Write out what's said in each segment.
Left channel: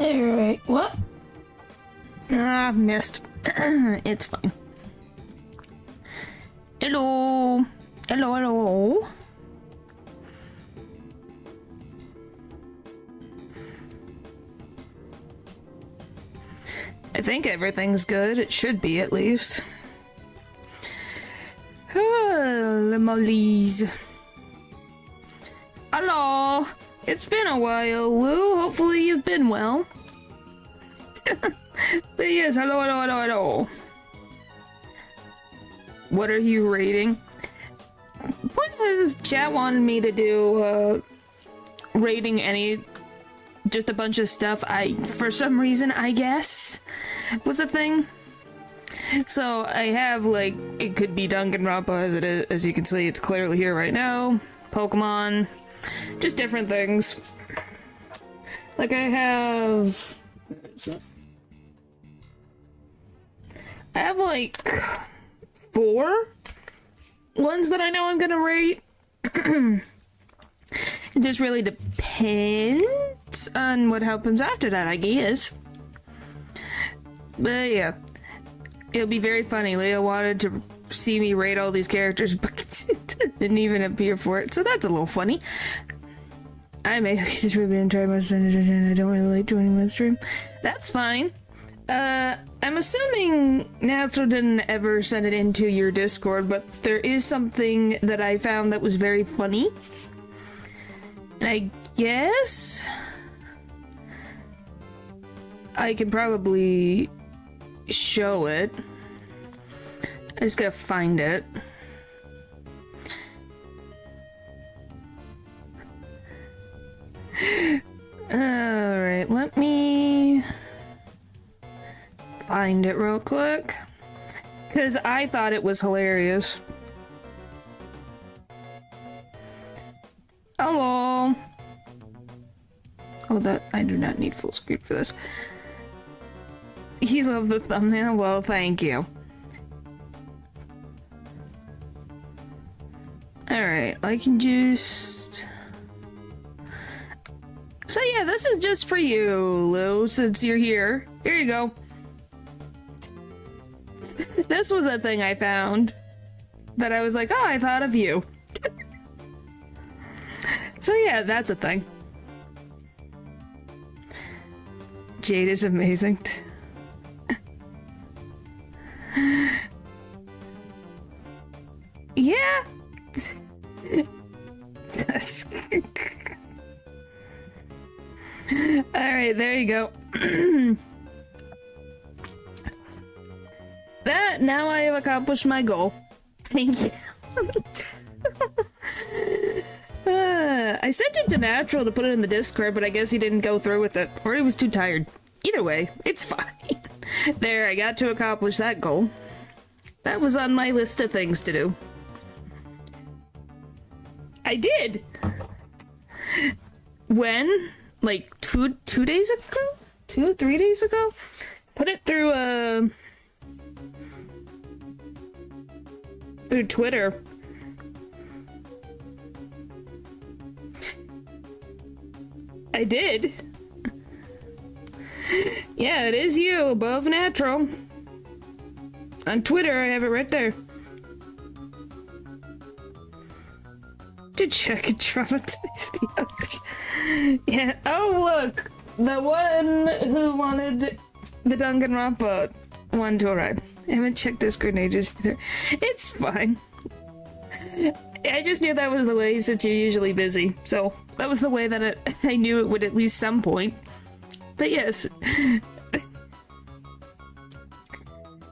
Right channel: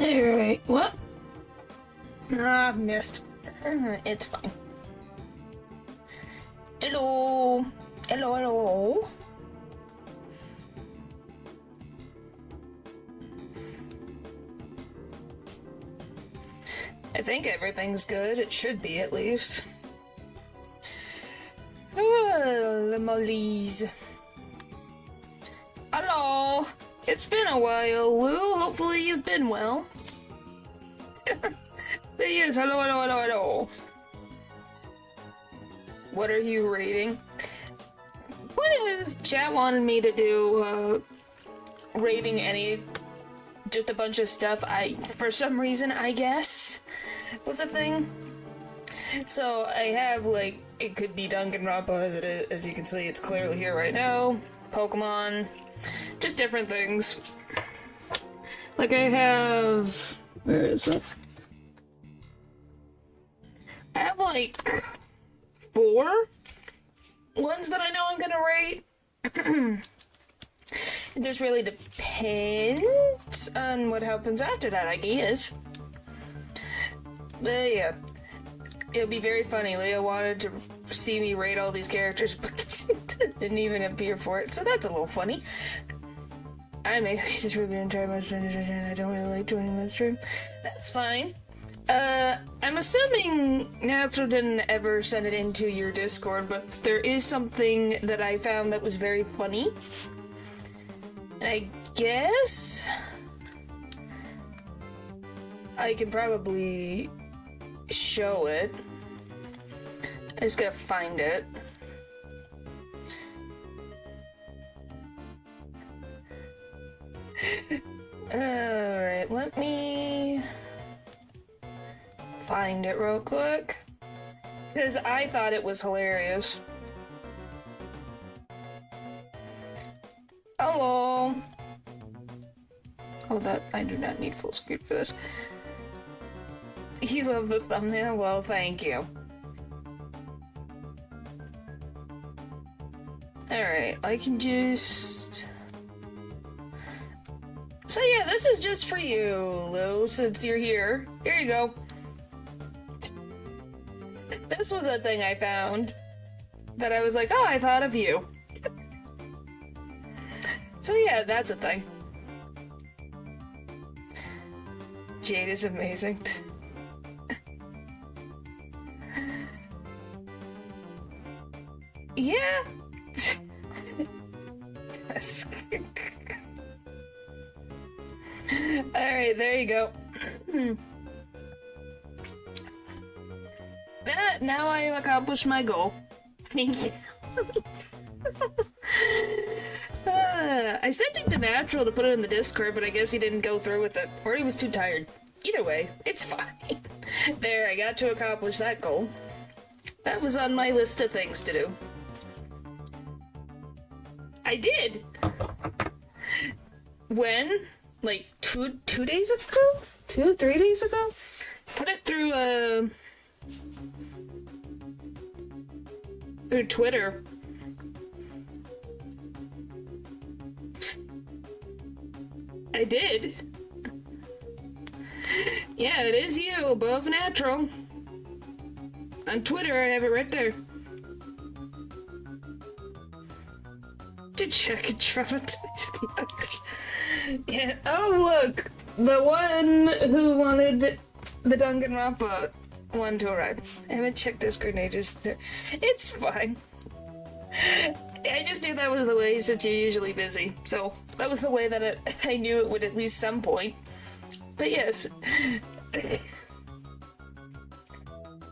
Alright, what? Ah, missed. It's fine. Hello. Hello, hello. I think everything's good. It should be, at least. Oh, mollies. Hello. It's been a while, Lou. Hopefully you've been well. But yes, hello, hello, hello, hello. What are you rating? What has chat wanted me to do, rating just a bunch of stuff for some reason, I guess, was a thing. So I have, like, it could be Danganronpa as it is, as you can see, it's clearly here right now. Pokemon, just different things. Like I have, where is it? I have like 4 ones that I know I'm gonna rate. It just really depends on what happens after that, I guess. But yeah, it'll be very funny. Leo wanted to see me rate all these characters, but it didn't even appear for it, so that's a little funny. I may just really enjoy my stream. I don't really like joining my stream. That's fine. I'm assuming Natural didn't ever send it into your Discord, but there is something that I found that was very funny. I guess I can probably show it. I just gotta find it. Alright, let me find it real quick, because I thought it was hilarious. Hello! Oh, that I do not need full screen for this. You love the thumbnail? Well, thank you. Alright, I can just... So yeah, this is just for you, Lou, since you're here. Here you go. This was a thing I found that I was like, oh, I thought of you. So yeah, that's a thing. Jade is amazing. Yeah. Alright, there you go. Now I have accomplished my goal. Thank you. I sent it to Natural to put it in the Discord, but I guess he didn't go through with it, or he was too tired. Either way, it's fine. There, I got to accomplish that goal. That was on my list of things to do. I did! When? Like, two days ago? 3 days ago? Put it through, through Twitter. I did. Yeah, it is you, above Natural. On Twitter, I have it right there. To check and traumatize the others. Yeah, oh look! The one who wanted the Danganronpa one to arrive. I haven't checked Discord in ages either. It's fine. I just knew that was the way since you're usually busy. So, that was the way that I knew it would at least some point. But yes.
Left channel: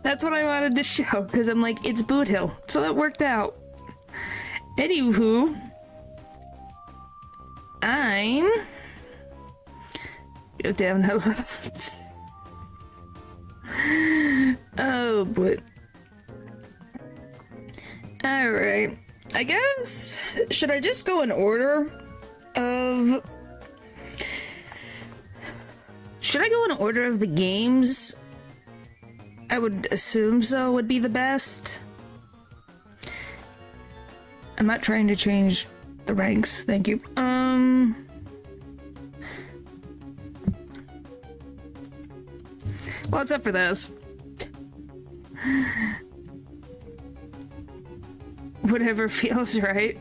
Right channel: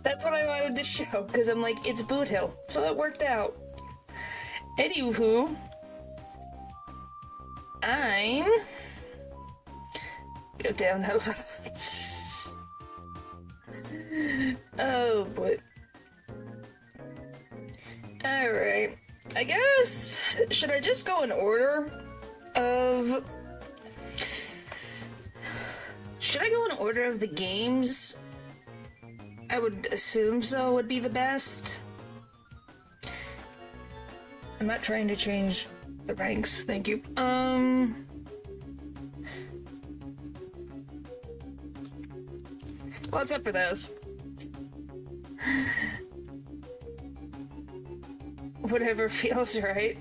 That's what I wanted to show, because I'm like, it's Boot Hill. So that worked out. Anywho. I'm... Go down a left. Oh boy. Alright. I guess... Should I just go in order of... Should I go in order of the games? I would assume so would be the best. I'm not trying to change the ranks, thank you. What's up for this? Whatever feels right.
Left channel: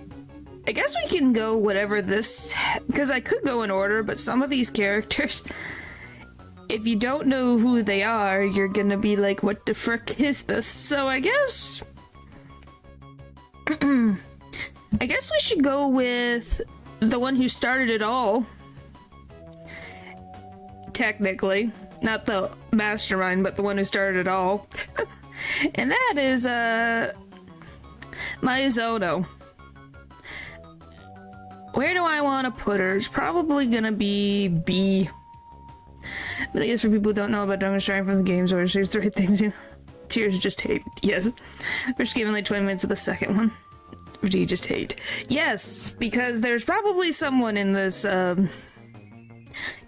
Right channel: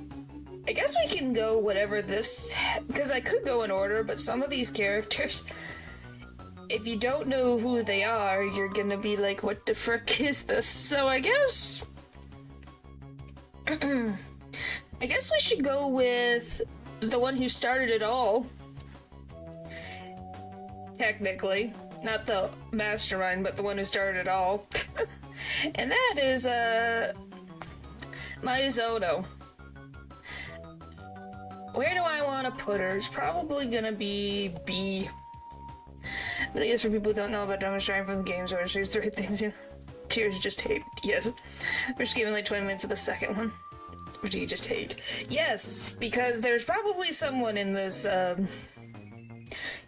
I guess we can go whatever this... Because I could go in order, but some of these characters... If you don't know who they are, you're gonna be like, what the frick is this? So I guess... I guess we should go with the one who started it all. Technically. Not the mastermind, but the one who started it all. And that is, Mizuno. Where do I want to put her? It's probably gonna be B. But I guess for people who don't know about Dungeon Strike from the games, or there's three things, you know. Tears just hate. Yes. We're just giving like 20 minutes of the second one. Or do you just hate? Yes, because there's probably someone in this,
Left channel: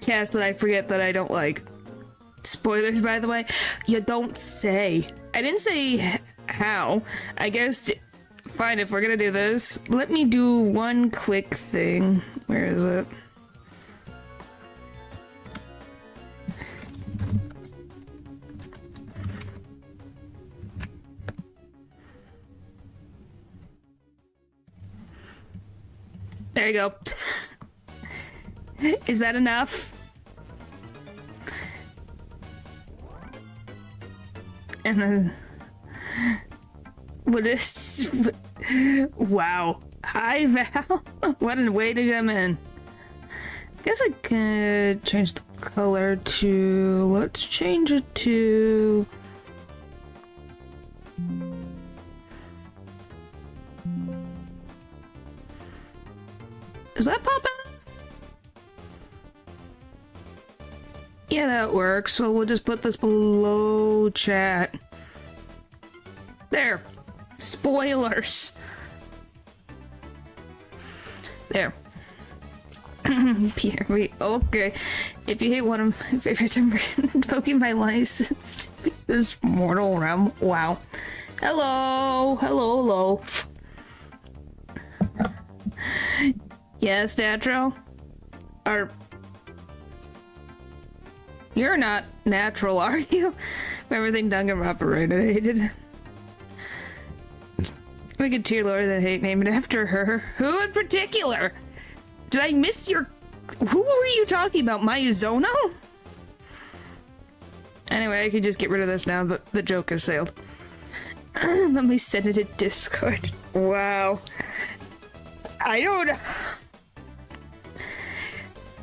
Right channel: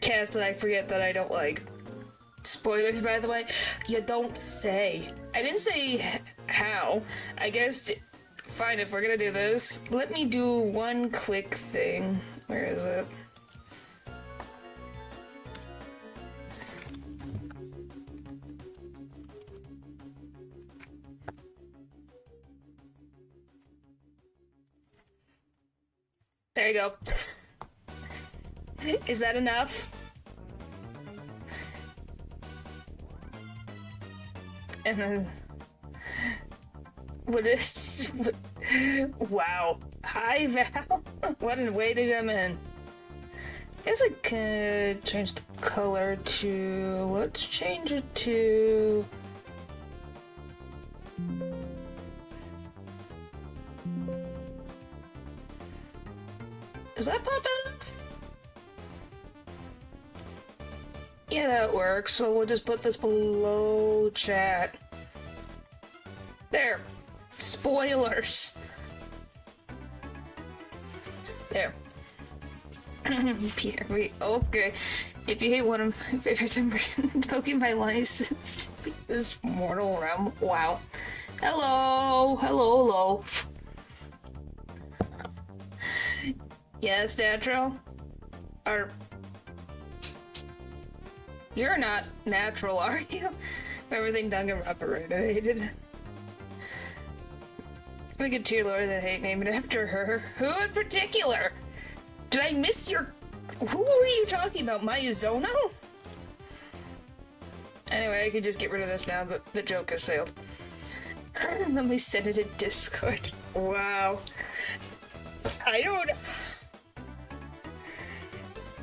cast that I forget that I don't like. Spoilers, by the way. You don't say. I didn't say how. I guess... Fine, if we're gonna do this, let me do one quick thing. Where is it? There you go. Is that enough? And then... What is... Wow. Hi, Val. What a way to come in. I guess I could change the color to... Let's change it to... Does that pop out? Yeah, that works. So we'll just put this below chat. There. Spoilers. There. Peter, okay. If you hate one of my favorites, I'm invoking my license to be this mortal realm. Wow. Hello. Hello. Yes, natural? You're not natural, are you? Everything Duncan operated. We could tier lower than hate name it after her. Who in particular? Did I miss your... Who were you talking about? Mizuno? Anyway, I can just get rid of this now. The joke has sailed. Let me send it to Discord. Wow. I don't...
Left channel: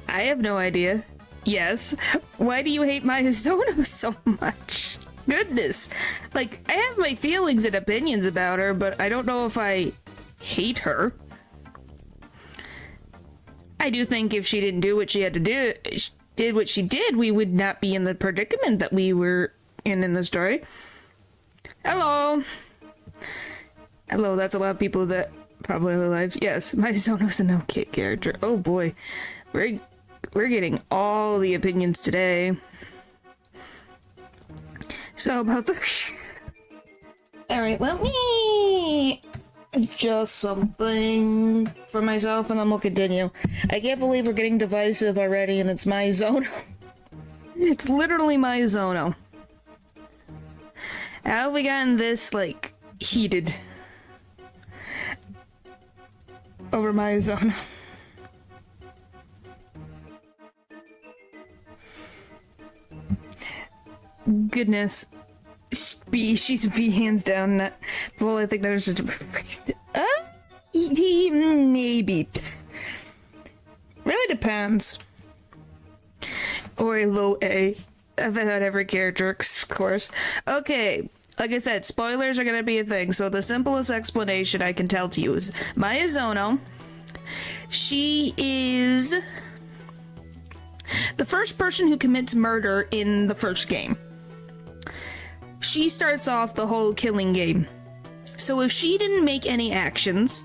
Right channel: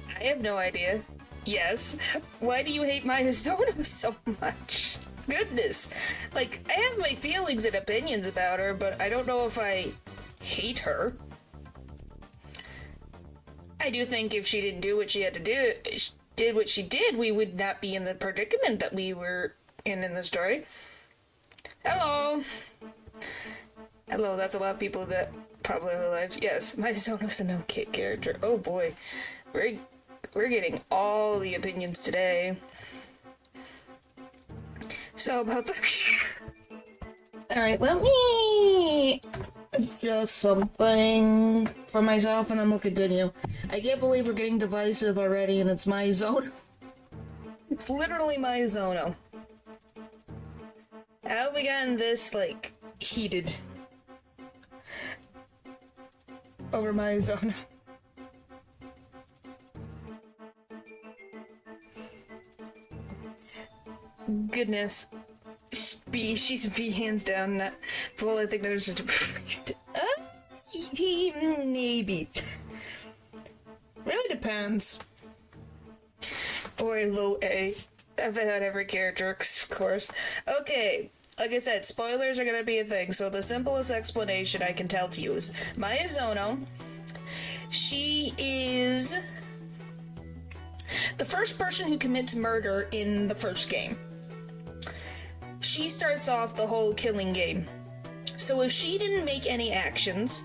I have no idea. Yes. Why do you hate Mizuno so much? Goodness. Like, I have my feelings and opinions about her, but I don't know if I hate her. I do think if she didn't do what she had to do, did what she did, we would not be in the predicament that we were in the story. Hello. Hello, that's a lot of people that probably are alive. Yes, Mizuno's an okay character. Oh boy. We're getting all the opinions today. So about the... Alright, let me adjust something for myself and then we'll continue. I can't believe we're getting divisive already and it's Mizuno. It's literally Mizuno. How have we gotten this, like, heated over Mizuno? Goodness. She's a B hands down. Not, well, I think there's a... maybe. Really depends. Or a low A. About every character, of course. Okay, like I said, spoilers are gonna be a thing, so the simplest explanation I can tell to you is Mizuno. She is the first person who commits murder in the first game. She starts off the whole killing game. So if she didn't make any actions,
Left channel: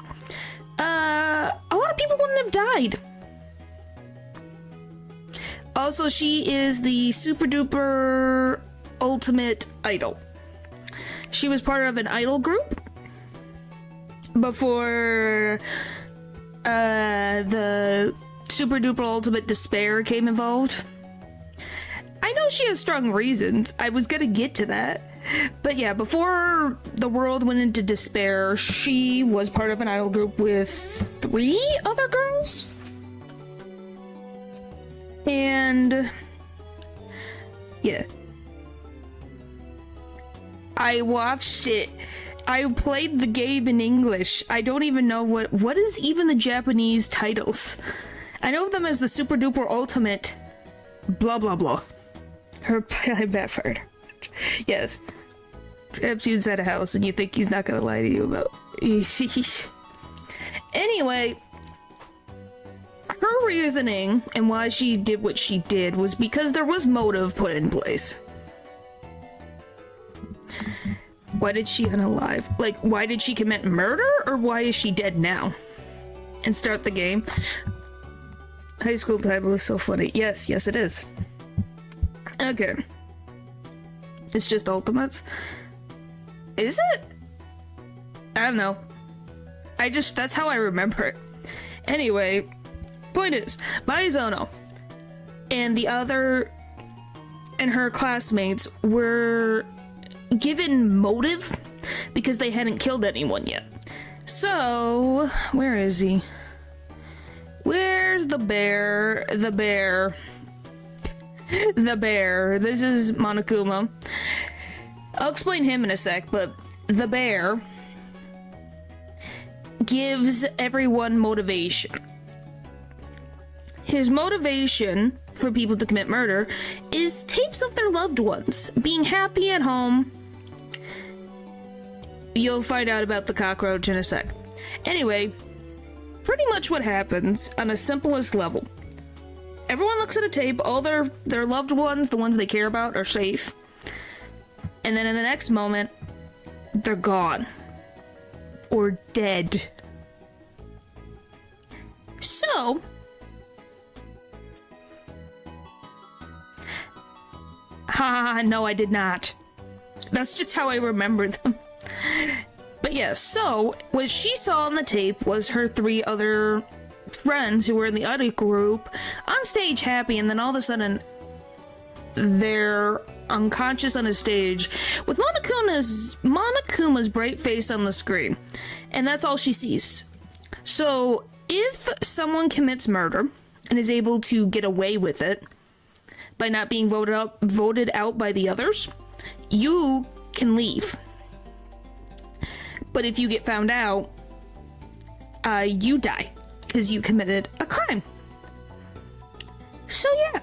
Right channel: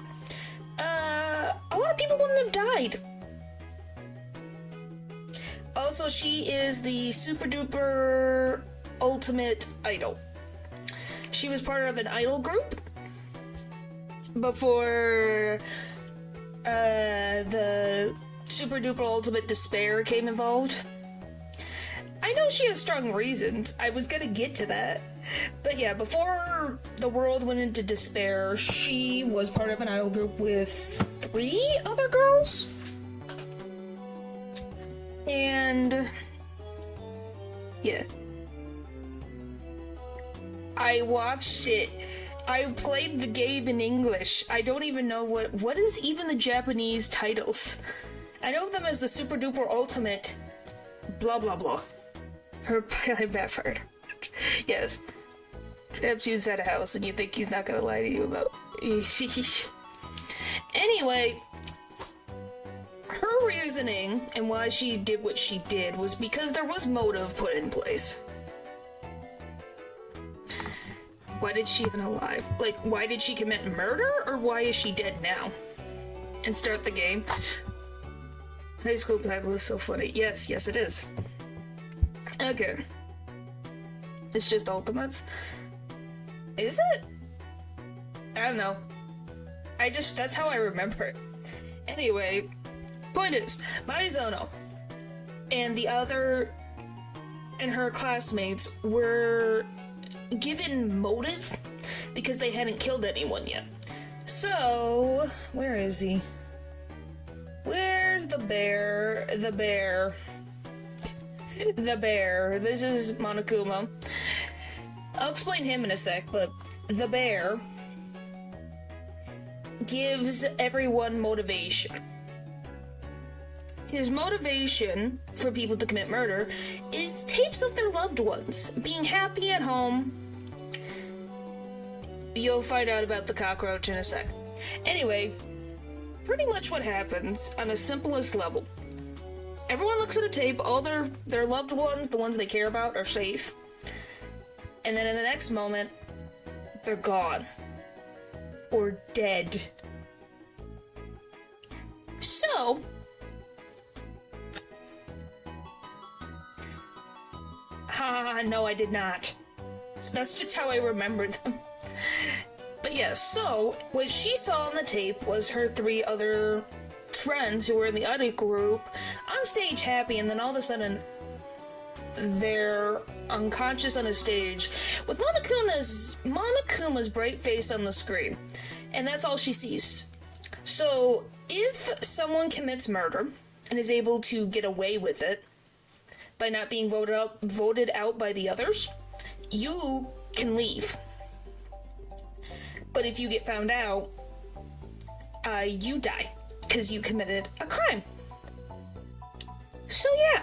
a lot of people wouldn't have died. Also, she is the super duper ultimate idol. She was part of an idol group before the super duper ultimate despair came involved. I I know she has strong reasons. I was gonna get to that. But yeah, before the world went into despair, she was part of an idol group with 3 other girls. And yeah. I watched it. I played the game in English. I don't even know what is even the Japanese titles. I know them as the Super Duper Ultimate blah blah blah. Her backfired. Yes. Traps you inside a house and you think he's not gonna lie to you about. Anyway, her reasoning and why she did what she did was because there was motive put in place. Why did she unalive? Like, why did she commit murder, or why is she dead now? And start the game. High school title is so funny. Yes, yes it is. Okay. It's just Ultimates. Is it? I don't know. That's how I remember it. Anyway, point is, Maizono and her classmates were given motive because they hadn't killed anyone yet. So, where is he? Where's the bear? The bear. The bear. This is Monokuma. I'll explain him in a sec, but the bear gives everyone motivation. His motivation for people to commit murder is tapes of their loved ones being happy at home. You'll find out about the cockroach in a sec. Anyway, pretty much what happens on a simplest level. Everyone looks at a tape, all their loved ones, the ones they care about, are safe. And then in the next moment, they're gone. Or dead. So, no, I did not. That's just how I remember them. But yeah, so what she saw on the tape was her 3 other friends who were in the other group on stage happy, and then all of a sudden they're unconscious on a stage with Monokuma's bright face on the screen. And that's all she sees. So if someone commits murder and is able to get away with it by not being voted out by the others, you can leave. But if you get found out, you die because you committed a crime. So yeah,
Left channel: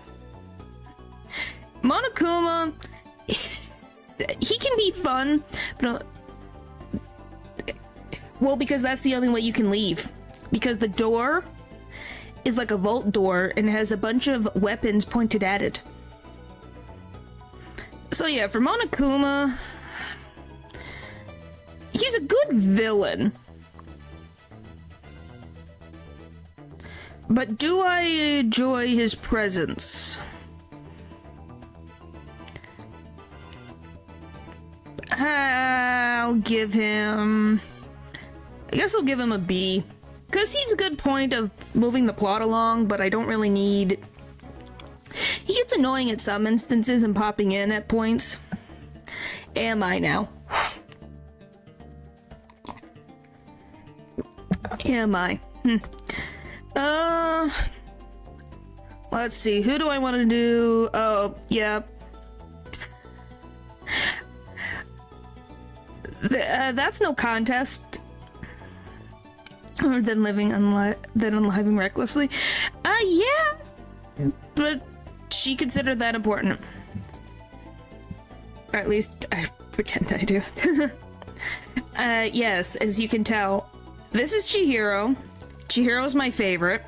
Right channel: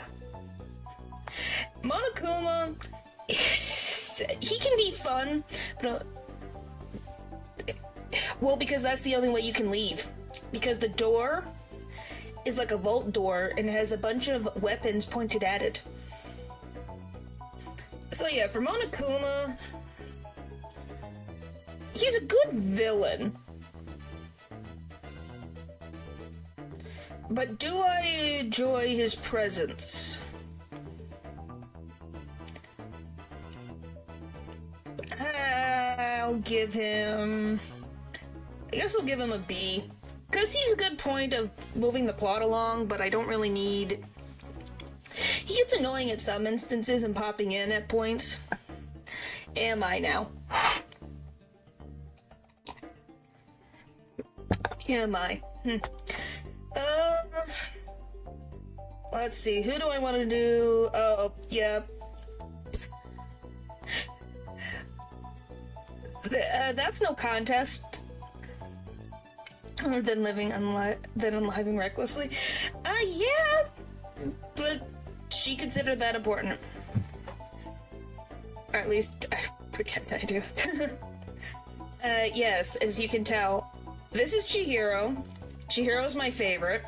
Monokuma, he can be fun, but well, because that's the only way you can leave. Because the door is like a vault door and it has a bunch of weapons pointed at it. So yeah, for Monokuma, he's a good villain. But do I enjoy his presence? I'll give him... I guess I'll give him a B. Because he's a good point of moving the plot along, but I don't really need... He gets annoying at some instances and popping in at points. Am I now? Am I? Let's see. Who do I want to do? Oh, yeah. That's no contest. Or than unliving recklessly. Yeah. But she considered that important. Or at least I pretend I do. Yes, as you can tell, this is Chihiro. Chihiro's my favorite.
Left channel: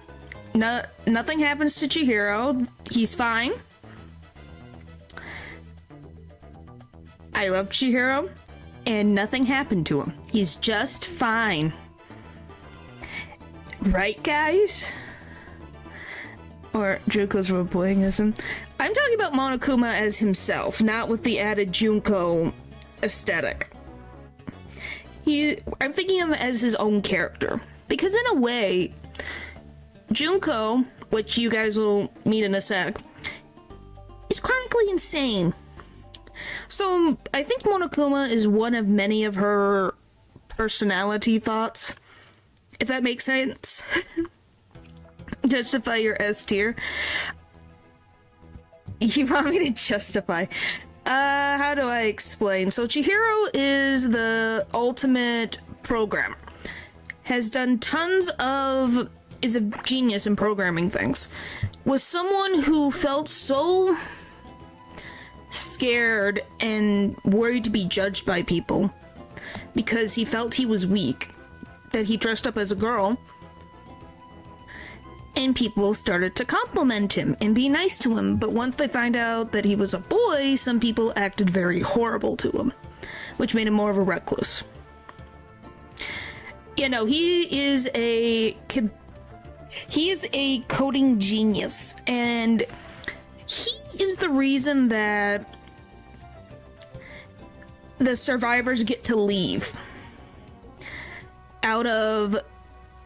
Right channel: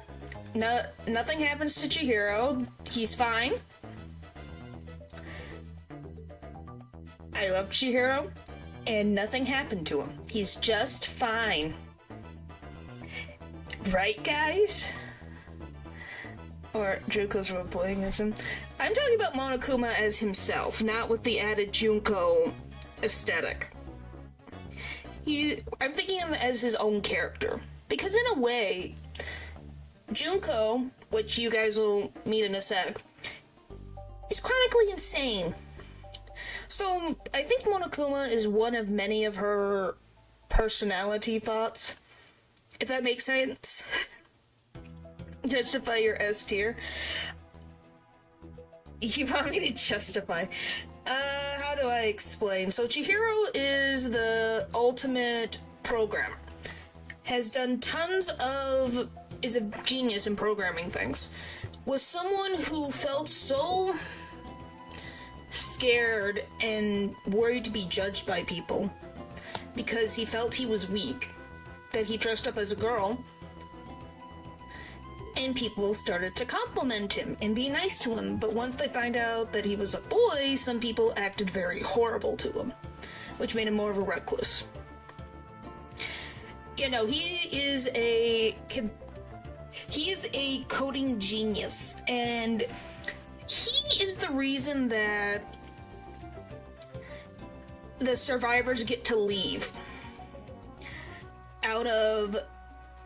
Nothing happens to Chihiro. He's fine. I love Chihiro. And nothing happened to him. He's just fine. Right, guys? Or Junko's role-playing as him. I'm talking about Monokuma as himself, not with the added Junko aesthetic. I'm thinking of him as his own character. Because in a way, Junko, which you guys will meet in a sec, is chronically insane. So, I think Monokuma is one of many of her personality thoughts, if that makes sense. Justify your S tier. You want me to justify? How do I explain? So Chihiro is the ultimate programmer. Has done tons of... is a genius in programming things. Was someone who felt so scared and worried to be judged by people because he felt he was weak, that he dressed up as a girl, and people started to compliment him and be nice to him. But once they find out that he was a boy, some people acted very horrible to him, which made him more of a recluse. You know, he is a coding genius, and he is the reason that the survivors get to leave out of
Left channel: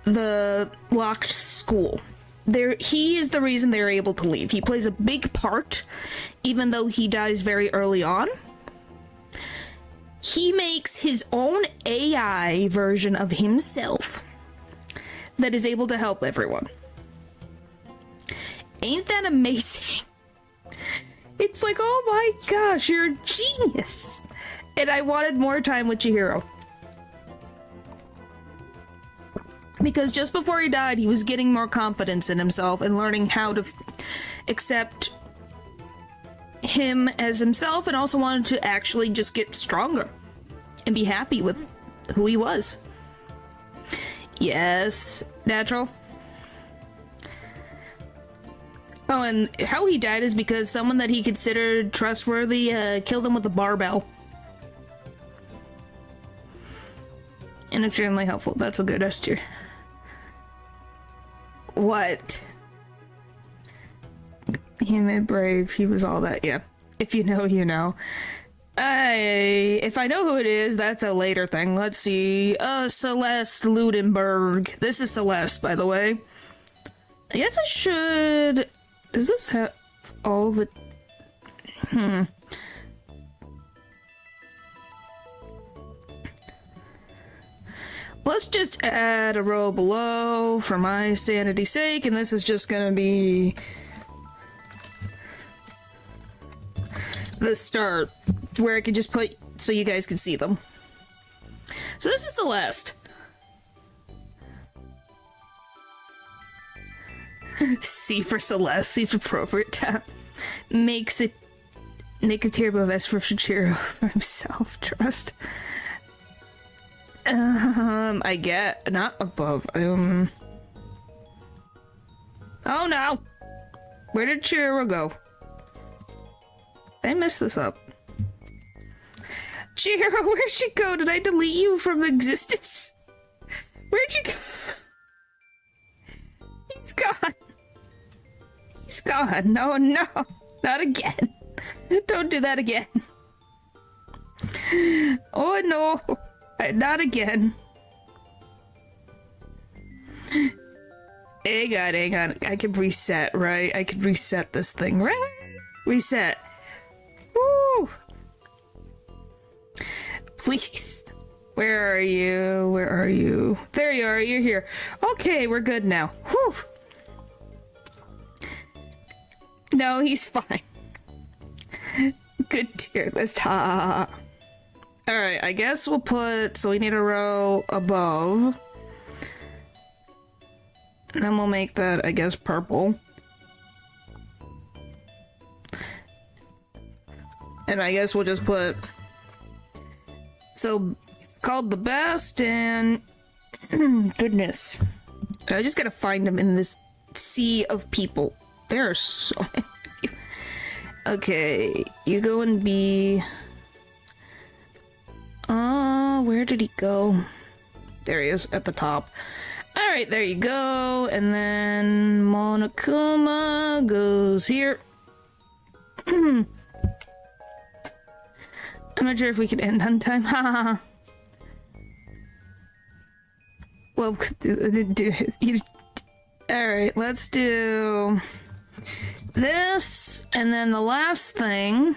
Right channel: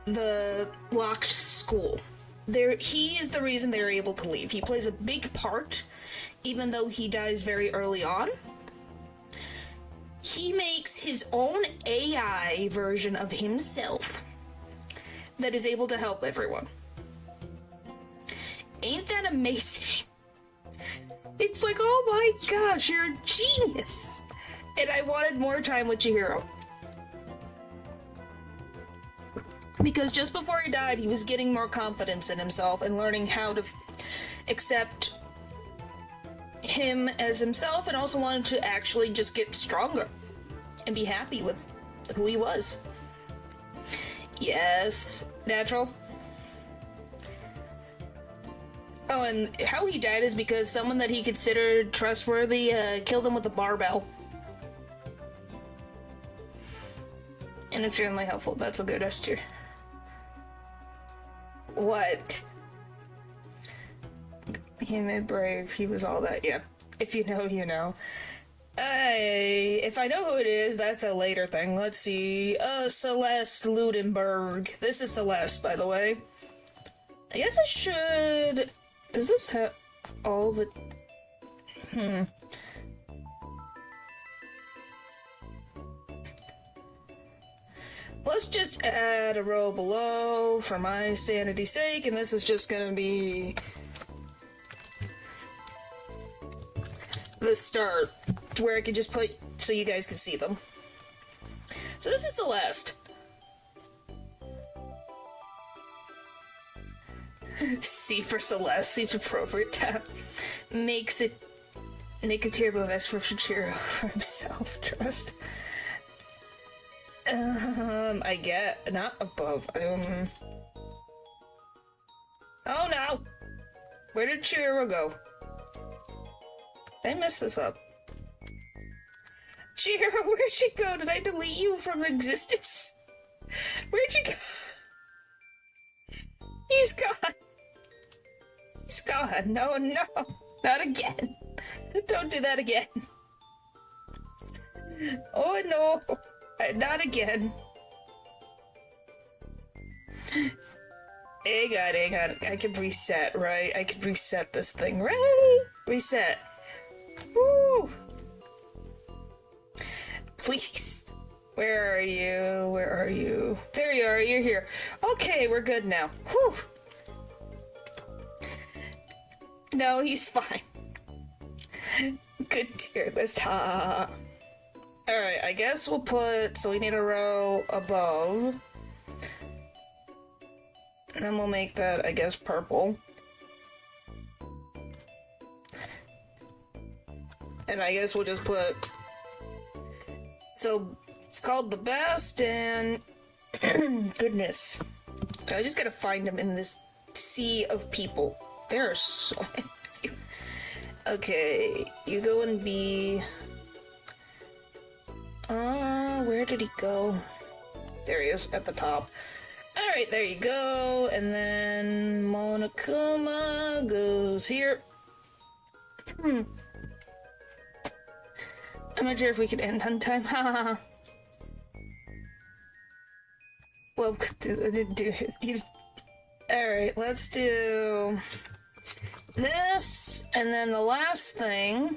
the locked school. He is the reason they're able to leave. He plays a big part, even though he dies very early on. He makes his own AI version of himself that is able to help everyone. Ain't that amazing? It's like, oh my gosh, you're a genius! And I wanted more time with Chihiro. Because just before he died, he was getting more confidence in himself and learning how to accept him as himself, and also wanted to actually just get stronger and be happy with who he was. Yes, natural. Oh, and how he died is because someone that he considered trustworthy killed him with a barbell. And extremely helpful. That's a good S tier. What? He made brave. He was all that. Yeah. If you know, you know. If I know who it is, that's a later thing. Let's see. Celeste Ludenberg. This is Celeste, by the way. I guess I should... Does this have all the... Let's just add a row below for my sanity's sake, and this is just gonna be the start, where I can just put so you guys can see them. So this is Celeste. C for Celeste, see if appropriate time. Makes it Nicotero S for Chihiro for himself. Trust. I get not above. Oh no! Where did Chihiro go? I messed this up. Chihiro, where'd she go? Did I delete you from existence? Where'd you go? He's gone. He's gone. No, no. Not again. Don't do that again. Oh no. Not again. Hang on. I can reset, right? I can reset this thing, right? Reset. Woo! Please. Where are you? Where are you? There you are. You're here. Okay, we're good now. Whew. No, he's fine. Good tier list. Ha. Alright, I guess we'll put... So we need a row above. And then we'll make that, I guess, purple. And I guess we'll just put... So, it's called the best, and... Goodness. I just gotta find them in this sea of people. There are so many of you. Okay, you go and be... where did he go? There he is, at the top. Alright, there you go. And then Monokuma goes here. I'm not sure if we can end on time. Haha. Well, alright, let's do... this, and then the last thing,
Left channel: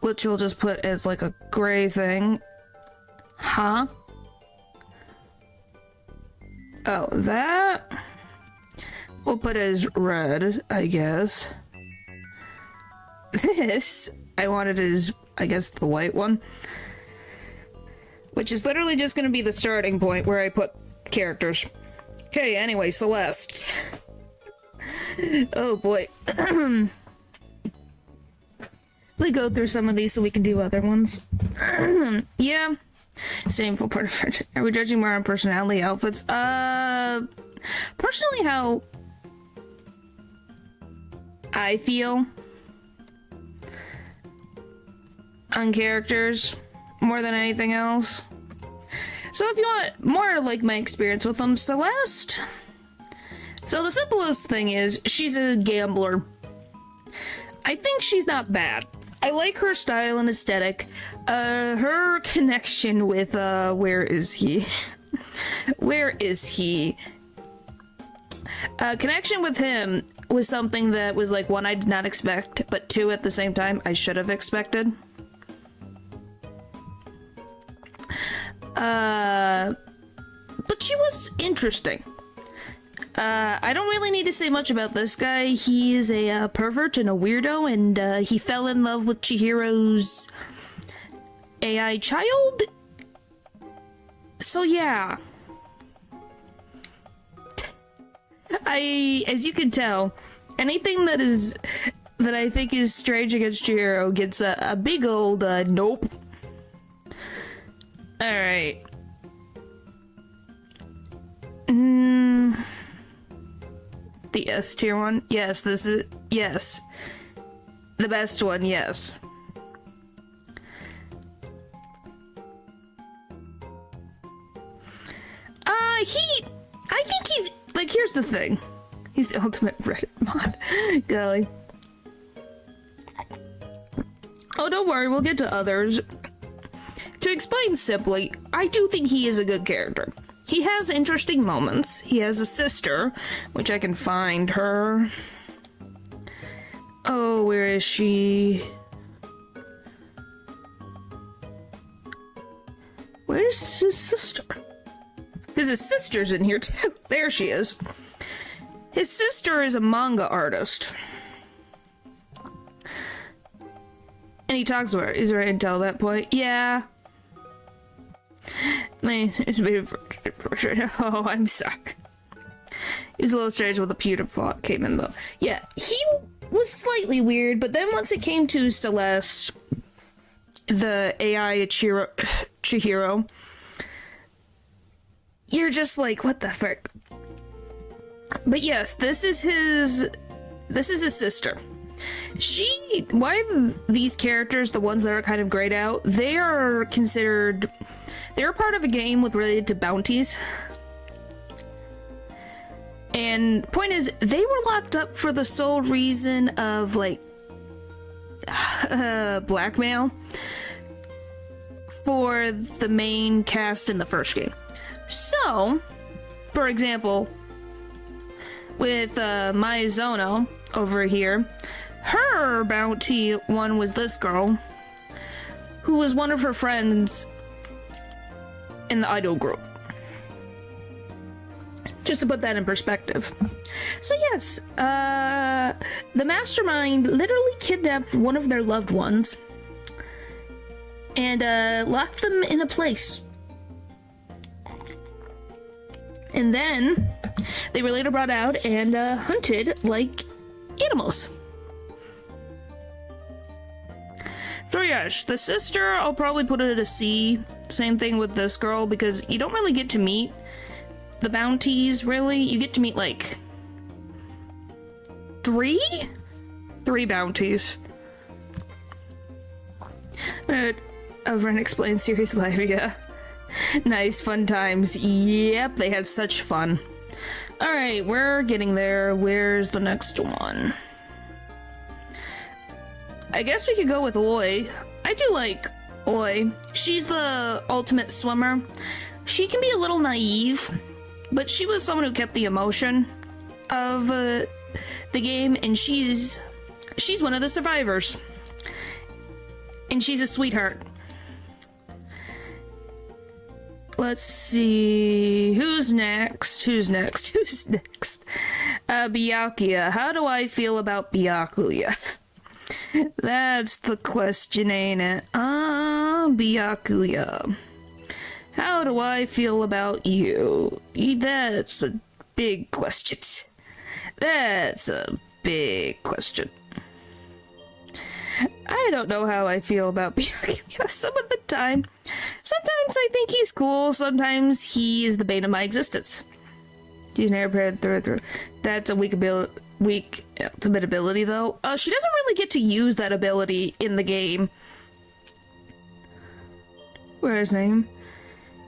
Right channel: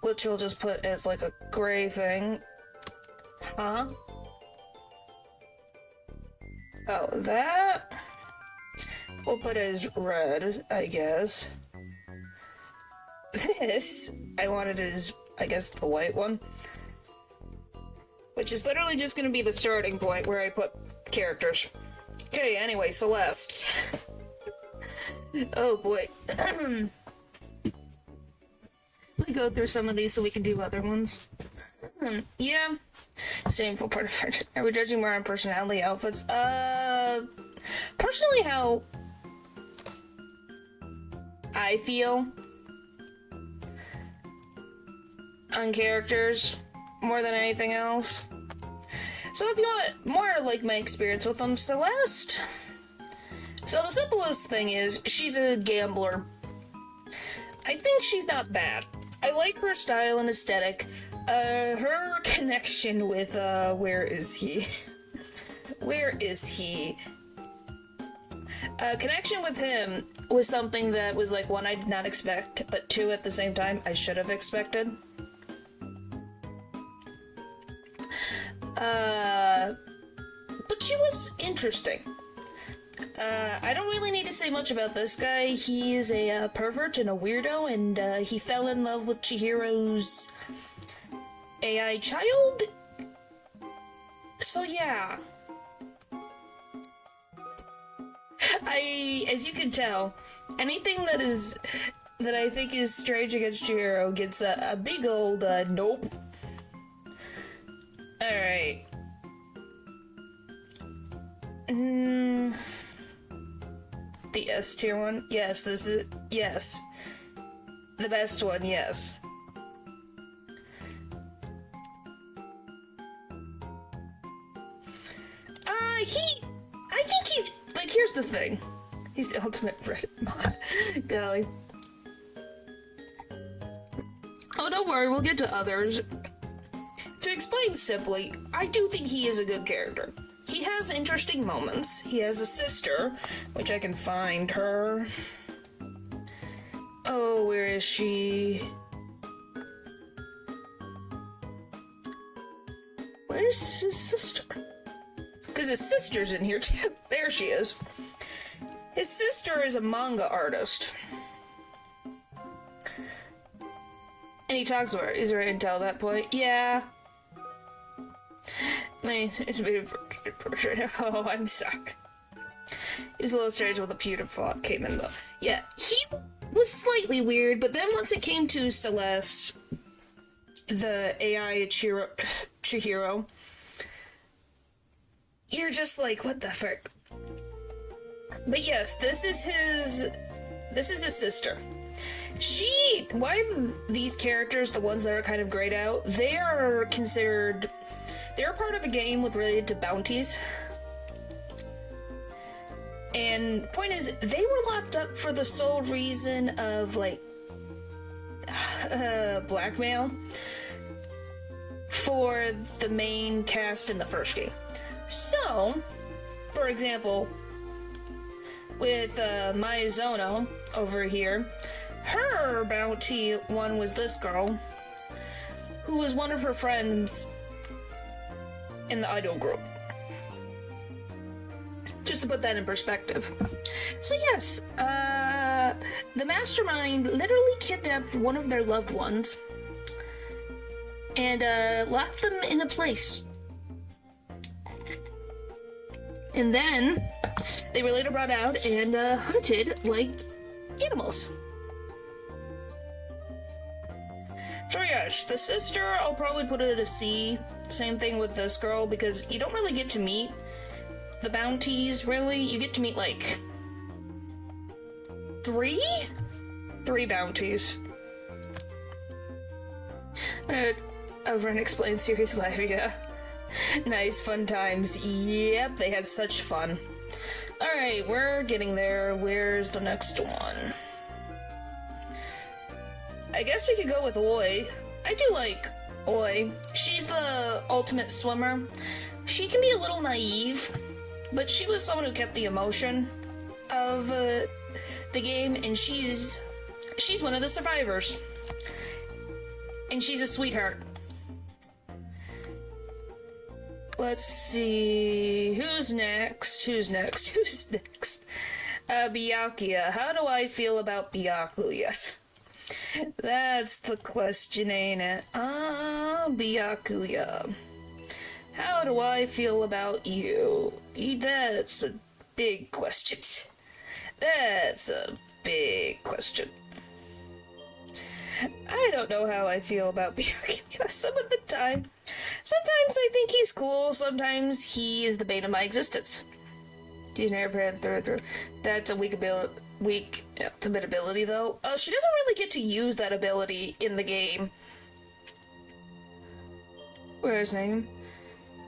which we'll just put as like a gray thing. Huh? Oh, that we'll put as red, I guess. This, I wanted as, I guess, the white one. Which is literally just gonna be the starting point where I put characters. Okay, anyway, Celeste. Oh boy. Let's go through some of these so we can do other ones. Yeah. Same full part of it. Are we judging more on personality, outfits? Personally, how I feel on characters more than anything else. So if you want more like my experience with them, Celeste. So the simplest thing is she's a gambler. I think she's not bad. I like her style and aesthetic. Her connection with, where is he? Where is he? Connection with him was something that was like, one, I did not expect, but two, at the same time, I should have expected. But she was interesting. I don't really need to say much about this guy. He is a pervert and a weirdo, and he fell in love with Chihiro's AI child. So yeah. As you can tell, anything that I think is strange against Chihiro gets a big old nope. Alright. The S tier one? Yes, this is... Yes. The best one, yes. I think he's... Like, here's the thing. He's the ultimate Reddit mod. Golly. Oh, don't worry, we'll get to others. To explain simply, I do think he is a good character. He has interesting moments. He has a sister, which I can find her. Oh, where is she? Where's his sister? Because his sister's in here too. There she is. His sister is a manga artist. And he talks to her. Is there intel at that point? Yeah. It's a bit of a... Oh, I'm sorry. He was a little strange when the pewter plot came in, though. Yeah, he was slightly weird, but then once it came to Celeste, the AI Chihiro, you're just like, what the frick? But yes, this is his sister. Why these characters, the ones that are kind of grayed out, they're part of a game related to bounties. And point is, they were locked up for the sole reason of, like, blackmail for the main cast in the first game. So, for example, with Maizono over here, her bounty one was this girl, who was one of her friends in the idol group. Just to put that in perspective. So yes, the mastermind literally kidnapped one of their loved ones and locked them in a place. And then they were later brought out and hunted like animals. So yes, the sister, I'll probably put it at a C. Same thing with this girl, because you don't really get to meet the bounties, really. You get to meet, like, three bounties. Over an Explained series live, yeah. Nice, fun times. Yep, they had such fun. Alright, we're getting there. Where's the next one? I guess we could go with Oi. I do like Oi. She's the ultimate swimmer. She can be a little naive, but she was someone who kept the emotion of the game, and she's one of the survivors. And she's a sweetheart. Let's see, who's next? Byakuya. How do I feel about Byakuya? That's the question, ain't it? Byakuya. How do I feel about you? That's a big question. That's a big question. I don't know how I feel about Byakuya some of the time. Sometimes I think he's cool, sometimes he is the bane of my existence. She's never paired through. That's a weak ultimate ability, though. She doesn't really get to use that ability in the game. Where's his name?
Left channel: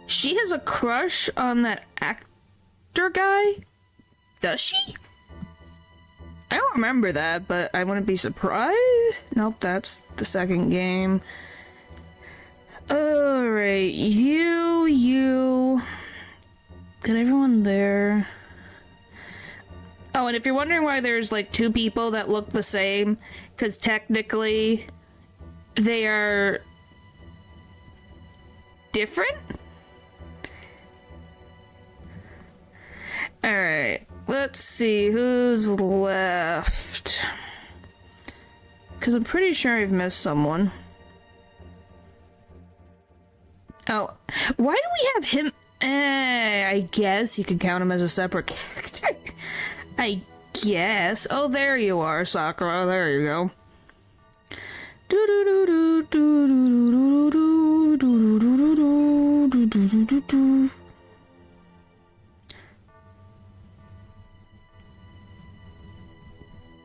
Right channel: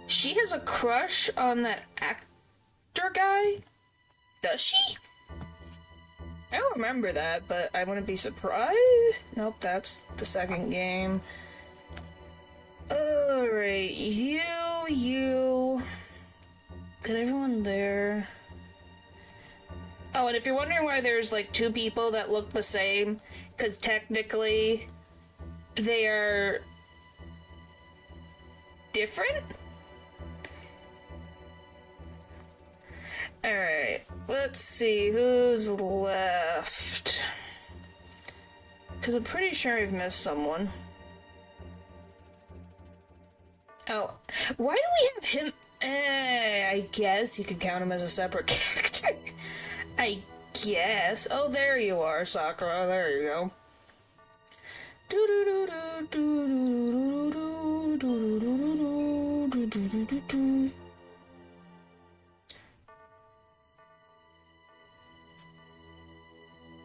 She has a crush on that actor guy? Does she? I don't remember that, but I wouldn't be surprised. Nope, that's the second game. Alright, you... Got everyone there. Oh, and if you're wondering why there's like two people that look the same, because technically they are different? Alright, let's see who's left. Because I'm pretty sure I've missed someone. Oh, why do we have him? I guess you could count him as a separate character. I guess. Oh, there you are, Sakura. There you go.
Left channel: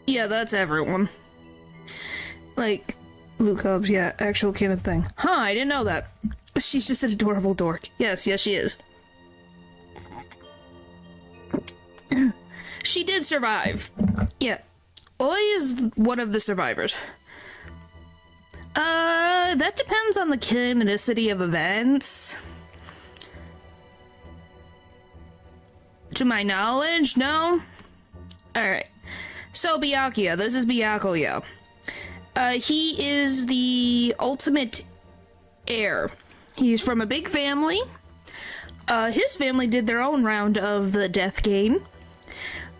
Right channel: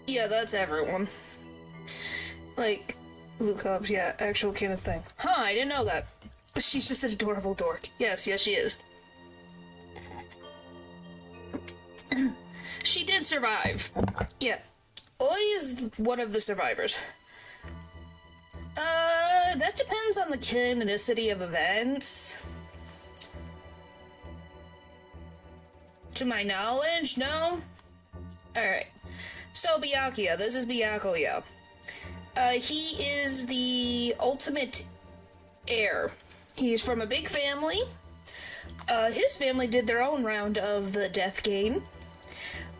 Yeah, that's everyone. Like, Luke Hobbs, yeah, actual canon thing. Huh, I didn't know that. She's just an adorable dork. Yes, she is. She did survive. Yeah. Oi is one of the survivors. That depends on the canonicity of events. To my knowledge, no? Alright. So, Byakuya. This is Byakuya. He is the ultimate heir. He's from a big family. His family did their own round of the death game.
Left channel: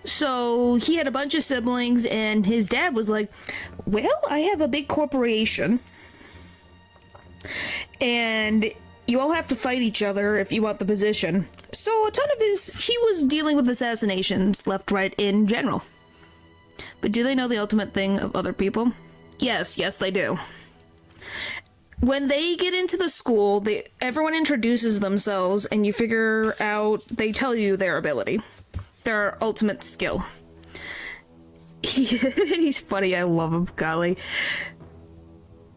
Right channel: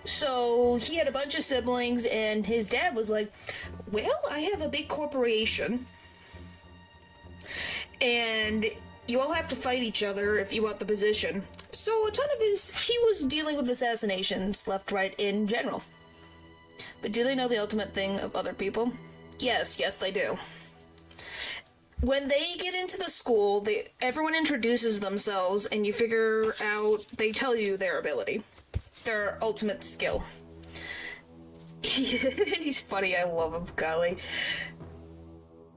So he had a bunch of siblings, and his dad was like, well, I have a big corporation, and you all have to fight each other if you want the position. So a ton of he was dealing with assassinations left, right, in general. But do they know the ultimate thing of other people? Yes, they do. When they get into the school, everyone introduces themselves, and you figure out, they tell you their ability. Their ultimate skill. He's funny, I love him, golly.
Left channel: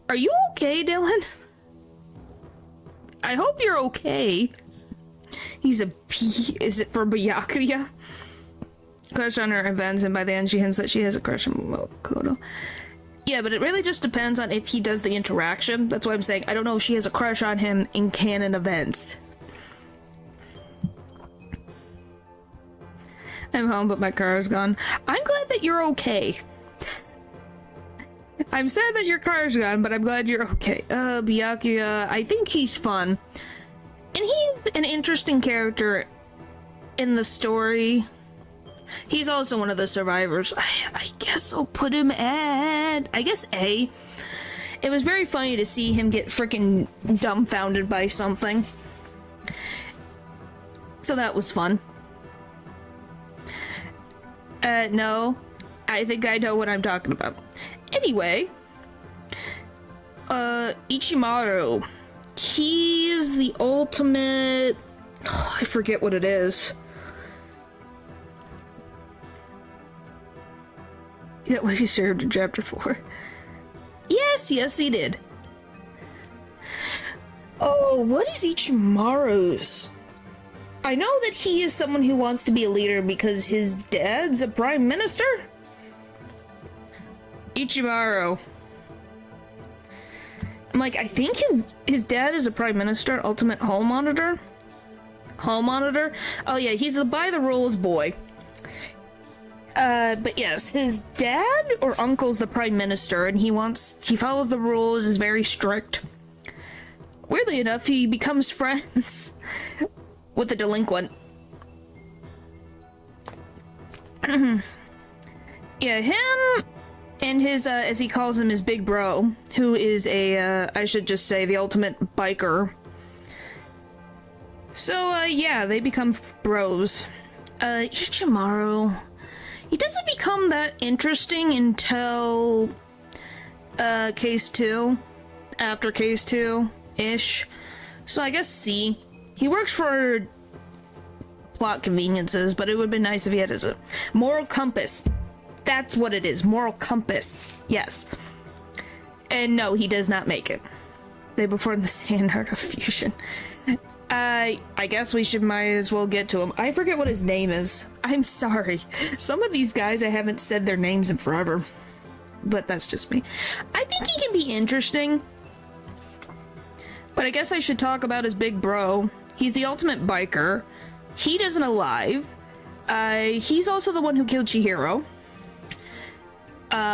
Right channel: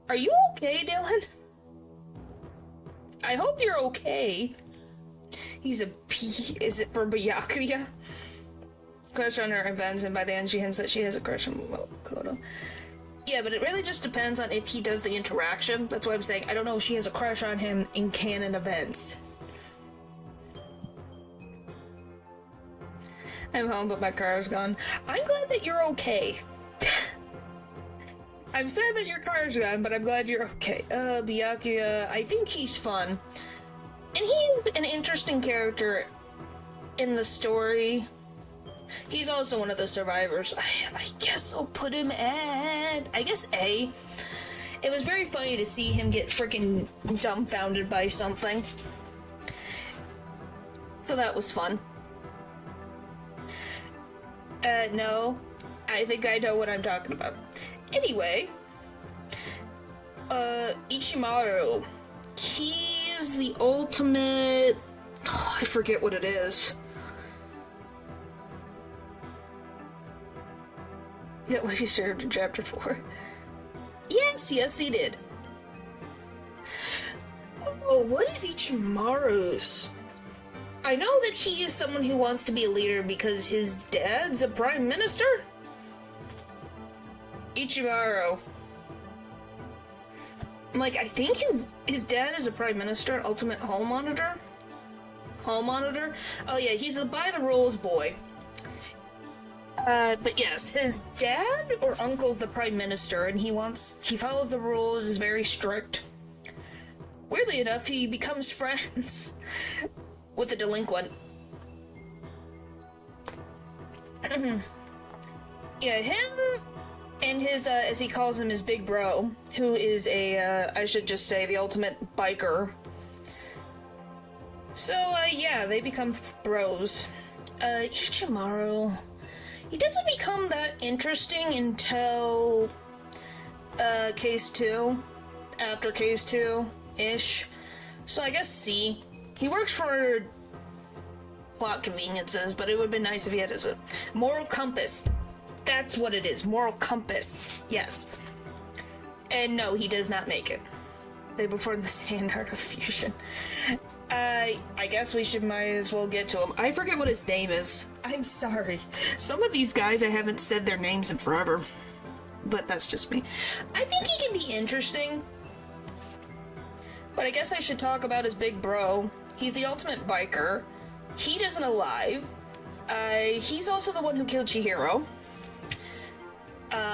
Are you okay, Dylan? I hope you're okay. He's a P. Is it for Byakuya? Crush on her events, and by the end she hints that she has a crush on Makoto. Yeah, but it really just depends on if he does the interaction. That's what I'm saying. I don't know if she has a crush on him in canon events. I'm home, but my car is gone. I'm glad that you're okay. I'm sad that your car's gone, but I'm glad you're okay. Byakuya, I think he's fun. And he's an interesting character in the story. He's also one of the survivors. I guess I'll put him at, I guess, A. It was very funny to see him get freaking dumbfounded by something. So that was fun. No. I think I know what I'm talking about. Anyway, Ichimaru. He's the ultimate... Oh, I forget what it is. That what he served in chapter 4. Yes, he did. Oh, what is Ichimaru's? I know that he is someone who wants to be a leader because his dad's a prime minister? Ichimaru. I'm like, I think his dad is a prime minister, ultimate hall monitor. hall monitor. Oh yeah, he's a by the rules boy. But yes, his dad or uncle's the prime minister, and he follows the rules, is very strict. Weirdly enough, he becomes friends with the delinquent. Yeah, him and his, as he calls him, his big bro, who is I should just say, the ultimate biker. So, yeah, they become bros. Ichimaru... He doesn't become that interesting until, case 2. After case 2-ish. So I guess C. He works for plot conveniences, but it would have been nice if he had his moral compass. That's what it is. Moral compass. Yes. And no, he does not make it. They perform the sand art of fusion. I guess we might as well get to him. I forget what his name is. I'm sorry. Some of these guys, I haven't said their names in forever. But that's just me. I think he can be interesting. But I guess I should talk about his big bro. He's the ultimate biker. He isn't alive. He's also the one who killed Chihiro.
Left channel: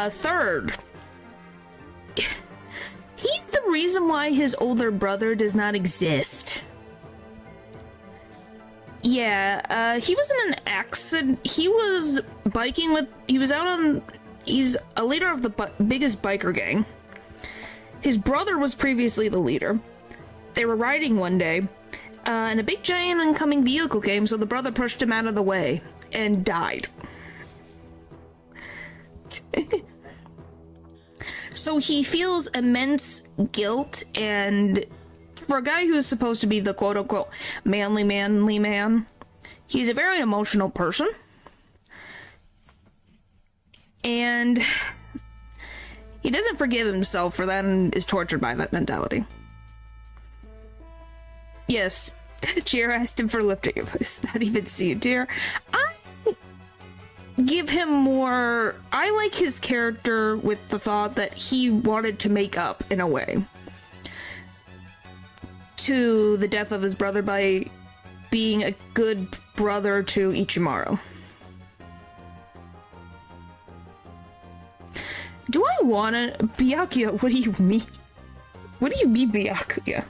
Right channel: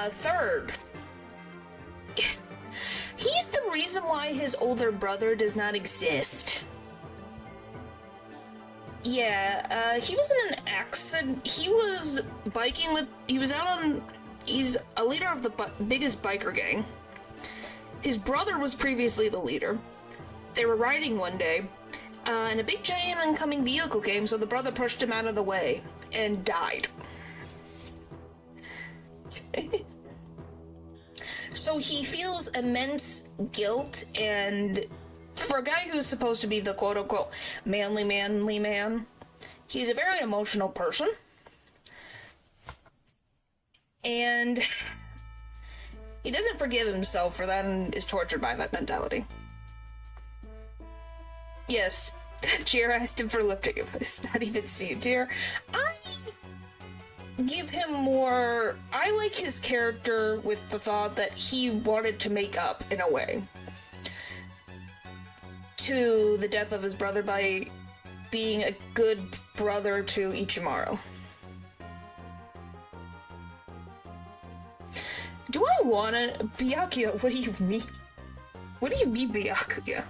Third. He's the reason why his older brother does not exist. Yeah, he was in an accident. He was biking with... He's a leader of the biggest biker gang. His brother was previously the leader. They were riding one day, and a big giant oncoming vehicle came, so the brother pushed him out of the way and died. So he feels immense guilt, and for a guy who's supposed to be the quote-unquote manly man, he's a very emotional person. And he doesn't forgive himself for that and is tortured by that mentality. Yes, Cheer asked him for lifting advice. Not even see it, dear. I give him more... I like his character with the thought that he wanted to make up, in a way, to the death of his brother by being a good brother to Ichimaru. Do I wanna... Byakuya, what do you mean? What do you mean, Byakuya?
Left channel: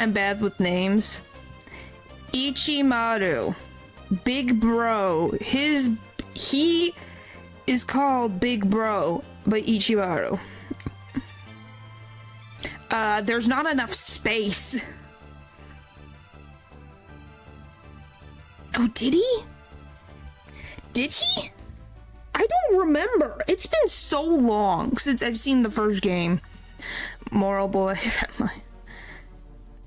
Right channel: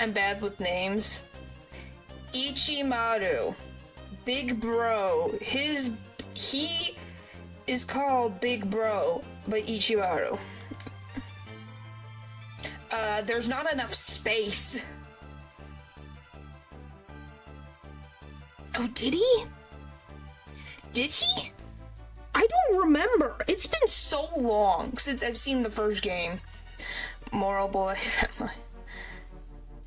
I'm bad with names. Ichimaru. Big Bro. He is called Big Bro by Ichimaru. There's not enough space. Oh, did he? Did he? I don't remember. It's been so long since I've seen the first game. Moral boy.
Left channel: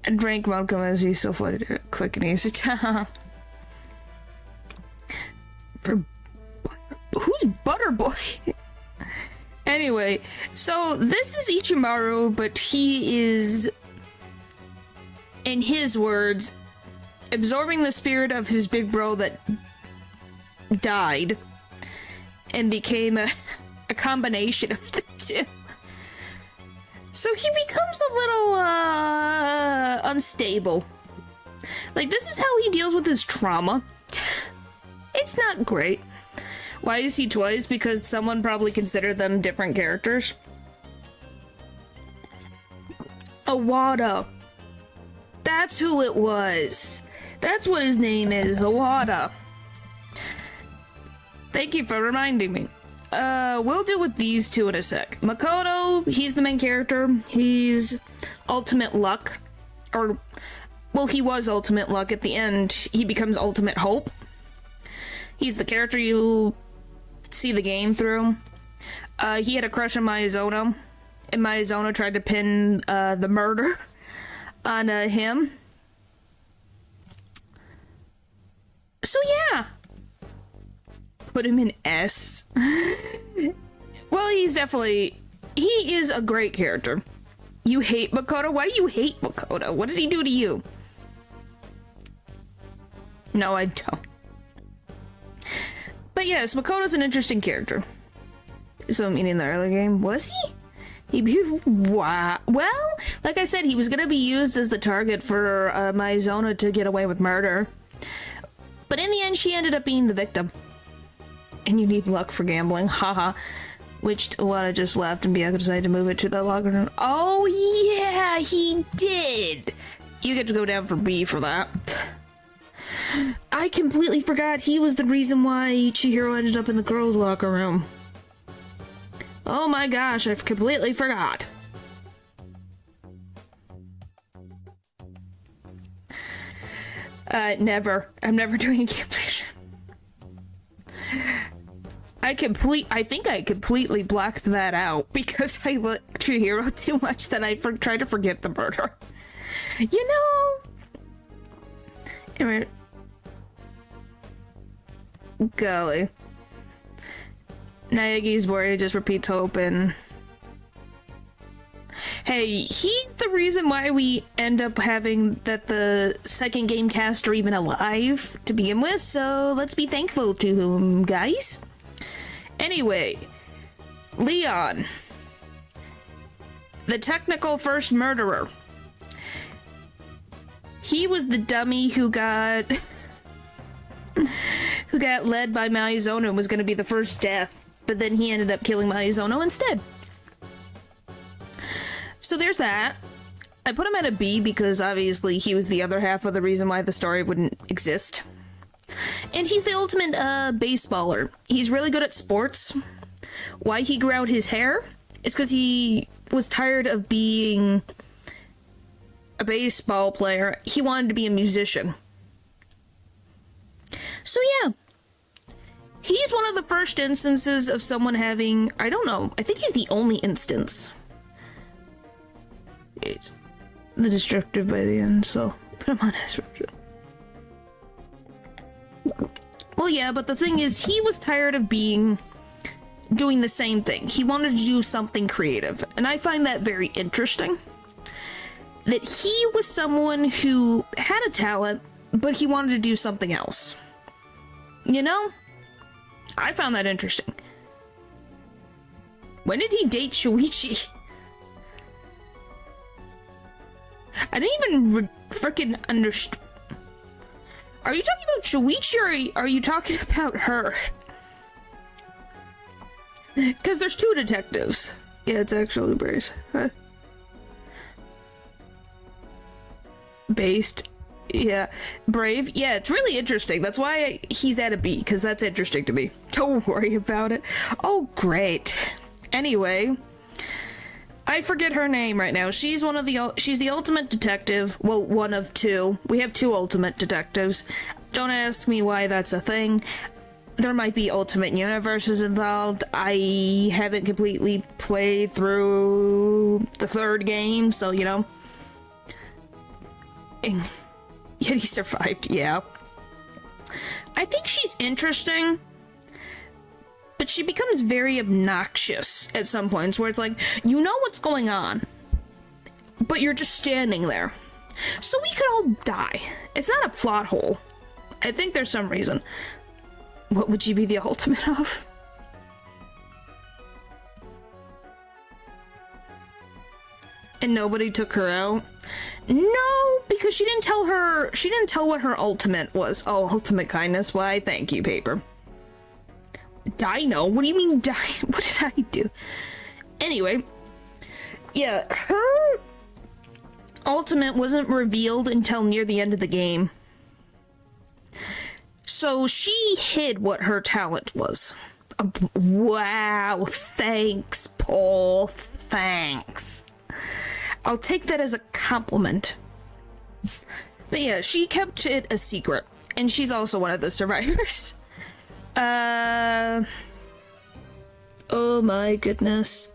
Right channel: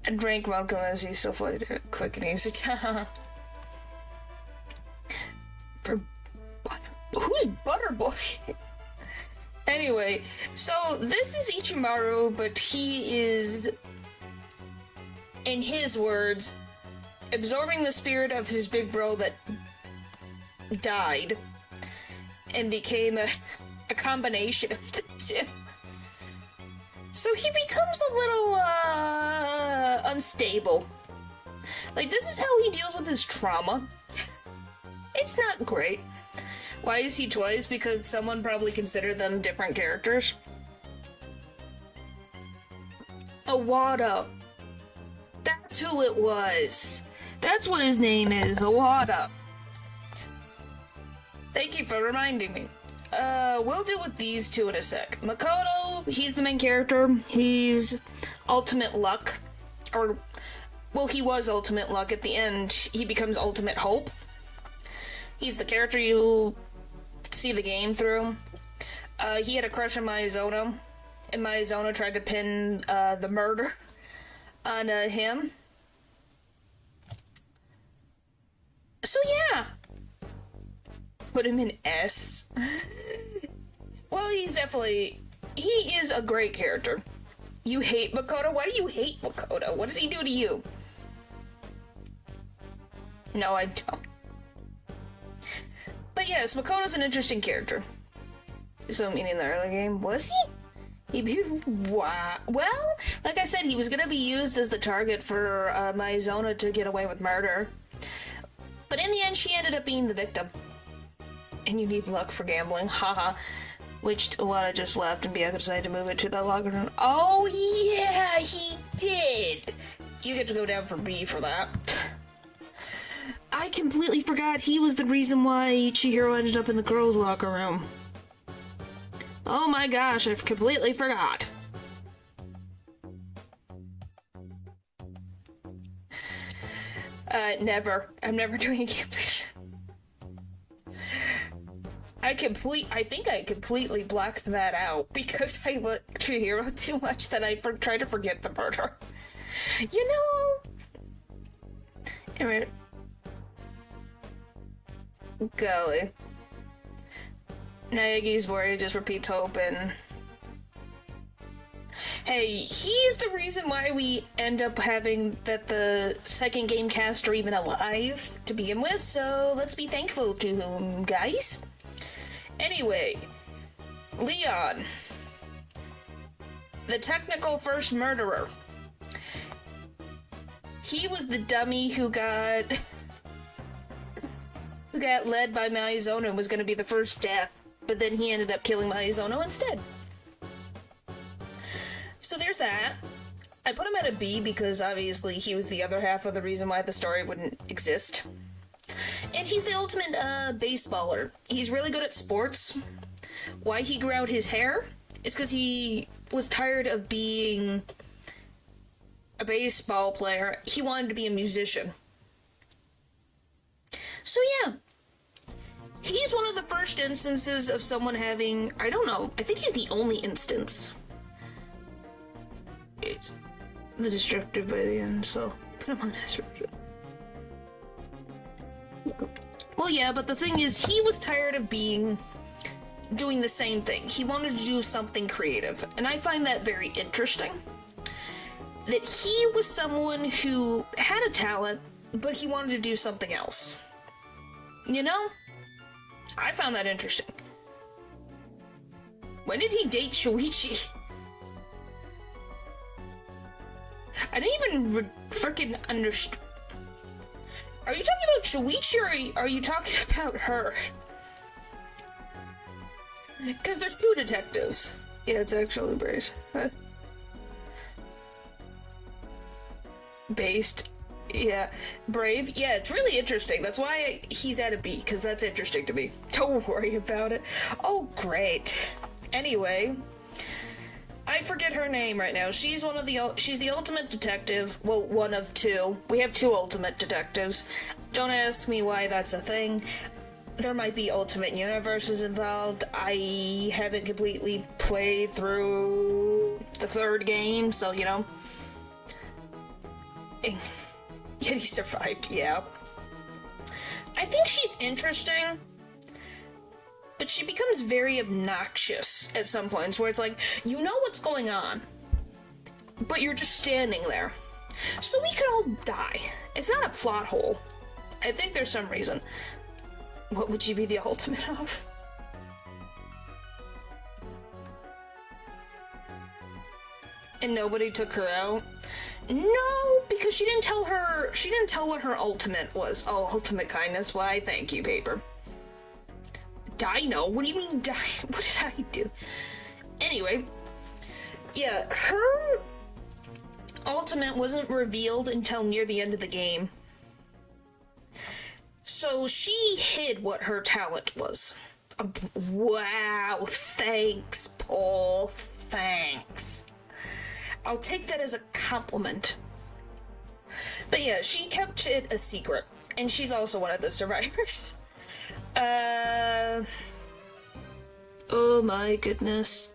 I drank welcome as he's so funny to quick and easy. Who's Butterboy? Anyway, so this is Ichimaru, but he is, in his words, absorbing the spirit of his big bro that died and became a combination of the two. So he becomes a little, unstable. Like, this is how he deals with his trauma. It's not great. Why is he twice? Because someone probably considered them different characters. Awada. That's who it was. That's what his name is, Awada. Thank you for reminding me. We'll deal with these two in a sec. Makoto, he's the main character. He's Ultimate Luck. Or, well, he was Ultimate Luck. At the end, he becomes Ultimate Hope. He's the character you see the game through. He had a crush on Miyazono, and Miyazono tried to pin the murder on him. So yeah. Put him in S. Well, he is a great character. You hate Makoto? Why do you hate Makoto? What did he do to you? No, I don't. But yes, Makoto's an interesting character. So, meaning the early game, was he? Wow. Well, like I said, he was gonna be used as the target for Maizona to get away with murder. But in the end, she ended up being the victim. And you need luck for gambling, haha. Which Iwata just left and Bianca decided to move it to the locker room. Oh yeah, he did! You get to go down for B for that. I completely forgot he was the reason why Chihiro ended up in the girls' locker room. Oh my gosh, I completely forgot. Never. I'm never doing a completion. I think I completely blocked that out because I looked Chihiro too much that I tried to forget the murder. You know? Anyway. Golly. Naegi's worried just repeats hope and... Hey, he's the reason why we end up having that the second game cast are even alive to begin with, so let's be thankful to him, guys. Anyway, Leon. The technical first murderer. He was the dummy who got... who got led by Maizono and was going to be the first death, but then he ended up killing Maizono instead. So there's that. I put him at a B because obviously he was the other half of the reason why the story wouldn't exist. And he's the ultimate baseballer. He's really good at sports. Why he grew out his hair? It's because he was tired of being a baseball player. He wanted to be a musician. So yeah. He's one of the first instances of someone having... I don't know. I think he's the only instance. It's the destructive by the end, so put him on his version. Well, yeah, but the thing is, he was tired of doing the same thing. He wanted to do something creative, and I find that very interesting. That he was someone who had a talent, but he wanted to do something else. You know? I found that interesting. When did he date Shuichi? I didn't even frickin' understand. Are you talking about Shuichi or are you talking about her? Because there's two detectives. Yeah, it's actually Brace. Huh? Based. Yeah. Brave. Yeah, it's really interesting. That's why he's at a B, because that's interesting to me. Don't worry about it. Oh, great. Anyway... I forget her name right now. She's she's the ultimate detective. Well, one of two. We have two ultimate detectives. Don't ask me why that's a thing. There might be ultimate universes involved. I haven't completely played through the third game, so, you know. Yet he survived, yeah. I think she's interesting. But she becomes very obnoxious at some points where it's like, you know what's going on, but you're just standing there. So we could all die. It's not a plot hole. I think there's some reason. What would you be the ultimate of? And nobody took her out? No, because she didn't tell what her ultimate was. Oh, ultimate kindness. Why, thank you, paper. Dino? What do you mean Dino? What did I do? Anyway, yeah, her ultimate wasn't revealed until near the end of the game. So she hid what her talent was. Wow, thanks, Paul. Thanks. I'll take that as a compliment. But yeah, she kept it a secret. And she's also one of the survivors. Oh my goodness.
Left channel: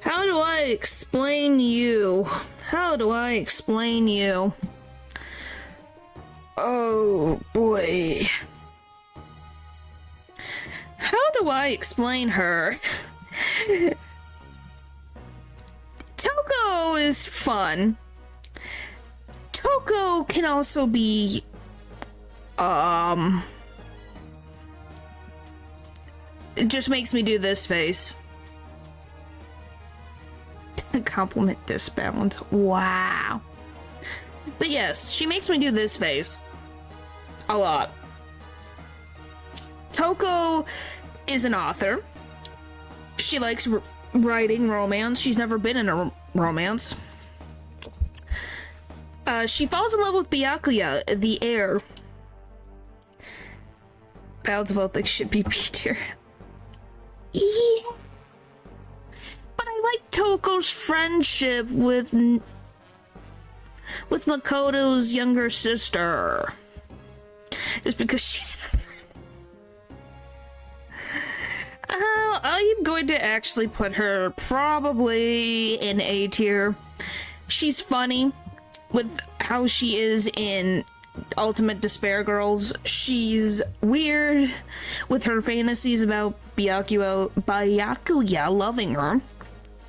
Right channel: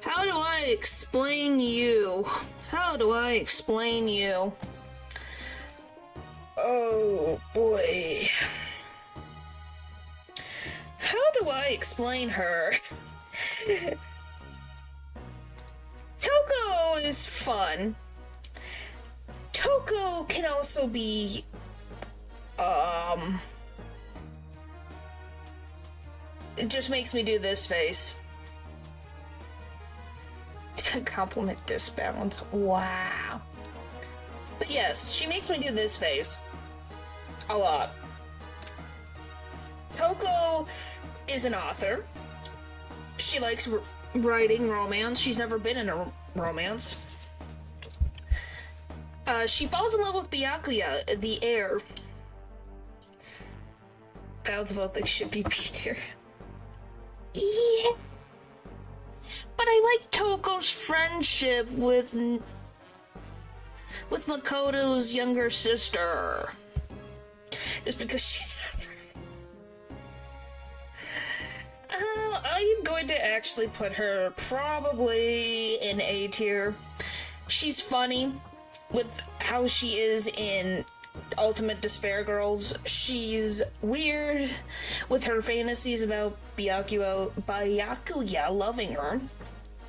How do I explain you? How do I explain you? Oh boy. How do I explain her? Toko is fun. Toko can also be, it just makes me do this face. Compliment disbalance. Wow. But yes, she makes me do this face. A lot. Toko is an author. She likes writing romance. She's never been in a romance. She falls in love with Byakuya, the heir. Balance of all things should be B tier. Yeah. But I like Toko's friendship with Makoto's younger sister. Just because she's... I'm going to actually put her probably in A tier. She's funny with how she is in Ultimate Despair Girls. She's weird with her fantasies about Byakuya loving her,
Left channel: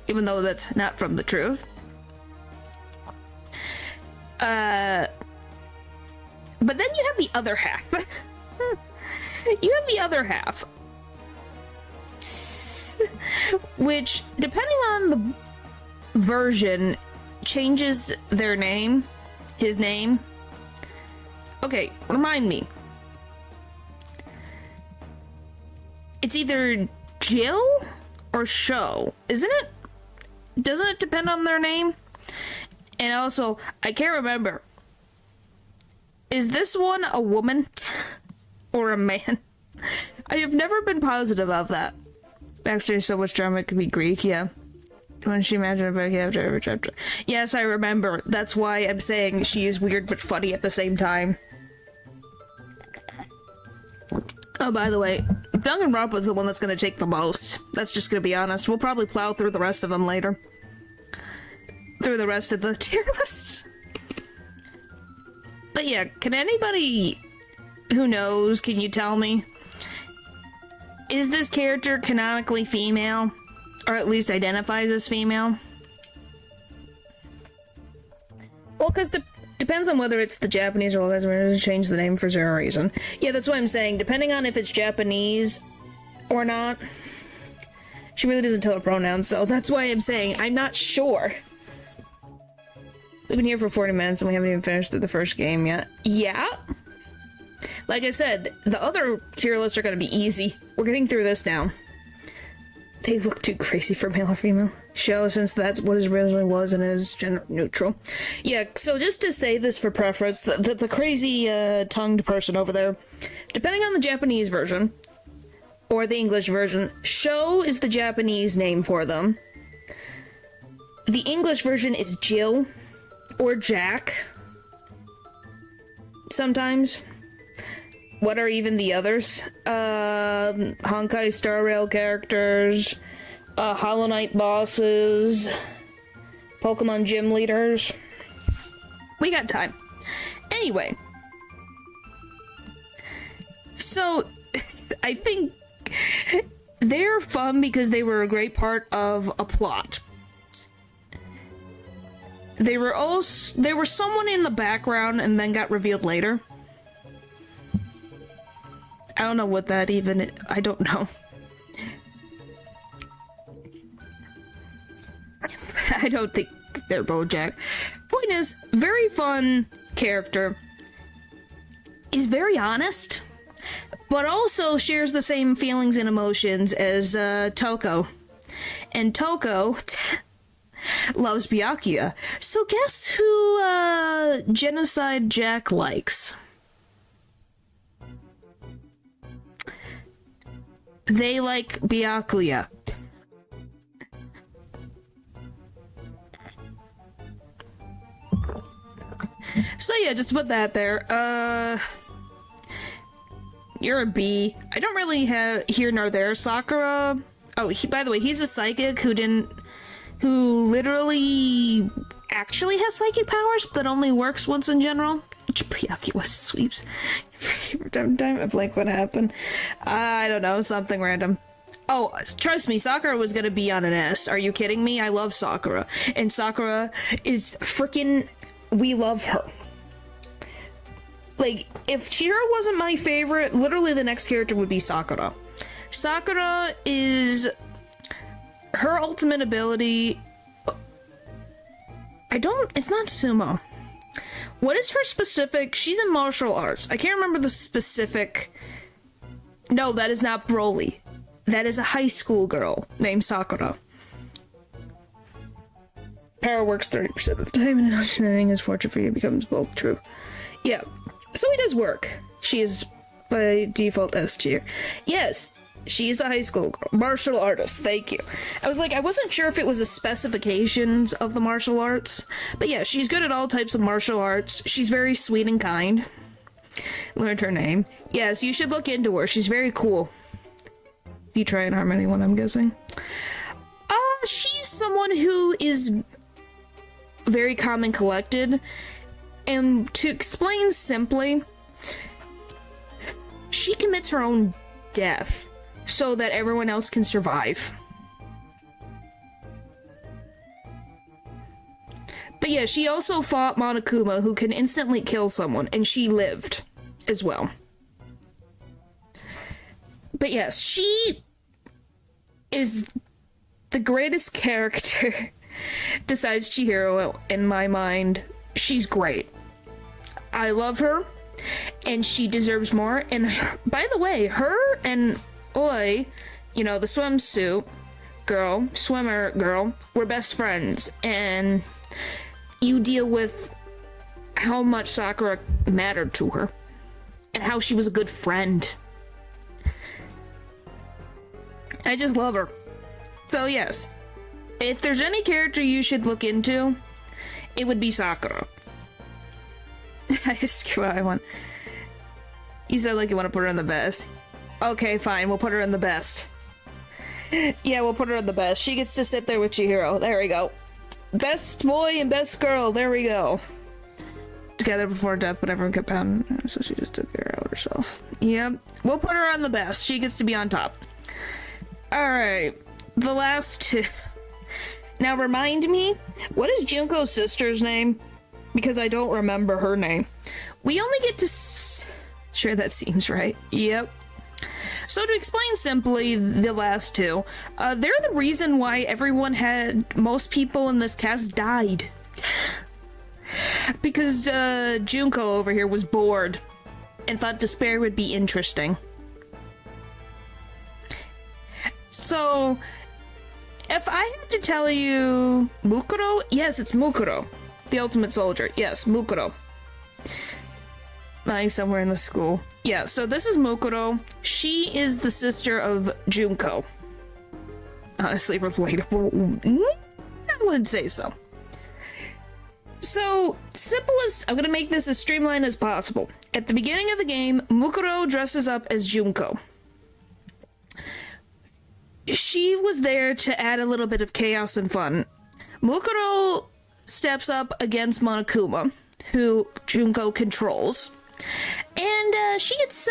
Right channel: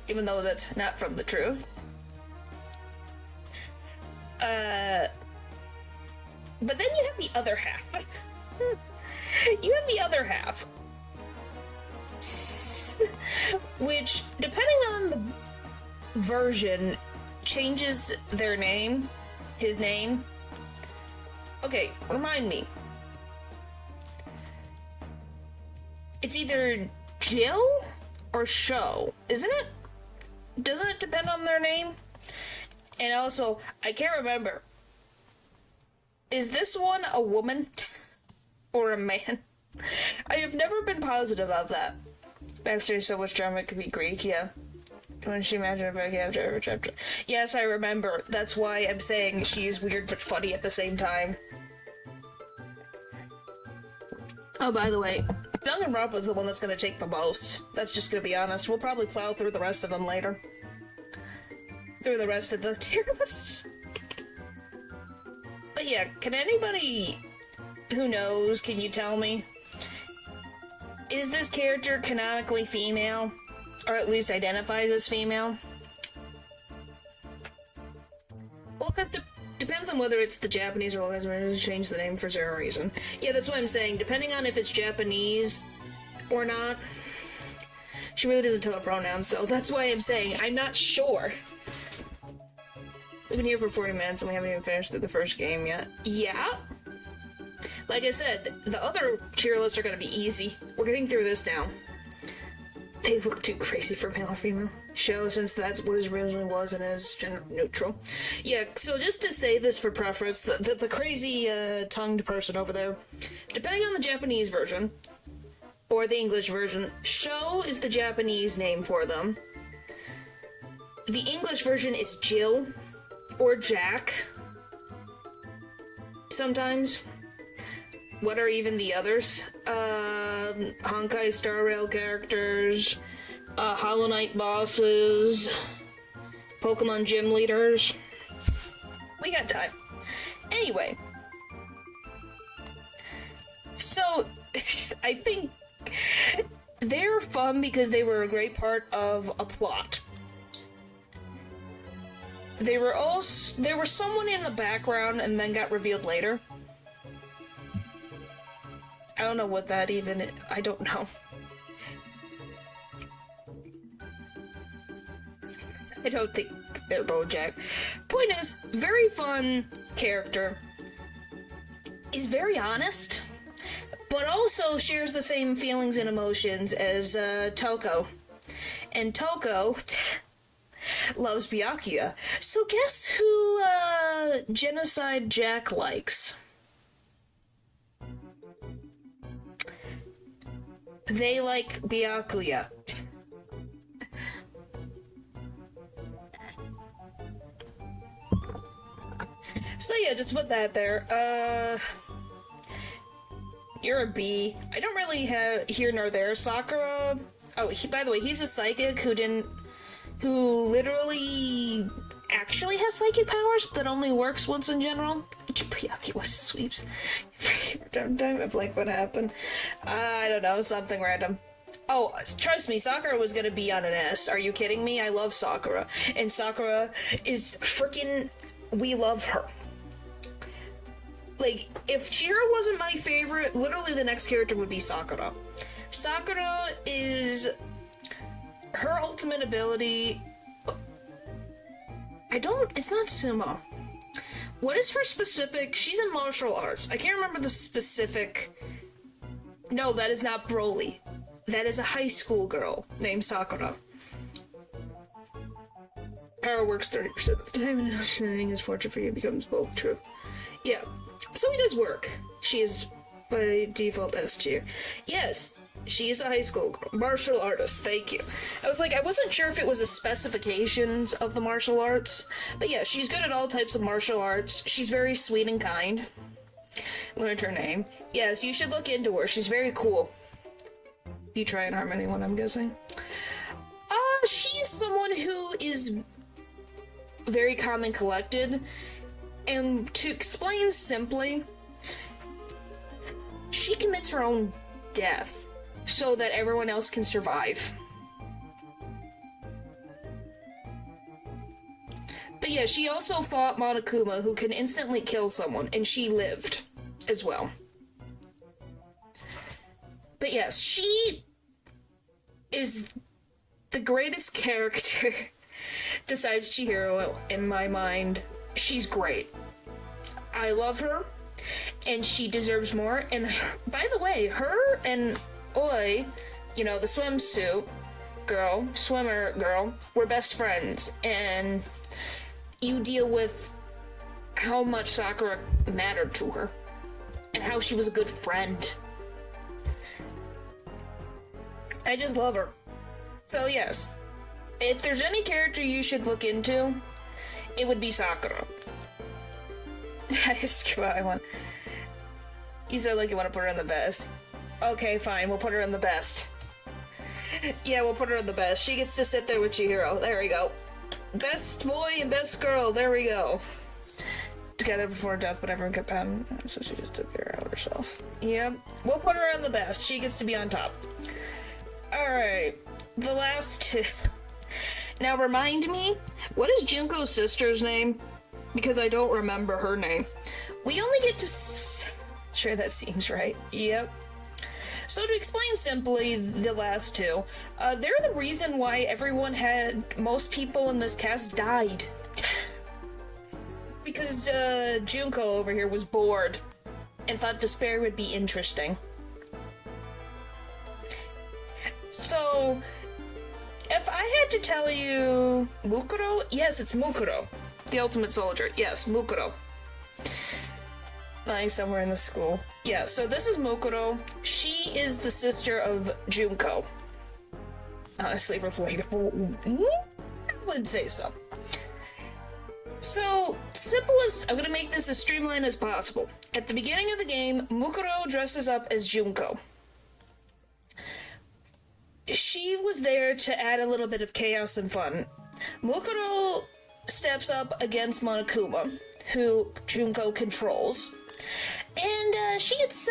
even though that's not from the truth. But then you have the other half. You have the other half. Which, depending on the version, changes their name. His name. Okay, remind me. It's either Jill or Sho, isn't it? Doesn't it depend on their name? And also, I can't remember. Is this one a woman or a man? I have never been positive of that. Actually, so much drama could be Greek, yeah. When she imagined about every chapter. Yes, I remember. That's why I'm saying she is weird but funny at the same time. Oh, by the way, Danganronpa's the one that's gonna take the most. That's just gonna be honest. We'll probably plow through the rest of them later. Through the rest of the tier lists. But yeah, can anybody who knows, can you tell me? Is this character canonically female? Or at least identifies as female? Well, because depends on whether it's the Japanese or Lesbian, change the name for zero reason. Yeah, that's what I'm saying. Depending on if it's Japanese or not, she really doesn't tell her pronouns, so that's why I'm saying I'm not sure. We've been here for 40 minutes and we haven't even finished the first game yet. Yeah? Like I said, the other tier lists are gonna be easy. We're getting through this now. They look too crazy for male or female. Show, since that's what it originally was and is gender neutral. Yeah, so just to say this for preference, the crazy tongued person over there, depending on the Japanese version, or the English version, Sho is the Japanese name for them. The English version is Jill, or Jack. Sometimes. What are even the others? Honkai Star Rail characters, Hollow Knight bosses, Pokemon gym leaders. We got time. Anyway. So, I think they're fun because they were a great part of a plot. They were someone in the background and then got revealed later. I don't know what that even is. I don't know. I don't think they're BoJack. Point is, very fun character. Is very honest, but also shares the same feelings and emotions as Toko. And Toko loves Byakuya. So guess who Genocide Jack likes? They like Byakuya. So yeah, just put that there. You're a B. I don't really have here nor there. Sakura. Oh, by the way, he's a psychic who literally actually has psychic powers that only works once in general. Byakuya sweeps. I blank what happened. I don't know, something random. Oh, trust me, Sakura was gonna be on an S. Are you kidding me? I love Sakura. And Sakura is freaking... We love her. Like, if Chihiro wasn't my favorite, literally the next character would be Sakura. Sakura is... Her ultimate ability It's not sumo. What is her specific? She's in martial arts. I can't remember the specific. No, that is not Broly. That is a high school girl named Sakura. Power works 30% of the time, and understanding his fortune for you becomes both true. Yeah, so he does work. She is by default S tier. Yes, she's a high school girl. Martial artist, thank you. I wasn't sure if it was the specifications of the martial arts, but yeah, she's good at all types of martial arts. She's very sweet and kind. Learned her name. Yes, you should look into her. She's very cool. If you try and harm anyone, I'm guessing. She's someone who is very calm and collected, and to explain simply, she commits her own death so that everyone else can survive. But yeah, she also fought Monokuma, who can instantly kill someone, and she lived as well. But yes, she is the greatest character besides Chihiro in my mind. She's great. I love her, and she deserves more. And by the way, her and Oi, you know, the swimsuit girl, swimmer girl, were best friends, and you deal with how much Sakura mattered to her and how she was a good friend. I just love her. So yes, if there's any character you should look into, it would be Sakura. Screw I want. You said like you want to put her in the best. Okay, fine, we'll put her in the best. Yeah, we'll put her in the best. She gets to sit there with Chihiro. There we go. Best boy and best girl. There we go. Together before death, but everyone kept pounding her, so she just took care of herself. Yep, we'll put her on the best. She gets to be on top. Alright, the last two. Now remind me, what is Junko's sister's name? Because I don't remember her name. We only get to sure, that seems right. Yep. So to explain simply the last two, they're the reason why most people in this cast died. Because Junko over here was bored and thought despair would be interesting. So, if I had to tell you Mukuro, yes, it's Mukuro. The ultimate soldier. Yes, Mukuro. Lying somewhere in the school. Yeah, so this is Mukuro. She is the sister of Junko. Honestly, relatable. I would say so. So, simplest, I'm gonna make this as streamlined as possible. At the beginning of the game, Mukuro dresses up as Junko. She was there to add a little bit of chaos and fun. Mukuro steps up against Monokuma, who Junko controls, and she gets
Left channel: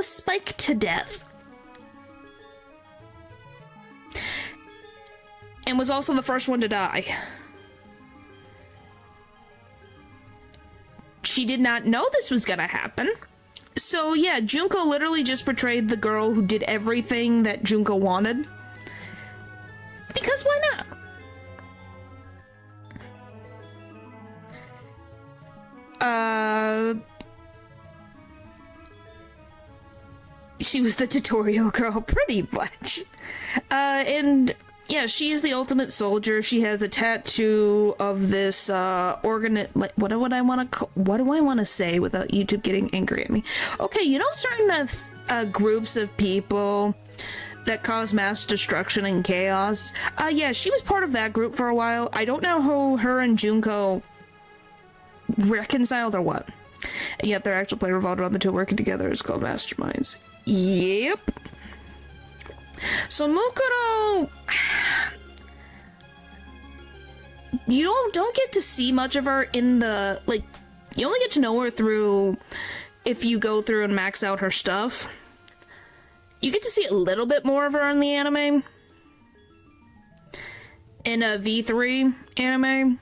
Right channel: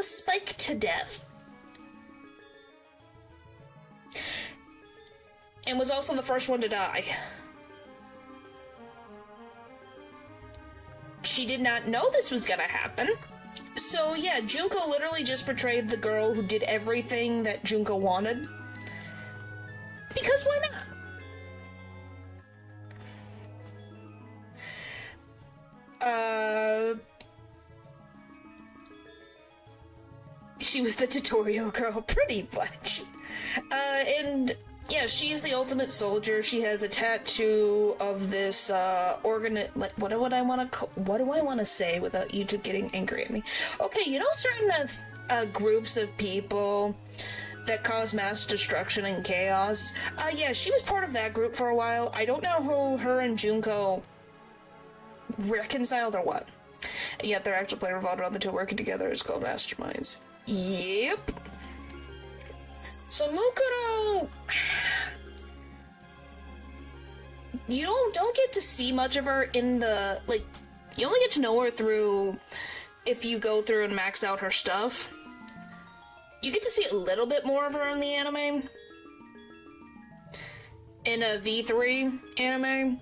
spiked to death. And was also the first one to die. She did not know this was gonna happen. So yeah, Junko literally just portrayed the girl who did everything that Junko wanted. Because why not? She was the tutorial girl, pretty much. And yeah, she's the ultimate soldier. She has a tattoo of this what do I want to say without YouTube getting angry at me? Okay, you know certain groups of people that cause mass destruction and chaos? Yeah, she was part of that group for a while. I don't know how her and Junko reconciled or what. And yet their actual play revolved around the two working together is called masterminds. Yep. So Mukuro, you don't get to see much of her in the, like, you only get to know her through, if you go through and max out her stuff. You get to see a little bit more of her in the anime. In a V3 anime.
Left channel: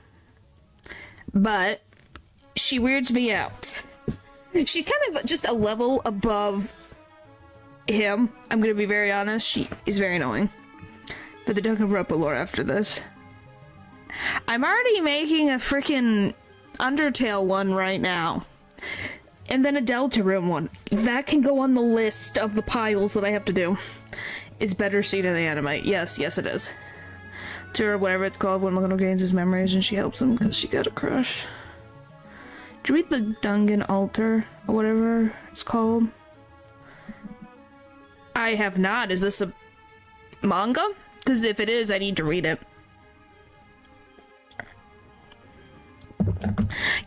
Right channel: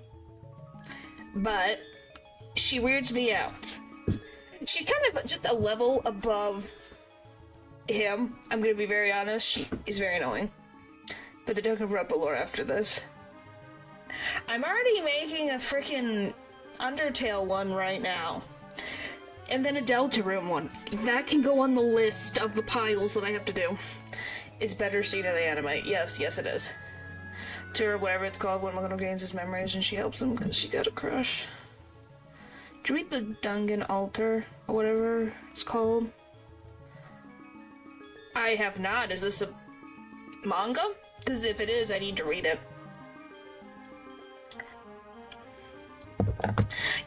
But she weirds me out. She's kind of just a level above him. I'm gonna be very honest, she is very annoying. But the Dokkan Roppo lore after this. I'm already making a freaking Undertale one right now. And then a Deltarune one. That can go on the list of the piles that I have to do. Is better seen in the anime. Yes, it is. To whatever it's called when Makoto gains his memories and she helps him because she got a crush. Did you read the Dungeon Altar? Or whatever it's called? I have not. Is this a manga? Because if it is, I need to read it.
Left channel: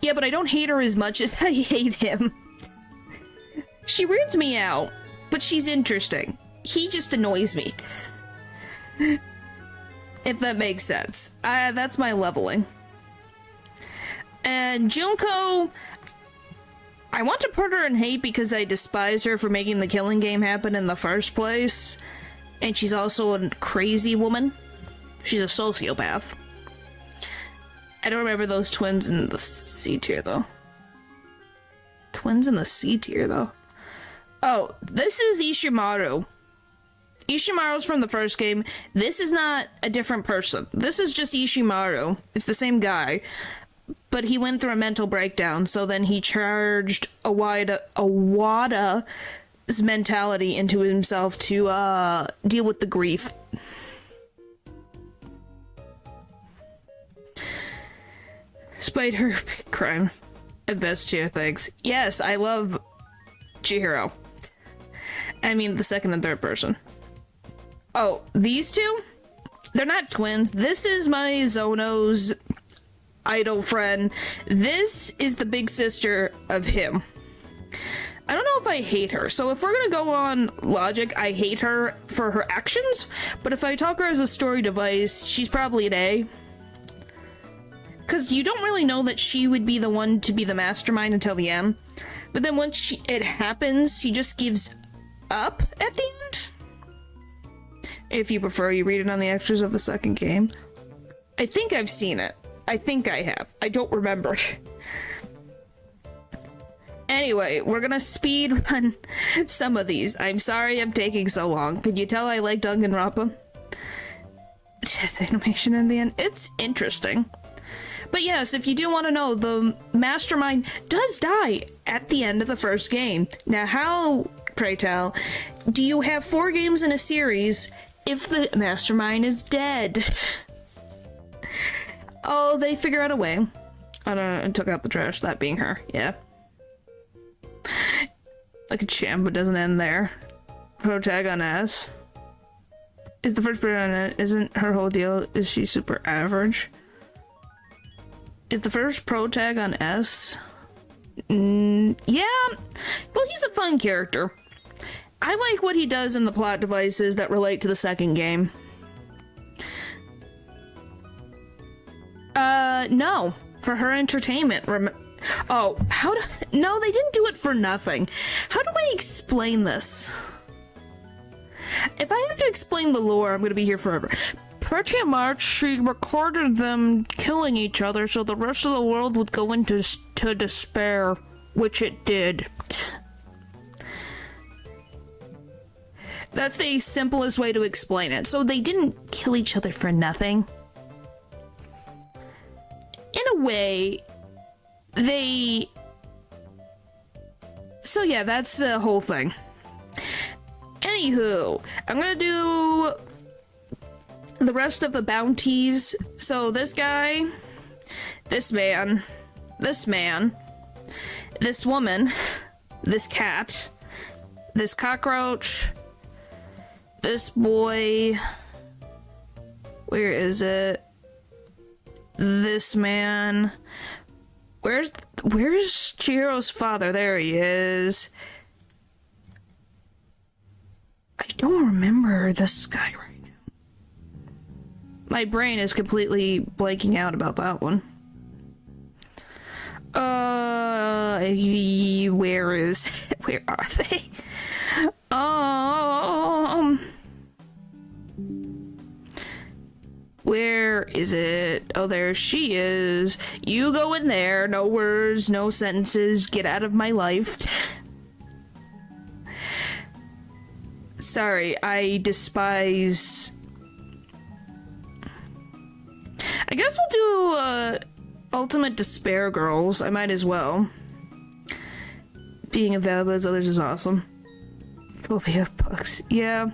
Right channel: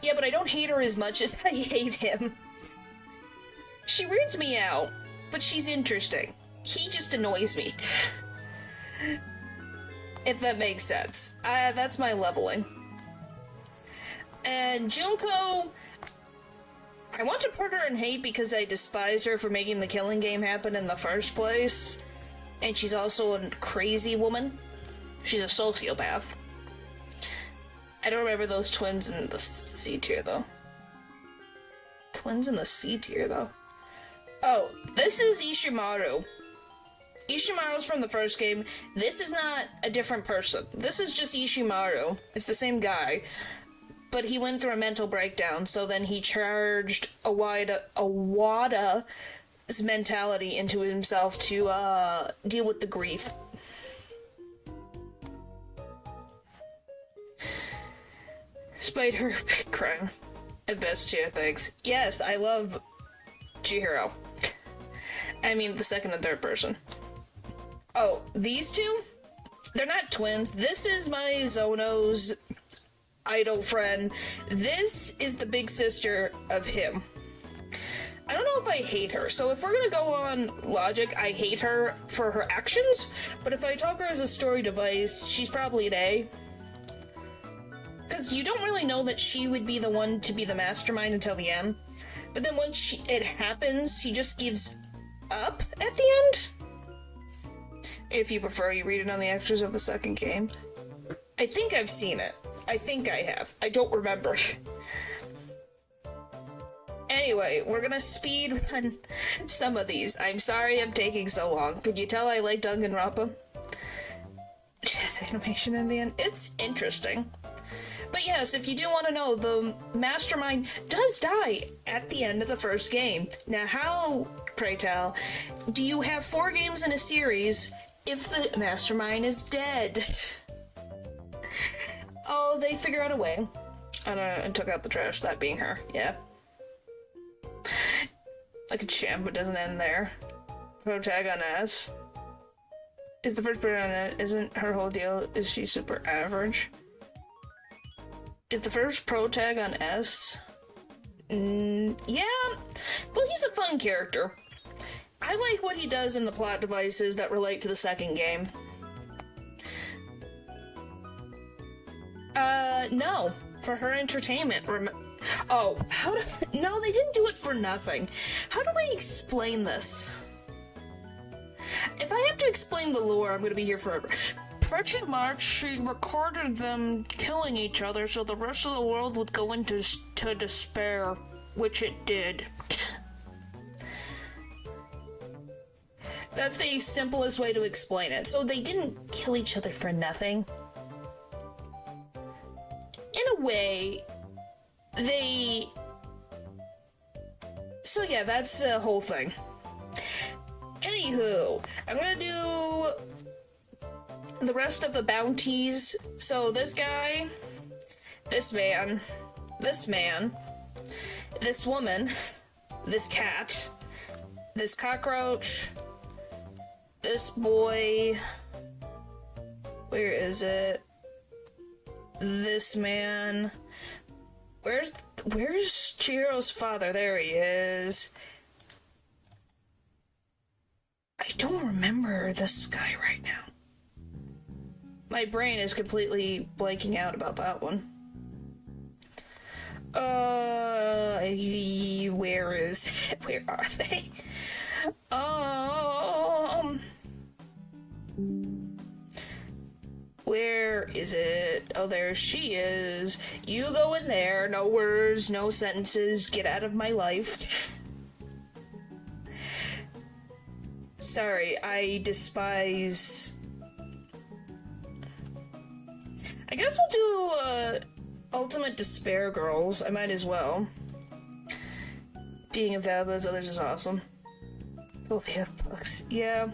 Yeah, but I don't hate her as much as I hate him. She weirds me out, but she's interesting. He just annoys me. If that makes sense. That's my leveling. And Junko, I want to put her in hate because I despise her for making the killing game happen in the first place. And she's also a crazy woman. She's a sociopath. I don't remember those twins in the C tier, though. Twins in the C tier, though. Oh, this is Ishimaru. Ishimaru's from the first game. This is not a different person. This is just Ishimaru. It's the same guy. But he went through a mental breakdown, so then he charged Awada's mentality into himself to deal with the grief. Despite her big crime. And best tier things. Yes, I love Chihiro. I mean, the second and third person. Oh, these two? They're not twins. This is my Zono's idol friend. This is the big sister of him. I don't know if I hate her. So if we're gonna go on logic, I hate her for her actions. But if I talk her as a story device, she's probably an A. Because you don't really know that she would be the one to be the mastermind until the end. But then once it happens, she just gives up at the end. If you prefer, you read it on the extras of the second game. I think I've seen it. I think I have. I don't remember. Anyway, we're gonna speed run some of these. I'm sorry I'm taking so long. Could you tell I like Danganronpa? The animation in the end, it's interesting. But yes, if you do want to know, the mastermind does die at the end of the first game. Now how, pray tell, do you have 4 games in a series if the mastermind is dead? Oh, they figure out a way. I don't know, I took out the trash, that being her, yeah. Like a champ, but doesn't end there. Protagonist. Is the first person on it, isn't her whole deal, is she super average? Is the first protag on S? Yeah. Well, he's a fun character. I like what he does in the plot devices that relate to the second game. No. For her entertainment. Oh, no, they didn't do it for nothing. How do I explain this? If I have to explain the lore, I'm gonna be here forever. Pretty much, she recorded them killing each other so the rest of the world would go into despair, which it did. That's the simplest way to explain it. So they didn't kill each other for nothing. In a way, so yeah, that's the whole thing. Anywho, I'm gonna do the rest of the bounties. So this guy, this man, this woman, this cat, this cockroach, this boy, where is it? This man, where's Chihiro's father? There he is. I don't remember this guy right now. My brain is completely blanking out about that one. Where is it? Where are they? Where is it? Oh, there she is. You go in there. No words, no sentences. Get out of my life. Sorry, I despise I guess we'll do, Ultimate Despair Girls. I might as well. Being available as others is awesome. Phobia of bugs. Yeah.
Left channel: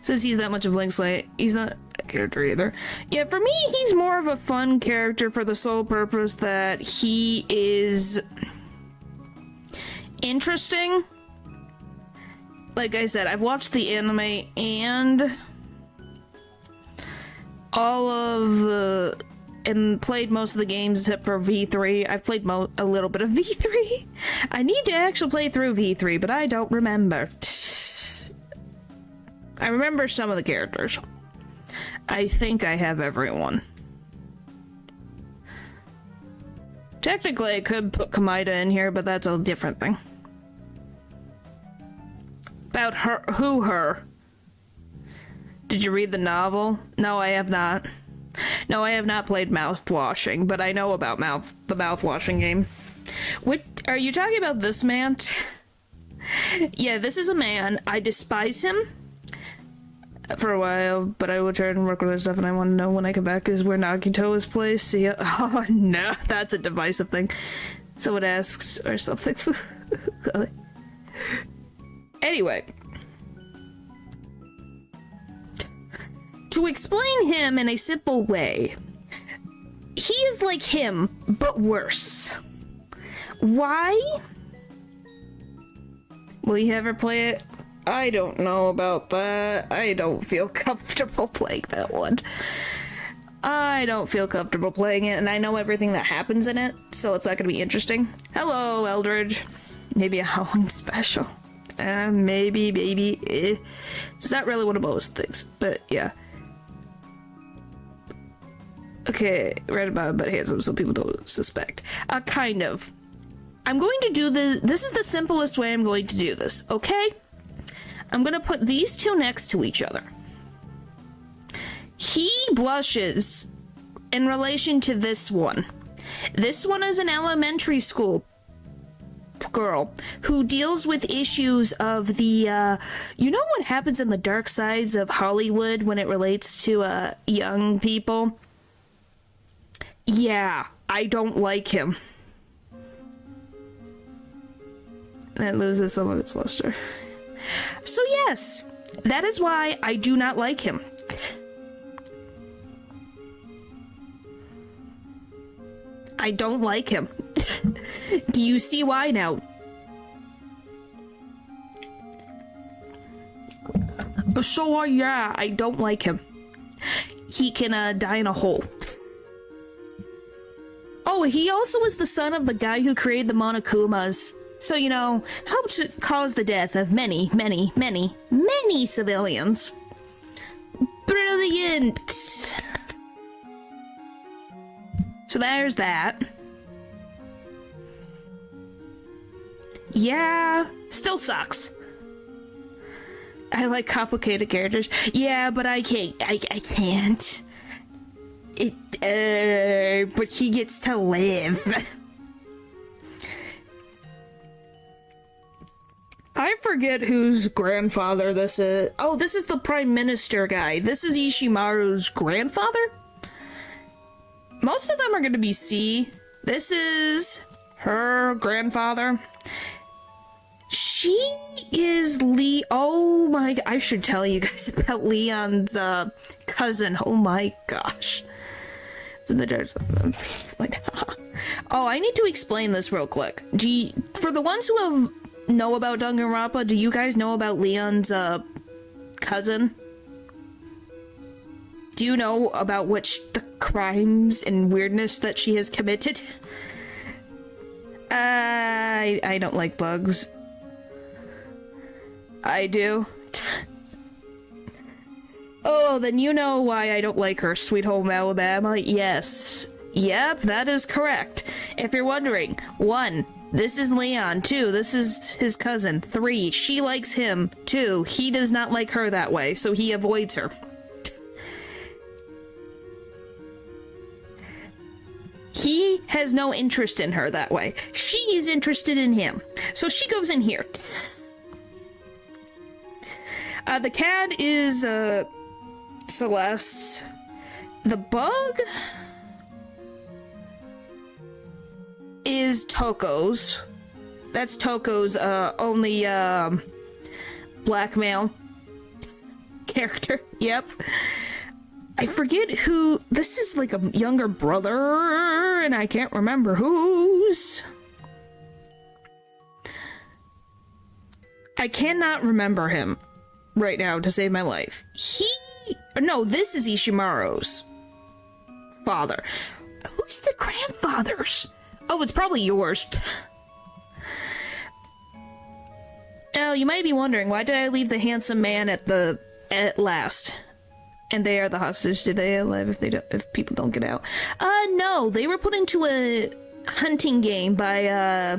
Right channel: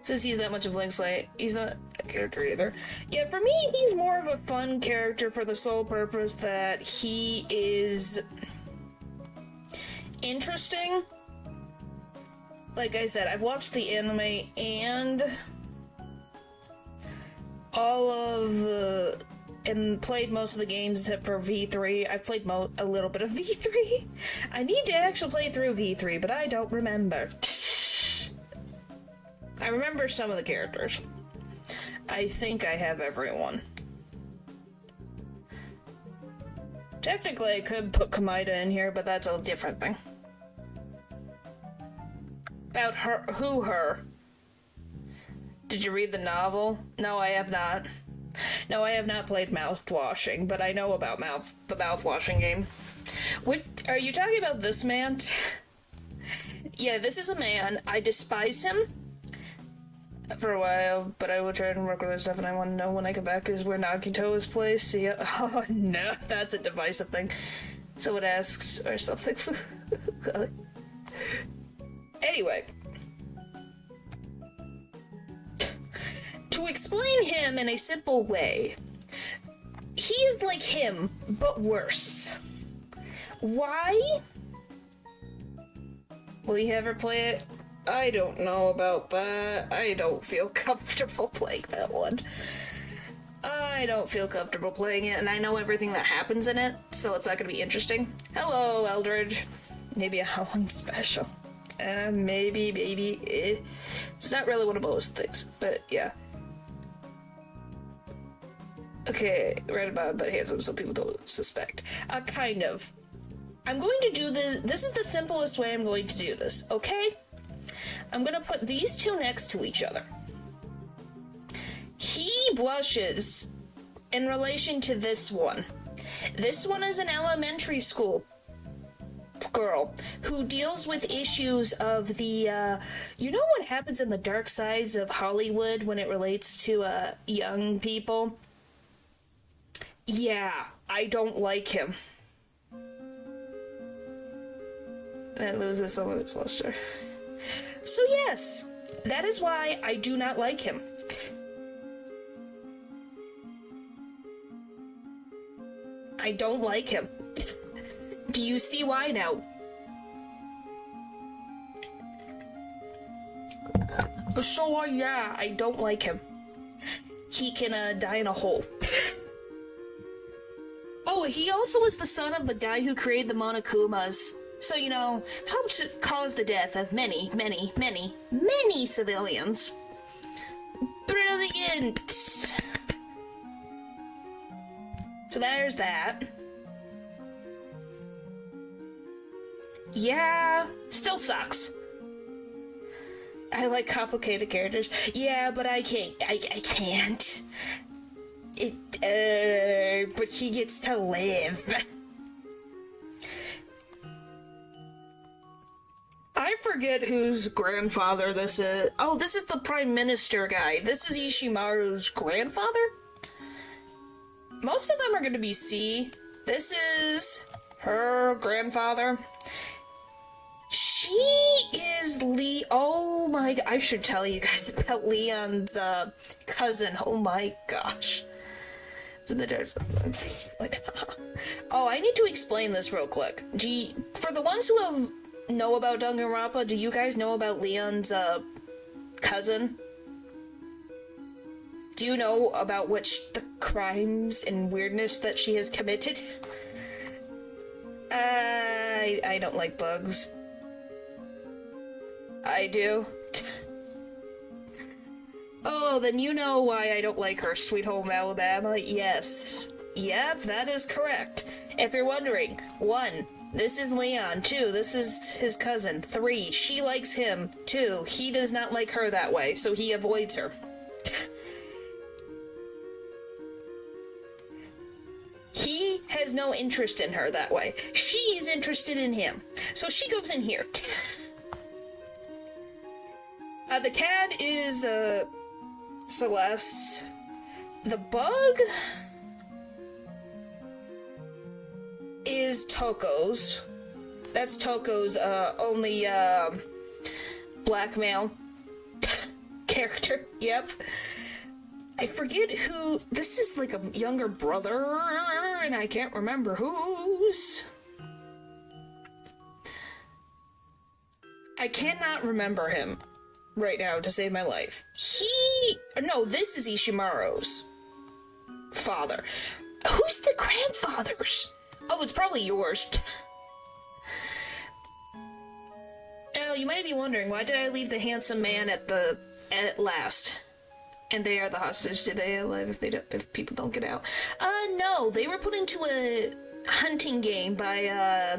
Says he's that much of Blank Slate. He's not a character either. Yeah, for me, he's more of a fun character for the sole purpose that he is interesting. Like I said, I've watched the anime and all of and played most of the games except for V3. I've played a little bit of V3. I need to actually play through V3, but I don't remember. I remember some of the characters. I think I have everyone. Technically, I could put Kamida in here, but that's a different thing. About her, her? Did you read the novel? No, I have not. No, I have not played Mouthwashing, but I know about the Mouthwashing game. What, are you talking about this man? Yeah, this is a man. I despise him for a while, but I will try and work with his stuff, and I want to know when I come back is where Nagito is placed. See ya. Oh, no, that's a divisive thing. So it asks, or something. Anyway. To explain him in a simple way, he is like him, but worse. Why? Will you ever play it? I don't know about that. I don't feel comfortable playing that one. I don't feel comfortable playing it, and I know everything that happens in it, so it's not gonna be interesting. Hello, Eldridge. Maybe a Halloween special. Maybe. It's not really one of those things, but yeah. Okay, right about but handsome so people don't suspect. Kind of. I'm going to do this. This is the simplest way I'm going to do this, okay? I'm gonna put these two next to each other. He blushes in relation to this one. This one is an elementary school girl who deals with issues of the, you know what happens in the dark sides of Hollywood when it relates to, young people? Yeah, I don't like him. That loses some of its luster. So yes, that is why I do not like him. I don't like him. Do you see why now? So yeah, I don't like him. He can die in a hole. Oh, he also is the son of the guy who created the Monokumas. So, you know, helped cause the death of many civilians. Brilliant! So there's that. Yeah, still sucks. I like complicated characters. Yeah, but I can't. I can't. But he gets to live. I forget whose grandfather this is. Oh, this is the Prime Minister guy. This is Ishimaru's grandfather? Most of them are going to be C. This is her grandfather. She is oh my, I should tell you guys about Leon's cousin. Oh my gosh. Oh, I need to explain this real quick. For the ones who know about Danganronpa, do you guys know about Leon's cousin? Do you know about the crimes and weirdness that she has committed? I don't like bugs. I do. Oh, then you know why I don't like her, Sweet Home Alabama. Yes. Yep, that is correct. If you're wondering, 1, this is Leon. 2, this is his cousin. 3, she likes him. 2, he does not like her that way, so he avoids her. He has no interest in her that way. She is interested in him. So she goes in here. The cat is, Celeste. the bug is Toko's. That's Toko's only black male character. Yep. I forget who. This is like a younger brother, and I can't remember whose. I cannot remember him right now to save my life. No, this is Ishimaru's father. Who's the grandfathers? Oh, it's probably yours. Oh, you might be wondering, why did I leave the handsome man at last? And they are the hostage. Did they alive if people don't get out? No, they were put into a hunting game by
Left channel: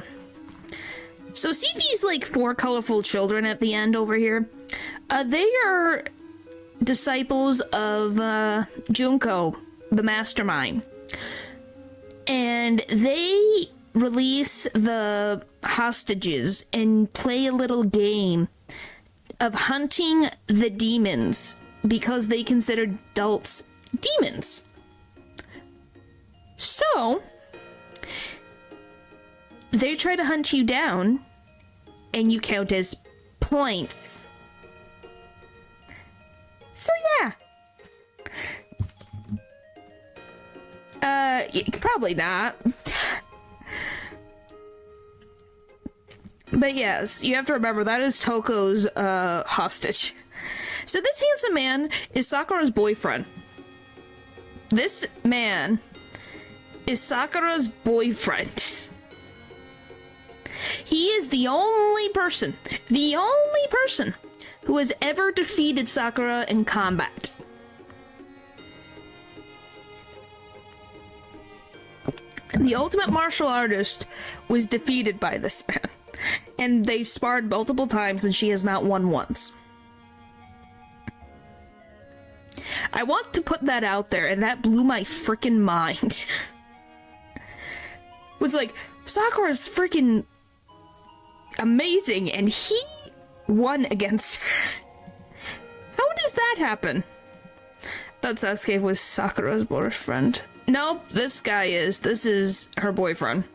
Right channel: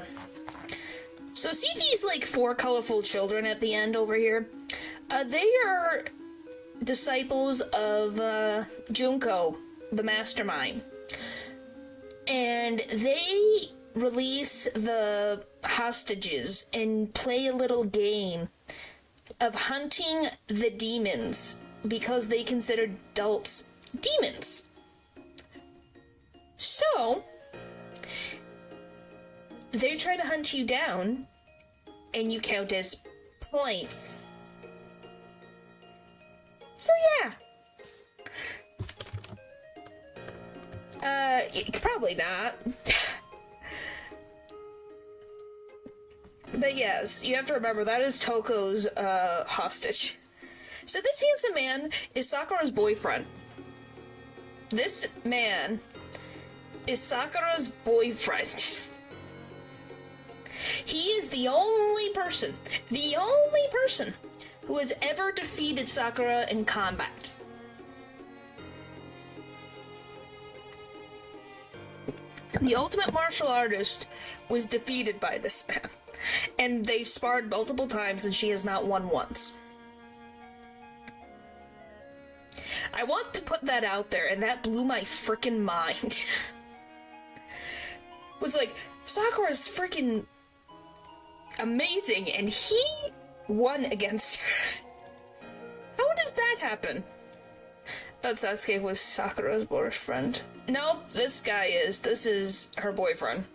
so see these like 4 colorful children at the end over here? They are disciples of Junko, the mastermind. And they release the hostages and play a little game of hunting the demons because they consider adults demons. So they try to hunt you down, and you count as points. So yeah. Probably not. But yes, you have to remember that is Toko's hostage. So this handsome man is Sakura's boyfriend. This man is Sakura's boyfriend. He is the only person who has ever defeated Sakura in combat. The ultimate martial artist was defeated by this man. And they sparred multiple times and she has not won once. I want to put that out there, and that blew my freaking mind. Was like, Sakura's freaking amazing, and he won against her. How does that happen? Thought Sasuke was Sakura's boyfriend. Nope, this is her boyfriend.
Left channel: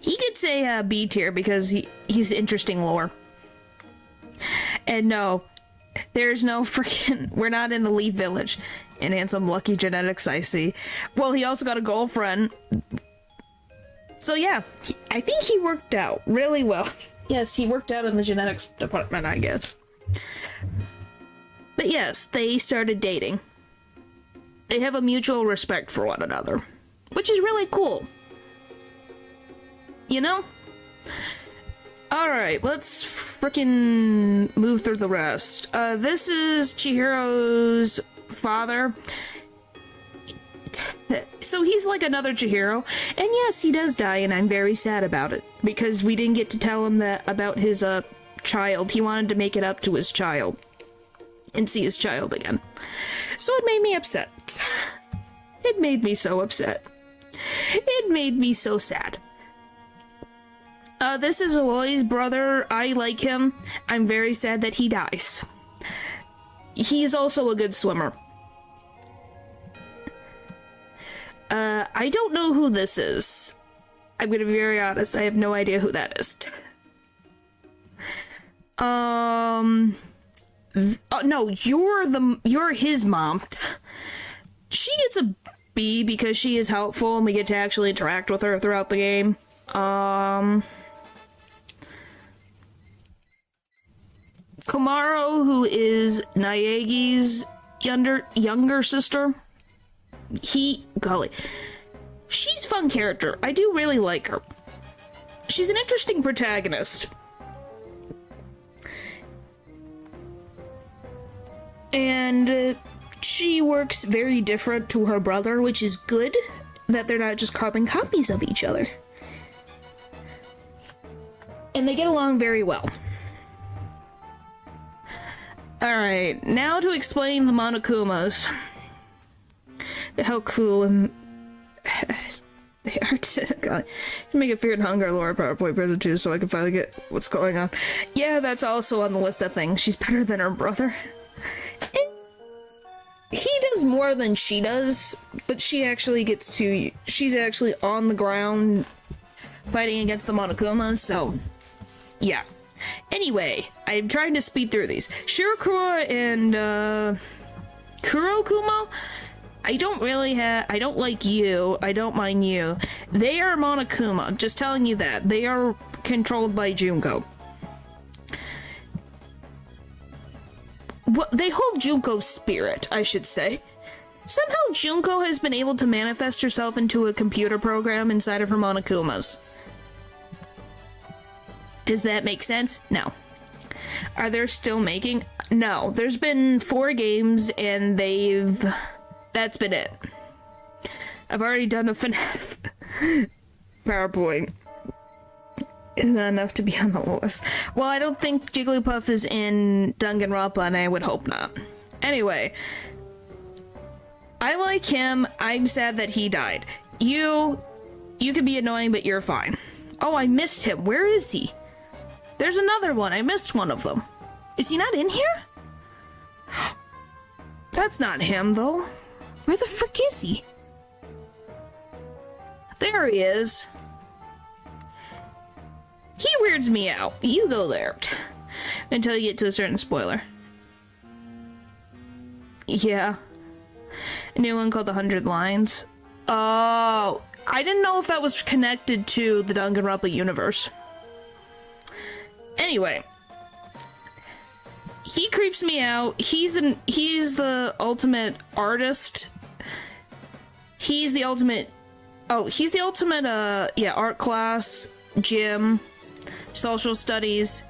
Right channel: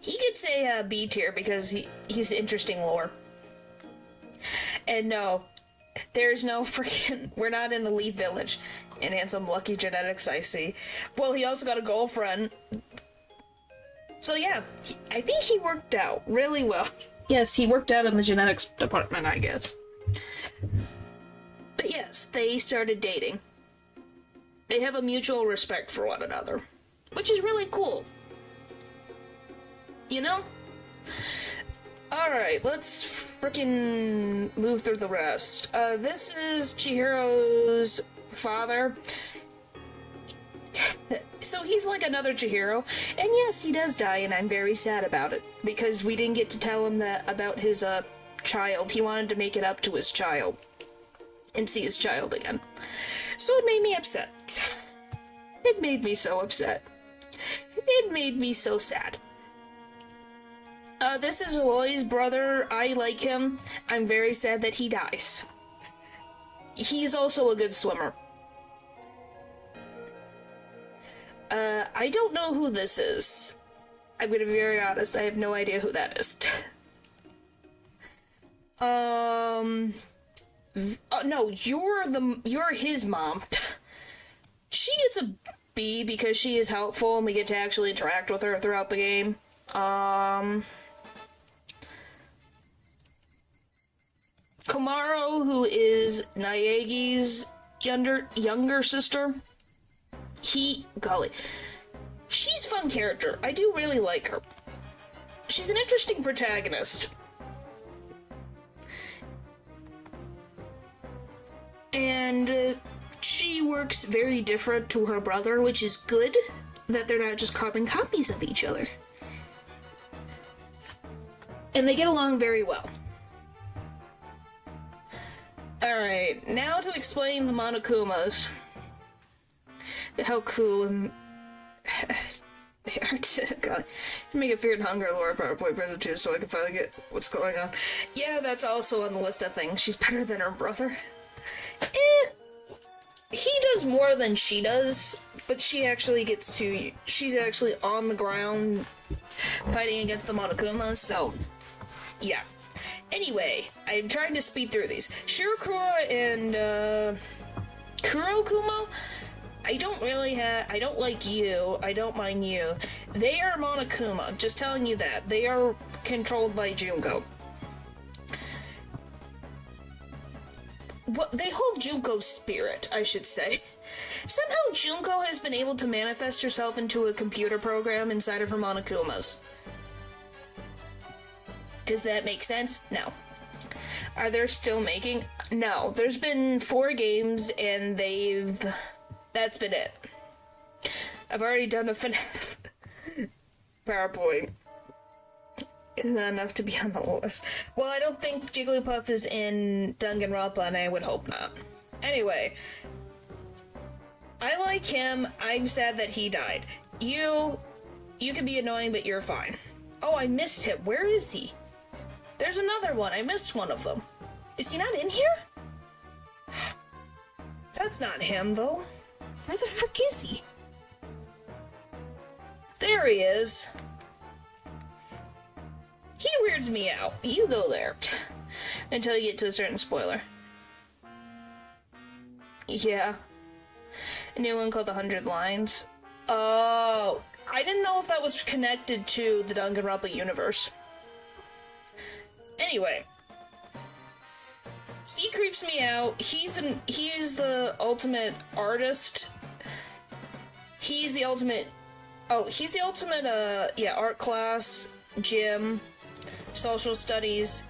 He gets a B tier because he's interesting lore. And no, there's no freaking, we're not in the Leaf Village. And handsome lucky genetics, I see. Well, he also got a girlfriend. So yeah, I think he worked out really well. Yes, he worked out in the genetics department, I guess. But yes, they started dating. They have a mutual respect for one another, which is really cool. You know? Alright, let's frickin' move through the rest. This is Chihiro's father. So he's like another Chihiro. And yes, he does die, and I'm very sad about it. Because we didn't get to tell him that about his, child. He wanted to make it up to his child. And see his child again. So it made me upset. It made me so upset. It made me so sad. This is Aloy's brother. I like him. I'm very sad that he dies. He's also a good swimmer. I don't know who this is. I'm gonna be very honest, I have no idea who that is. No, you're his mom. She gets a B because she is helpful and we get to actually interact with her throughout the game. Komaro, who is Naegi's younger sister, she's a fun character. I do really like her. She's an interesting protagonist. And she works very different to her brother, which is good that they're not just carbon copies of each other. And they get along very well. Alright, now to explain the Monokumas. How cool and they are. God, make a fear and hunger lore PowerPoint presentation so I can finally get what's going on. Yeah, that's also on the list of things. She's better than her brother. he does more than she does, but she's actually on the ground fighting against the Monokumas, so yeah. Anyway, I'm trying to speed through these. Shirokuro and Kurokuma, I don't like you, I don't mind you. They are Monokuma, just telling you that. They are controlled by Junko. They hold Junko's spirit, I should say. Somehow Junko has been able to manifest herself into a computer program inside of her Monokumas. Does that make sense? No. Are they still making? No. There's been 4 games and that's been it. I've already done a FNAF PowerPoint. Isn't that enough to be on the list? Well, I don't think Jigglypuff is in Danganronpa, and I would hope not. Anyway, I like him. I'm sad that he died. You can be annoying, but you're fine. Oh, I missed him. Where is he? There's another one. I missed one of them. Is he not in here? That's not him, though. Where the frick is he? There he is. He weirds me out. You go there. Until you get to a certain spoiler. Yeah. A new one called 100 Lines. Oh, I didn't know if that was connected to the Danganronpa universe. Anyway. He creeps me out. He's the ultimate artist. He's the ultimate art class, gym, social studies,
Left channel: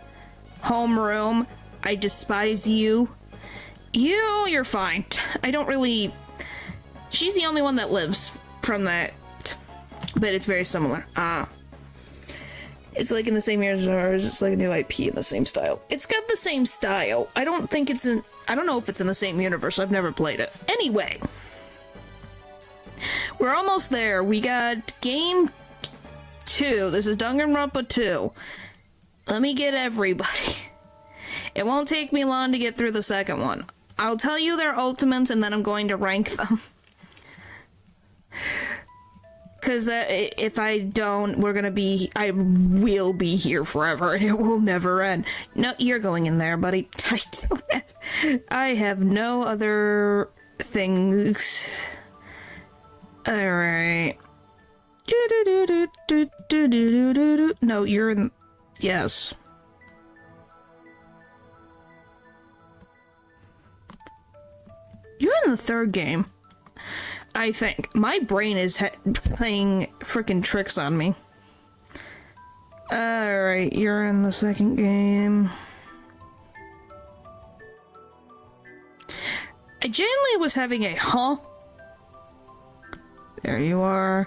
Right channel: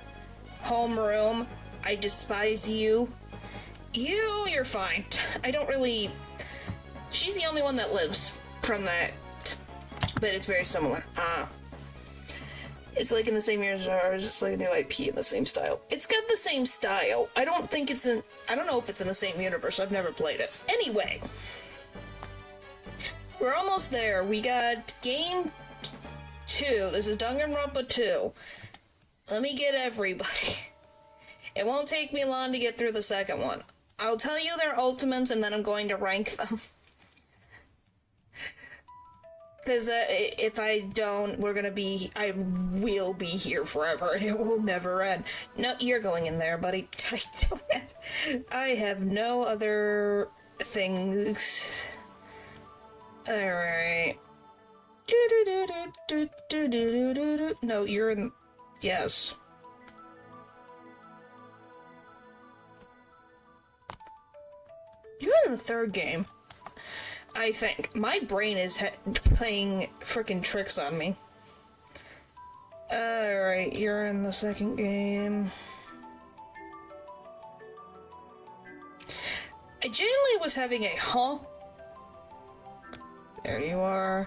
homeroom. I despise you. You're fine. I don't really... She's the only one that lives from that. But it's very similar. It's like in the same year as ours. It's like a new IP in the same style. It's got the same style. I don't know if it's in the same universe. I've never played it. Anyway. We're almost there. We got game 2. This is Danganronpa 2. Let me get everybody. It won't take me long to get through the second one. I'll tell you their ultimates and then I'm going to rank them. Because if I don't, I will be here forever and it will never end. No, you're going in there, buddy. I have no other things. Alright. No, you're in... Yes. You're in the third game. I think. My brain is playing frickin' tricks on me. Alright, you're in the second game. I genuinely was having a huh? There you are.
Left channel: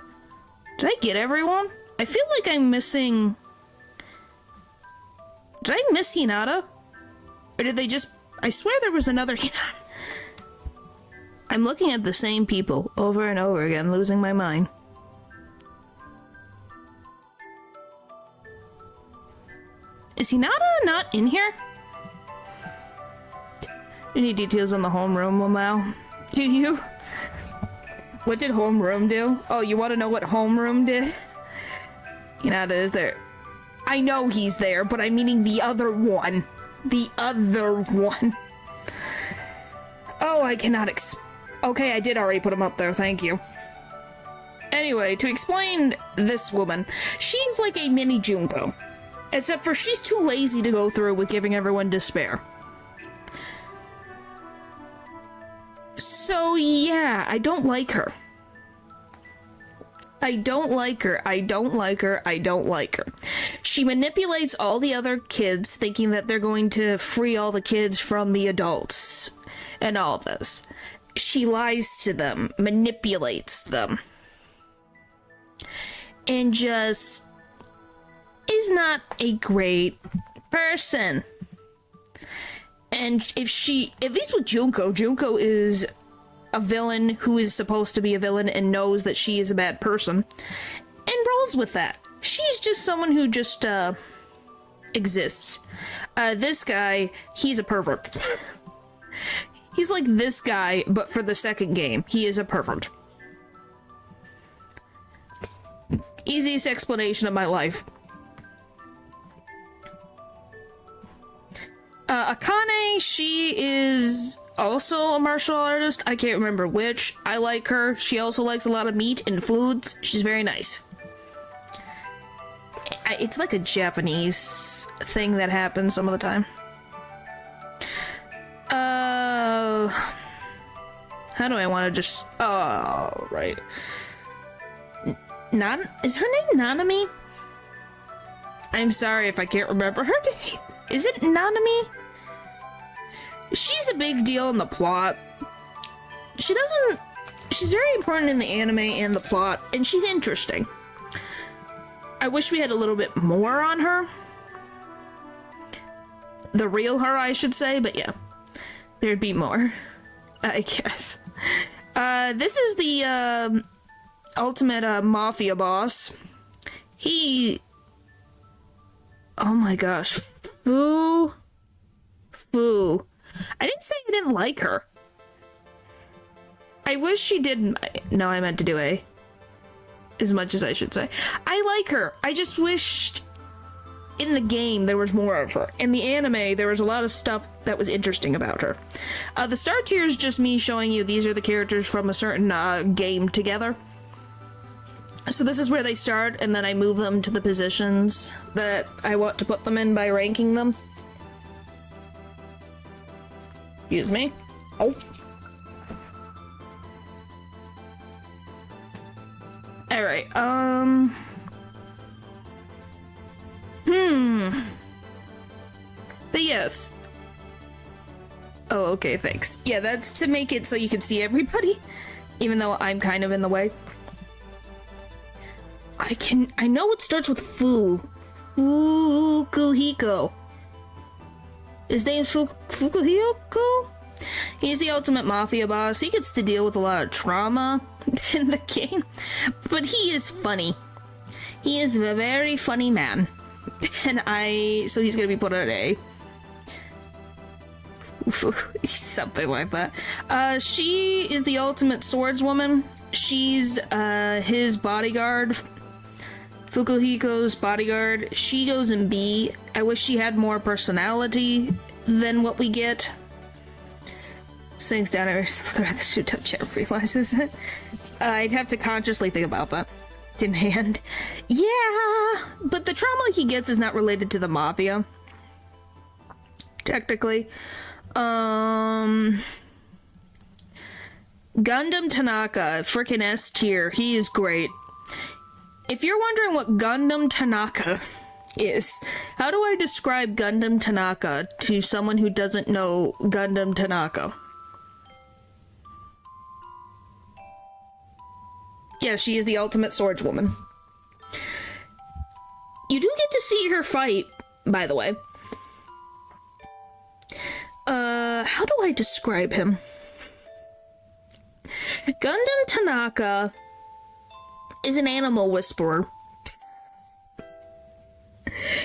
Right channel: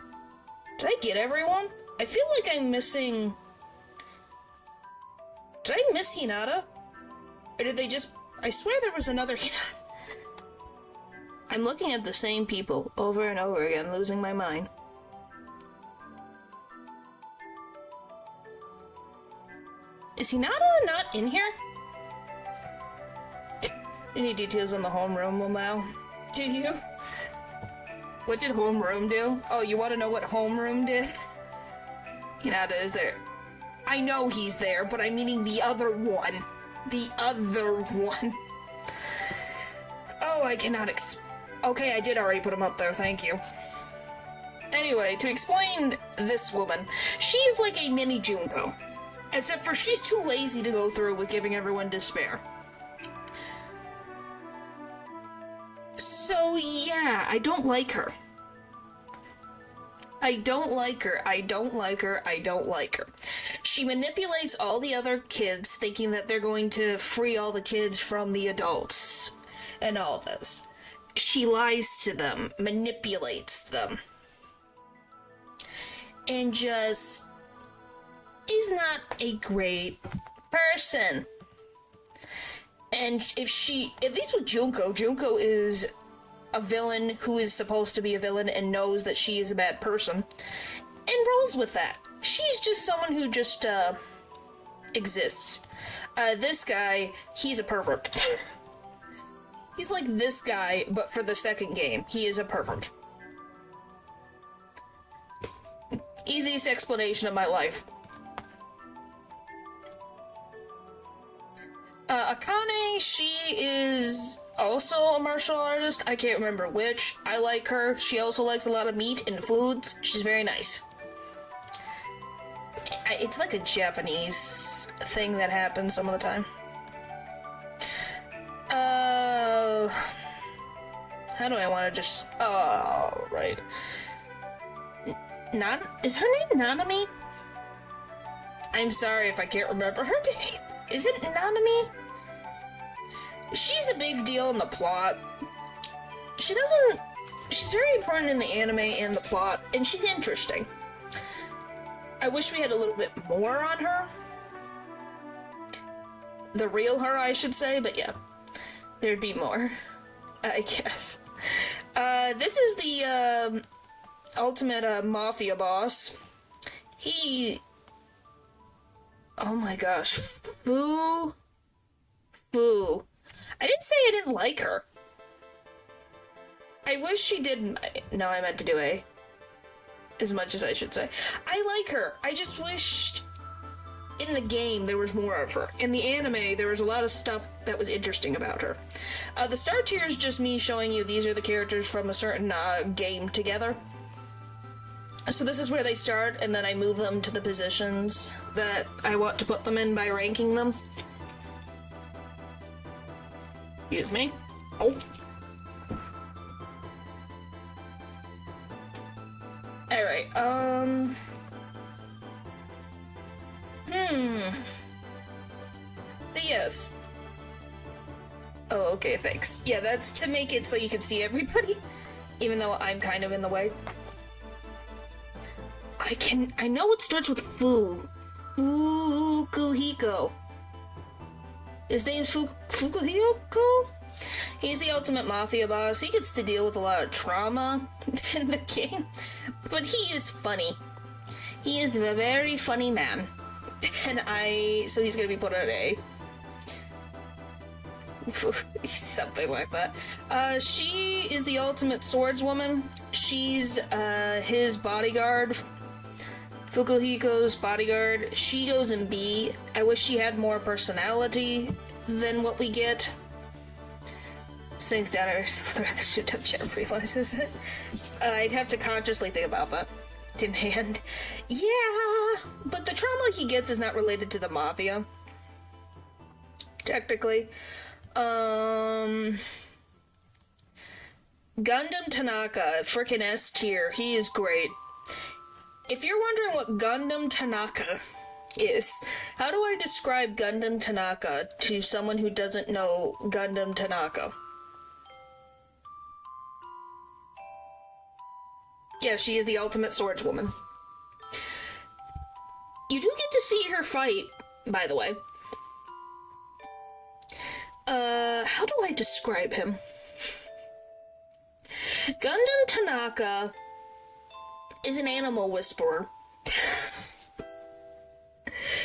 Did I get everyone? I feel like I'm missing... Did I miss Hinata? Or did they just... I swear there was another Hinata. I'm looking at the same people over and over again, losing my mind. Is Hinata not in here? Any details on the homeroom now? Do you? What did homeroom do? Oh, you want to know what homeroom did? Hinata is there. I know he's there, but I'm meaning the other one. The other one. Oh, I cannot Okay, I did already put him up there, thank you. Anyway, to explain this woman, she's like a mini Junko. Except for she's too lazy to go through with giving everyone despair. So yeah, I don't like her. I don't like her. I don't like her. I don't like her. She manipulates all the other kids, thinking that they're going to free all the kids from the adults and all this. She lies to them, manipulates them, and just is not a great person. And at least with Junko is a villain who is supposed to be a villain and knows that she is a bad person, and rolls with that. She's just someone who just, exists. This guy, he's a pervert. He's like this guy, but for the second game. He is a pervert. Easiest explanation of my life. Akane, she is also a martial artist. I can't remember which. I like her. She also likes a lot of meat and foods. She's very nice. It's like a Japanese thing that happens some of the time. How do I want to just... Oh, right. Is her name Nanami? I'm sorry if I can't remember her name. Is it Nanami? She's a big deal in the plot. She's very important in the anime and the plot, and she's interesting. I wish we had a little bit more on her. The real her, I should say, but yeah. There'd be more, I guess. This is the, ultimate, mafia boss. Oh my gosh. Fu. I didn't say I didn't like her. I wish she didn't. No, I meant to do A. As much as I should say. I like her. I just wished in the game there was more of her. In the anime, there was a lot of stuff that was interesting about her. The star tier is just me showing you these are the characters from a certain game together. So this is where they start, and then I move them to the positions that I want to put them in by ranking them. Excuse me. Oh. Alright, But yes. Oh, okay, thanks. Yeah, that's to make it so you can see everybody, even though I'm kind of in the way. I know it starts with Fu. Fukuhiko. His name's Fukuhiko? He's the ultimate mafia boss. He gets to deal with a lot of trauma in the game, but he is funny. He is a very funny man. And so he's gonna be put at A. Something like that. She is the ultimate swordswoman. She's, his bodyguard. Fukuhiko's bodyguard. She goes in B. I wish she had more personality than what we get. Sings down every thread that she touch and realizes it. I'd have to consciously think about that. In hand. Yeah, but the trauma he gets is not related to the mafia. Technically. Gundam Tanaka, frickin' S tier. He is great. If you're wondering what Gundam Tanaka is, how do I describe Gundam Tanaka to someone who doesn't know Gundam Tanaka? Yeah, she is the ultimate swordswoman. You do get to see her fight, by the way. How do I describe him? Gundam Tanaka is an animal whisperer.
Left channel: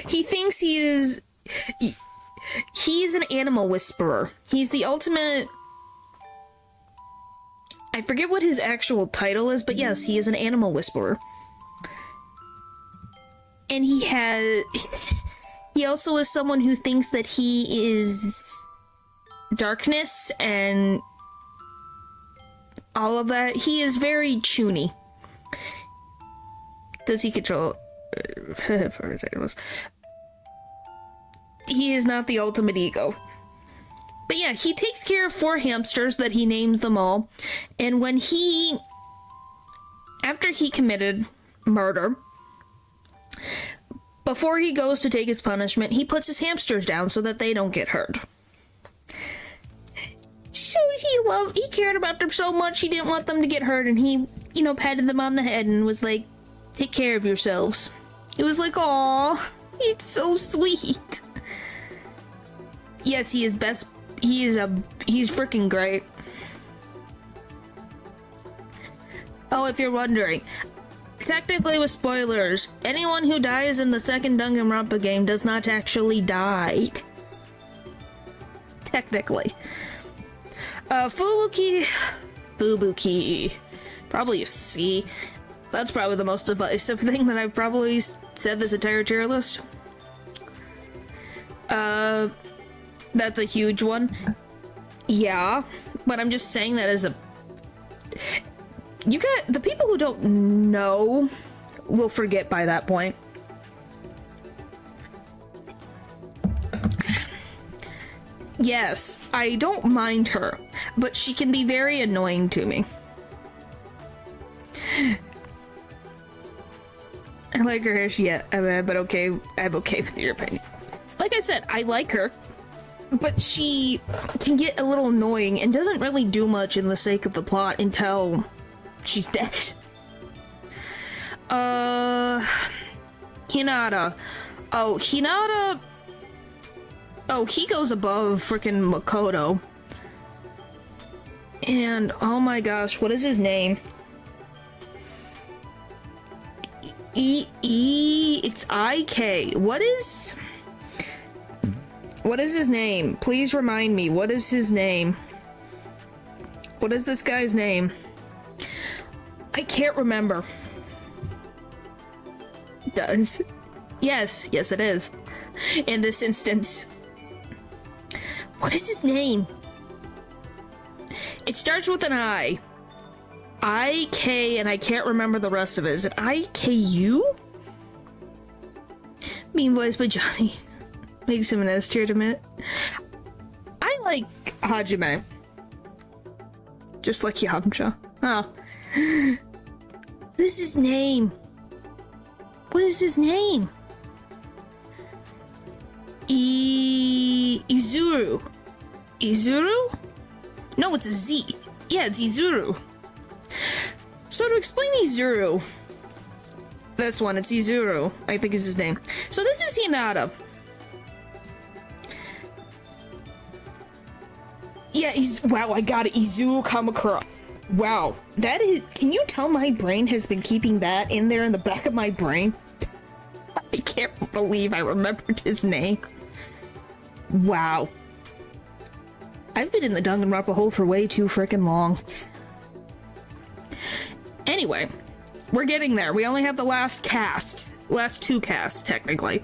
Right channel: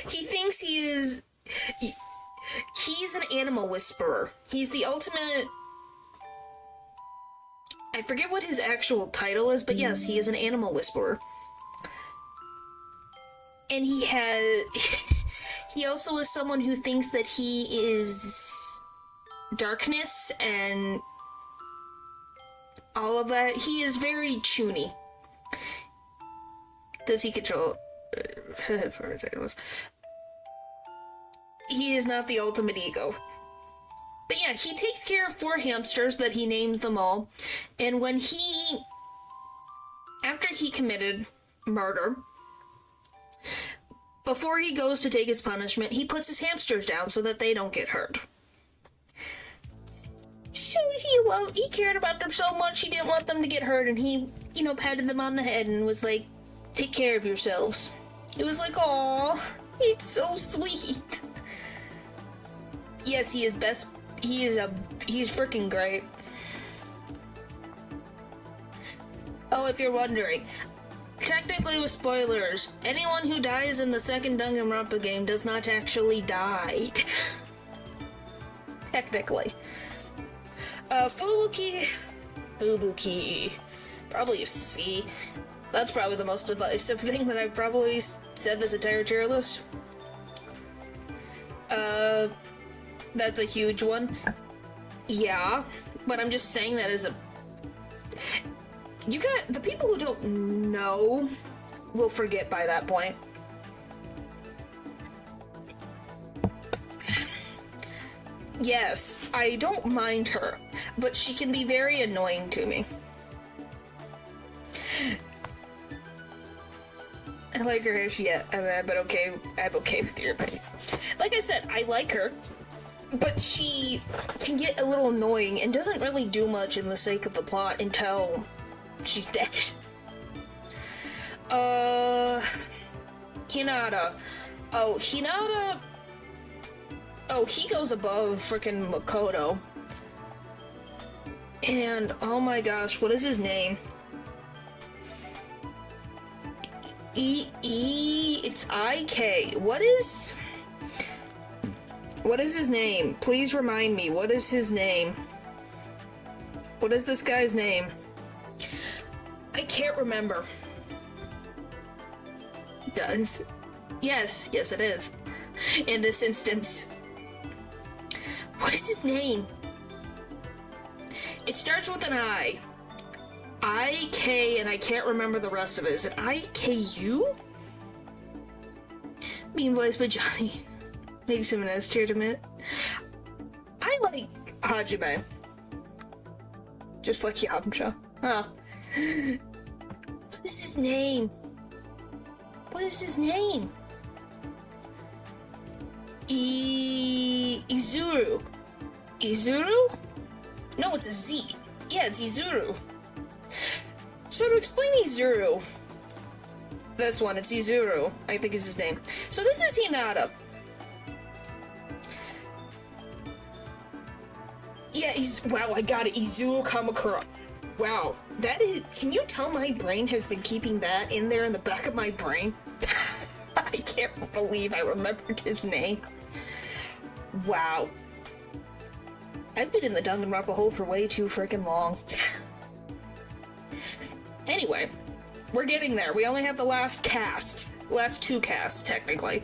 He thinks he's an animal whisperer. He's the ultimate... I forget what his actual title is, but yes, he is an animal whisperer. And he also is someone who thinks that he is darkness and all of that. He is very chuny. Does he control... for a second, he is not the ultimate ego. But yeah, he takes care of 4 hamsters that he names them all. And when after he committed murder, before he goes to take his punishment, he puts his hamsters down so that they don't get hurt. So he cared about them so much, he didn't want them to get hurt, and he, patted them on the head and was like, take care of yourselves. It was like, aw, it's so sweet. Yes, he's freaking great. Oh, if you're wondering, technically with spoilers, anyone who dies in the second Danganronpa game does not actually die. Technically. Fubuki. Probably a C. That's probably the most divisive thing that I've probably said this entire tier list. That's a huge one. Yeah, but I'm just saying that as a... You got... The people who don't know will forget by that point. Yes, I don't mind her, but she can be very annoying to me. I like her hair, but okay, I'm okay with your opinion. Like I said, I like her, but she can get a little annoying and doesn't really do much in the sake of the plot until she's dead. Hinata. Oh, Hinata... Oh, he goes above frickin' Makoto. And, oh my gosh, what is his name? It's IK. What is his name? Please remind me. What is his name? What is this guy's name? I can't remember. Does. Yes, it is. In this instance. What is his name? It starts with an I. IK, and I can't remember the rest of it. Is it IKU? Mean Boys by Johnny. Makes him an S tier to admit. I like Hajime. Just like Yamcha. Oh. What is his name? What is his name? Izuru. Izuru? No, it's a Z. Yeah, it's Izuru. So to explain Izuru, this one, it's Izuru, I think is his name. So this is Hinata. Yeah, wow, I got it. Izuru Kamakura. Wow, that is, can you tell my brain has been keeping that in there in the back of my brain? I can't believe I remembered his name. Wow. I've been in the Danganronpa hole for way too freaking long. Anyway, we're getting there. We only have the last cast. Last two casts, technically.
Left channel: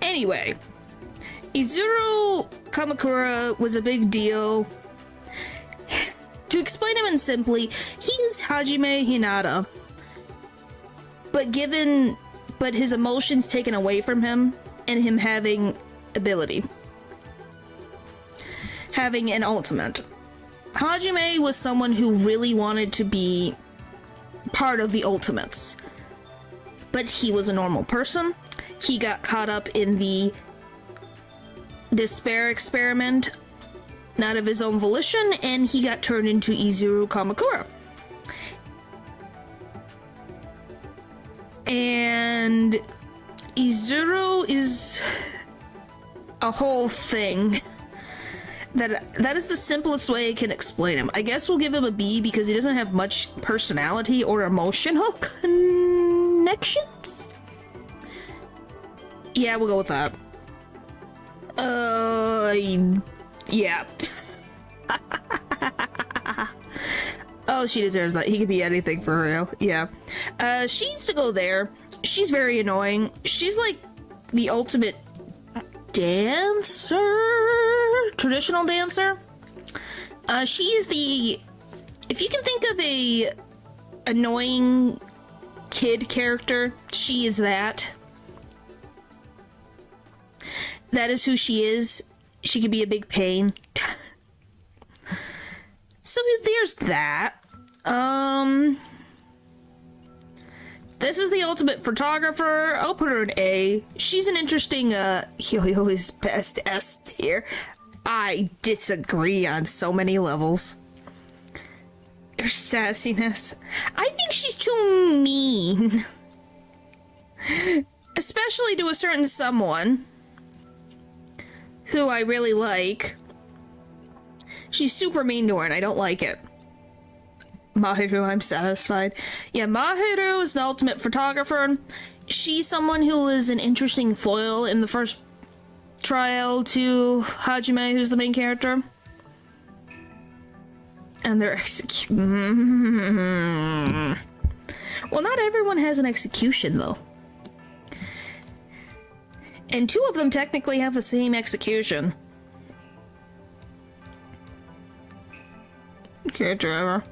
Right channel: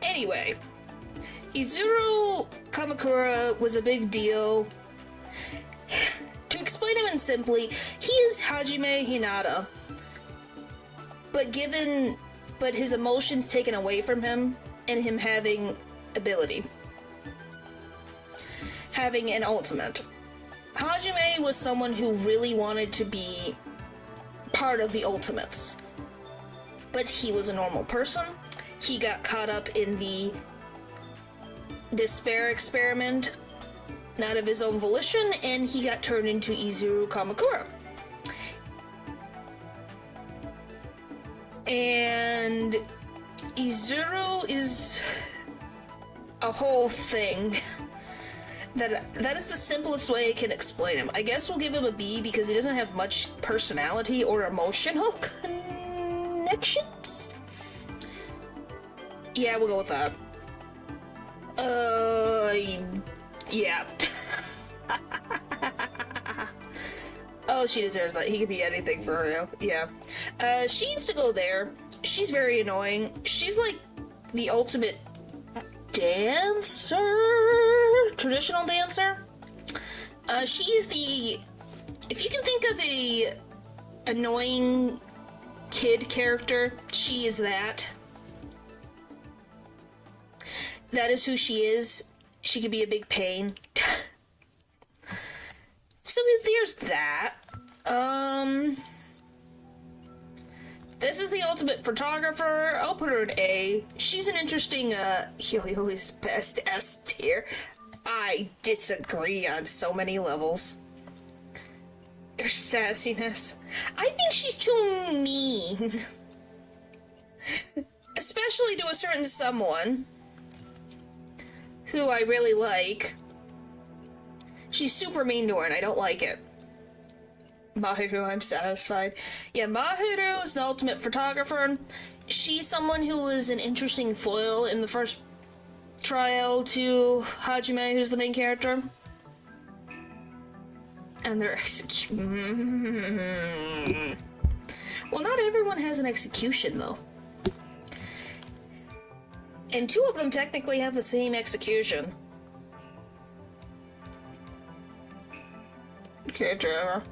Anyway, Izuru Kamakura was a big deal. To explain him in simply, he is Hajime Hinata, but his emotions taken away from him, and him having ability. Having an ultimate. Hajime was someone who really wanted to be part of the Ultimates. But he was a normal person. He got caught up in the despair experiment, not of his own volition, and he got turned into Izuru Kamakura. And Izuru is a whole thing. That is the simplest way I can explain him. I guess we'll give him a B because he doesn't have much personality or emotional connections. Yeah, we'll go with that. Yeah. Oh, she deserves that. He could be anything for real. Yeah. She needs to go there. She's very annoying. She's like the ultimate dancer? Traditional dancer? She's the... If you can think of a annoying kid character, she is that. That is who she is. She can be a big pain. So there's that. This is the ultimate photographer. I'll put her an A. She's an interesting, Yo-Yo's best S tier. I disagree on so many levels. Her sassiness. I think she's too mean. Especially to a certain someone who I really like. She's super mean to her and I don't like it. Mahiru, I'm satisfied. Yeah, Mahiru is the ultimate photographer. She's someone who is an interesting foil in the first trial to Hajime, who's the main character. And they're Well, not everyone has an execution, though. And 2 of them technically have the same execution. Character error.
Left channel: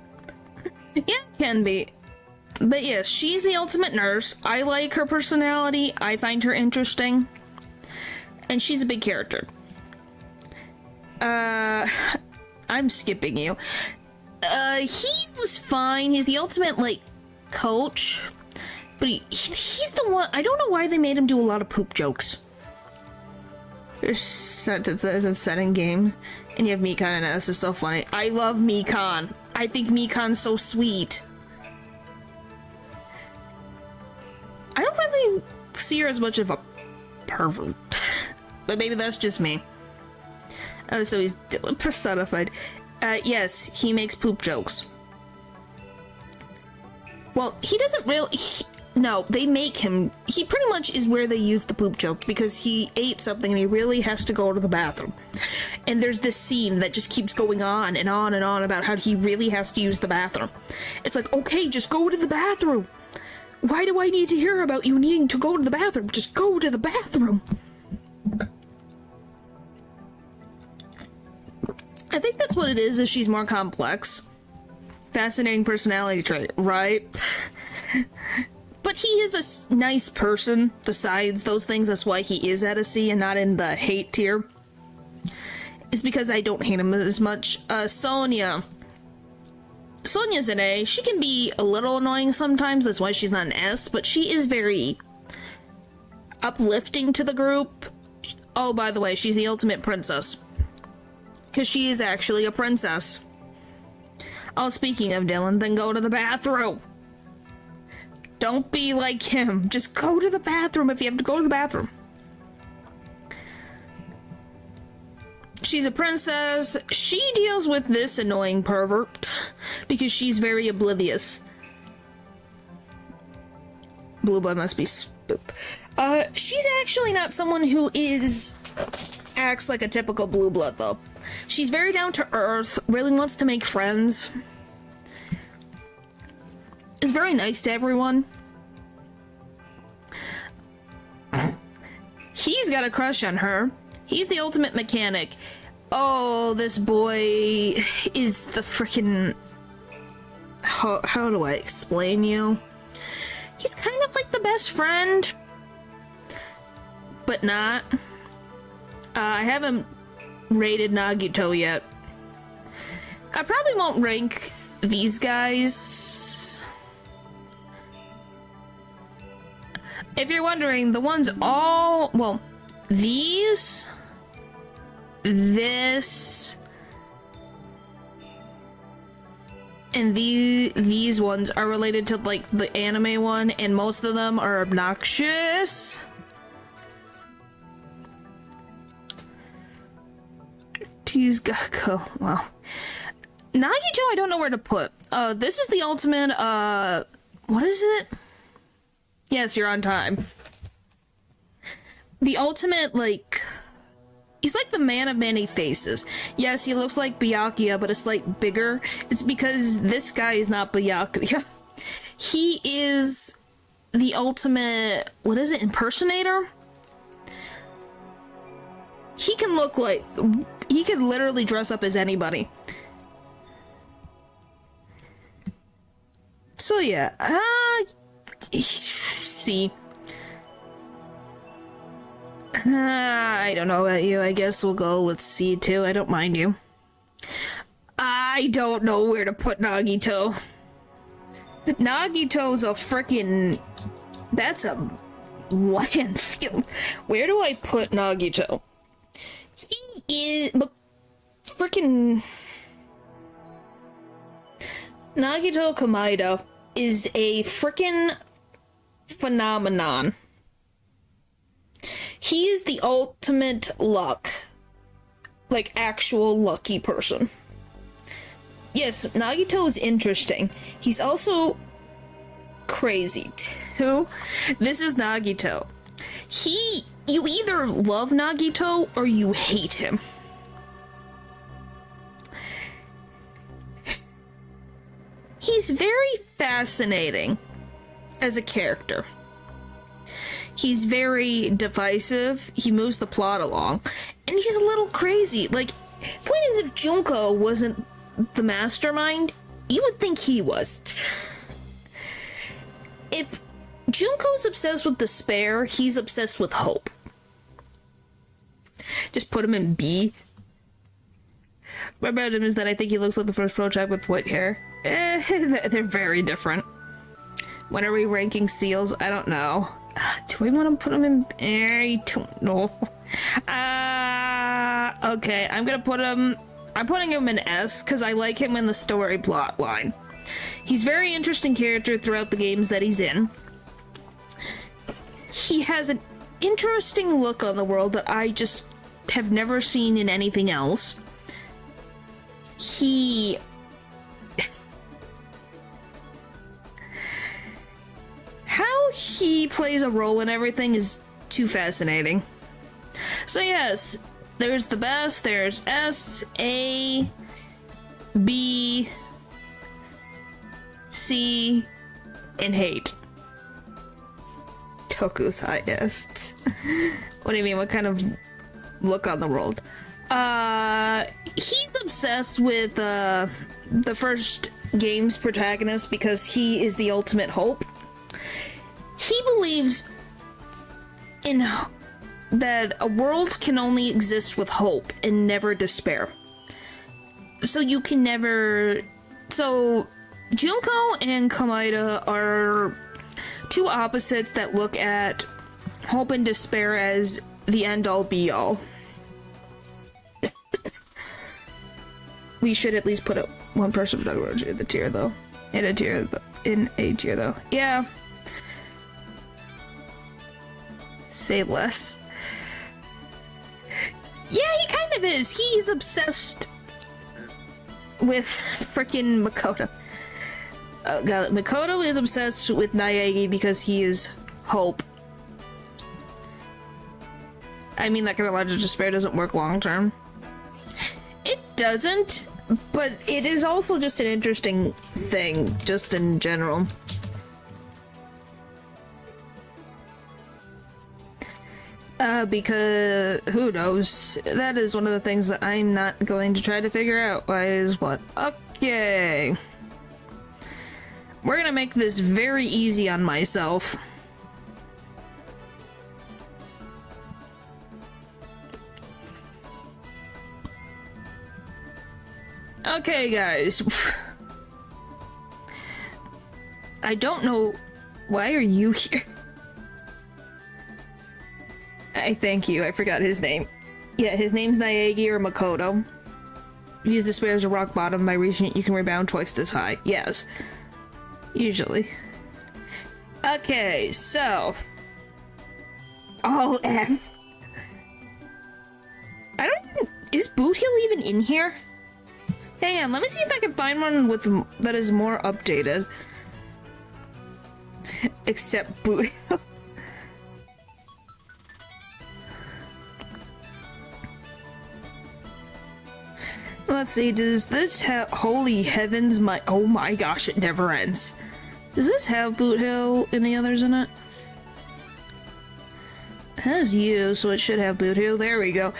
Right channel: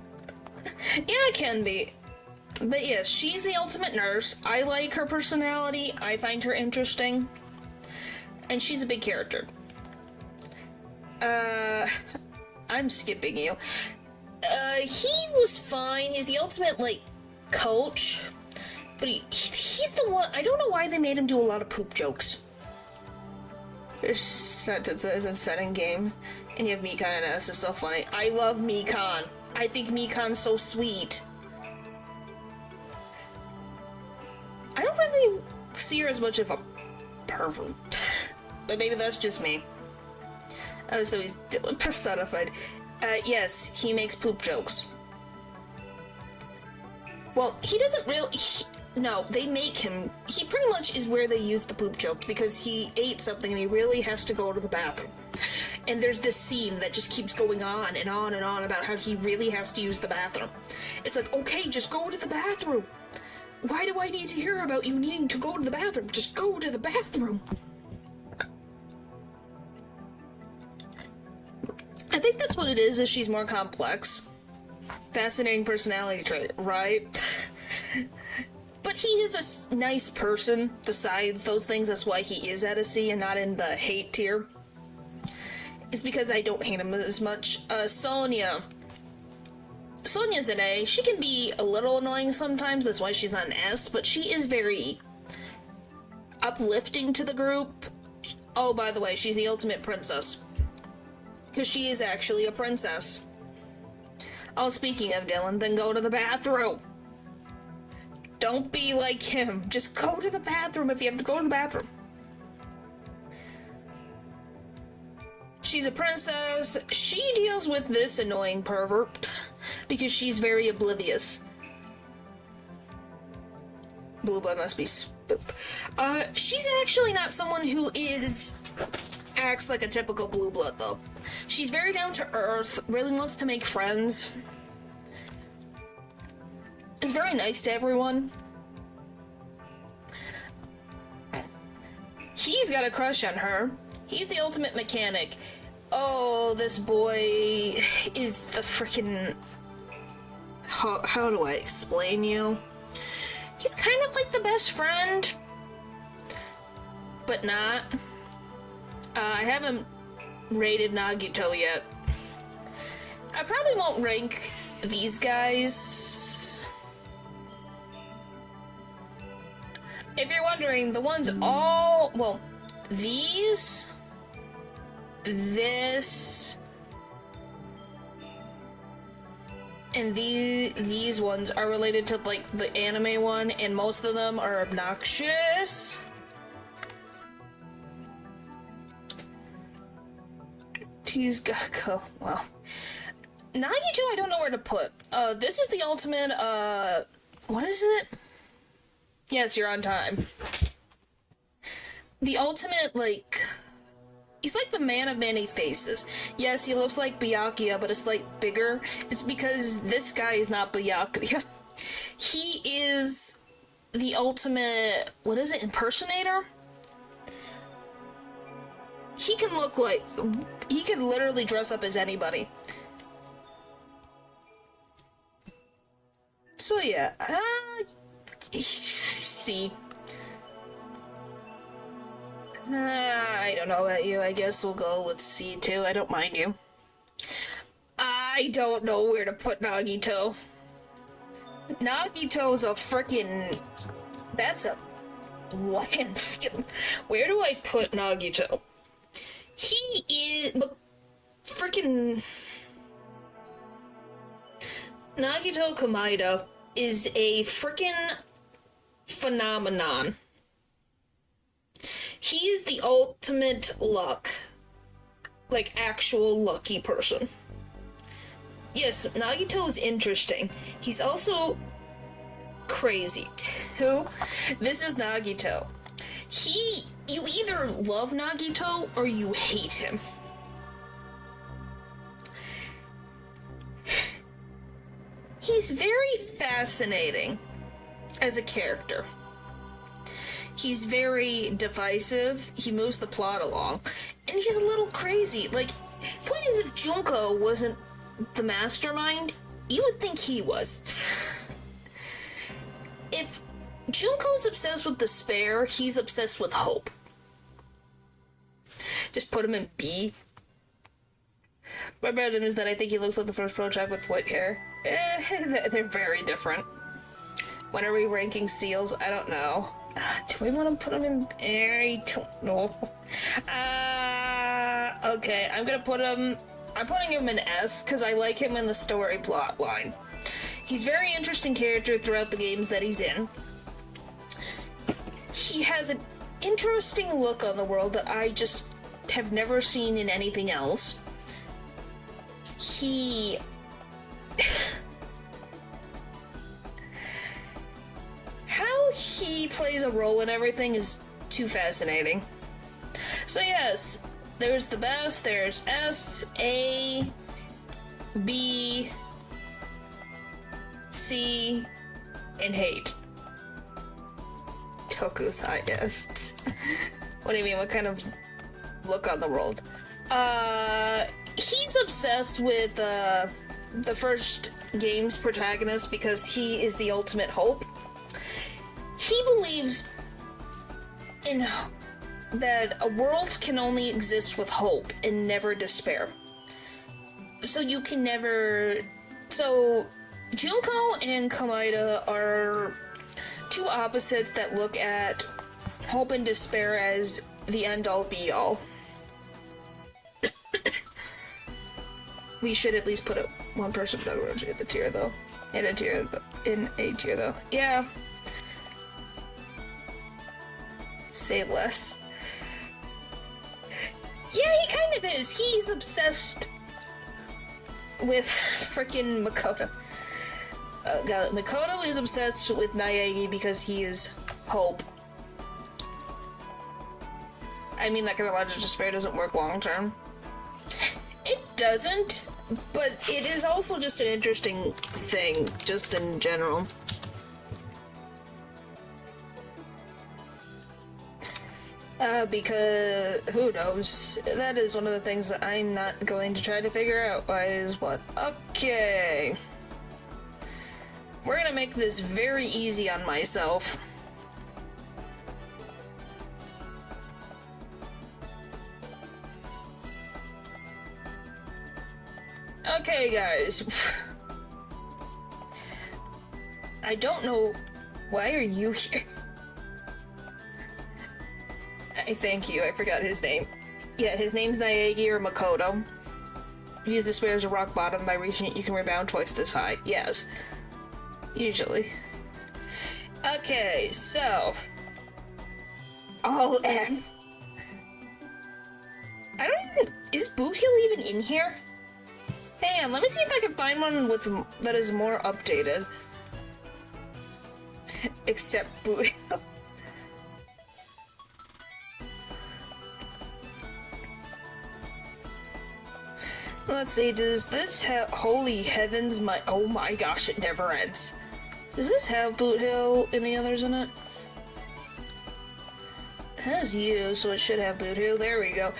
Yeah, it can be. But yes, she's the ultimate nurse. I like her personality. I find her interesting. And she's a big character. I'm skipping you. He was fine. He's the ultimate, like, coach. But he's the one... I don't know why they made him do a lot of poop jokes. There's sentences and setting games. And you have Mikan and S. It's so funny. I love Mikan. I think Mikan's so sweet. I don't really see her as much of a pervert. But maybe that's just me. Oh, so he's personified. Yes, he makes poop jokes. Well, he doesn't really... No, they make him... He pretty much is where they use the poop joke, because he ate something and he really has to go to the bathroom. And there's this scene that just keeps going on and on and on about how he really has to use the bathroom. It's like, okay, just go to the bathroom. Why do I need to hear about you needing to go to the bathroom? Just go to the bathroom. I think that's what it is she's more complex. Fascinating personality trait, right? But he is a nice person, besides those things. That's why he is at a C and not in the hate tier. It's because I don't hate him as much. Sonia. Sonia's an A. She can be a little annoying sometimes, that's why she's not an S, but she is very uplifting to the group. Oh, by the way, she's the ultimate princess. Because she is actually a princess. Oh, speaking of Dylan, then go to the bathroom. Don't be like him. Just go to the bathroom if you have to go to the bathroom. She's a princess. She deals with this annoying pervert because she's very oblivious. Blue blood must be she's actually not someone who acts like a typical blue blood, though. She's very down to earth, really wants to make friends. Is very nice to everyone. He's got a crush on her. He's the ultimate mechanic. Oh, this boy is the freaking... How do I explain you? He's kind of like the best friend, but not. I haven't rated Nagito yet. I probably won't rank these guys. If you're wondering, the ones all... Well, these... This... And these ones are related to, like, the anime one, and most of them are obnoxious. He's gotta go. Well, Nagito, I don't know where to put. This is the ultimate, what is it? Yes, you're on time. The ultimate, like... He's like the man of many faces. Yes, he looks like Byakuya, but a slight bigger. It's because this guy is not Byakuya. He is the ultimate... What is it? Impersonator? He can look like... He could literally dress up as anybody. So yeah, see. I don't know about you. I guess we'll go with C2. I don't mind you. I don't know where to put Nagito. Nagito's a frickin'... That's a landfill. Where do I put Nagito? He is... Frickin'... Nagito Komaeda is a frickin' phenomenon. He is the ultimate luck. Like, actual lucky person. Yes, Nagito is interesting. He's also crazy, too. This is Nagito. You either love Nagito or you hate him. He's very fascinating as a character. He's very divisive, he moves the plot along, and he's a little crazy. Like, point is, if Junko wasn't the mastermind, you would think he was. If Junko's obsessed with despair, he's obsessed with hope. Just put him in B. My problem is that I think he looks like the first Pro-Tag with white hair. They're very different. When are we ranking seals? I don't know. Do we want to put him in? I don't know. Okay, I'm putting him in S because I like him in the story plot line. He's a very interesting character throughout the games that he's in. He has an interesting look on the world that I just have never seen in anything else. How he plays a role in everything is too fascinating. So yes, there's the best, there's S, A, B, C, and hate. Toku's highest. What do you mean, what kind of look on the world? He's obsessed with the first game's protagonist because he is the ultimate hope. He believes in that a world can only exist with hope and never despair. So you can never... So, Junko and Kamaida are two opposites that look at hope and despair as the end-all be-all. We should at least put one person in the tier, though. In a tier, though. Yeah. Say less. Yeah, he kind of is. He's obsessed with frickin' Makoto. Makoto is obsessed with Naegi because he is hope. I mean, that kind of logic of despair doesn't work long term. It doesn't, but it is also just an interesting thing, just in general. Because, who knows? That is one of the things that I'm not going to try to figure out. Why is what? Okay. We're gonna make this very easy on myself. Okay, guys. I don't know. Why are you here? I thank you. I forgot his name. Yeah, his name's Naegi or Makoto. Use despair as a rock bottom. By reaching it, you can rebound twice this high. Yes. Usually. Okay, so. All M. I don't even. Is Boot Hill even in here? Hang on, let me see if I can find one with that is more updated. Except Boot Hill. Let's see, does this have... Holy heavens, oh my gosh, it never ends. Does this have Boot Hill and the others in it? It has you, so it should have Boot Hill. There we go.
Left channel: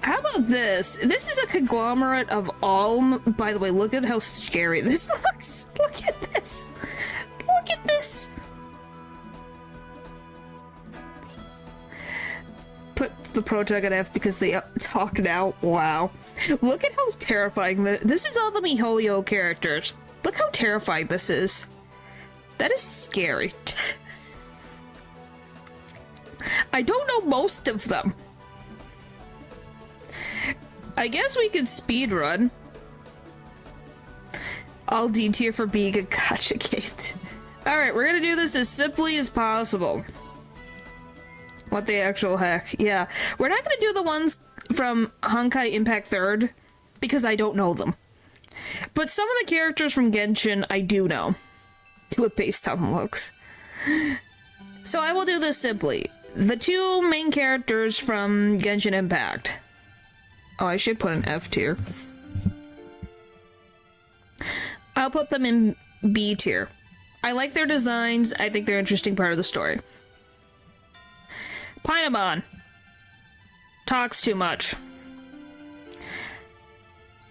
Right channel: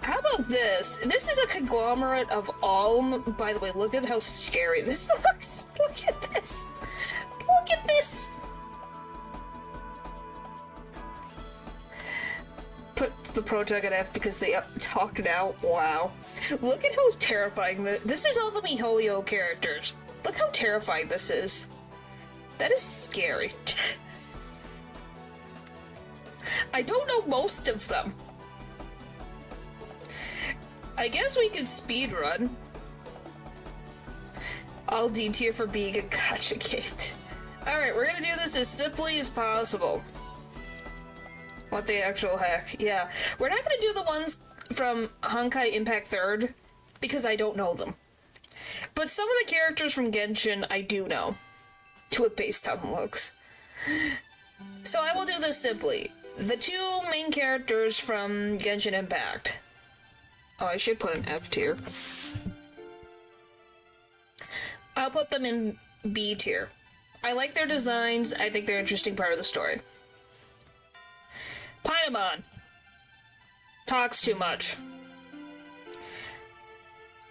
How about this? This is a conglomerate of all... By the way, look at how scary this looks. Look at this. Look at this. Put the Pro-Tag at F because they talk now. Wow. Look at how terrifying this is. All the MiHoYo characters. Look how terrifying this is. That is scary. I don't know most of them. I guess we could speedrun. All D tier for being a gotcha gate. Alright, we're gonna do this as simply as possible. What the actual heck? Yeah. We're not gonna do the ones from Honkai Impact 3rd, because I don't know them. But some of the characters from Genshin I do know. To what base time looks. So I will do this simply. The two main characters from Genshin Impact. Oh, I should put an F tier. I'll put them in B tier. I like their designs. I think they're an interesting part of the story. Paimon talks too much.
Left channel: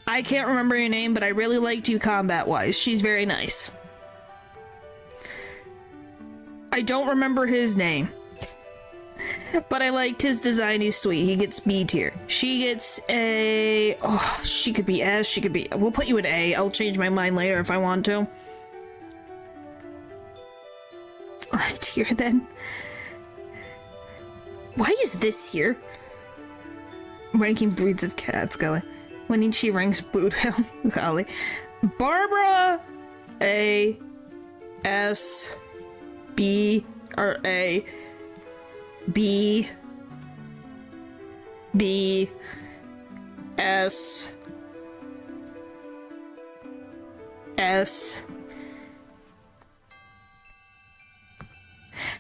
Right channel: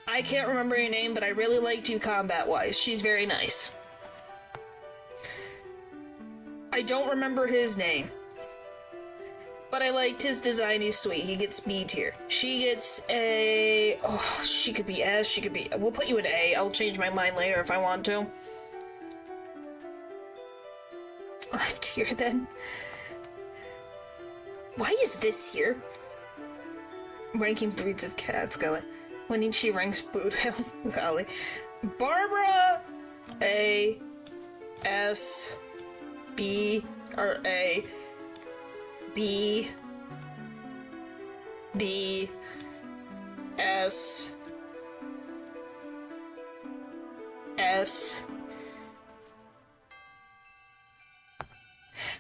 I can't remember your name, but I really liked you combat-wise. She's very nice. I don't remember his name, but I liked his design. He's sweet. He gets B tier. She gets a... Oh, she could be S. She could be... We'll put you in A. I'll change my mind later if I want to. F tier then. Why is this here? Ranking breeds of cats, golly. When she ranks Boothound, golly. Barbara, A, S, B, or A, B, B, S, S.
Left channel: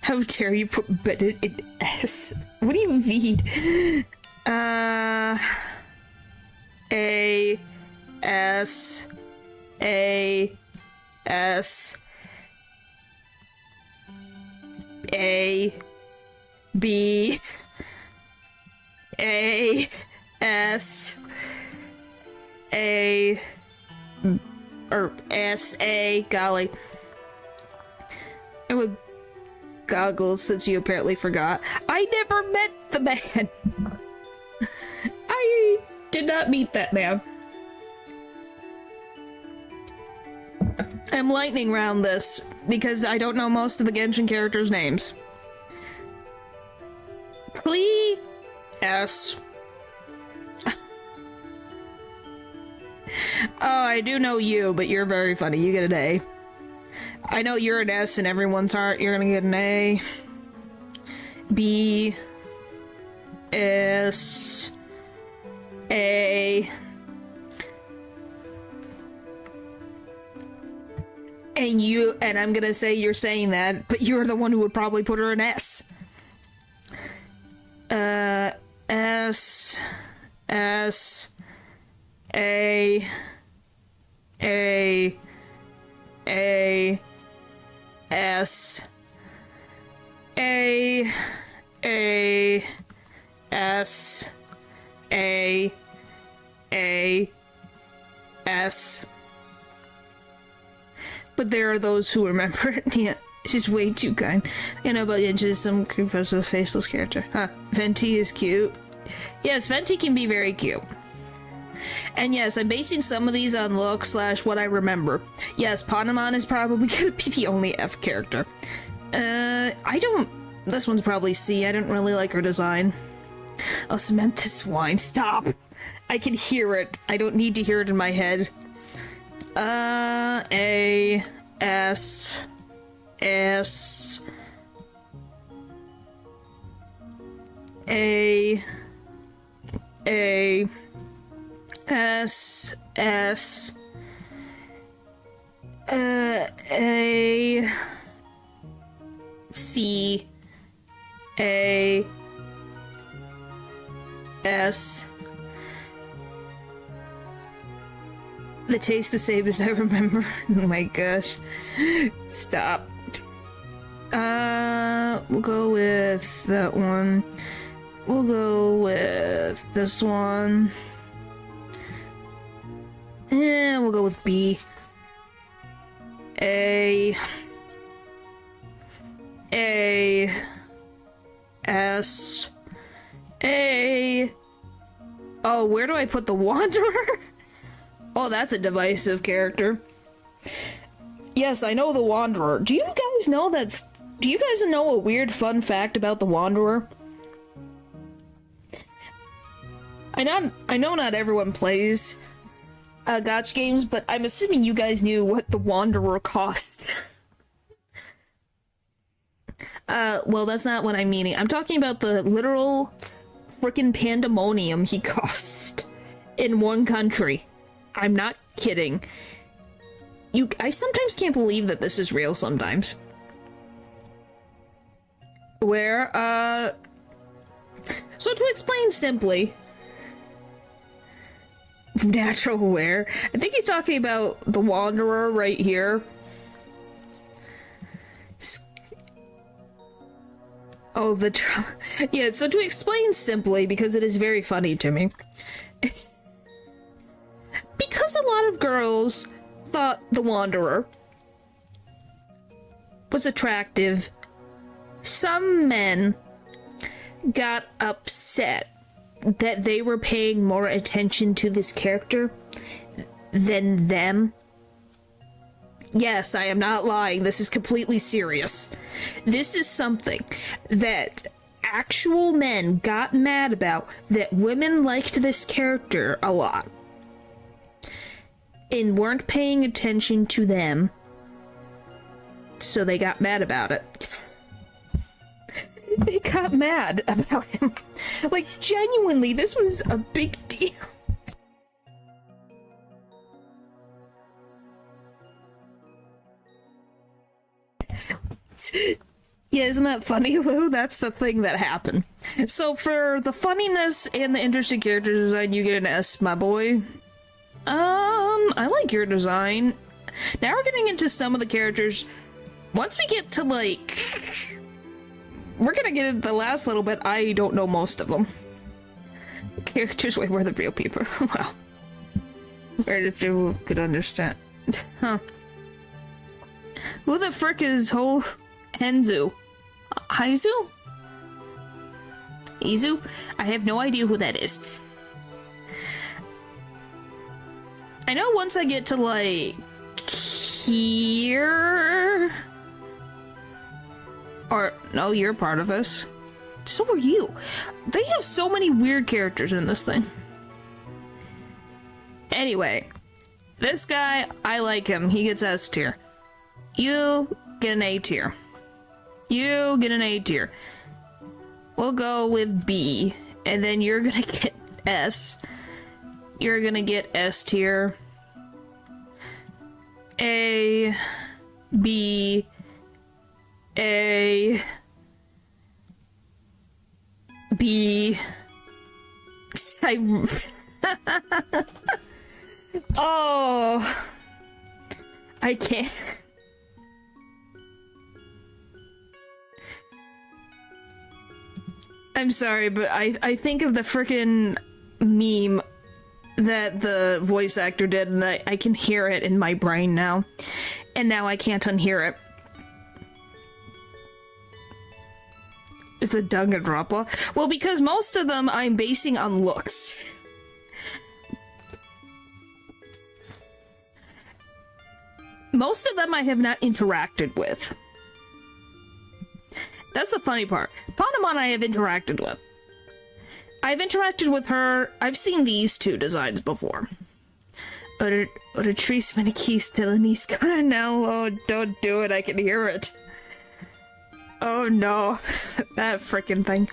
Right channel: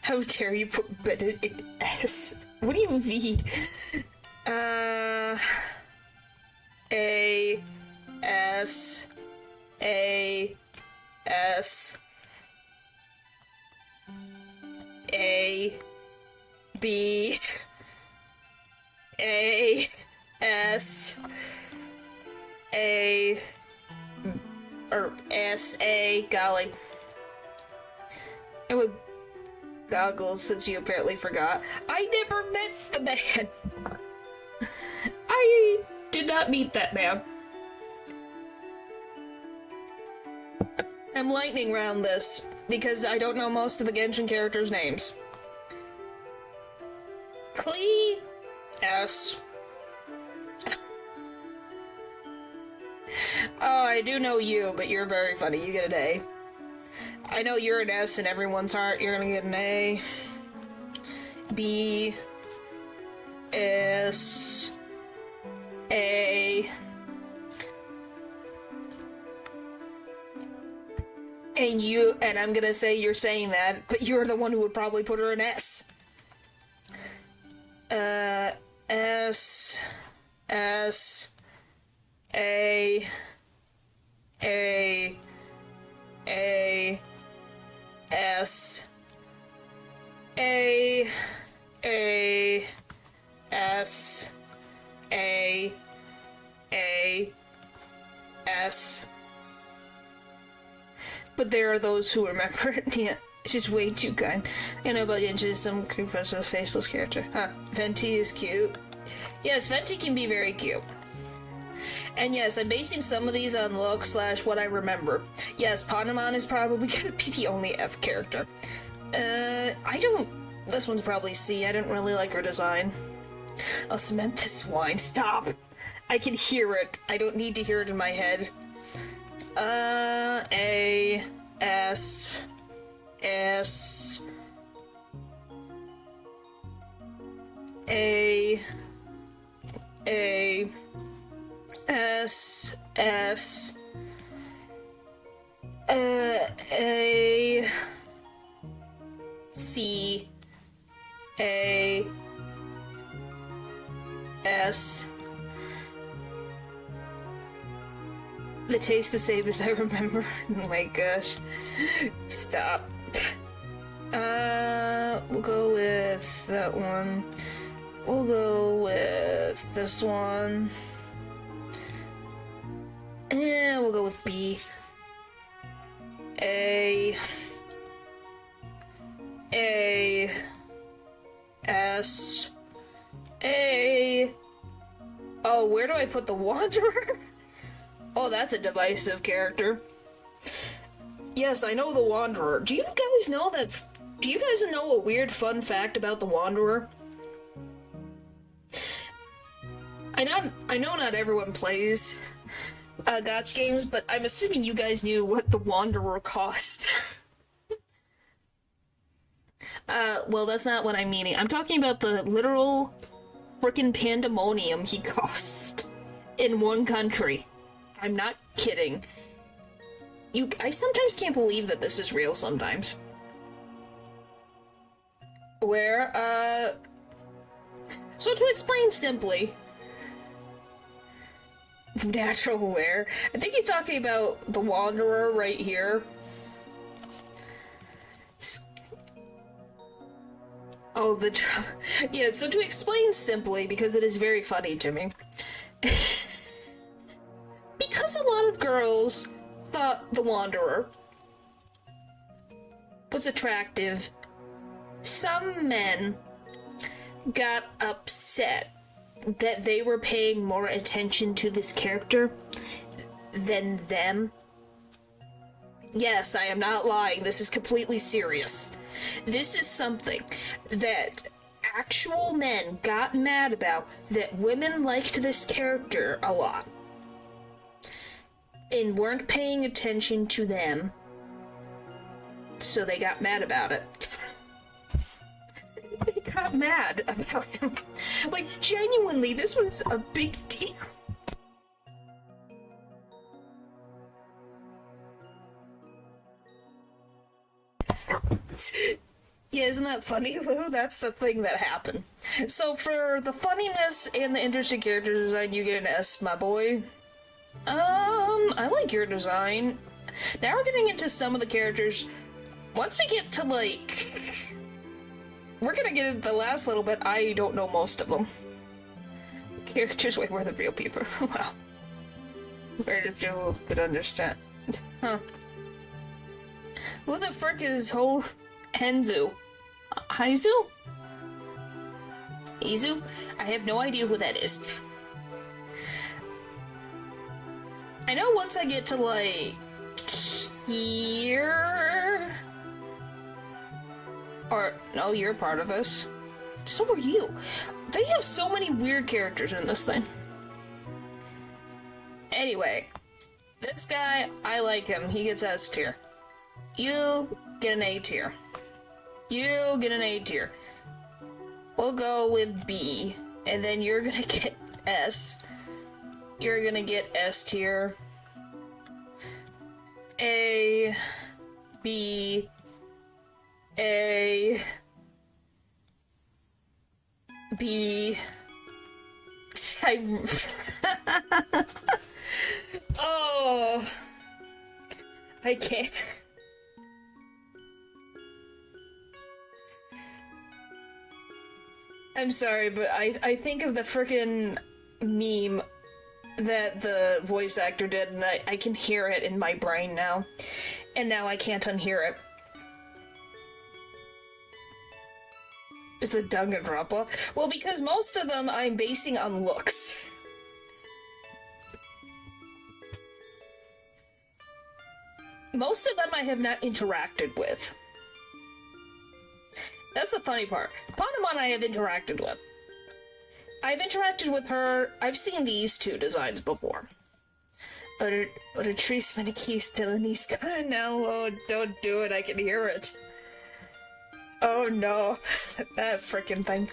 How dare you put Bennett in S? What do you mean? A, S, A, S, A, B, A, S, A, or S, A, golly. And with goggles, since you apparently forgot. I never met the man. I did not meet that man. I'm lightning round this because I don't know most of the Genshin characters' names. Klee, S. Oh, I do know you, but you're very funny. You get an A. I know you're an S in everyone's heart. You're gonna get an A. B. S. A. And you, and I'm gonna say you're saying that, but you're the one who would probably put her in S. S. S. A. A. A. S. A. A. S. A. A. S. But there are those who remember it. Yeah, she's way too kind. You know, but yeah, just some professor faceless character. Huh. Venti is cute. Yes, Venti can be very cute. And yes, I'm basing some of these on look / what I remember. Yes, Paimon is probably gonna be the only F character. This one's probably C. I didn't really like her design. I'll cement this wine. Stop! I can hear it. I don't need to hear it in my head. A, S, S, A, S, S, A, C, A, S. They taste the same as I remember. Oh my gosh. Stop. We'll go with that one. We'll go with this one. And we'll go with B. A. A. S. A. Oh, where do I put the Wanderer? Oh, that's a divisive character. Yes, I know the Wanderer. Do you guys know a weird fun fact about the Wanderer? I know not everyone plays gacha games, but I'm assuming you guys knew what the Wanderer cost. Well, that's not what I'm meaning. I'm talking about the literal frickin' pandemonium he cost in one country. I'm not kidding. I sometimes can't believe that this is real sometimes. where, so to explain simply, natural where, I think he's talking about the Wanderer right here. Oh, yeah, so to explain simply, because it is very funny to me, because a lot of girls thought the Wanderer was attractive, some men got upset that they were paying more attention to this character than them. Yes, I am not lying. This is completely serious. This is something that actual men got mad about, that women liked this character a lot and weren't paying attention to them, so they got mad about it. They got mad about him. Like, genuinely, this was a big deal. Yeah, isn't that funny, Lou? That's the thing that happened. So for the funniness and the interesting character design, you get an S, my boy. I like your design. Now we're getting into some of the characters. Once we get to, like... We're gonna get into the last little bit. I don't know most of them. Characters way more than real people. Wow. Where if you could understand. Huh. Who the frick is whole Henzu? Haizu? Izu? I have no idea who that is. I know once I get to, like, here... Or, no, you're part of this. So are you. They have so many weird characters in this thing. Anyway, this guy, I like him. He gets S tier. You get an A tier. You get an A tier. We'll go with B. And then you're gonna get S. You're gonna get S tier. A. B. A. B. Oh. I can't. I'm sorry, but I think of the frickin' meme that the voice actor did, and I can hear it in my brain now. And now I can't unhear it. It's a Danganronpa. Well, because most of them I'm basing on looks. Most of them I have not interacted with. That's the funny part. Panemon I have interacted with. I've interacted with her. I've seen these two designs before. Or Trace Maniki still in East Corner now. Oh, don't do it. I can hear it. Oh no. That frickin' thing.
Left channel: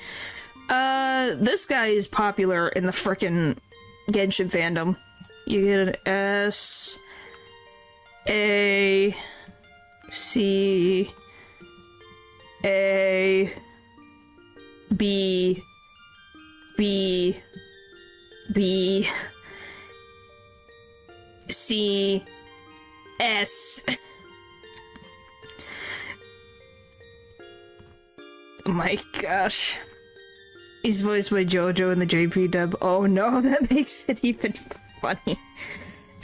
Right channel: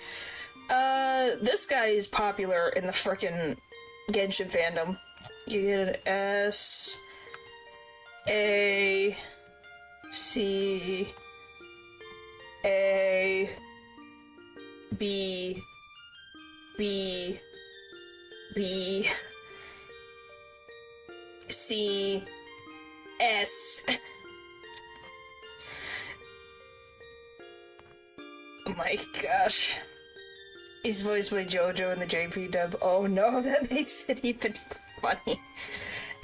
This guy is popular in the frickin' Genshin fandom. You get an S. A. C. A. B. B. B. C. S. Oh my gosh. He's voiced by JoJo in the JP dub. Oh no, that makes it even funny.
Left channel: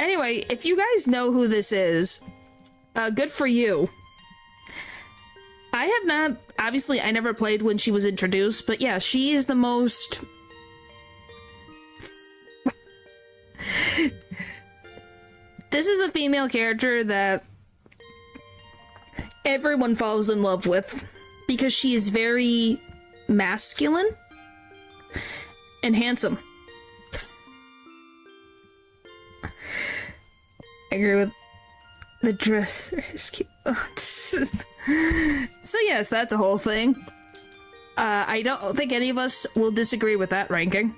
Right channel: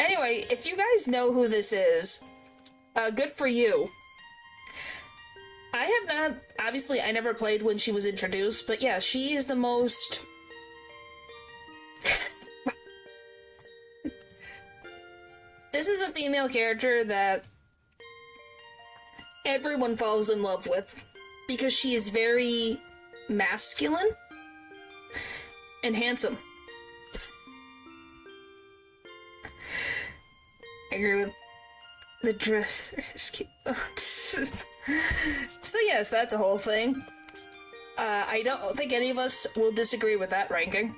Anyway, if you guys know who this is, good for you. I have not, obviously I never played when she was introduced, but yeah, she is the most... This is a female character that everyone falls in love with because she is very masculine and handsome. I agree with the dress. So yes, that's a whole thing. I don't think any of us will disagree with that ranking.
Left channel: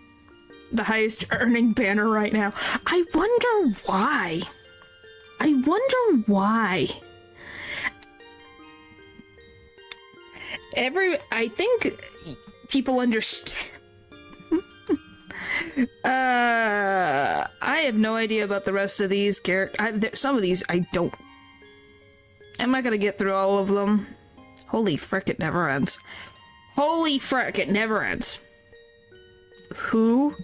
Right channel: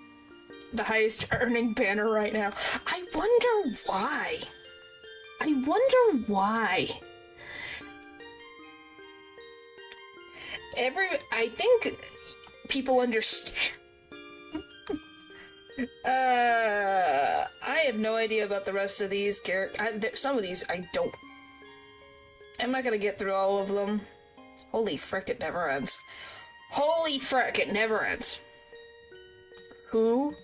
The highest earning banner right now. I wonder why. I wonder why. I think people understand. I have no idea about the rest of these characters. Some of these I don't. I'm not gonna get through all of them. Holy frick, it never ends. Holy frick, it never ends. Who?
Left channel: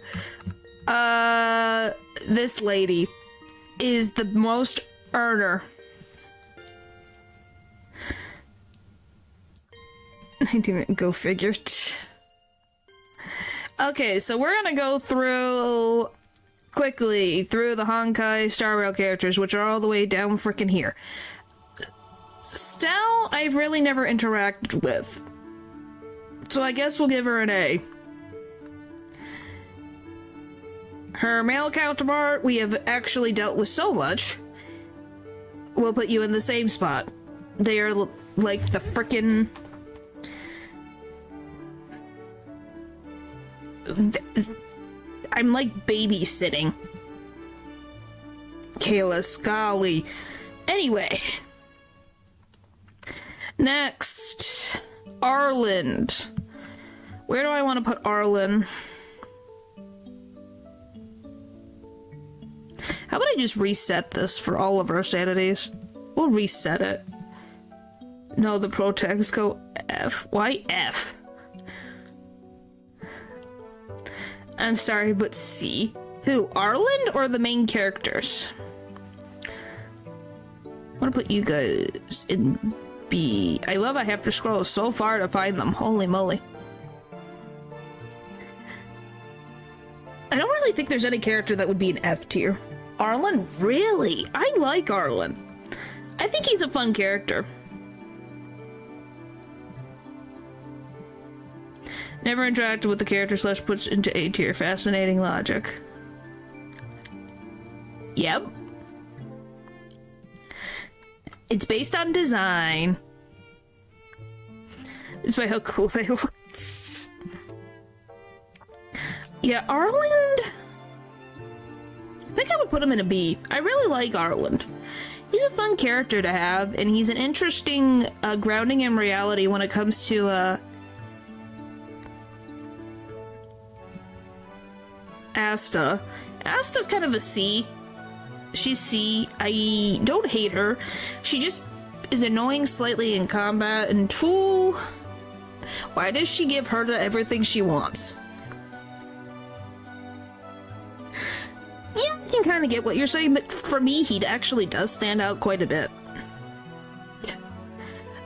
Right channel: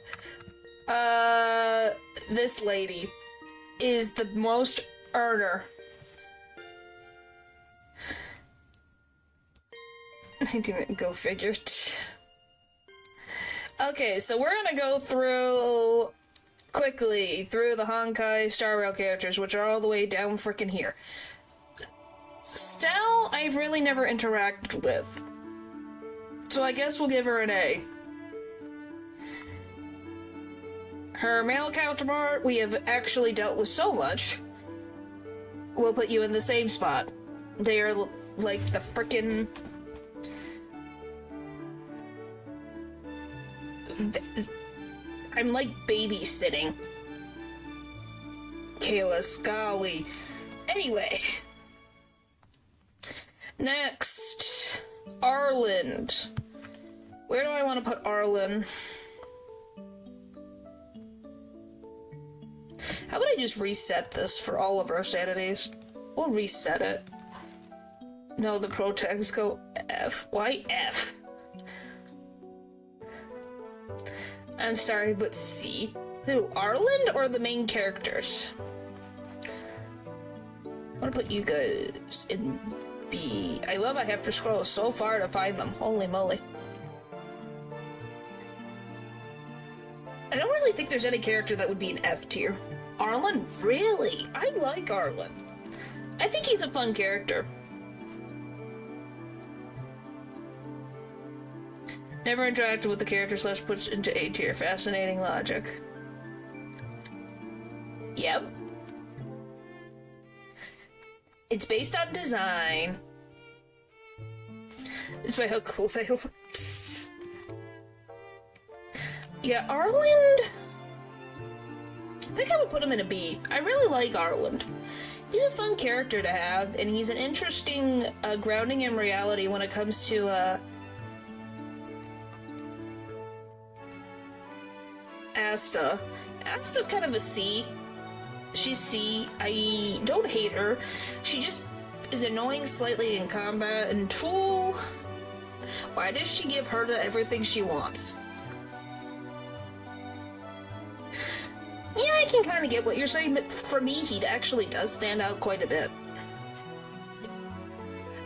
This lady is the most earner. I didn't go figure. Okay, so we're gonna go quickly through the Honkai Star Rail characters, which are all the way down frickin' here. Stell, I've really never interacted with. So I guess we'll give her an A. Her male counterpart, we have actually dealt with so much. We'll put you in the same spot. They are like the frickin'... I'm like babysitting. Kayla Scully. Anyway. Next. Arland. Where do I want to put Arland? How about I just reset this for all of our sanities? We'll reset it. No, the protests go F. Why F? I'm sorry, but C. Who? Arland or the main characters? I want to put you guys in B. I love I have to scroll so far to find them. Holy moly. I don't really think there's any character that would be an F tier. Arland? Really? I like Arland. I think he's a fun character. Never interacted with the character / puts into A tier. Fascinating logic. Yep. It's based on design. Despite how cool they look. Yeah, Arland... I think I would put him in a B. I really like Arland. He's a fun character to have, and he's an interesting grounding in reality when it comes to Asta. Asta's kind of a C. She's C. I don't hate her. She just is annoying slightly in combat, and Tool... Why does she give her to everything she wants? Yeah, I can kind of get what you're saying, but for me, he actually does stand out quite a bit.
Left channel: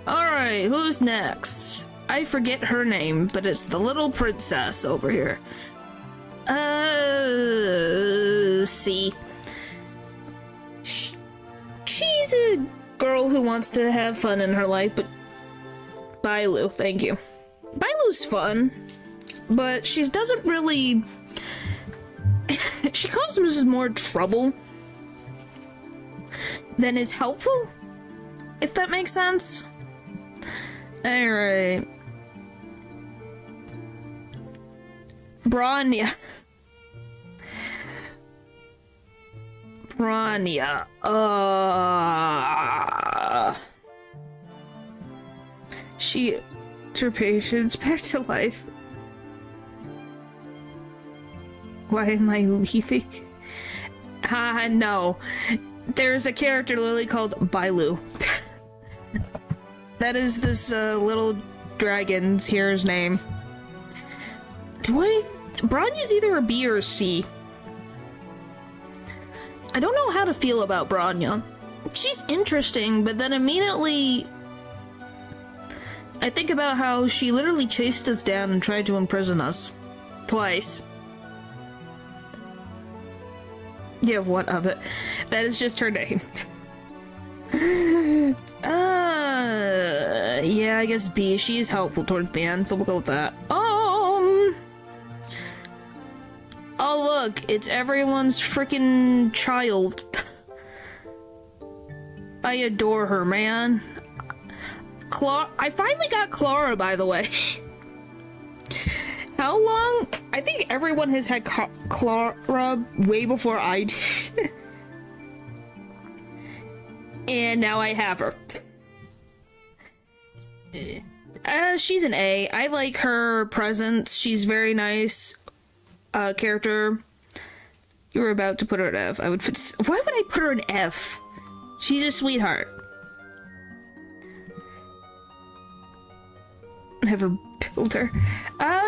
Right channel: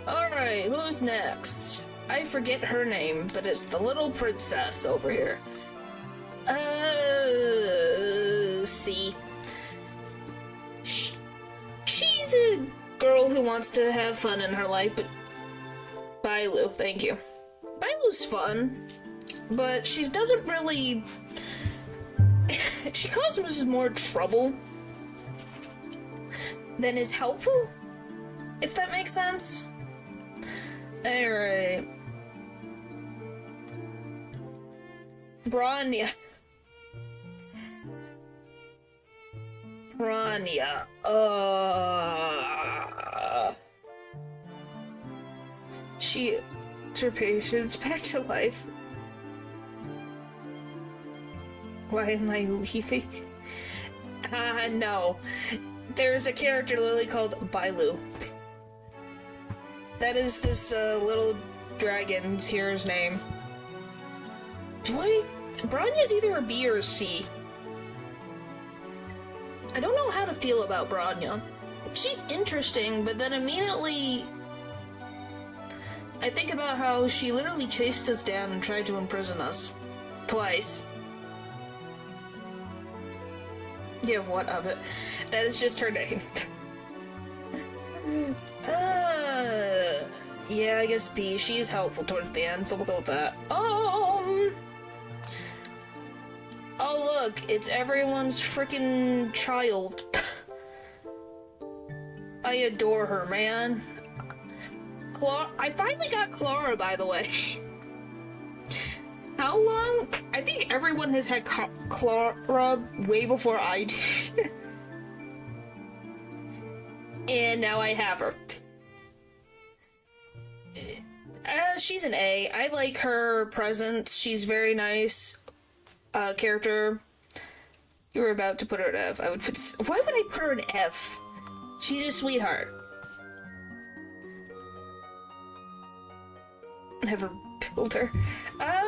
Alright, who's next? I forget her name, but it's the little princess over here. C. She's a girl who wants to have fun in her life, but... Bailu, thank you. Bailu's fun, but she doesn't really... She causes more trouble than is helpful, if that makes sense. Alright. Bronya. Bronya. She... her patience back to life. Why am I leaving? No. There's a character literally called Bailu. That is this little dragon's here's name. Bronya's either a B or a C. I don't know how to feel about Bronya. She's interesting, but then immediately I think about how she literally chased us down and tried to imprison us. Twice. Yeah, what of it? That is just her name. Yeah, I guess B. She is helpful towards the end, so we'll go with that. Oh, look, it's everyone's freaking child. I adore her, man. I finally got Clara, by the way. How long? I think everyone has had Clara way before I did. And now I have her. She's an A. I like her presence. She's very nice. Character. You were about to put her at F. I would put. Why would I put her at F? She's a sweetheart. Never build her.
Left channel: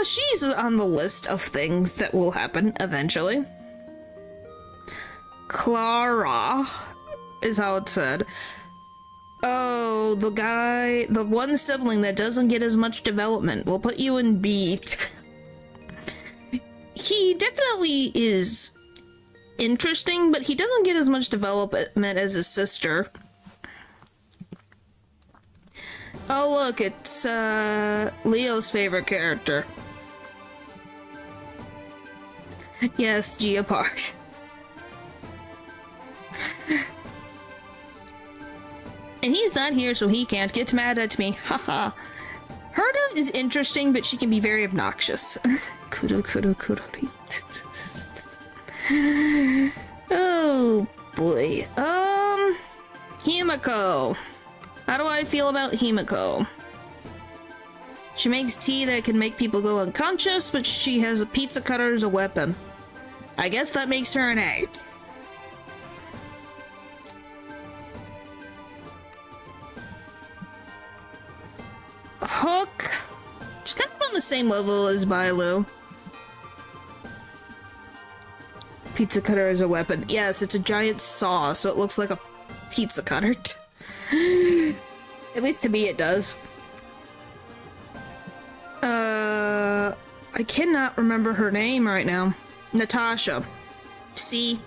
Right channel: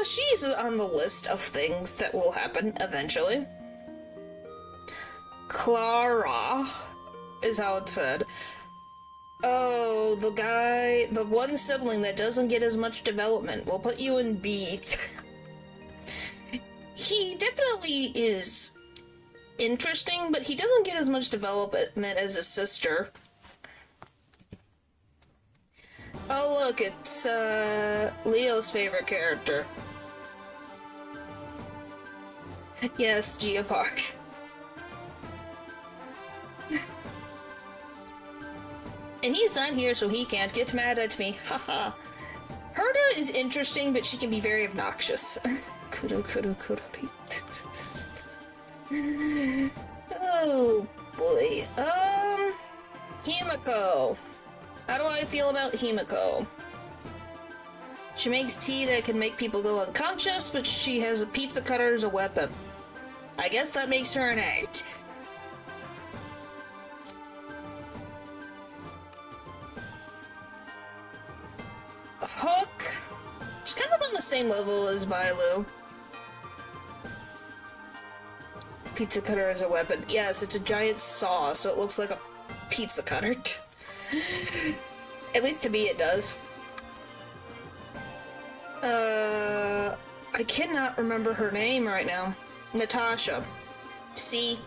She's on the list of things that will happen eventually. Clara is how it's said. Oh, the one sibling that doesn't get as much development. We'll put you in B. He definitely is interesting, but he doesn't get as much development as his sister. Oh look, it's Leo's favorite character. Yes, Geopard. And he's not here, so he can't get mad at me. Haha. Herda is interesting, but she can be very obnoxious. Kudo. Oh boy. Himiko. How do I feel about Himiko? She makes tea that can make people go unconscious, but she has a pizza cutter as a weapon. I guess that makes her an A. Hook. She's kind of on the same level as Bailu. Pizza cutter as a weapon. Yes, it's a giant saw, so it looks like a pizza cutter. At least to me it does. I cannot remember her name right now. Natasha. See?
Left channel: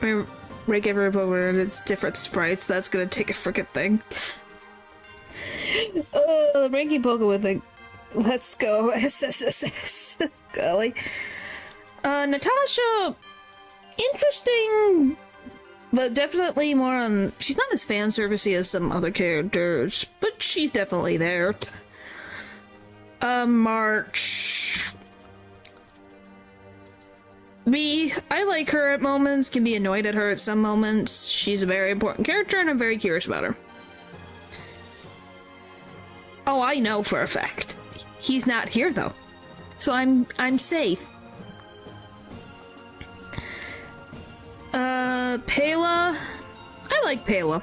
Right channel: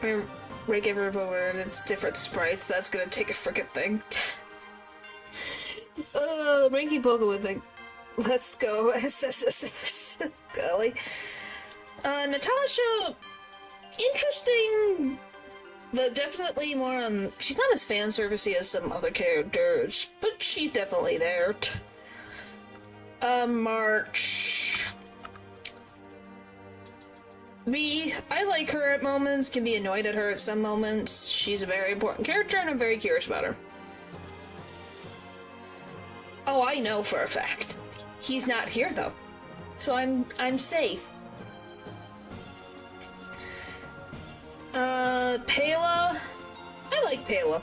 I mean, rank every over and it's different sprites. That's gonna take a frickin' thing. Ranking Pokemon thing. Let's go. SSSS. Golly. Natasha. Interesting. But definitely more on... She's not as fan servicey as some other characters, but she's definitely there. March... B. I like her at moments, can be annoyed at her at some moments. She's a very important character and I'm very curious about her. Oh, I know for a fact. He's not here though. So I'm safe. Pela. I like Pela.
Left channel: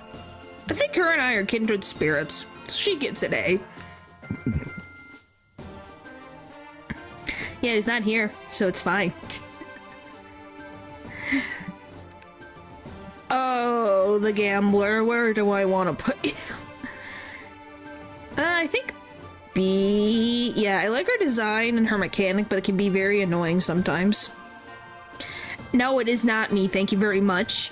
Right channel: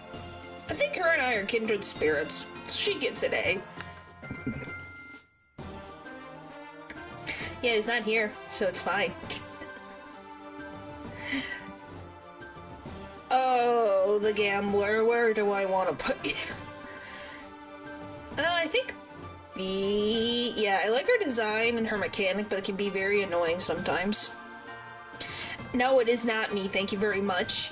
I think her and I are kindred spirits, so she gets an A. Yeah, he's not here, so it's fine. Oh, the gambler. Where do I want to put you? I think B. Yeah, I like her design and her mechanic, but it can be very annoying sometimes. No, it is not me. Thank you very much.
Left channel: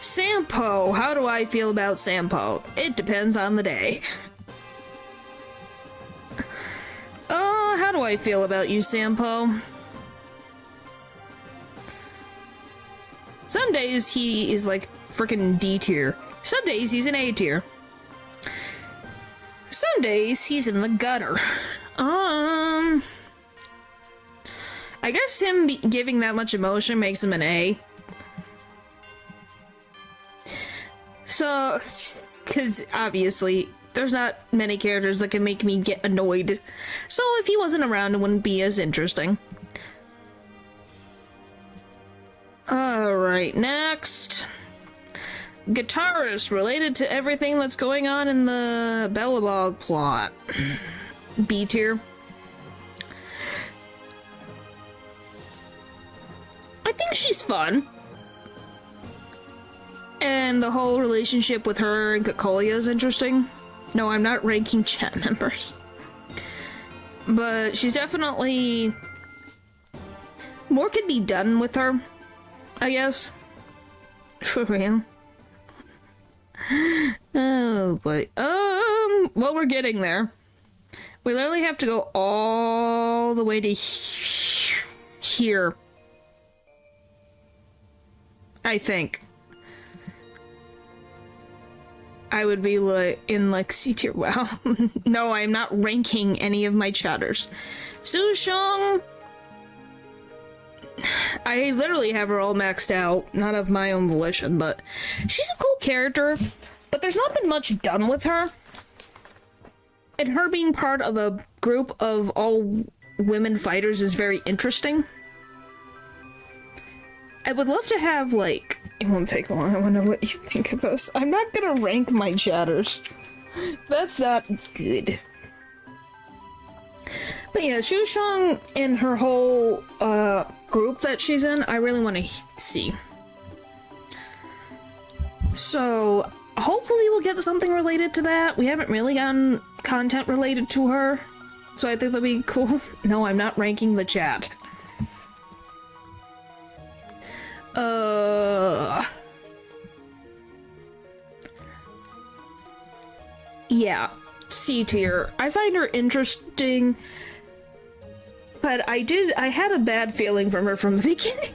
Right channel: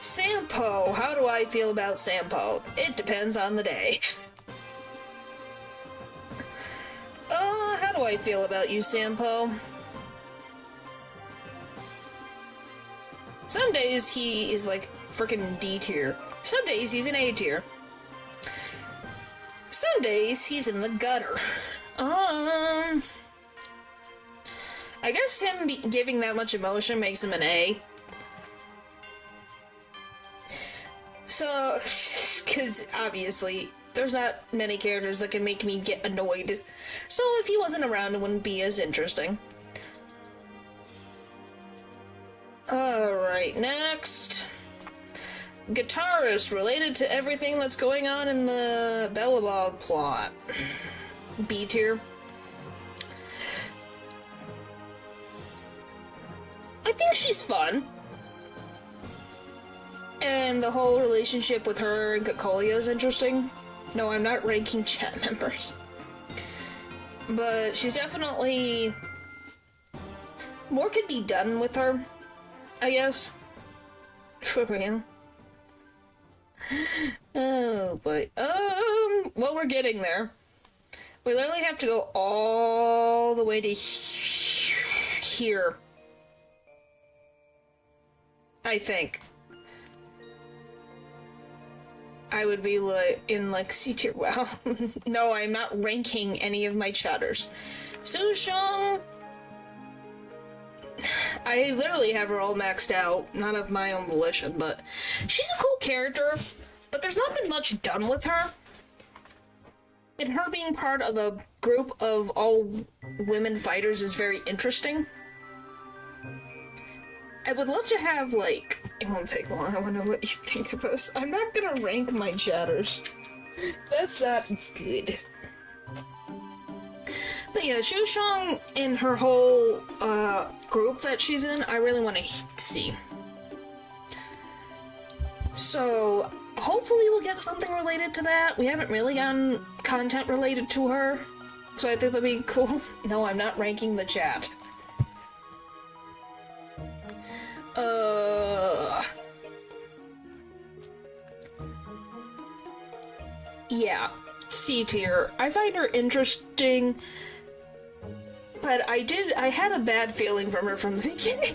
Sampo. How do I feel about Sampo? It depends on the day. How do I feel about you, Sampo? Some days he is like freaking D tier. Some days he's an A tier. Some days he's in the gutter. I guess him giving that much emotion makes him an A. So, because obviously there's not many characters that can make me get annoyed. So if he wasn't around, it wouldn't be as interesting. Alright, next. Guitarist related to everything that's going on in the Bellabog plot. B tier. I think she's fun. And the whole relationship with her and Kokolia is interesting. No, I'm not ranking chat members. But she's definitely... More could be done with her, I guess. For real. Oh boy. Well, we're getting there. We literally have to go all the way to here. I think. I would be like in like C tier. Wow. No, I'm not ranking any of my chatters. Sushong. I literally have her all maxed out, not of my own volition, but she's a cool character. but there's not been much done with her. And her being part of a group of all women fighters is very interesting. I would love to have, like... It won't take long, I want to know what you think of this. I'm not gonna rank my chatters. That's not good. But yeah, Shushong and her whole, group that she's in, I really want to see. So, hopefully we'll get something related to that. We haven't really gotten content related to her, so I think that'd be cool. No, I'm not ranking the chat. Yeah, C tier. I find her interesting, but I had a bad feeling from her from the beginning,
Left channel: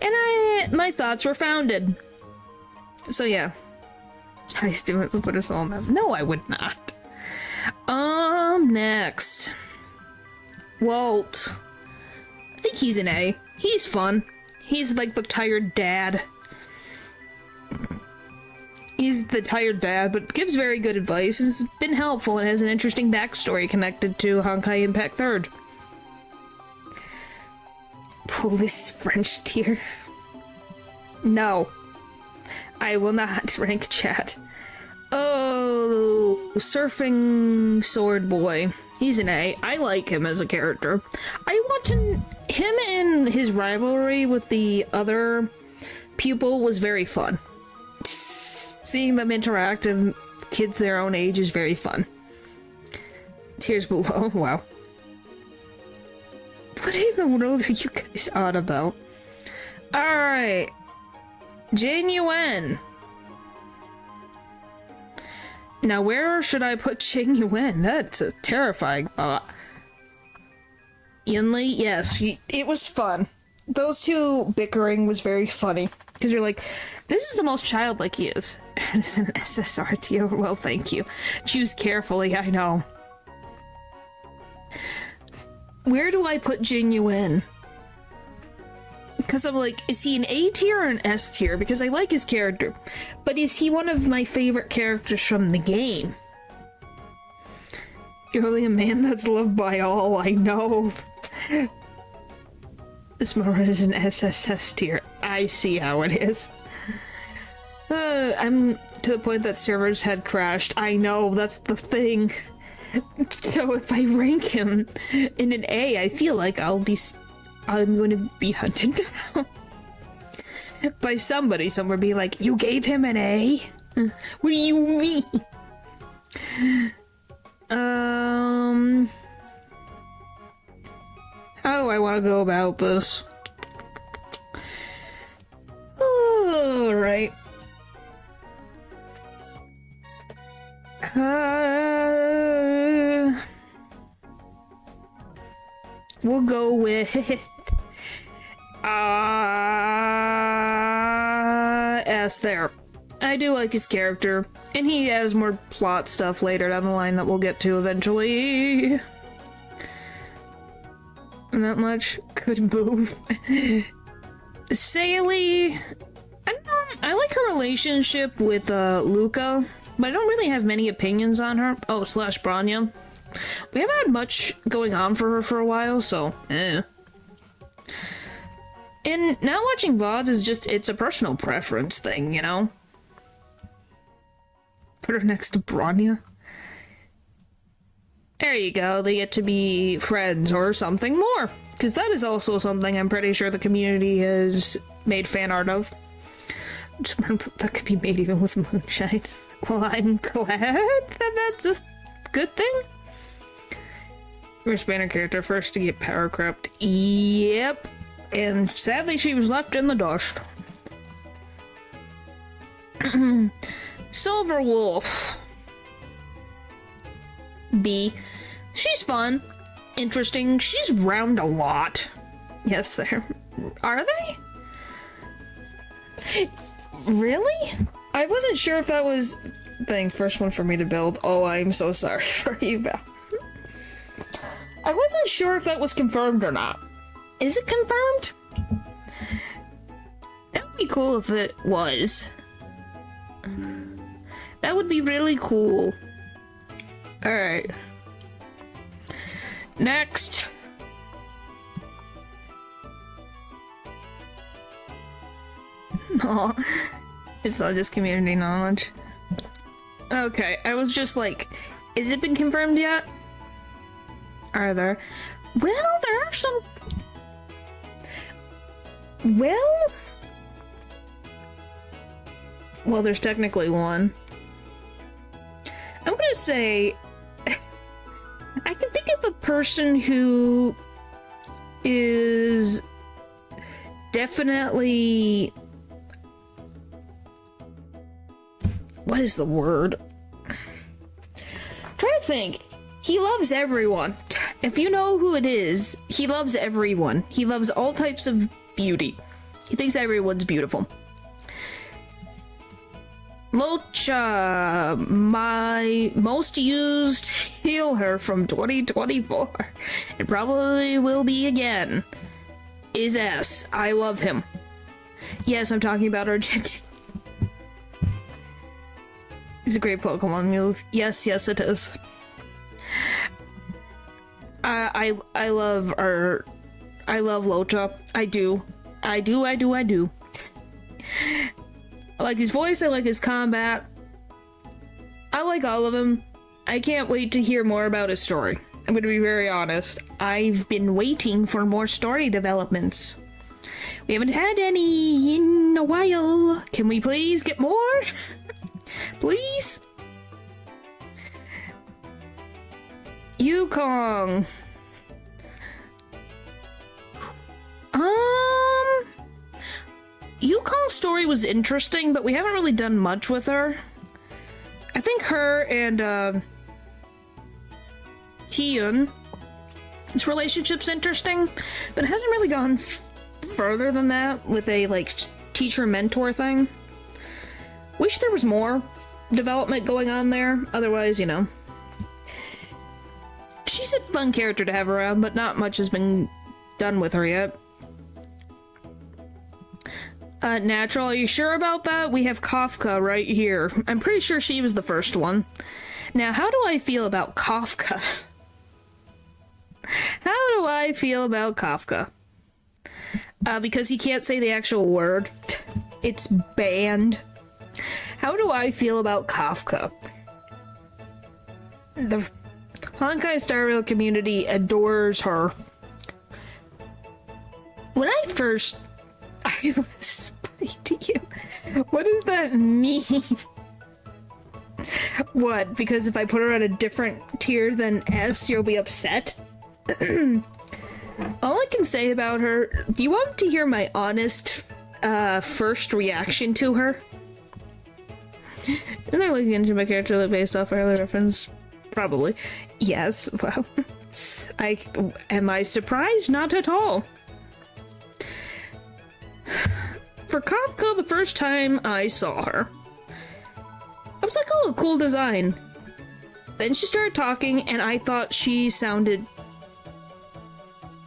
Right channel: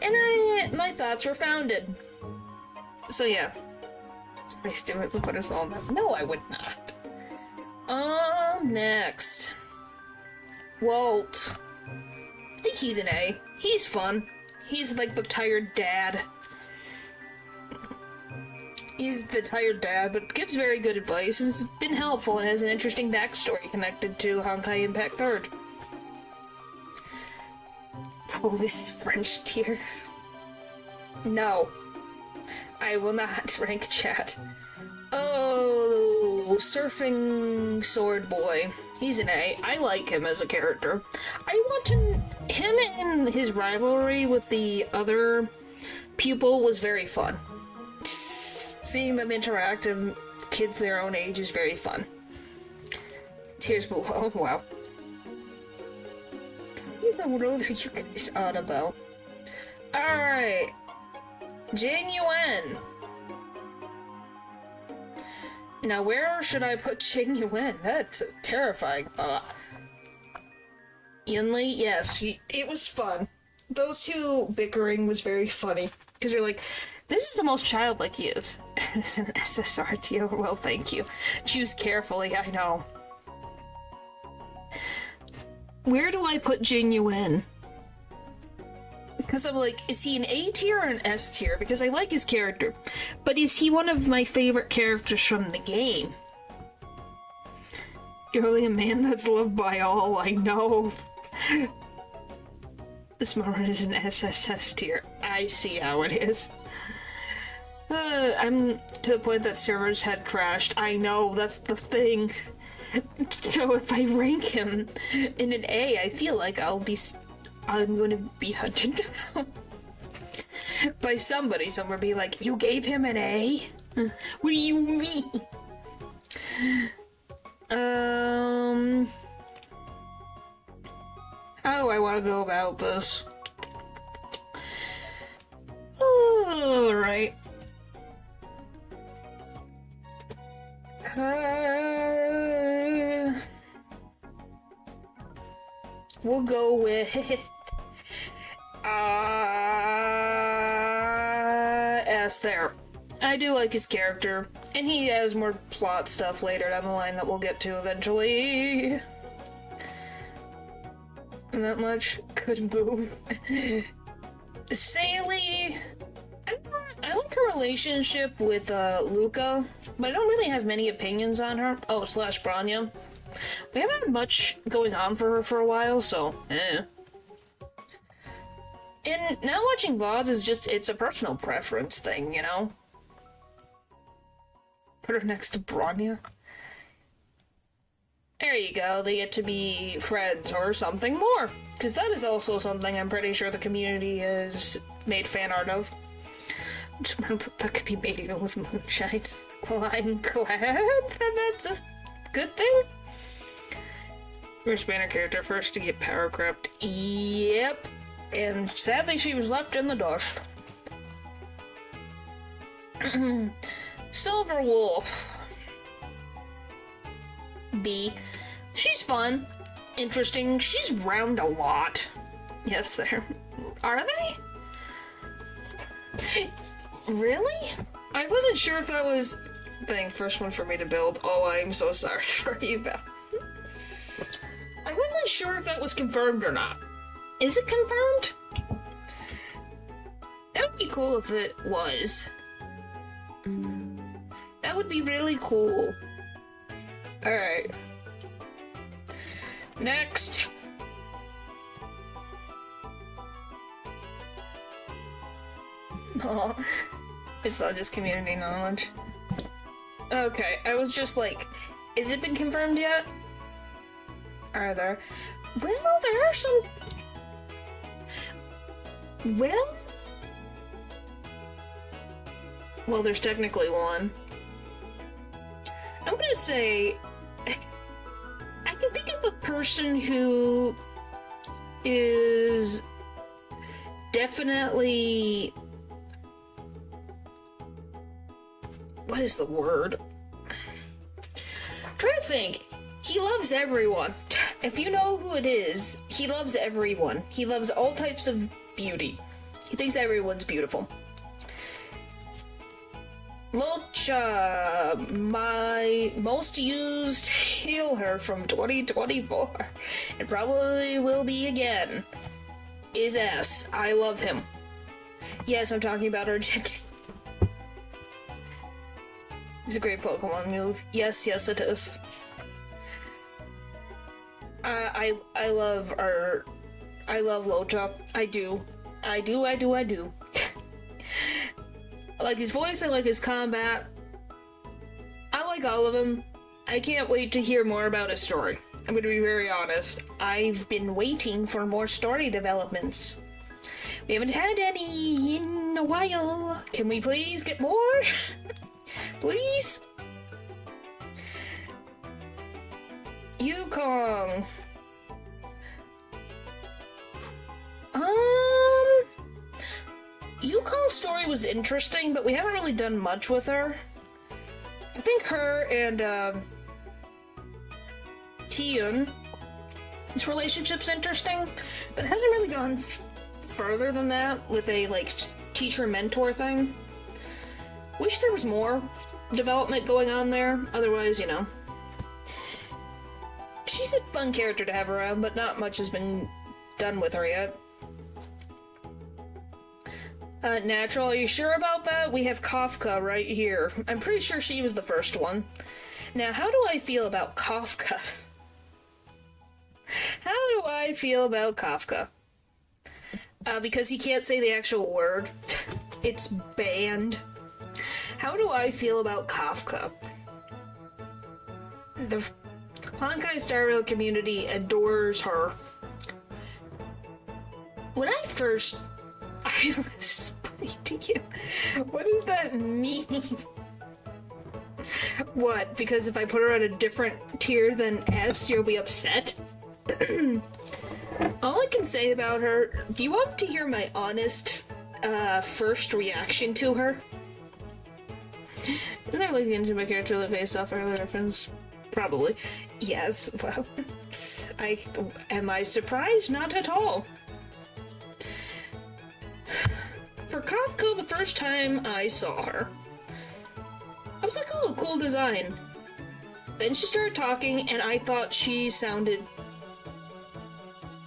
and my thoughts were founded. So yeah. I still would put us all in them. No, I would not. Next. Walt. I think he's an A. He's fun. He's like the tired dad. He's the tired dad, but gives very good advice, and has been helpful, and has an interesting backstory connected to Honkai Impact 3rd. Police French tier. No. I will not rank chat. Oh, Surfing Sword Boy. He's an A. I like him as a character. I want to... Him and his rivalry with the other pupil was very fun. Seeing them interact and kids their own age is very fun. Tears below. Wow. What in the world are you guys on about? Alright. Jane Yuen. Now, where should I put Jing Yuen? That's a terrifying thought. Yunli, yes, it was fun. Those two bickering was very funny. Because you're like, this is the most childlike he is. And it's an SSR tier. Well, thank you. Choose carefully, I know. Where do I put Jing Yuen? Because I'm like, is he an A tier or an S tier? Because I like his character. But is he one of my favorite characters from the game? You're only a man that's loved by all, I know. This moment is an SSS tier. I see how it is. I'm to the point that servers had crashed. I know, that's the thing. So if I rank him in an A, I feel like I'm going to be hunted down by somebody somewhere, be like, you gave him an A? What do you mean? How do I want to go about this? Alright. We'll go with S there. I do like his character, and he has more plot stuff later down the line that we'll get to eventually. Not much. Could move. Sailey, I don't know. I like her relationship with Luca, but I don't really have many opinions on her. Oh, slash Branya. We haven't had much going on for her for a while, so eh. And now watching VODs is just, it's a personal preference thing, you know? Put her next to Branya. There you go, they get to be friends or something more. Because that is also something I'm pretty sure the community has made fan art of. That could be made even with Moonshine. Well, I'm glad that that's a good thing. First banner character, first to get power crept. Yep. And sadly she was left in the dust. Silver Wolf. B. She's fun. Interesting. She's round a lot. Yes, there. Are they? Really? I wasn't sure if that was... Thing, first one for me to build. Oh, I'm so sorry for you, Val. I wasn't sure if that was confirmed or not. Is it confirmed? That would be cool if it was. That would be really cool. Alright. Next. Aw. It's not just community knowledge. Okay, I was just like, is it been confirmed yet? Are there? Well, there are some... Well, there's technically one. I'm gonna say... I can think of the person who is definitely... What is the word? I'm trying to think. He loves everyone. If you know who it is, he loves everyone. He loves all types of beauty. He thinks everyone's beautiful. Locha, my most used healer from 2024, and probably will be again, is S. I love him. Yes, I'm talking about Argent. He's a great Pokemon move. Yes, it is. I love Locha. I do. I like his voice, I like his combat. I like all of him. I can't wait to hear more about his story. I'm gonna be very honest. I've been waiting for more story developments. We haven't had any in a while. Can we please get more? Please? Yukong. Yukong's story was interesting, but we haven't really done much with her. I think her and, Tiyun, his relationship's interesting, but it hasn't really gone further than that with a, like, teacher-mentor thing. Wish there was more development going on there, otherwise, you know. She's a fun character to have around, but not much has been done with her yet. Natural, are you sure about that? We have Kafka right here. I'm pretty sure she was the first one. Now, how do I feel about Kafka? How do I feel about Kafka? Because he can't say the actual word. It's banned. How do I feel about Kafka? The Honkai Star Rail community adores her. When I was funny to you. What does that mean? What? Because if I put her at a different tier than S, you'll be upset? All I can say about her... Do you want to hear my honest, first reaction to her? Isn't there looking into my character based off earlier reference? Probably. Yes, well... Am I surprised? Not at all. For Kafka, the first time I saw her, I was like, oh, cool design. Then she started talking, and I thought she sounded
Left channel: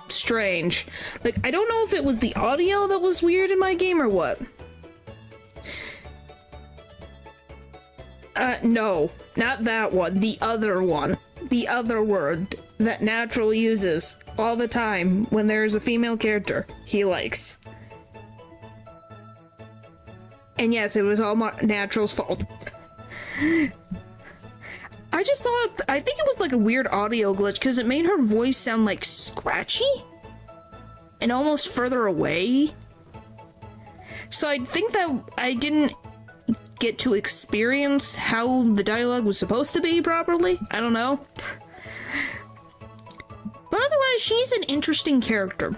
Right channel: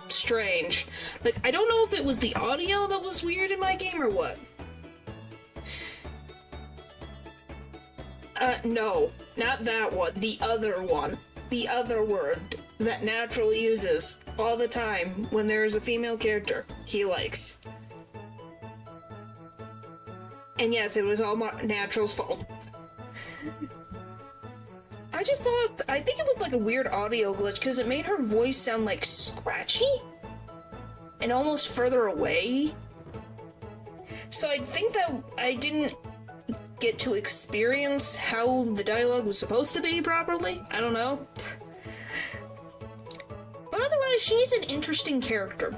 strange. Like, I don't know if it was the audio that was weird in my game or what. No, not that one. The other one. The other word that Natural uses all the time when there's a female character he likes. And yes, it was all Natural's fault. I just thought, I think it was like a weird audio glitch because it made her voice sound like scratchy and almost further away. So I think that I didn't get to experience how the dialogue was supposed to be properly. I don't know. But otherwise, she's an interesting character.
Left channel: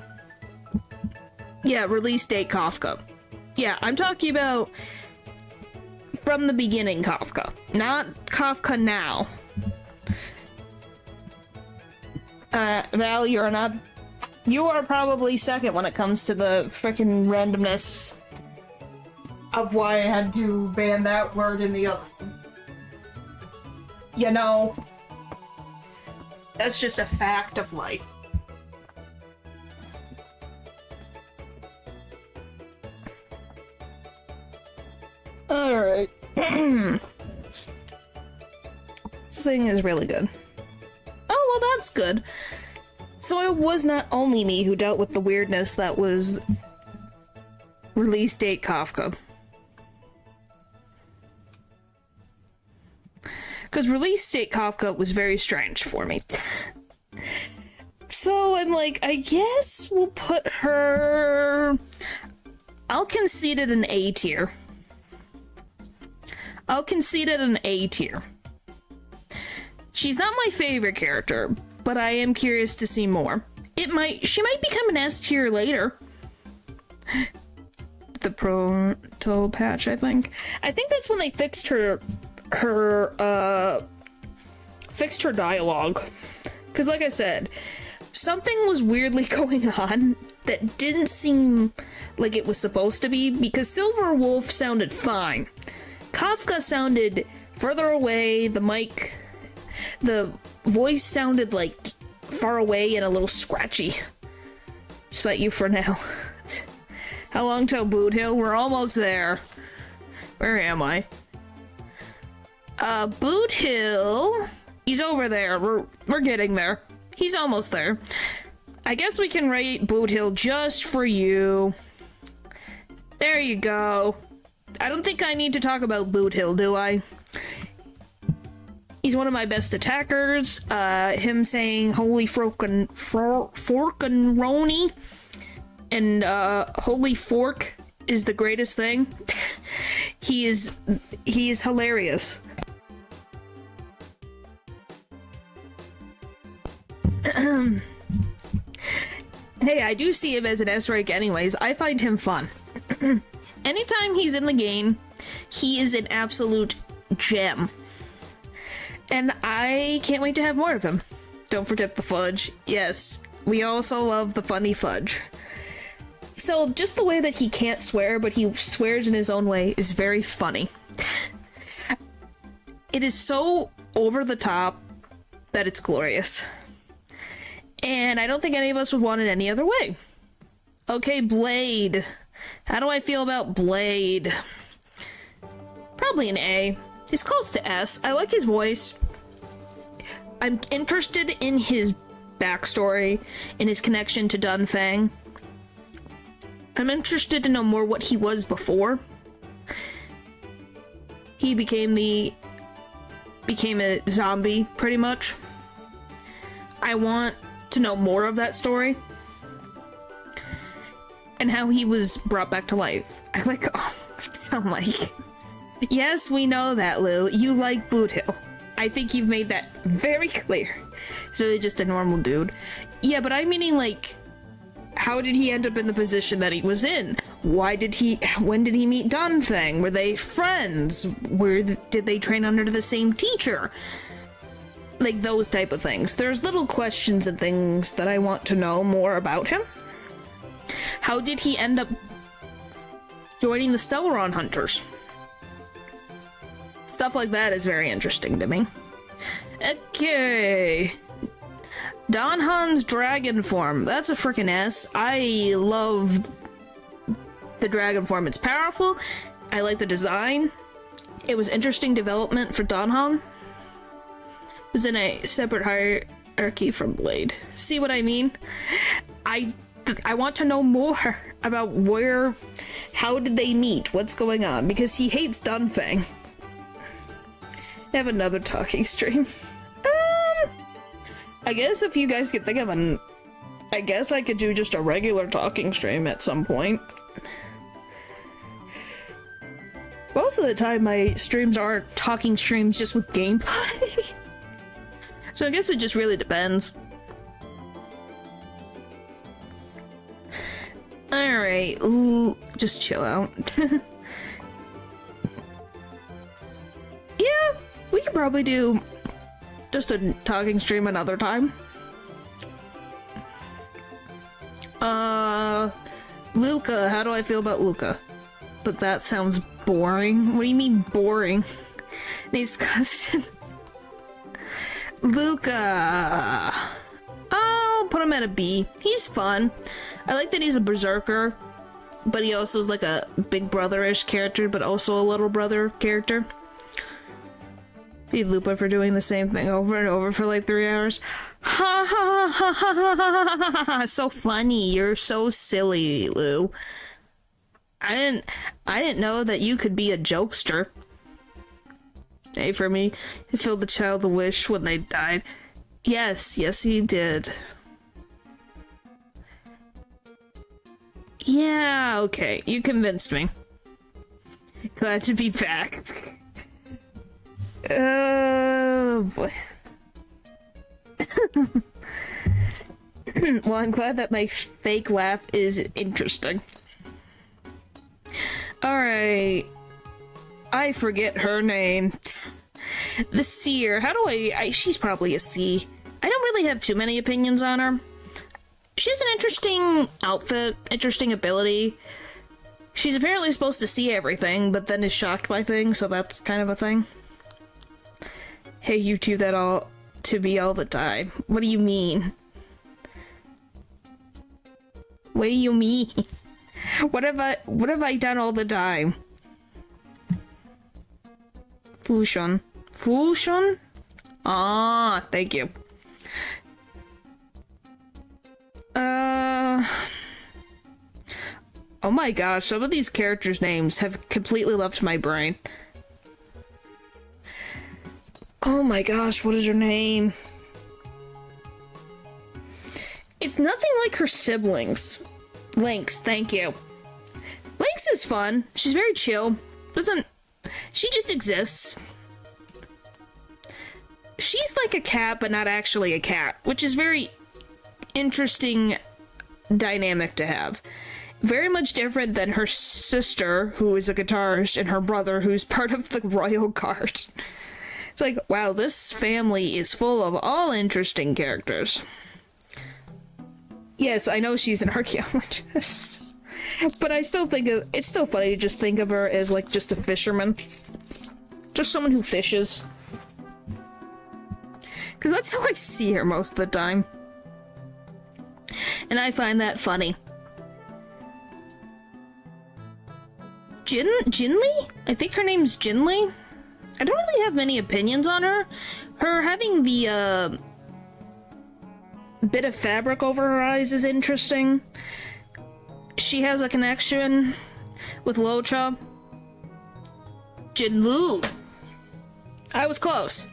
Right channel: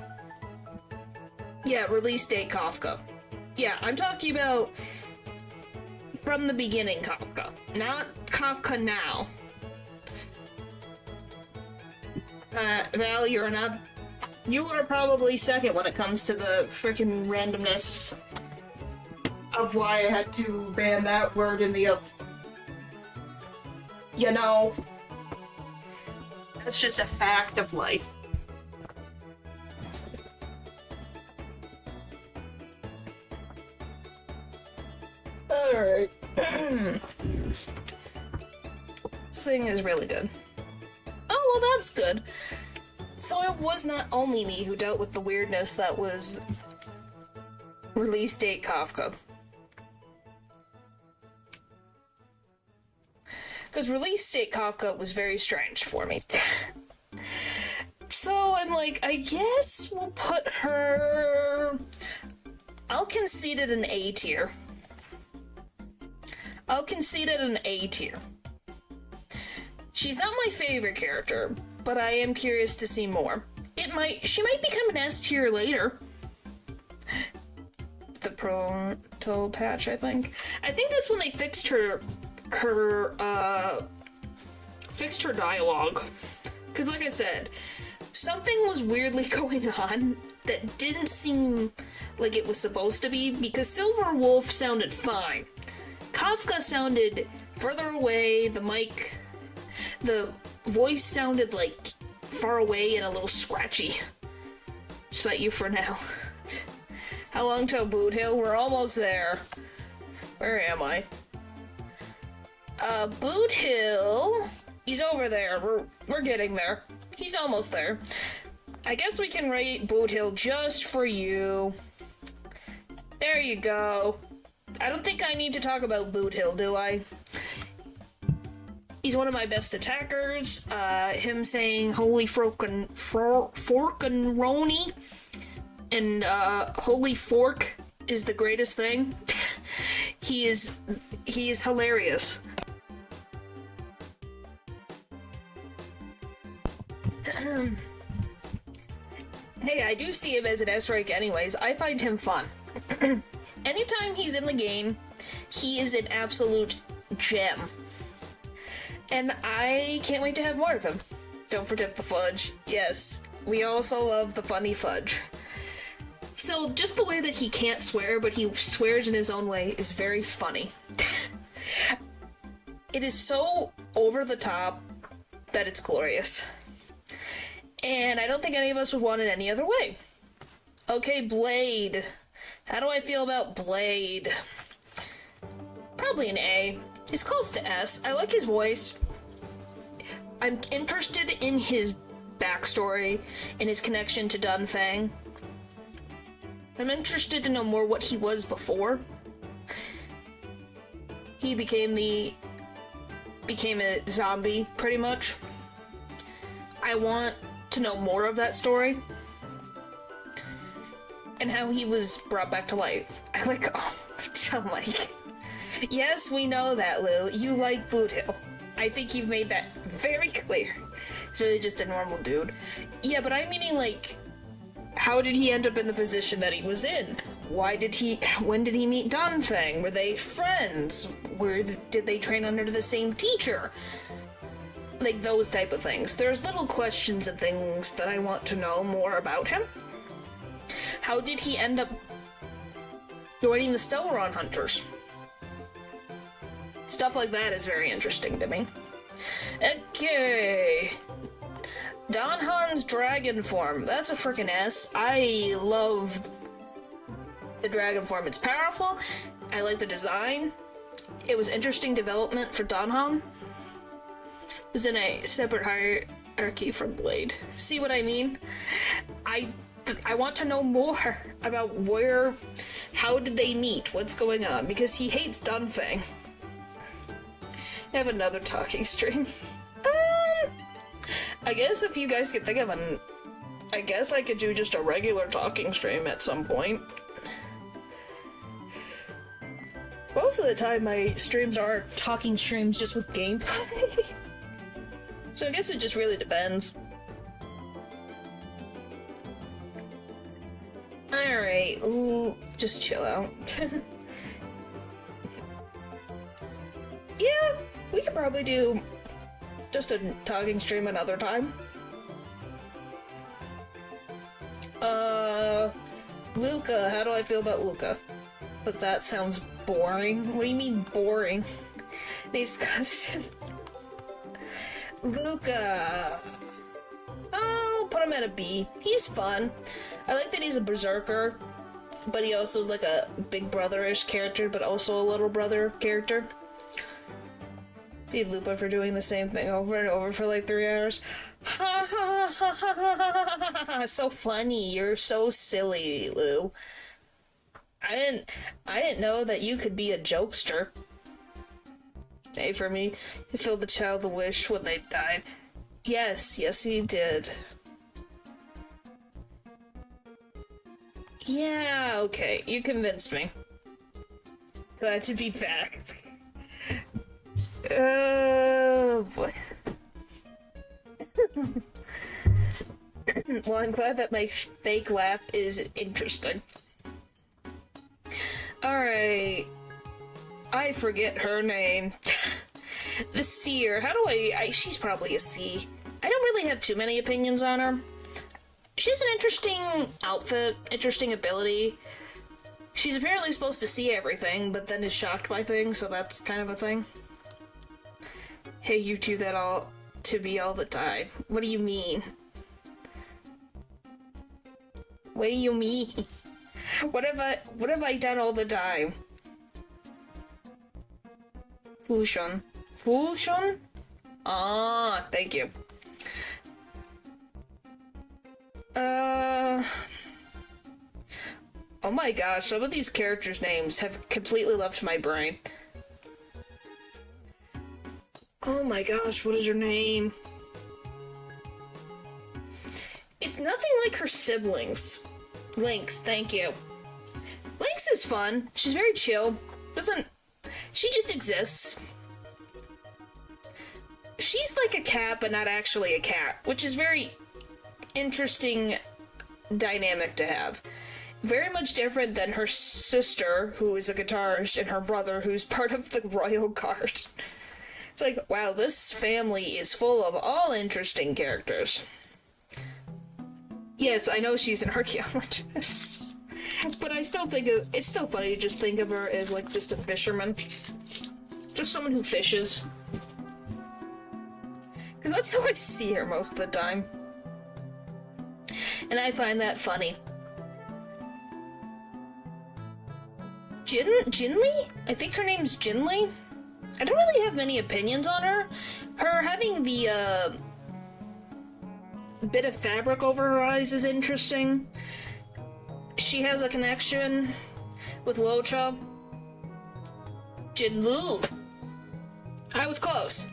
Yeah, release date Kafka. Yeah, I'm talking about from the beginning Kafka, not Kafka now. Val, you are probably second when it comes to the frickin' randomness of why I had to ban that word in the other. You know, that's just a fact of life. Alright. This thing is really good. Oh, well, that's good. So it was not only me who dealt with the weirdness that was release date Kafka. Because release date Kafka was very strange for me. So I'm like, I guess we'll put her... I'll concede it an A tier. I'll concede it an A tier. She's not my favorite character, but I am curious to see more. She might become an S tier later. The proto patch, I think. I think that's when they fixed her dialogue. Because like I said, something was weirdly going on that didn't seem like it was supposed to be, because Silver Wolf sounded fine. Kafka sounded further away, the voice sounded like far away and a little scratchy. Just about you for now. How long till Boot Hill? We're almost there. Where am I? Boot Hill. He's over there. We're getting there. He's almost there. I guess we can rate Boot Hill just for you. There you go. I don't think I need to talk about Boot Hill, do I? He's one of my best attackers. Him saying holy forkin' roni and holy fork is the greatest thing. He is hilarious. Hey, I do see him as an S-rank anyways. I find him fun. Anytime he's in the game, he is an absolute gem. And I can't wait to have more of him. Don't forget the fudge. Yes, we also love the funny fudge. So just the way that he can't swear, but he swears in his own way is very funny. It is so over the top that it's glorious. And I don't think any of us would want it any other way. Okay, Blade. How do I feel about Blade? Probably an A. He's close to S. I like his voice. I'm interested in his backstory and his connection to Dunfang. I'm interested to know more what he was before he became a zombie, pretty much. I want to know more of that story and how he was brought back to life. I like, oh, I'm like, yes, we know that, Lou. You like Boot Hill. I think you've made that very clear. He's really just a normal dude. Yeah, but I'm meaning, like, how did he end up in the position that he was in? When did he meet Dunfang? Were they friends? Did they train under the same teacher? Like, those type of things. There's little questions and things that I want to know more about him. How did he end up joining the Stellaron Hunters? Stuff like that is very interesting to me. Okay. Donhan's dragon form. That's a freaking S. I love the dragon form. It's powerful. I like the design. It was interesting development for Donhan. It was in a separate hierarchy from Blade. See what I mean? I want to know more about how did they meet? What's going on? Because he hates Dunfang. I have another talking stream. I guess if you guys could think of I guess I could do just a regular talking stream at some point. Most of the time my streams are talking streams just with gameplay. So I guess it just really depends. Alright, just chill out. Yeah, we could probably do just a talking stream another time. Luca, how do I feel about Luca? But that sounds boring. What do you mean boring? Nate's cousin. Luca. I'll put him at a B. He's fun. I like that he's a berserker, but he also is like a big brother-ish character, but also a little brother character. Hey, Lupa, for doing the same thing over and over for like 3 hours. Ha ha ha ha ha ha ha ha! So funny. You're so silly, Lou. I didn't know that you could be a jokester. Hey, for me, he filled the child a wish when they died. Yes, he did. Yeah, okay, you convinced me. Glad to be back. Oh boy. Well, I'm glad that my fake laugh is interesting. Alright. I forget her name. The seer. How do she's probably a C. I don't really have too many opinions on her. She has an interesting outfit, interesting ability. She's apparently supposed to see everything, but then is shocked by things, so that's kind of a thing. Hey, you do that all to me all the time. What do you mean? What do you mean? What have I done all the time? Fusion. Fusion? Ah, thank you. Oh my gosh, some of these characters' names have completely left my brain. Oh my gosh, what is her name? It's nothing like her siblings. Lynx, thank you. Lynx is fun. She's very chill. She just exists. She's like a cat, but not actually a cat, which is very interesting dynamic to have. Very much different than her sister, who is a guitarist, and her brother, who's part of the royal guard. It's like, wow, this family is full of all interesting characters. Yes, I know she's an archaeologist, but I still think it's still funny to just think of her as like just a fisherman. Just someone who fishes. Because that's how I see her most of the time. And I find that funny. Jinli? I think her name's Jinli? I don't really have many opinions on her. Her having the, bit of fabric over her eyes is interesting. She has a connection with Locha. Jinlu! I was close.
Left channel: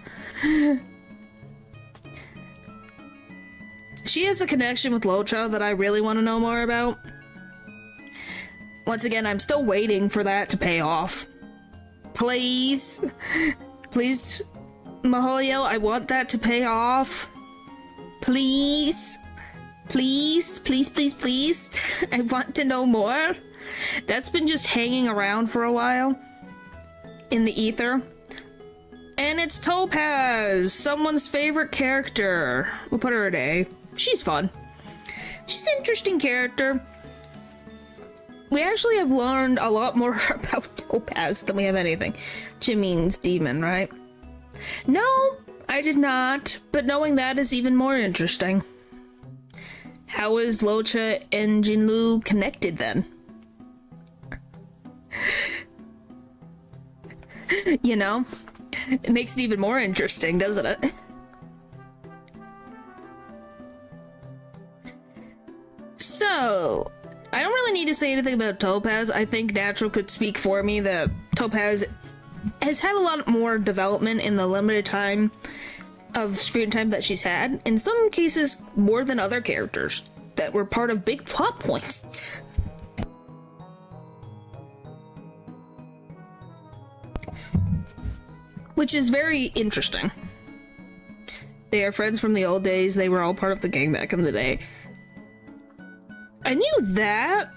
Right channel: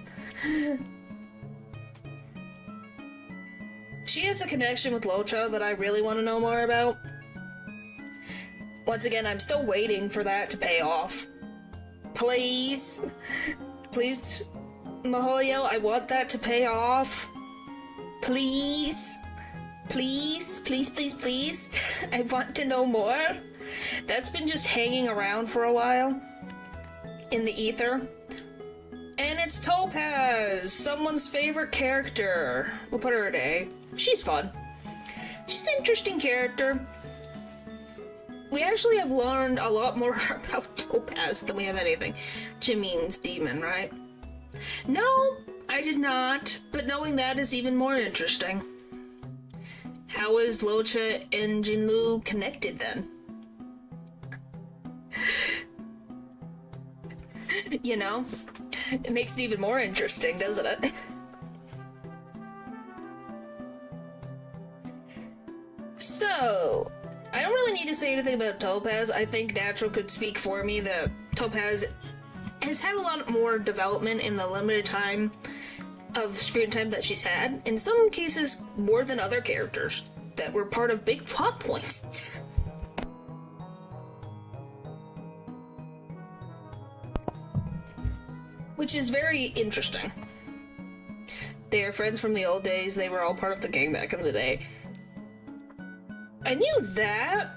She has a connection with Locha that I really want to know more about. Once again, I'm still waiting for that to pay off. Please. Please, Mihoyo, I want that to pay off. Please. Please, please, please, please. I want to know more. That's been just hanging around for a while. In the ether. And it's Topaz, someone's favorite character. We'll put her at A. She's fun. She's an interesting character. We actually have learned a lot more about Topaz than we have anything. Jimin's demon, right? No, I did not, but knowing that is even more interesting. How is Locha and Jinlu connected then? You know? It makes it even more interesting, doesn't it? So, I don't really need to say anything about Topaz. I think Natural could speak for me that Topaz has had a lot more development in the limited time of screen time that she's had. In some cases, more than other characters that were part of big plot points. Which is very interesting. They are friends from the old days. They were all part of the gang back in the day. I knew that,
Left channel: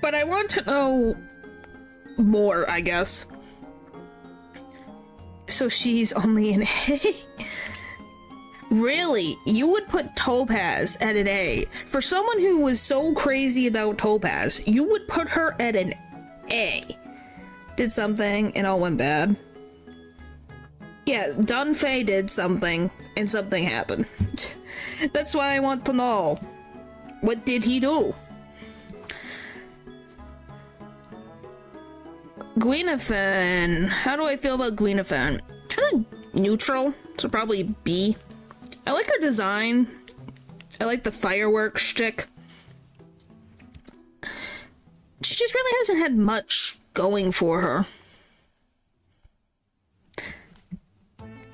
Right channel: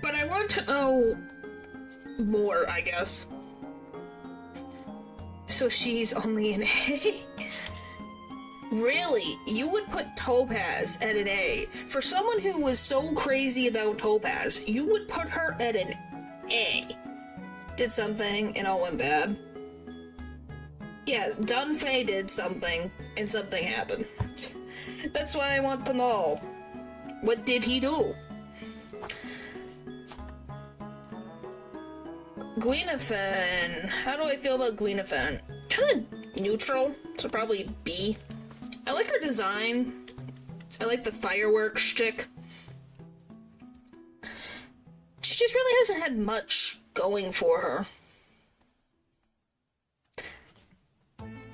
but I want to know more, I guess. So she's only an A? Really? You would put Topaz at an A? For someone who was so crazy about Topaz, you would put her at an A? Did something and all went bad. Yeah, Dunfei did something and something happened. That's why I want to know. What did he do? Gwenophan. How do I feel about Gwenophan? kind of neutral, so probably B. I like her design. I like the fireworks shtick. She just really hasn't had much going for her.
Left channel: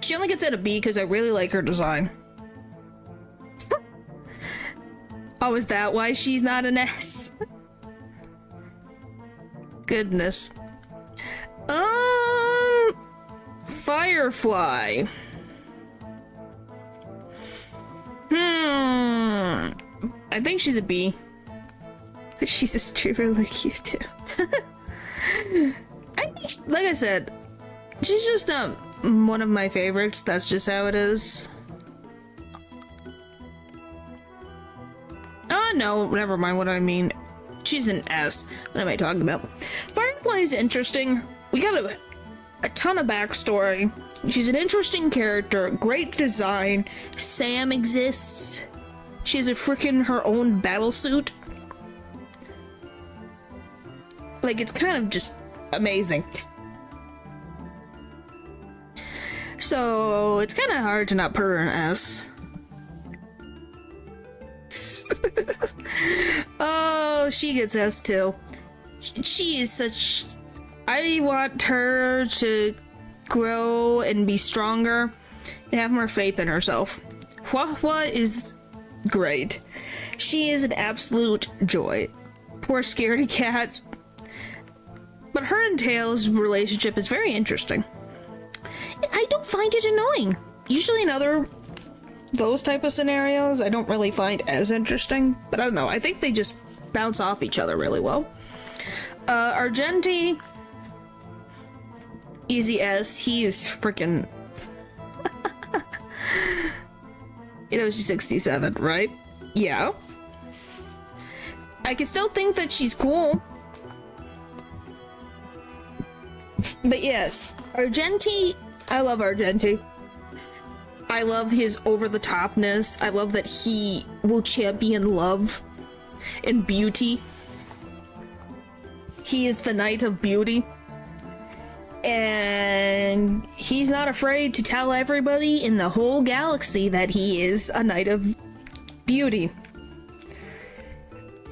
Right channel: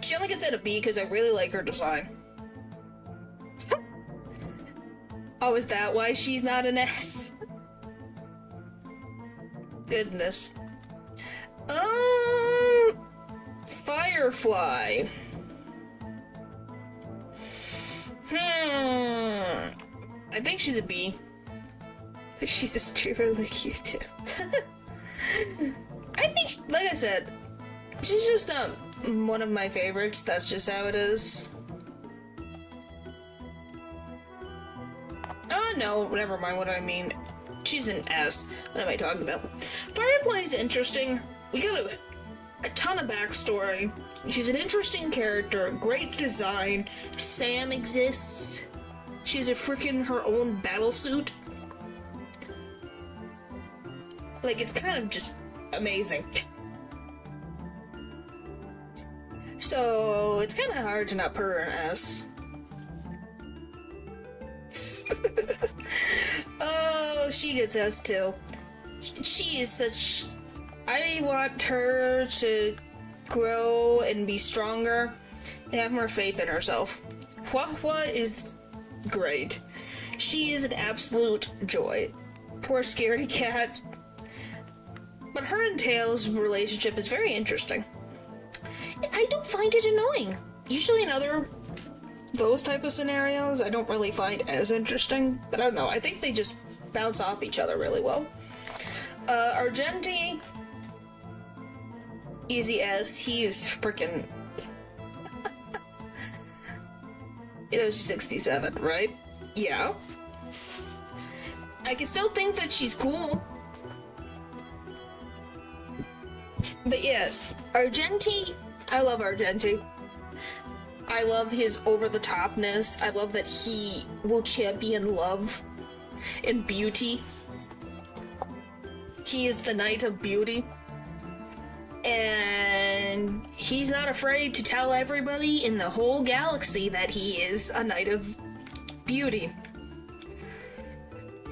She only gets at a B because I really like her design. Oh, is that why she's not an S? Goodness. Firefly. I think she's a B. She's just really cute too. I think, like I said, she's just one of my favorites. That's just how it is. Oh no, never mind what I mean. She's an S. What am I talking about? Firefly's interesting. We got a ton of backstory. She's an interesting character, great design. Sam exists. She has a freaking her own battle suit. Like, it's kind of just amazing. So, it's kind of hard to not put her in S. Oh, she gets S too. She is such... I want her to grow and be stronger and have more faith in herself. Hua is great. She is an absolute joy. Poor scaredy cat. But her and Tails' relationship is very interesting. I don't find it annoying. Usually in those type of scenarios, I don't really find as interesting. But I don't know, I think they just bounce off each other really well. Argenti, easy S. He is freaking... You know, she's 67, right? Yeah. I can still think that she's cool. But yes, Argenti, I love Argenti. I love his over-the-topness. I love that he will champion love and beauty. He is the Knight of Beauty. And he's not afraid to tell everybody in the whole galaxy that he is a Knight of Beauty.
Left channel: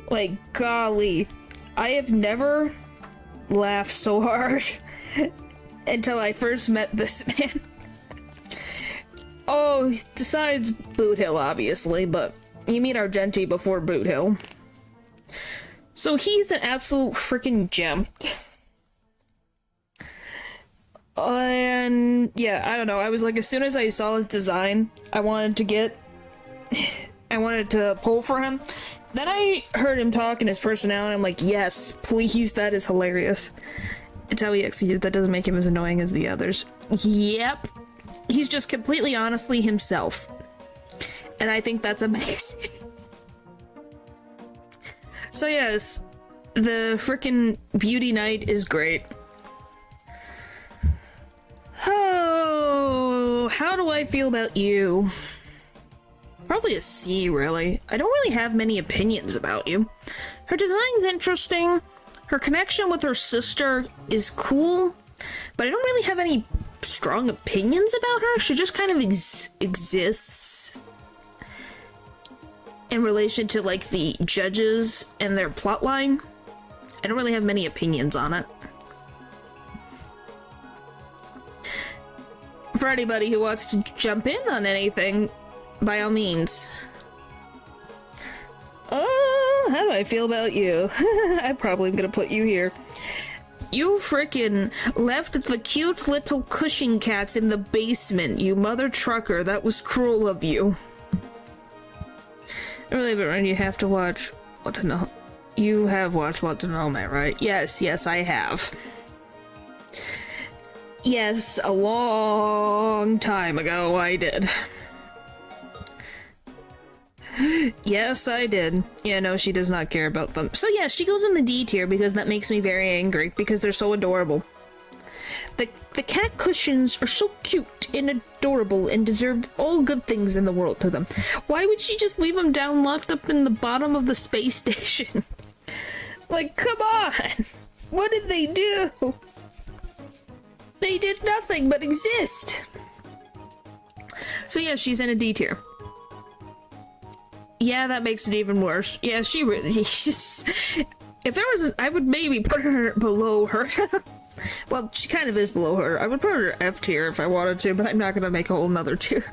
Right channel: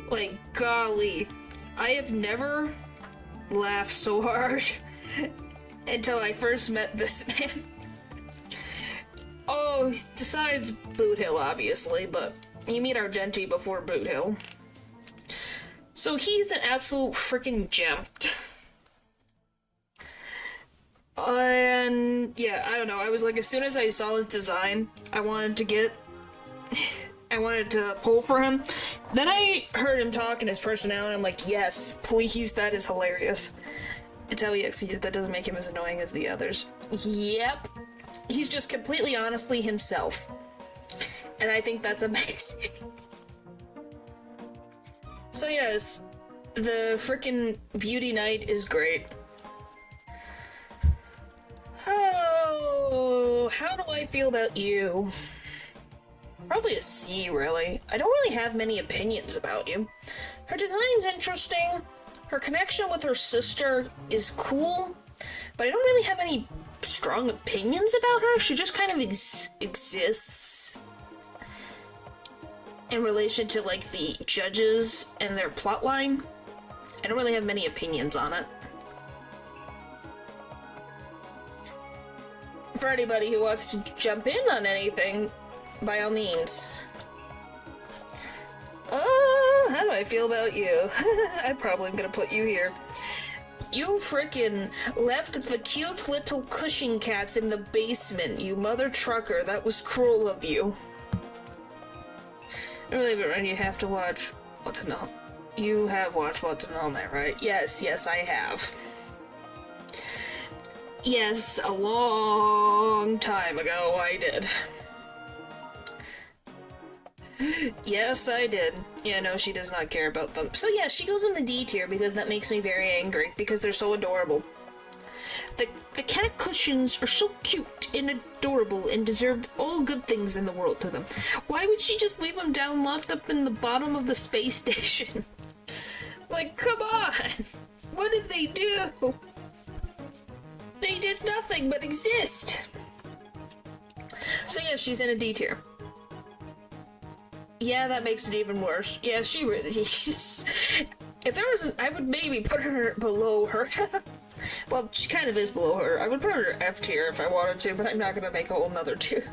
Like, golly. I have never laughed so hard until I first met this man. Oh, besides Boot Hill, obviously, but you meet Argenti before Boot Hill. So he's an absolute freaking gem. And yeah, I don't know, I was like, as soon as I saw his design, I wanted to pull for him. Then I heard him talk and his personality, I'm like, yes, please, that is hilarious. It's how he executes, that doesn't make him as annoying as the others. Yep. He's just completely honestly himself. And I think that's amazing. So yes, the frickin' Beauty Knight is great. Oh, how do I feel about you? Probably a C, really. I don't really have many opinions about you. Her design's interesting. Her connection with her sister is cool. But I don't really have any strong opinions about her. She just kind of exists in relation to, like, the judges and their plotline. I don't really have many opinions on it. For anybody who wants to jump in on anything, by all means. Oh, how do I feel about you? I'm probably gonna put you here. You frickin' left the cute little Cushing cats in the basement, you mother trucker. That was cruel of you. Really, but right, you have to watch Watanome. You have watched Watanome, right? Yes, yes, I have. Yes, a long time ago I did. Yes, I did. Yeah, no, she does not care about them. So yeah, she goes in the D tier because that makes me very angry because they're so adorable. The cat cushions are so cute and adorable and deserve all good things in the world to them. Why would she just leave them down locked up in the bottom of the space station? Like, come on! What did they do? They did nothing but exist. So yeah, she's in a D tier. Yeah, that makes it even worse. Yeah, she really just... If there was I would maybe put her below her. Well, she kind of is below her. I would put her F tier if I wanted to, but I'm not gonna make a whole nother tier.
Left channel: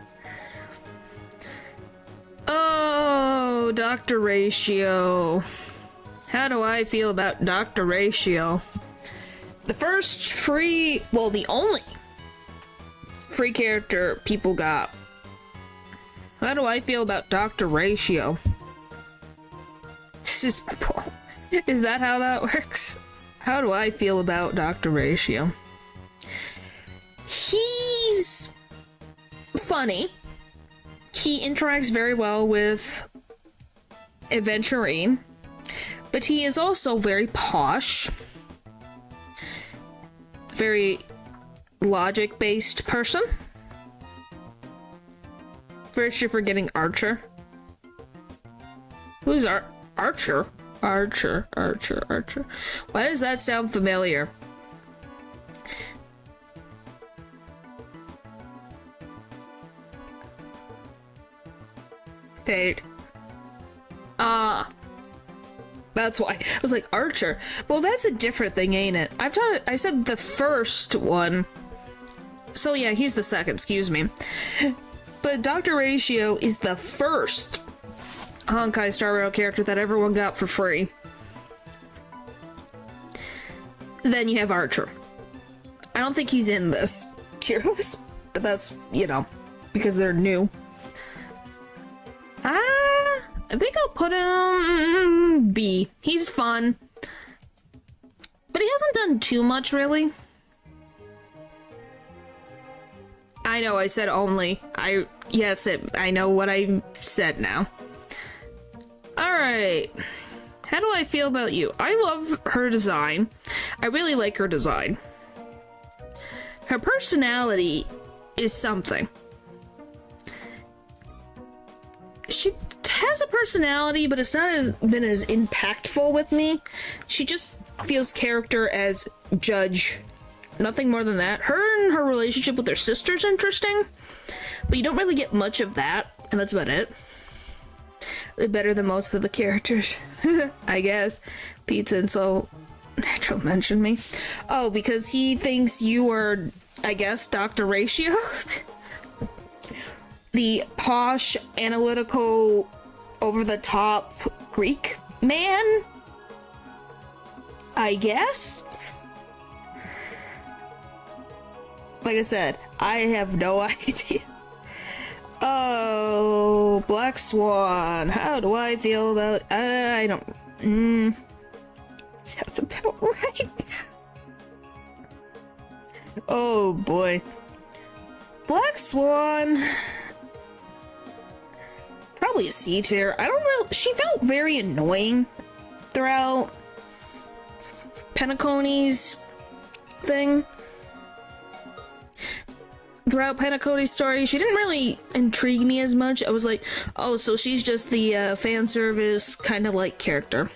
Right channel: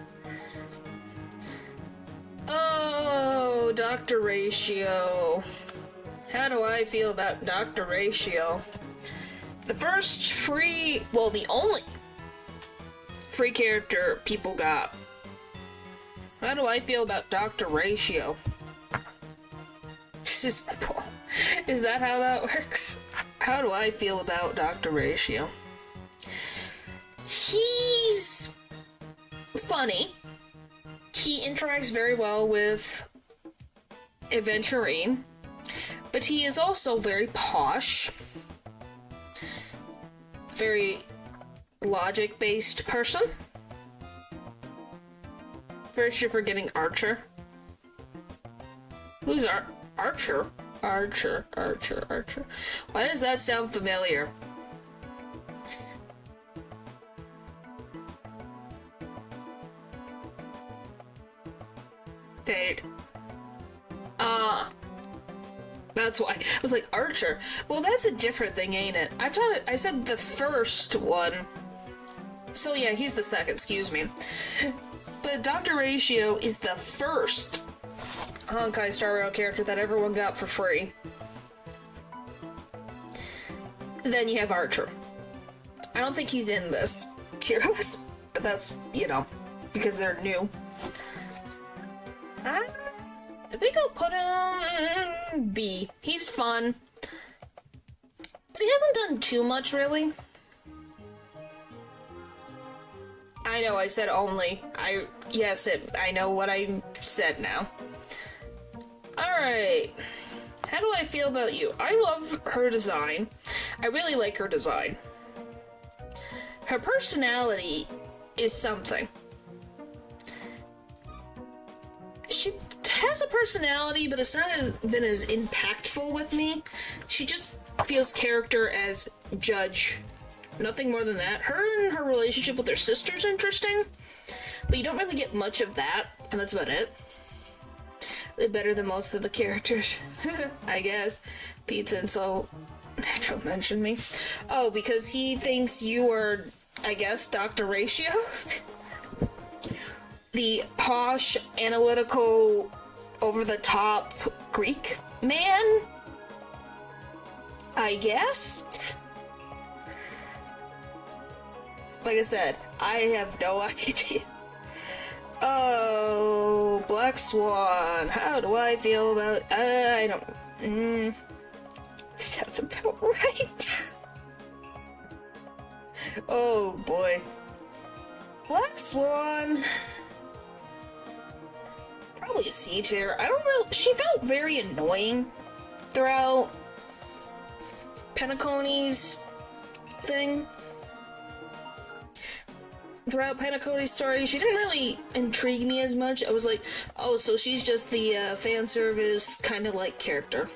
Oh, Dr. Ratio. How do I feel about Dr. Ratio? The first free, well, the only free character people got. How do I feel about Dr. Ratio? Is that how that works? How do I feel about Dr. Ratio? He's funny. He interacts very well with Aventurine, but he is also very posh. Very logic-based person. First, you're forgetting Archer. Who's Archer? Archer. Why does that sound familiar? Fate. That's why. I was like, Archer. Well, that's a different thing, ain't it? I said the first one. So yeah, he's the second, excuse me. But Dr. Ratio is the first Honkai Star Rail character that everyone got for free. Then you have Archer. I don't think he's in this tier list, but that's, you know, because they're new. I think I'll put him B. He's fun. But he hasn't done too much, really. I know I said only. I know what I said now. Alright. How do I feel about you? I love her design. I really like her design. Her personality is something. She has a personality, but it's not been as impactful with me. She just feels character as judge. Nothing more than that. Her and her relationship with her sister's interesting, but you don't really get much of that, and that's about it. They're better than most of the characters, I guess. Pizza and so Natural mentioned me. Oh, because he thinks you are, I guess, Dr. Ratio? The posh, analytical, over-the-top Greek man? I guess? Like I said, I have no idea. Oh, Black Swan. How do I feel about... I don't... sounds about right. Oh, boy. Black Swan... Probably a C tier. I don't know. She felt very annoying throughout Penacony's thing. Throughout Penacony's story, she didn't really intrigue me as much. I was like, oh, so she's just the fan service kind of like character.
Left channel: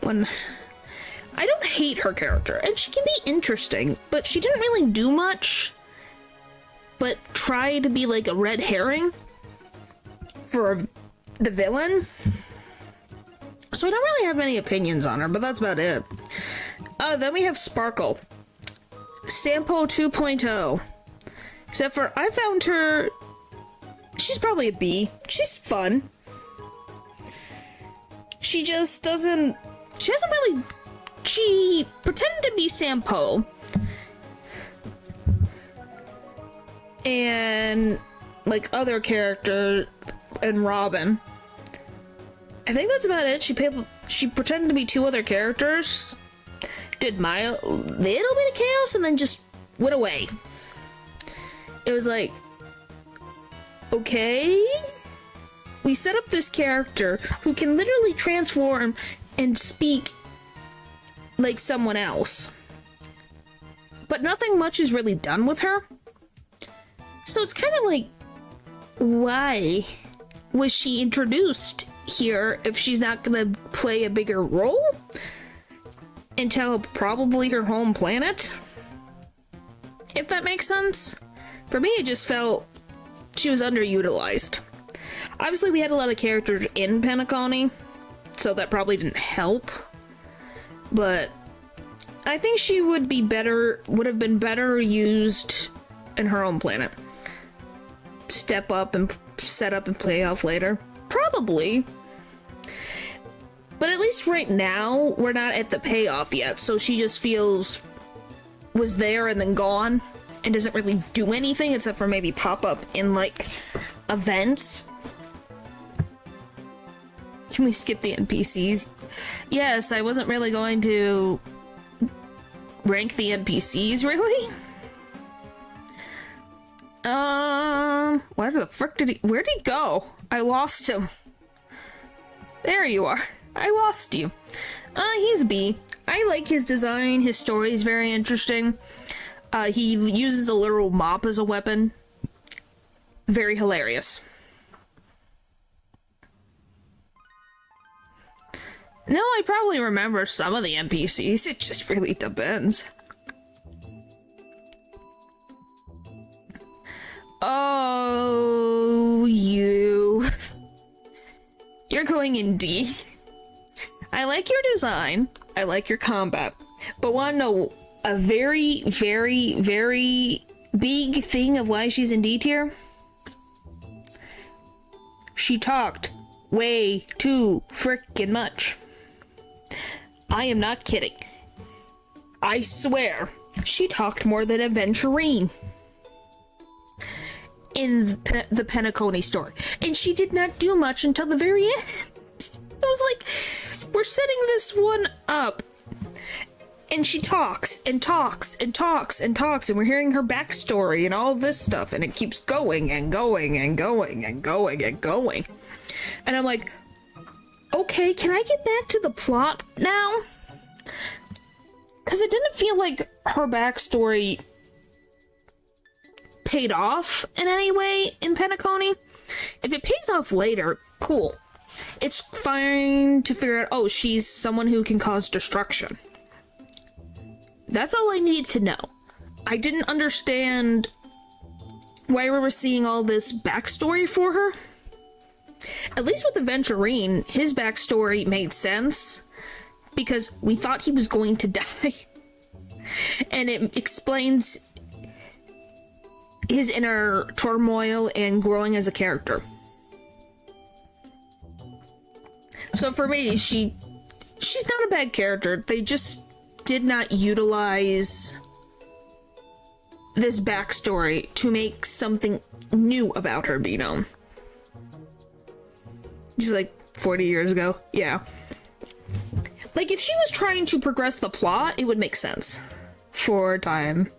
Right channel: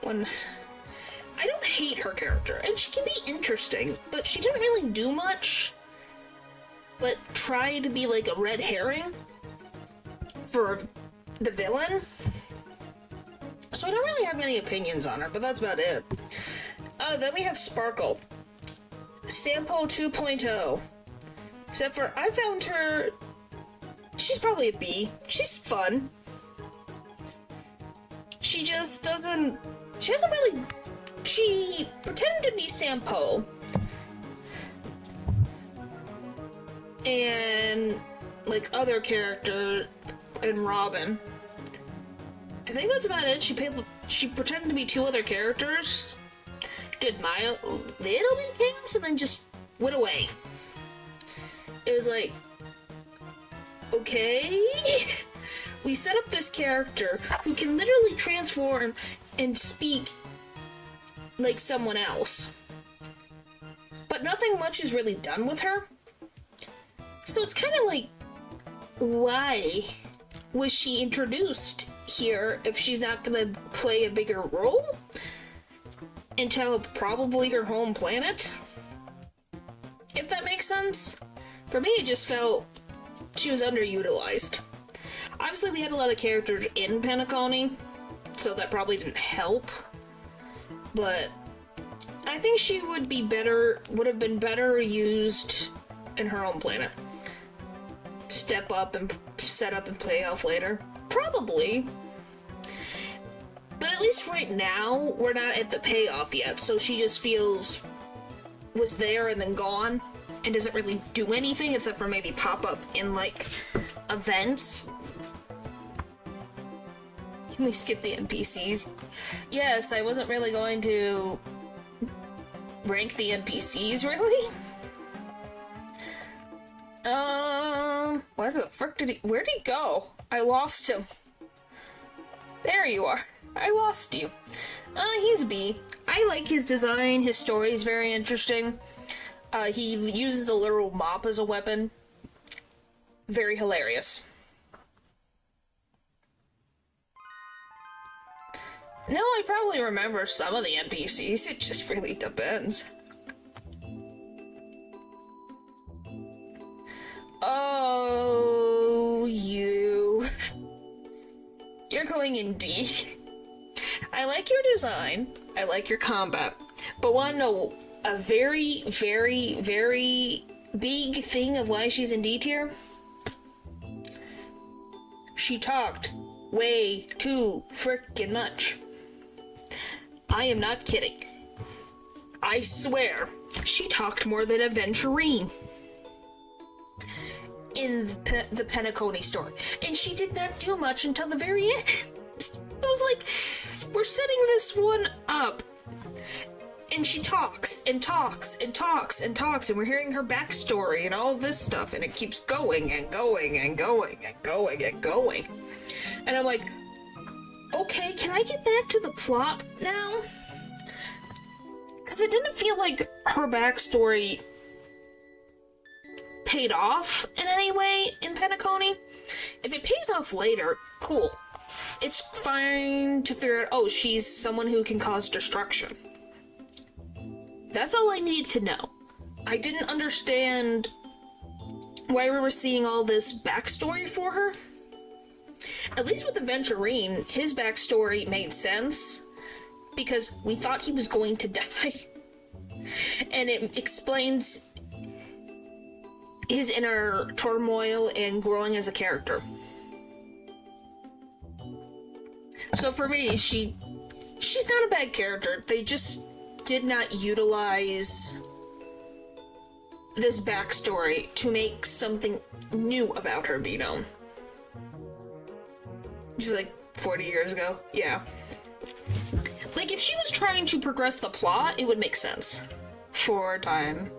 When I don't hate her character, and she can be interesting, but she didn't really do much. But try to be like a red herring for the villain. So I don't really have many opinions on her, but that's about it. Then we have Sparkle. Sampo 2.0. Except for, I found her... She's probably a B. She's fun. She just doesn't... She hasn't really... She pretended to be Sampo. And... like, other character... and Robin. I think that's about it. She pretended to be two other characters. Did my little bit of chaos and then just went away. It was like, okay, we set up this character who can literally transform and speak like someone else, but nothing much is really done with her. So it's kind of like, why was she introduced here if she's not gonna play a bigger role until probably her home planet? make sense. For me, it just felt she was underutilized. Obviously, we had a lot of characters in Penacony, so that probably didn't help. But I think she would have been better used in her own planet. Step up and set up and play off later. Probably. But at least right now, we're not at the payoff yet, so she just was there and then gone, and doesn't really do anything except for maybe pop up in, like, events. Can we skip the NPCs? Yes, I wasn't really going to rank the NPCs, really? Where the frick where'd he go? I lost him. There you are. I lost you. He's B. I like his design. His story is very interesting. He uses a literal mop as a weapon. Very hilarious. No, I probably remember some of the NPCs. It just really depends. Oh, you. You're going in D. I like your design. I like your combat. But want to know a very, very, very big thing of why she's in D tier? She talked way too frickin' much. I am not kidding. I swear, she talked more than a Venturine in the Penacony story. And she did not do much until the very end. It was like, we're setting this one up, and she talks, and talks, and talks, and talks, and we're hearing her backstory and all this stuff, and it keeps going, and going, and going, and going, and going. And I'm like, okay, can I get back to the plot now? Because it didn't feel like her backstory paid off in any way in Penacony. If it pays off later, cool. It's fine to figure out, oh, she's someone who can cause destruction. That's all I needed to know. I didn't understand why we were seeing all this backstory for her. At least with the Venturine, his backstory made sense, because we thought he was going to die. And it explains his inner turmoil and growing as a character. So for me, she's not a bad character. They just did not utilize this backstory to make something new about her be known. Just like 40 years ago. Yeah. Like, if she was trying to progress the plot, it would make sense. For time.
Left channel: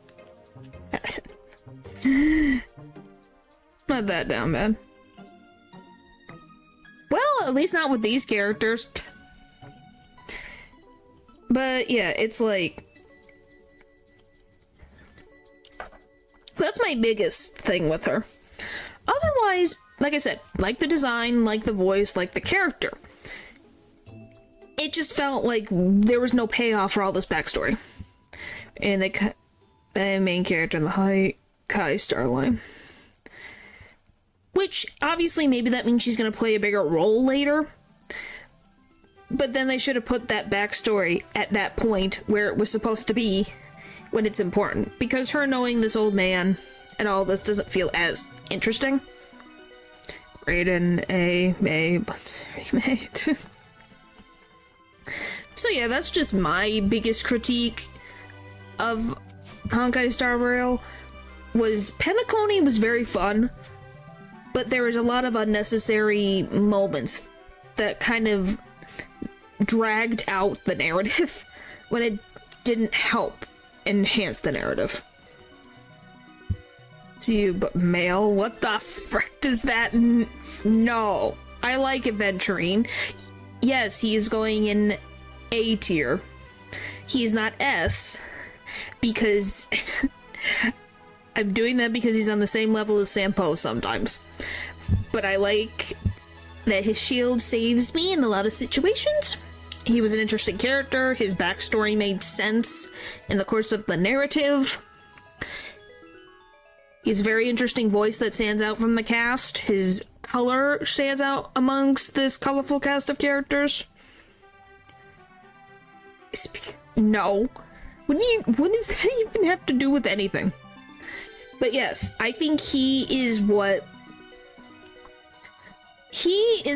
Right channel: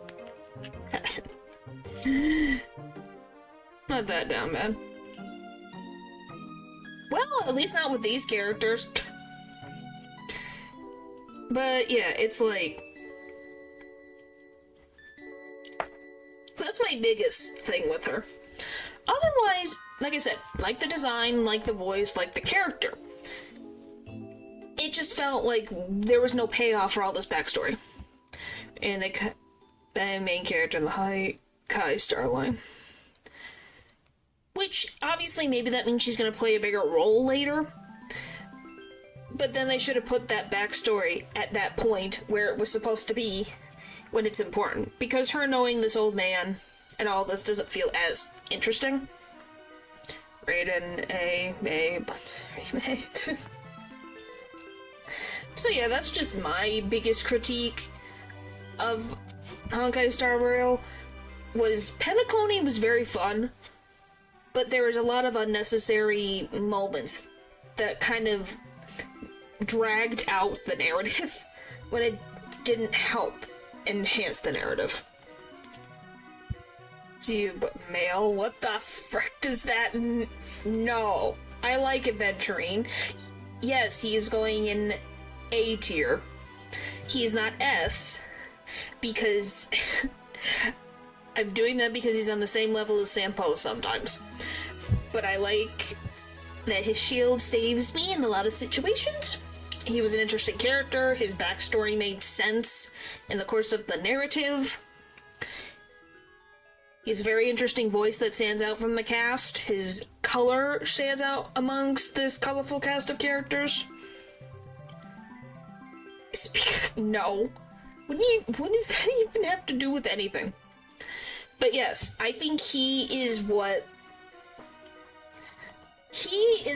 Not that down bad. Well, at least not with these characters. But yeah, it's like, that's my biggest thing with her. Otherwise, like I said, like the design, like the voice, like the character. It just felt like there was no payoff for all this backstory. And the main character in the Kai Starline. Which, obviously, maybe that means she's going to play a bigger role later. But then they should have put that backstory at that point where it was supposed to be when it's important. Because her knowing this old man and all this doesn't feel as interesting. Raiden, but So yeah, that's just my biggest critique of Honkai Star Rail. Was Penacony was very fun, but there was a lot of unnecessary moments that kind of dragged out the narrative when it didn't help enhance the narrative. But male, what the frick does that no. I like Venturine. Yes, he is going in A tier. He is not S, because I'm doing that because he's on the same level as Sampo sometimes. But I like that his shield saves me in a lot of situations. He was an interesting character. His backstory made sense in the course of the narrative. He has a very interesting voice that stands out from the cast. His color stands out amongst this colorful cast of characters. No. What does that even have to do with anything? But yes, I think he is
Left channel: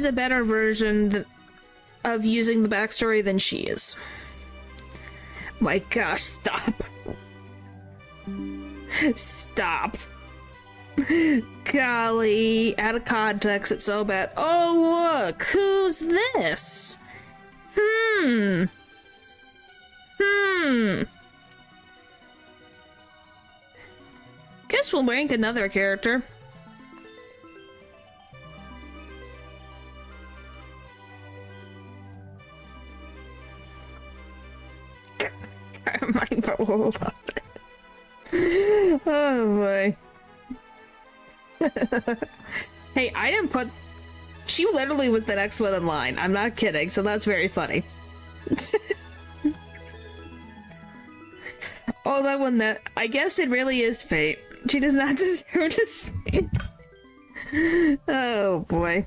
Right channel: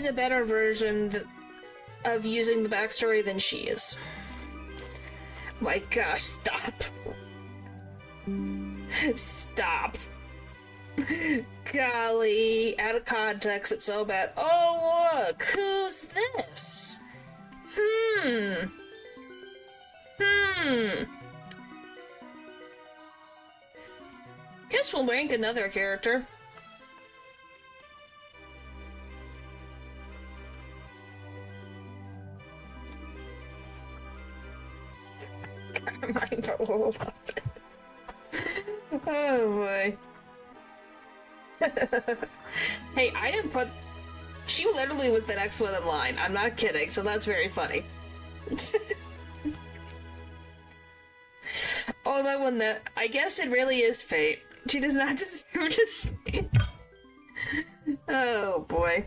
a better version of using the backstory than she is. My gosh, stop. Stop. Golly, out of context, it's so bad. Oh, look, who's this? Guess we'll rank another character. Oh boy. Hey, I didn't put... She literally was the next one in line. I'm not kidding, so that's very funny. Oh, that one that... I guess it really is fate. She does not deserve to see. Oh boy.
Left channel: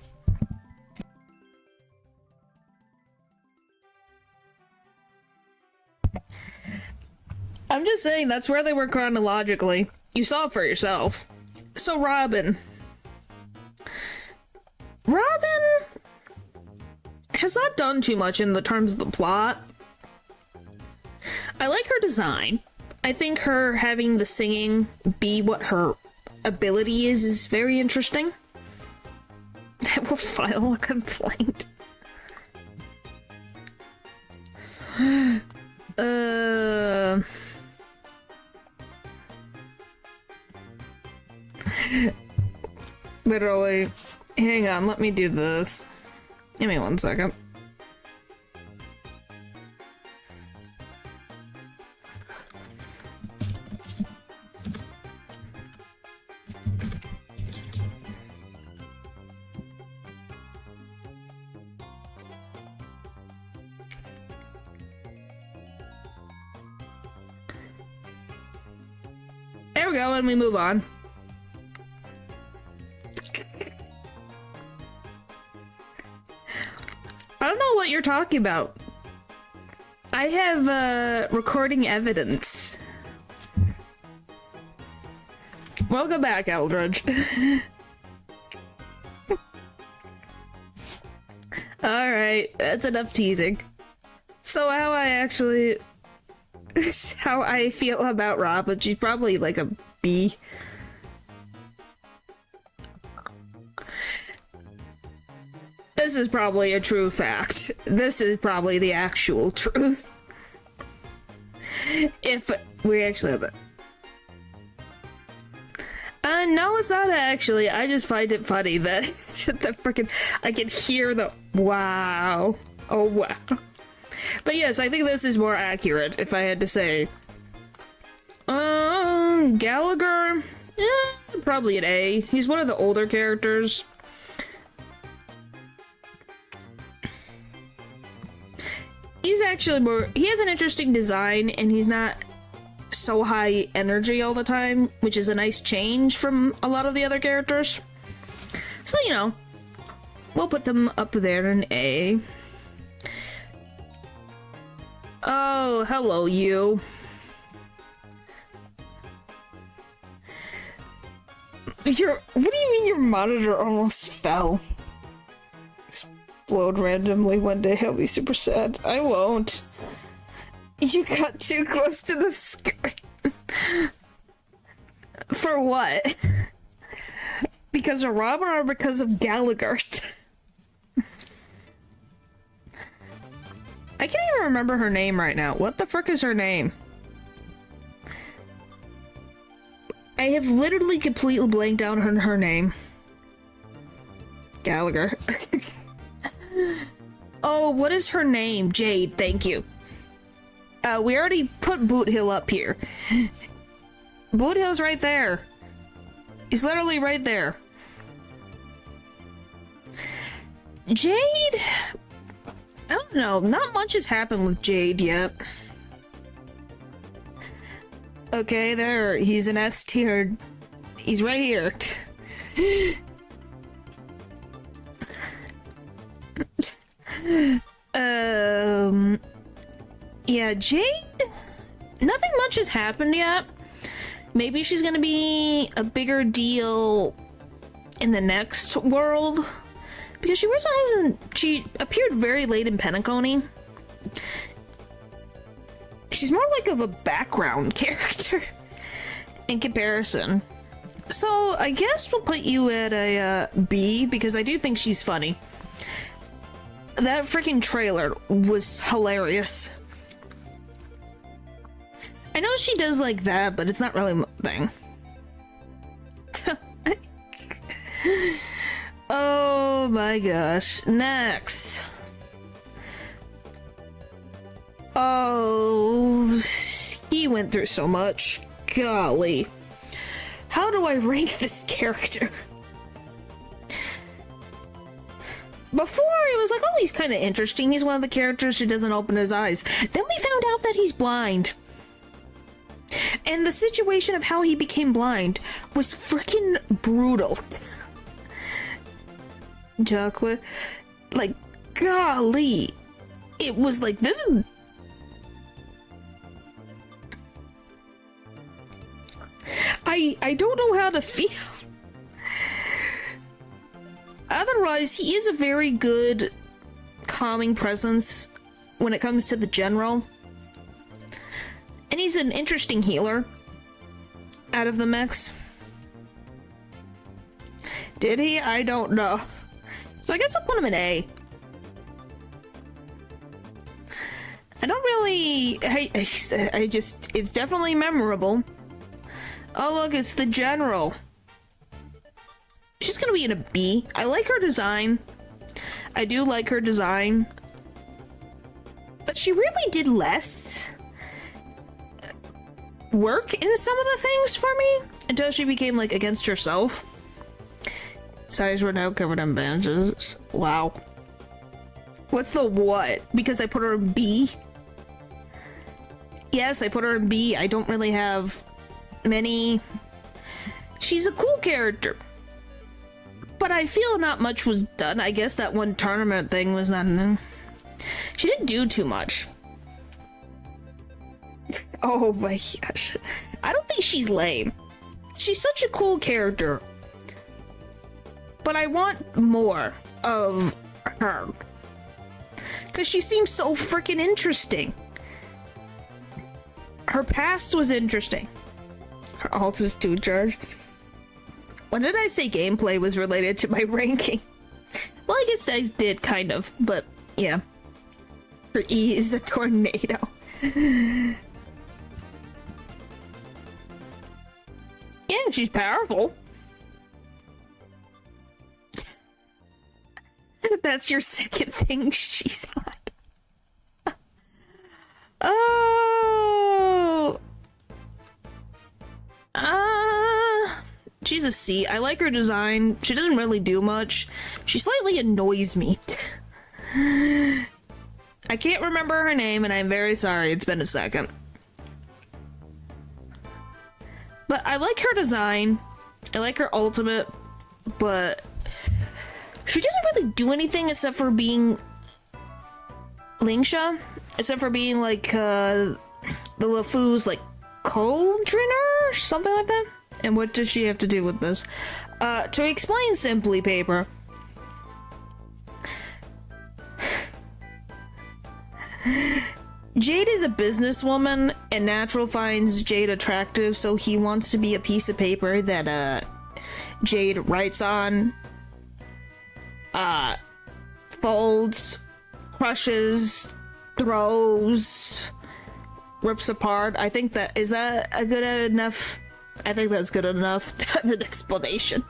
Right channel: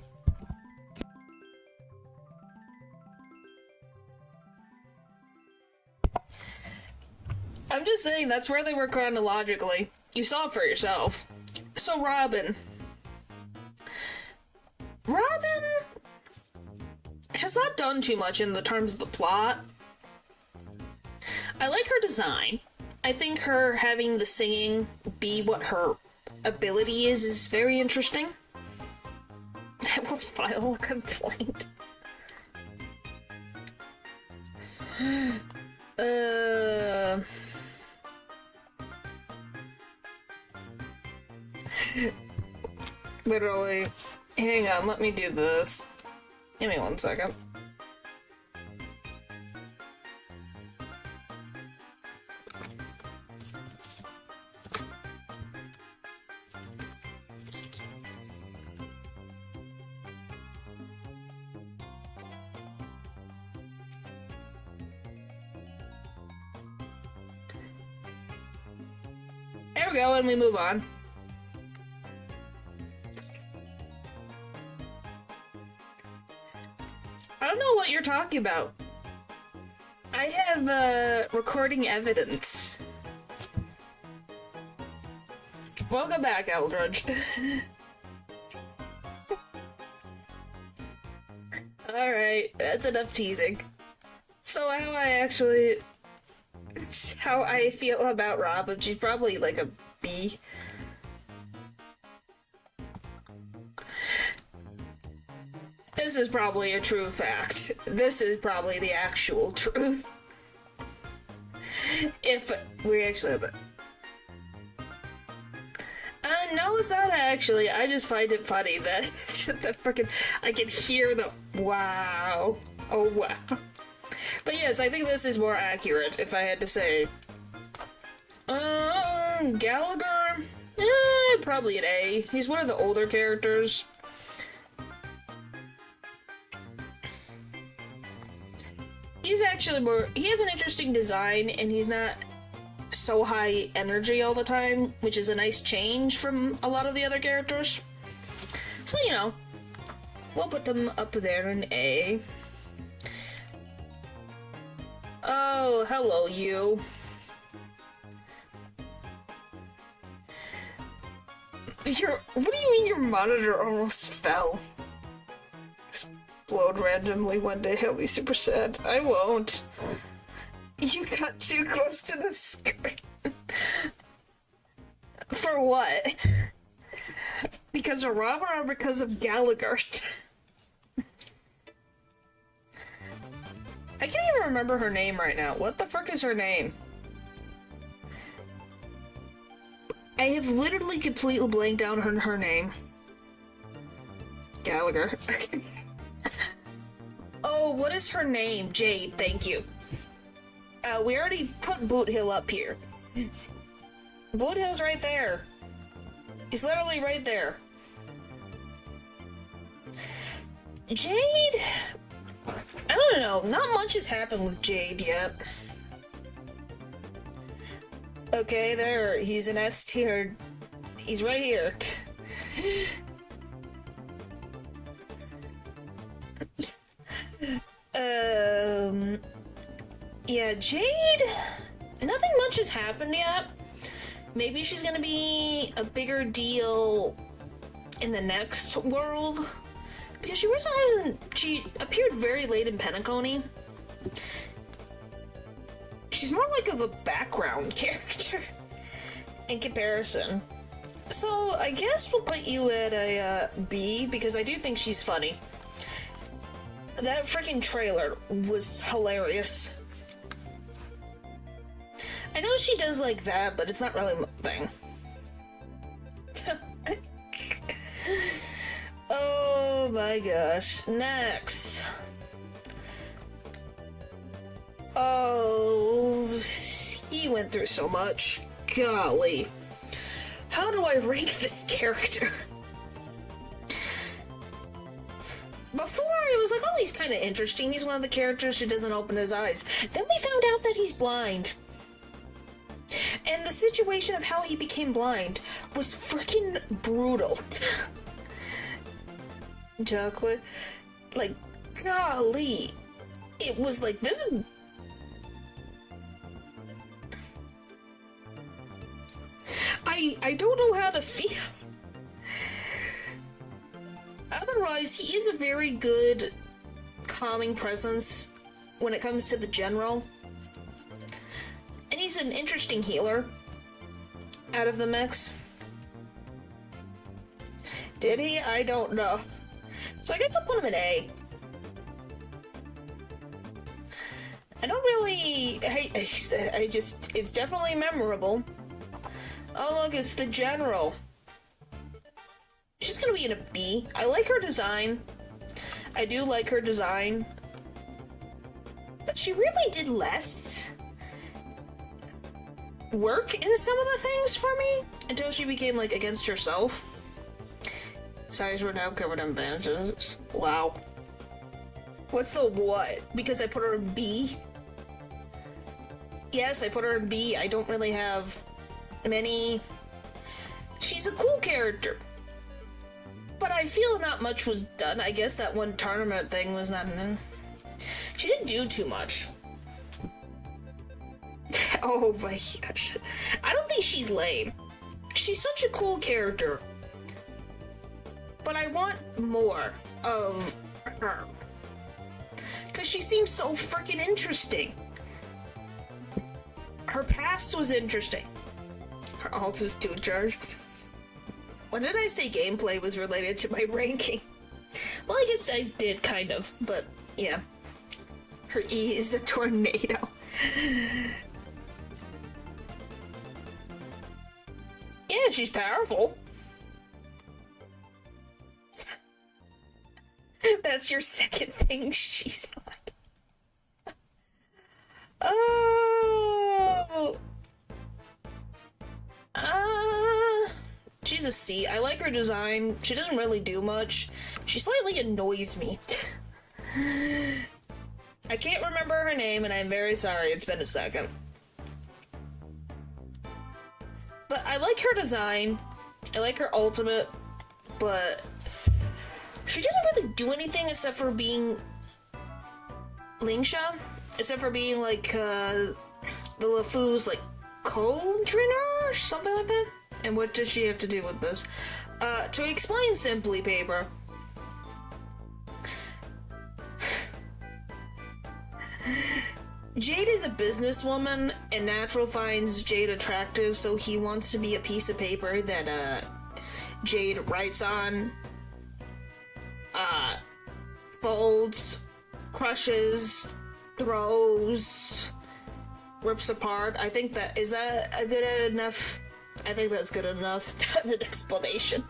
I'm just saying, that's where they were chronologically. You saw it for yourself. So Robin has not done too much in the terms of the plot. I like her design. I think her having the singing be what her ability is very interesting. I will file a complaint. Literally. Hang on, let me do this. Give me 1 second. There we go, and we move on. I don't know what you're talking about. I have, recording evidence. Welcome back, Eldridge. Alright, that's enough teasing. So how I feel about Robin, she's probably like a B. This is probably a true fact. This is probably the actual truth. If we actually have it. No, it's not actually. I just find it funny that the freaking I can hear the wow. Oh wow. But yes, I think this is more accurate if I had to say. Gallagher? Probably an A. He's one of the older characters. He's actually more... He has an interesting design, and he's not so high energy all the time, which is a nice change from a lot of the other characters. So, you know, we'll put them up there in A. Oh, hello, you. What do you mean your monitor almost fell? Explode randomly one day, I'll be super sad. I won't. You got too close to the screen. For what? Because of Robin or because of Gallagher? I can't even remember her name right now. What the frick is her name? I have literally completely blanked out on her name. Gallagher. Oh, what is her name? Jade, thank you. We already put Boot Hill up here. Boot Hill's right there. He's literally right there. Jade? I don't know. Not much has happened with Jade yet. Okay, there. He's an S tier. He's right here. Yeah, Jade? Nothing much has happened yet. Maybe she's gonna be a bigger deal in the next world. Because she appeared very late in Penacony. She's more like of a background character in comparison. So I guess we'll put you at a B, because I do think she's funny. That freaking trailer was hilarious. I know she does like that, but it's not really my thing. Oh my gosh. Next. Oh, he went through so much. Golly. How do I rank this character? Before, it was like, oh, he's kind of interesting. He's one of the characters who doesn't open his eyes. Then we found out that he's blind. And the situation of how he became blind was freaking brutal. Jacques, like, golly. It was like, this is... I don't know how to feel. Otherwise, he is a very good calming presence when it comes to the general. And he's an interesting healer out of the mix. Did he? I don't know. So I guess I'll put him in A. I don't really... I just... It's definitely memorable. Oh look, it's the general. She's gonna be in a B. I like her design. I do like her design. But she really did less work in some of the things for me until she became, like, against herself. Size were now covered in bandages. Wow. What's the what? Because I put her in B? Yes, I put her in B. I don't really have many... She's a cool character. But I feel not much was done. I guess that one tournament thing was not... She didn't do too much. Oh my gosh. I don't think she's lame. She's such a cool character. But I want more of her. Because she seems so freaking interesting. Her past was interesting. Her alt is 2 charge. When did I say gameplay was related to my ranking? Well, I guess I did, kind of. But, yeah. Her E is a tornado. Yeah, she's powerful. That's your second thing she's on. Oh. She's a C. I like her design. She doesn't really do much. She slightly annoys me. I can't remember her name, and I'm very sorry. It's been a second. But I like her design. I like her ultimate, but she doesn't really do anything except for being Lingsha, except for being like the LeFou's like cauldroner or something like that. And what does she have to do with this? To explain simply, Paper. Jade is a businesswoman, and Natural finds Jade attractive, so he wants to be a piece of paper that Jade writes on, folds, crushes, throws, rips apart. I think that is that a good enough? I think that's good enough to have an explanation.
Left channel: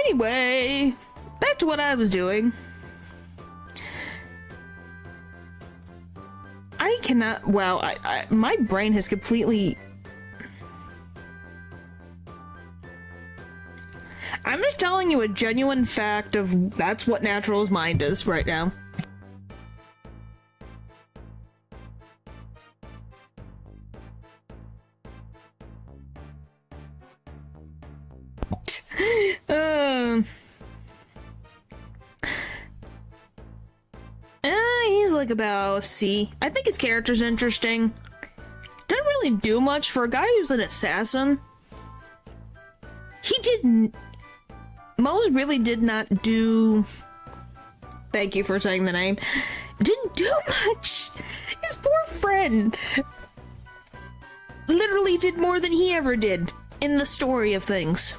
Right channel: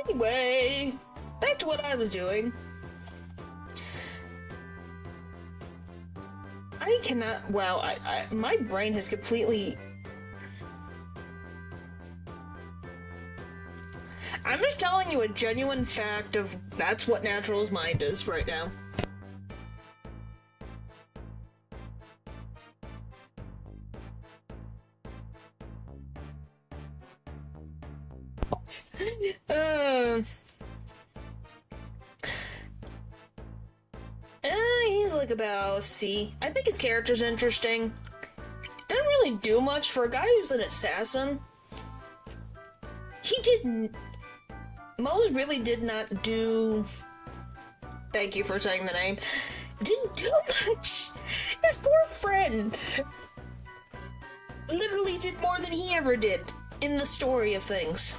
Anyway, back to what I was doing. I cannot. Wow, my brain has completely. I'm just telling you a genuine fact of that's what Natural's mind is right now. out. He's like about C. I think his character's interesting. Doesn't really do much for a guy who's an assassin. He didn't. Mose really did not do. Thank you for saying the name. Didn't do much. His poor friend literally did more than he ever did in the story of things.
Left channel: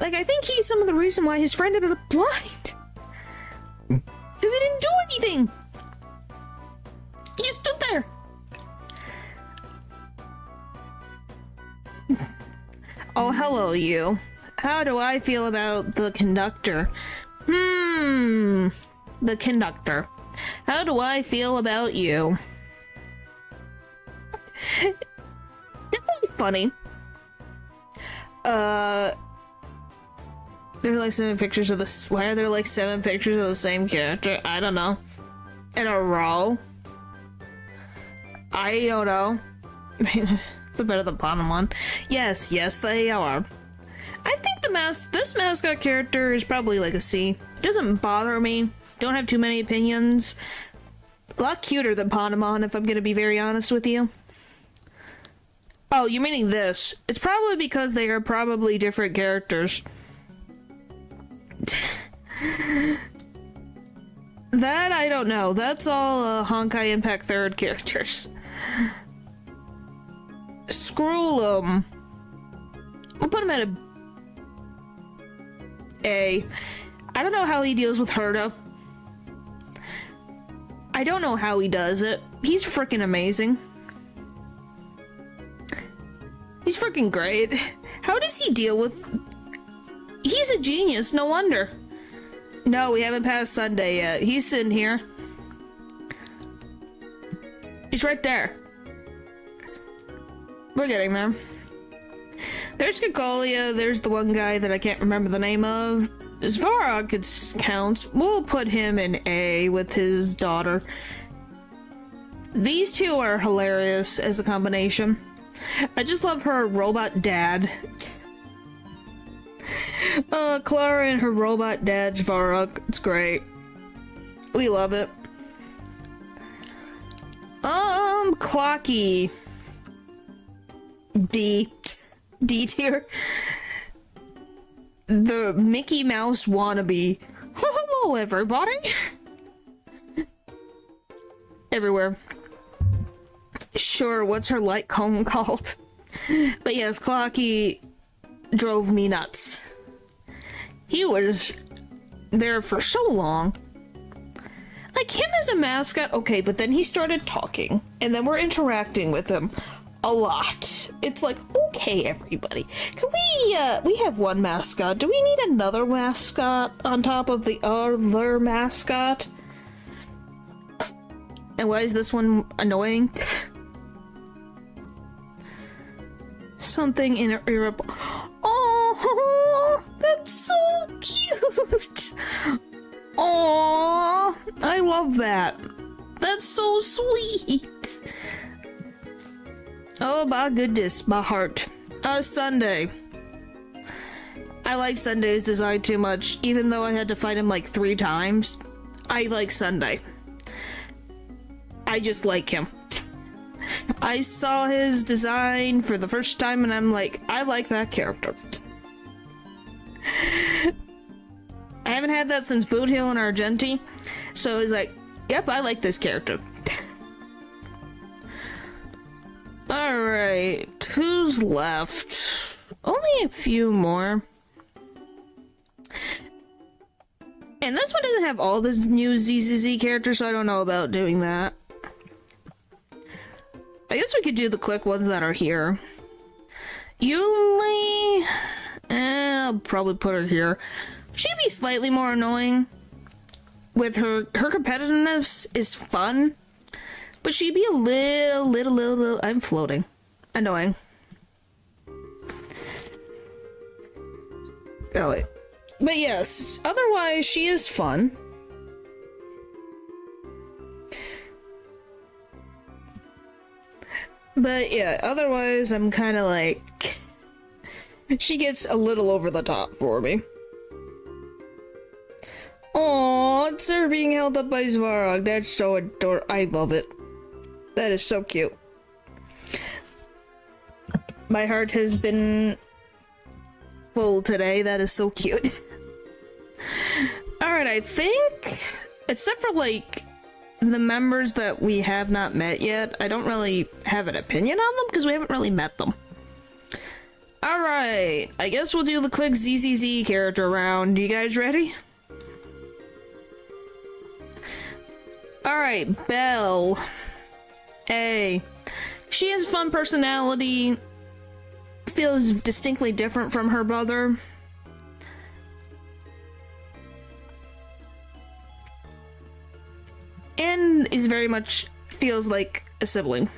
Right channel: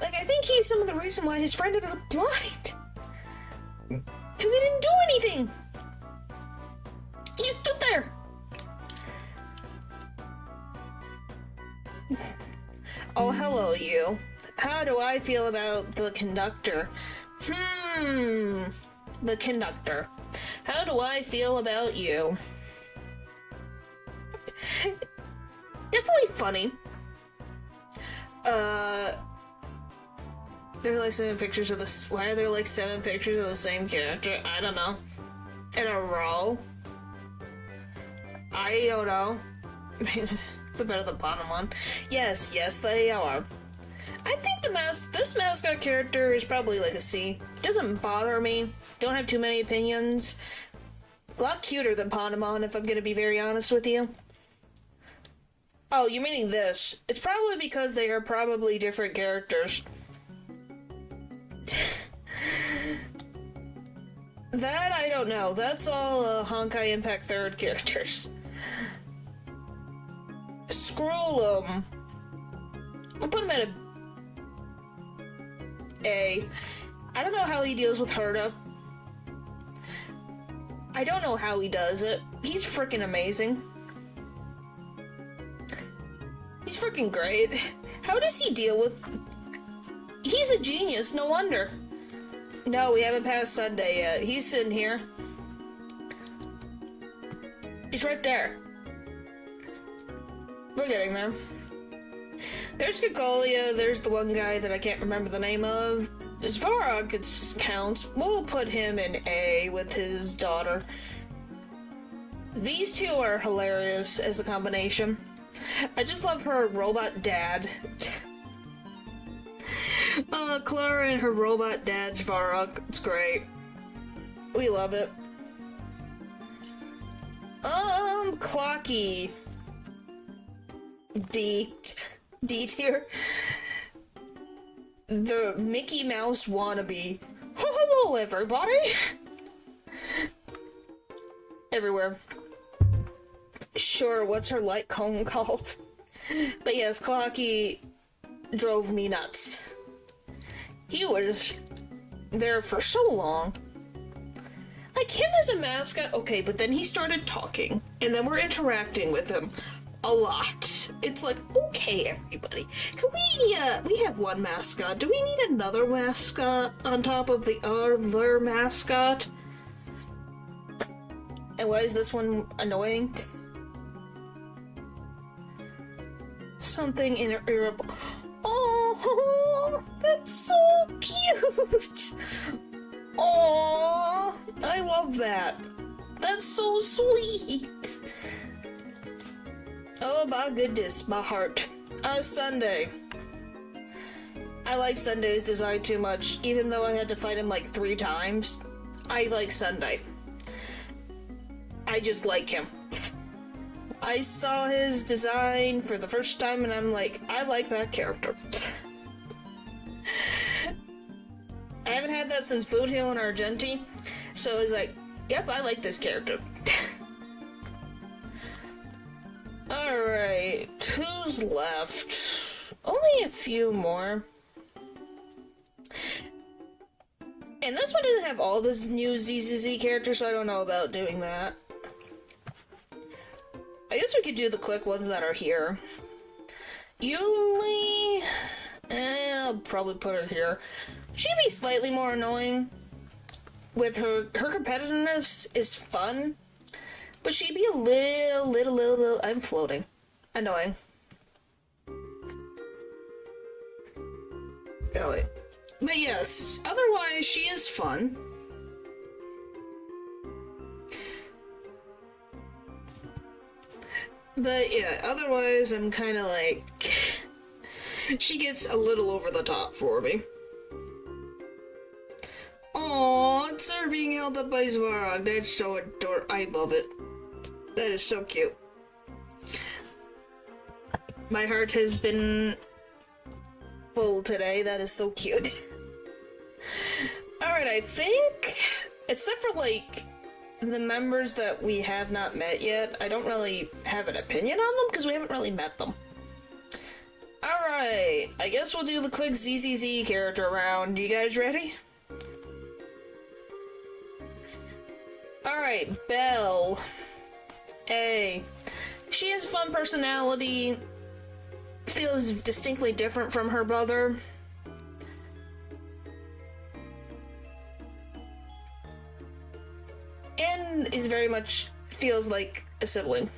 Like, I think he's some of the reason why his friend ended up blind. Because he didn't do anything. He just stood there. Oh, hello, you. How do I feel about the conductor? The conductor. How do I feel about you? Definitely funny. There are like 7 pictures of this. Why are there like 7 pictures of the same character? I don't know. In a row? I don't know. It's better than the bottom one. Yes, they are. I think this mascot character is probably like a C. Doesn't bother me. Don't have too many opinions. A lot cuter than Panemon, if I'm gonna be very honest with you. Oh, you're meaning this. It's probably because they are probably different characters. That I don't know. That's all Honkai Impact 3rd characters. Screw him. We'll put him at A. I don't know how he deals with Herta. I don't know how he does it. He's freaking amazing. He's freaking great. How does he deal with... He's a genius, no wonder. No, we haven't passed Sunday yet. He's sitting here. He's right there. We're getting there. There's Kikolia, there's the one guy that I can't remember the name of. Svarog counts. We'll put him in A with his daughter. These two are hilarious as a combination. I just love her robot dad. Clara and her robot dad, Svarog. It's great. We love it. Clocky. D tier. The Mickey Mouse wannabe. Hello, everybody. Everywhere. Sure, what's her light cone called? But yes, Clocky drove me nuts. He was there for so long. Like, him as a mascot, okay, but then he started talking, and then we're interacting with him a lot. It's like, okay, everybody, can we have one mascot. Do we need another mascot on top of the other mascot? And why is this one annoying? Something irritable. Oh, that's so cute. Aww, I love that. That's so sweet. Oh my goodness, my heart. Sunday. I like Sunday's design too much, even though I had to fight him like 3 times. I like Sunday. I just like him. I saw his design for the first time and I'm like, I like that character. I haven't had that since Boothill and Argenti, so it's like, yep, I like this character. Alright, who's left? Only a few more. And this one doesn't have all this new ZZZ characters, so I don't know about doing that. I guess we could do the quick ones that are here. Yuli... I'll probably put her here. She'd be slightly more annoying. With her competitiveness is fun. But she'd be a little, I'm floating. Annoying. Oh, wait. But yes, otherwise she is fun. But yeah, otherwise I'm kind of like... She gets a little over the top for me. Oh, it's her being held up by Svarog. That's so adorable. I love it. That is so cute. My heart has been full today. That is so cute. Alright, I think, except for like the members that we have not met yet, I don't really have an opinion on them because we haven't really met them. Alright, I guess we'll do the quick ZZZ character round. You guys ready? Alright, Belle. A. She has a fun personality, feels distinctly different from her brother. And is very much feels like a sibling.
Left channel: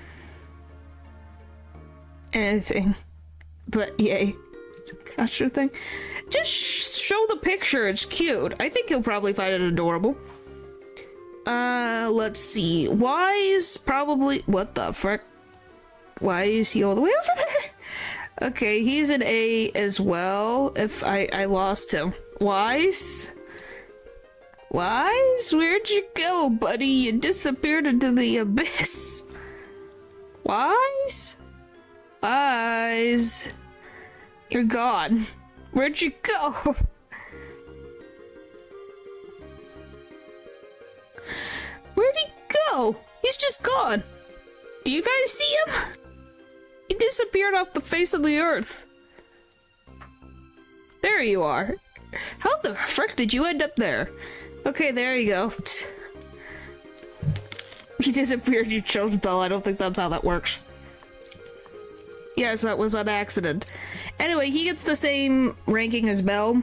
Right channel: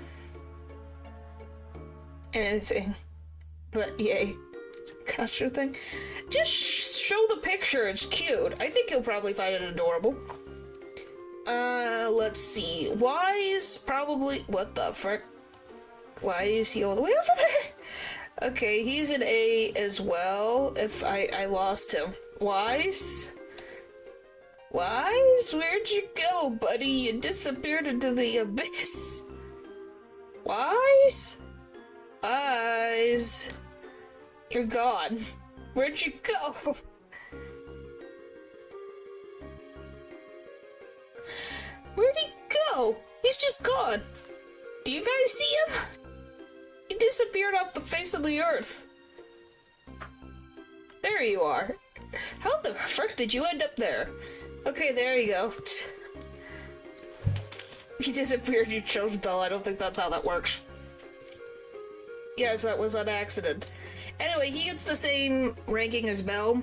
Anything but yay. It's a gotcha thing. Just show the picture, it's cute. I think you'll probably find it adorable. Let's see. Wise, probably. What the frick? Why is he all the way over there? Okay, he's an A as well. If I lost him. Wise? Wise? Where'd you go, buddy? You disappeared into the abyss. Wise? Wise? You're gone. Where'd you go? Where'd he go? He's just gone. Do you guys see him? He disappeared off the face of the earth. There you are. How the frick did you end up there? Okay, there you go. He disappeared, you chose Belle. I don't think that's how that works. Yes, that was an accident. Anyway, he gets the same ranking as Belle.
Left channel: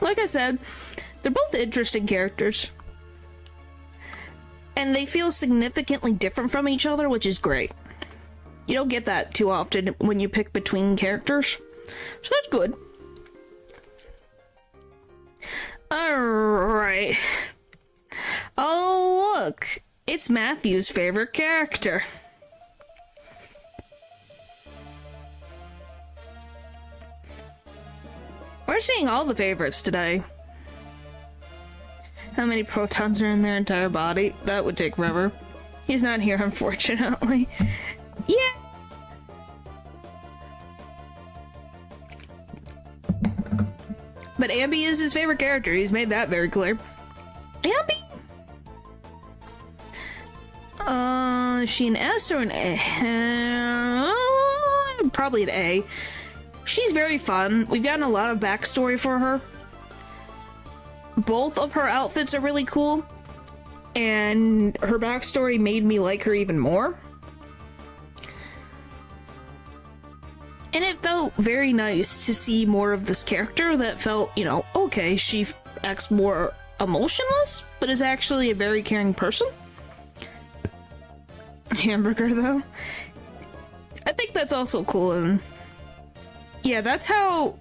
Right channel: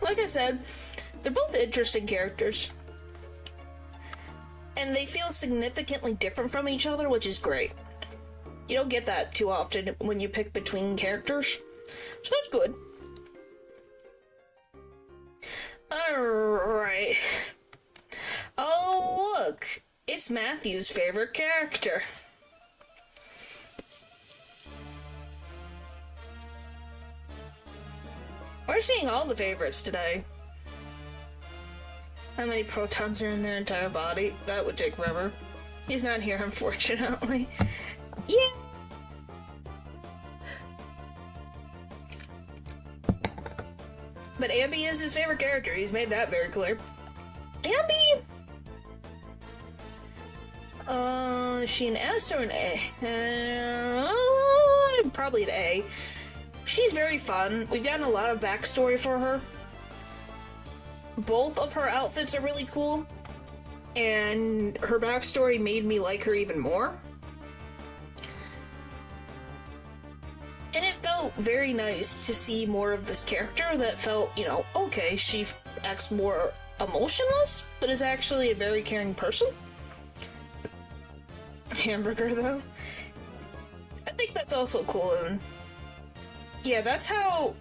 Like I said, they're both interesting characters. And they feel significantly different from each other, which is great. You don't get that too often when you pick between characters. So that's good. Alright. Oh, look. It's Matthew's favorite character. We're seeing all the favorites today. How many protons are in their entire body? That would take forever. He's not here, unfortunately. Yeah. But Ambi is his favorite character. He's made that very clear. Ambi! Is she an S or an A? Probably an A. She's very fun. We've gotten a lot of backstory for her. Both of her outfits are really cool, and her backstory made me like her even more. And it felt very nice to see more of this character that felt, you know, okay, she acts more emotionless, but is actually a very caring person. Hamburger, though. I think that's also cool, and yeah, that's how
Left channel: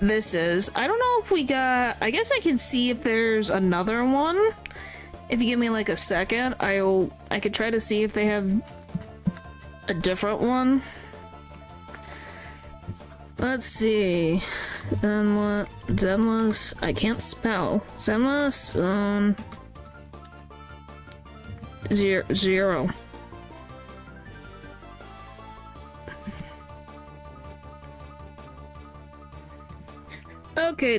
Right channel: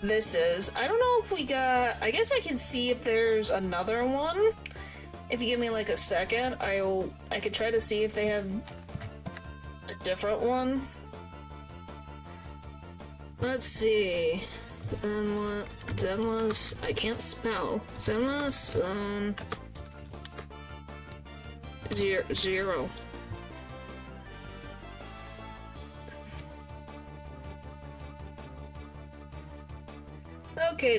this is. I don't know if we got... I guess I can see if there's another one. If you give me like a second, I could try to see if they have a different one. Let's see. Zenless, I can't spell. Zenless, zero. Okay,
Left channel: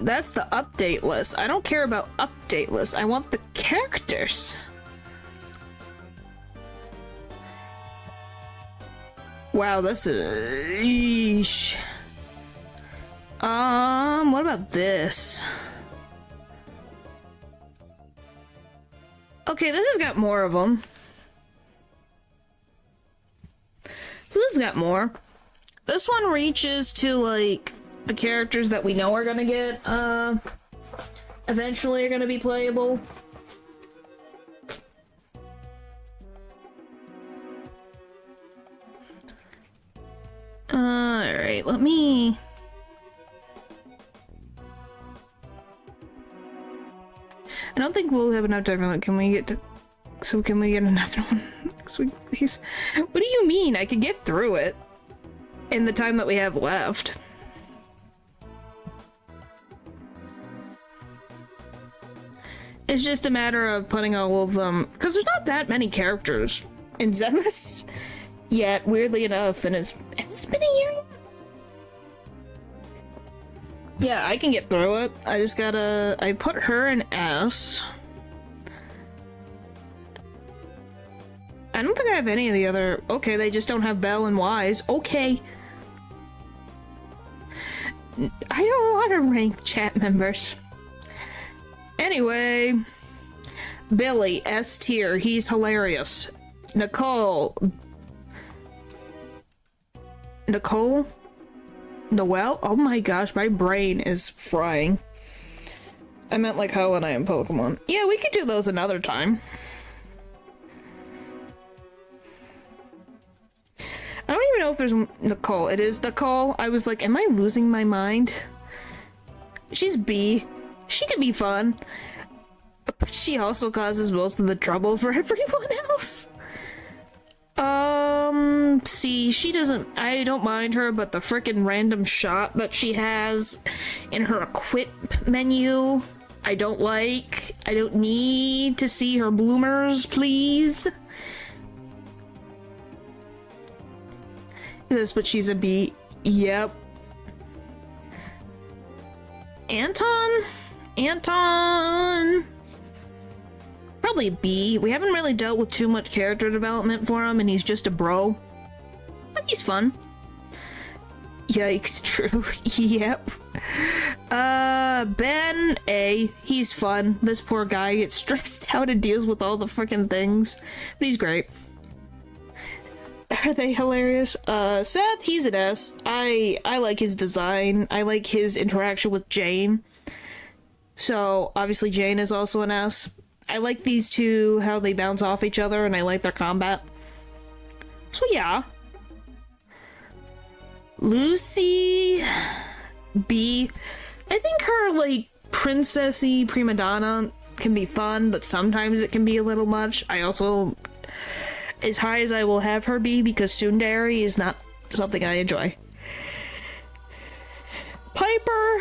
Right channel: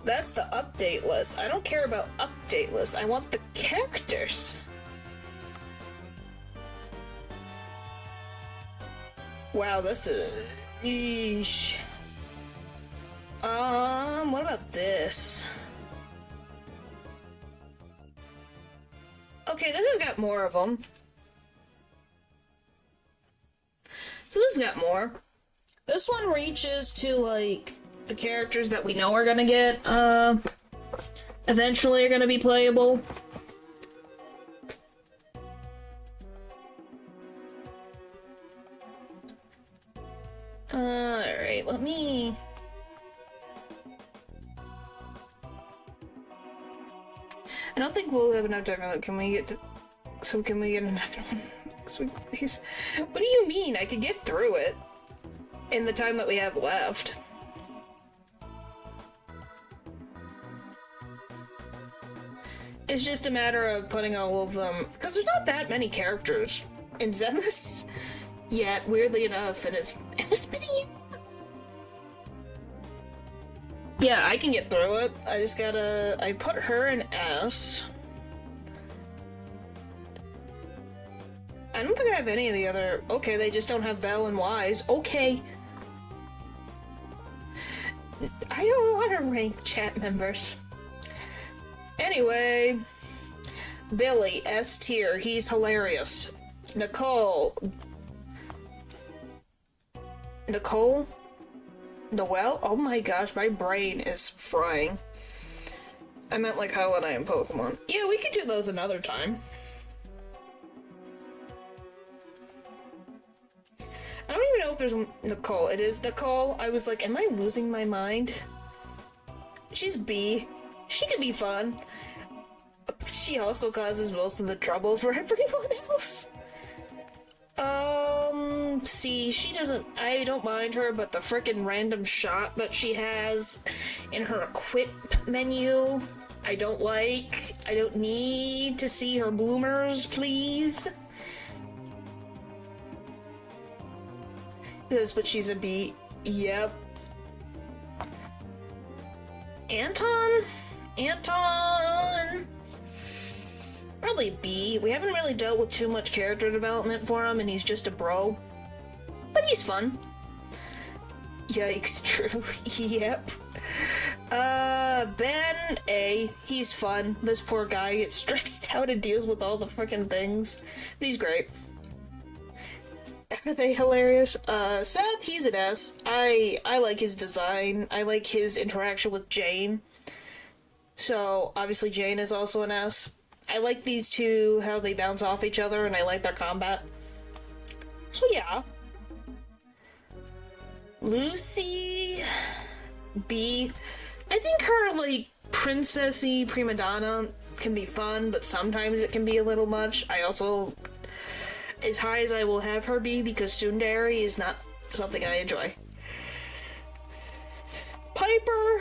that's the update list. I don't care about update lists. I want the characters. Wow, this is... Eesh. What about this? Okay, this has got more of them. So this has got more. This one reaches to, like, the characters that we know are gonna get, eventually are gonna be playable. Alright, let me... I don't think we'll have enough time. Can we get to... Can we get another one next week, please? What do you mean? I could get through it. in the time that we have left. It's just a matter of putting all of them, because there's not that many characters in Zenless yet, weirdly enough, and it's been a year. Yeah, I can get through it. I just gotta, I put her in S. I don't think I have any of the other, okay, they just don't have Belle and Wise, okay. I don't want to rank chat members. Anyway, Billy, S tier, he's hilarious. Nicole? Noelle? Oh my gosh, my brain is frying. I meant like how when I am Pokemon. Yeah, we could do those another time. I don't even know if there's Nicole. It is Nicole. I was like, am I losing my mind? She's B. She could be fun. But she also causes most of the trouble for everyone else. See, she doesn't, I don't mind her, but the frickin' random shot that she has in her equip menu, I don't like. I don't need to see her bloomers, please. Yes, but she's a B. Yep. Anton? Probably B. We haven't really dealt with too much character development for him, and he's just a bro. But he's fun. Yikes, true. Yep. Ben A. He's fun. This poor guy gets stressed out and deals with all the freaking things. But he's great. Are they hilarious? Seth, he's an S. I like his design. I like his interaction with Jane. So, obviously Jane is also an S. I like these two, how they bounce off each other, and I like their combat. So yeah. Lucy... B. I think her, like, princessy prima donna can be fun, but sometimes it can be a little much. I also... as high as I will have her be, because tsundere is not something I enjoy. Piper...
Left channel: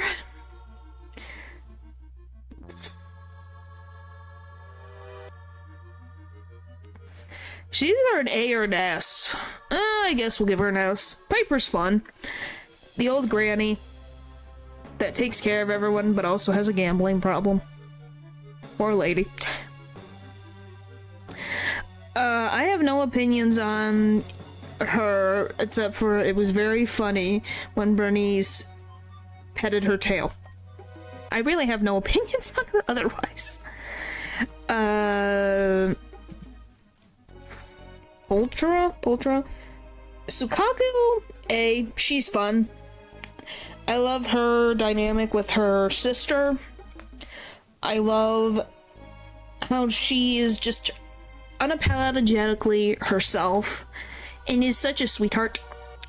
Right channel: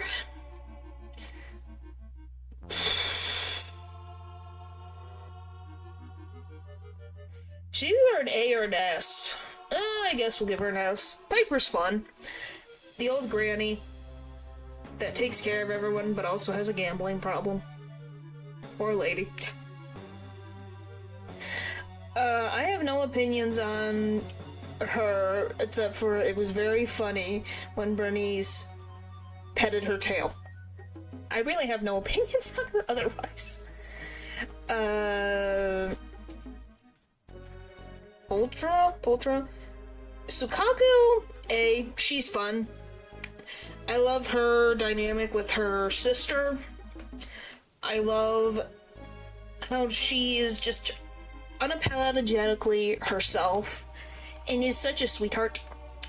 she's either an A or an S. I guess we'll give her an S. Piper's fun. The old granny that takes care of everyone, but also has a gambling problem. Poor lady. I have no opinions on her, except for it was very funny when Bernice petted her tail. I really have no opinions on her otherwise. Ultra? Sukaku, A. She's fun. I love her dynamic with her sister. I love how she is just unapologetically herself and is such a sweetheart.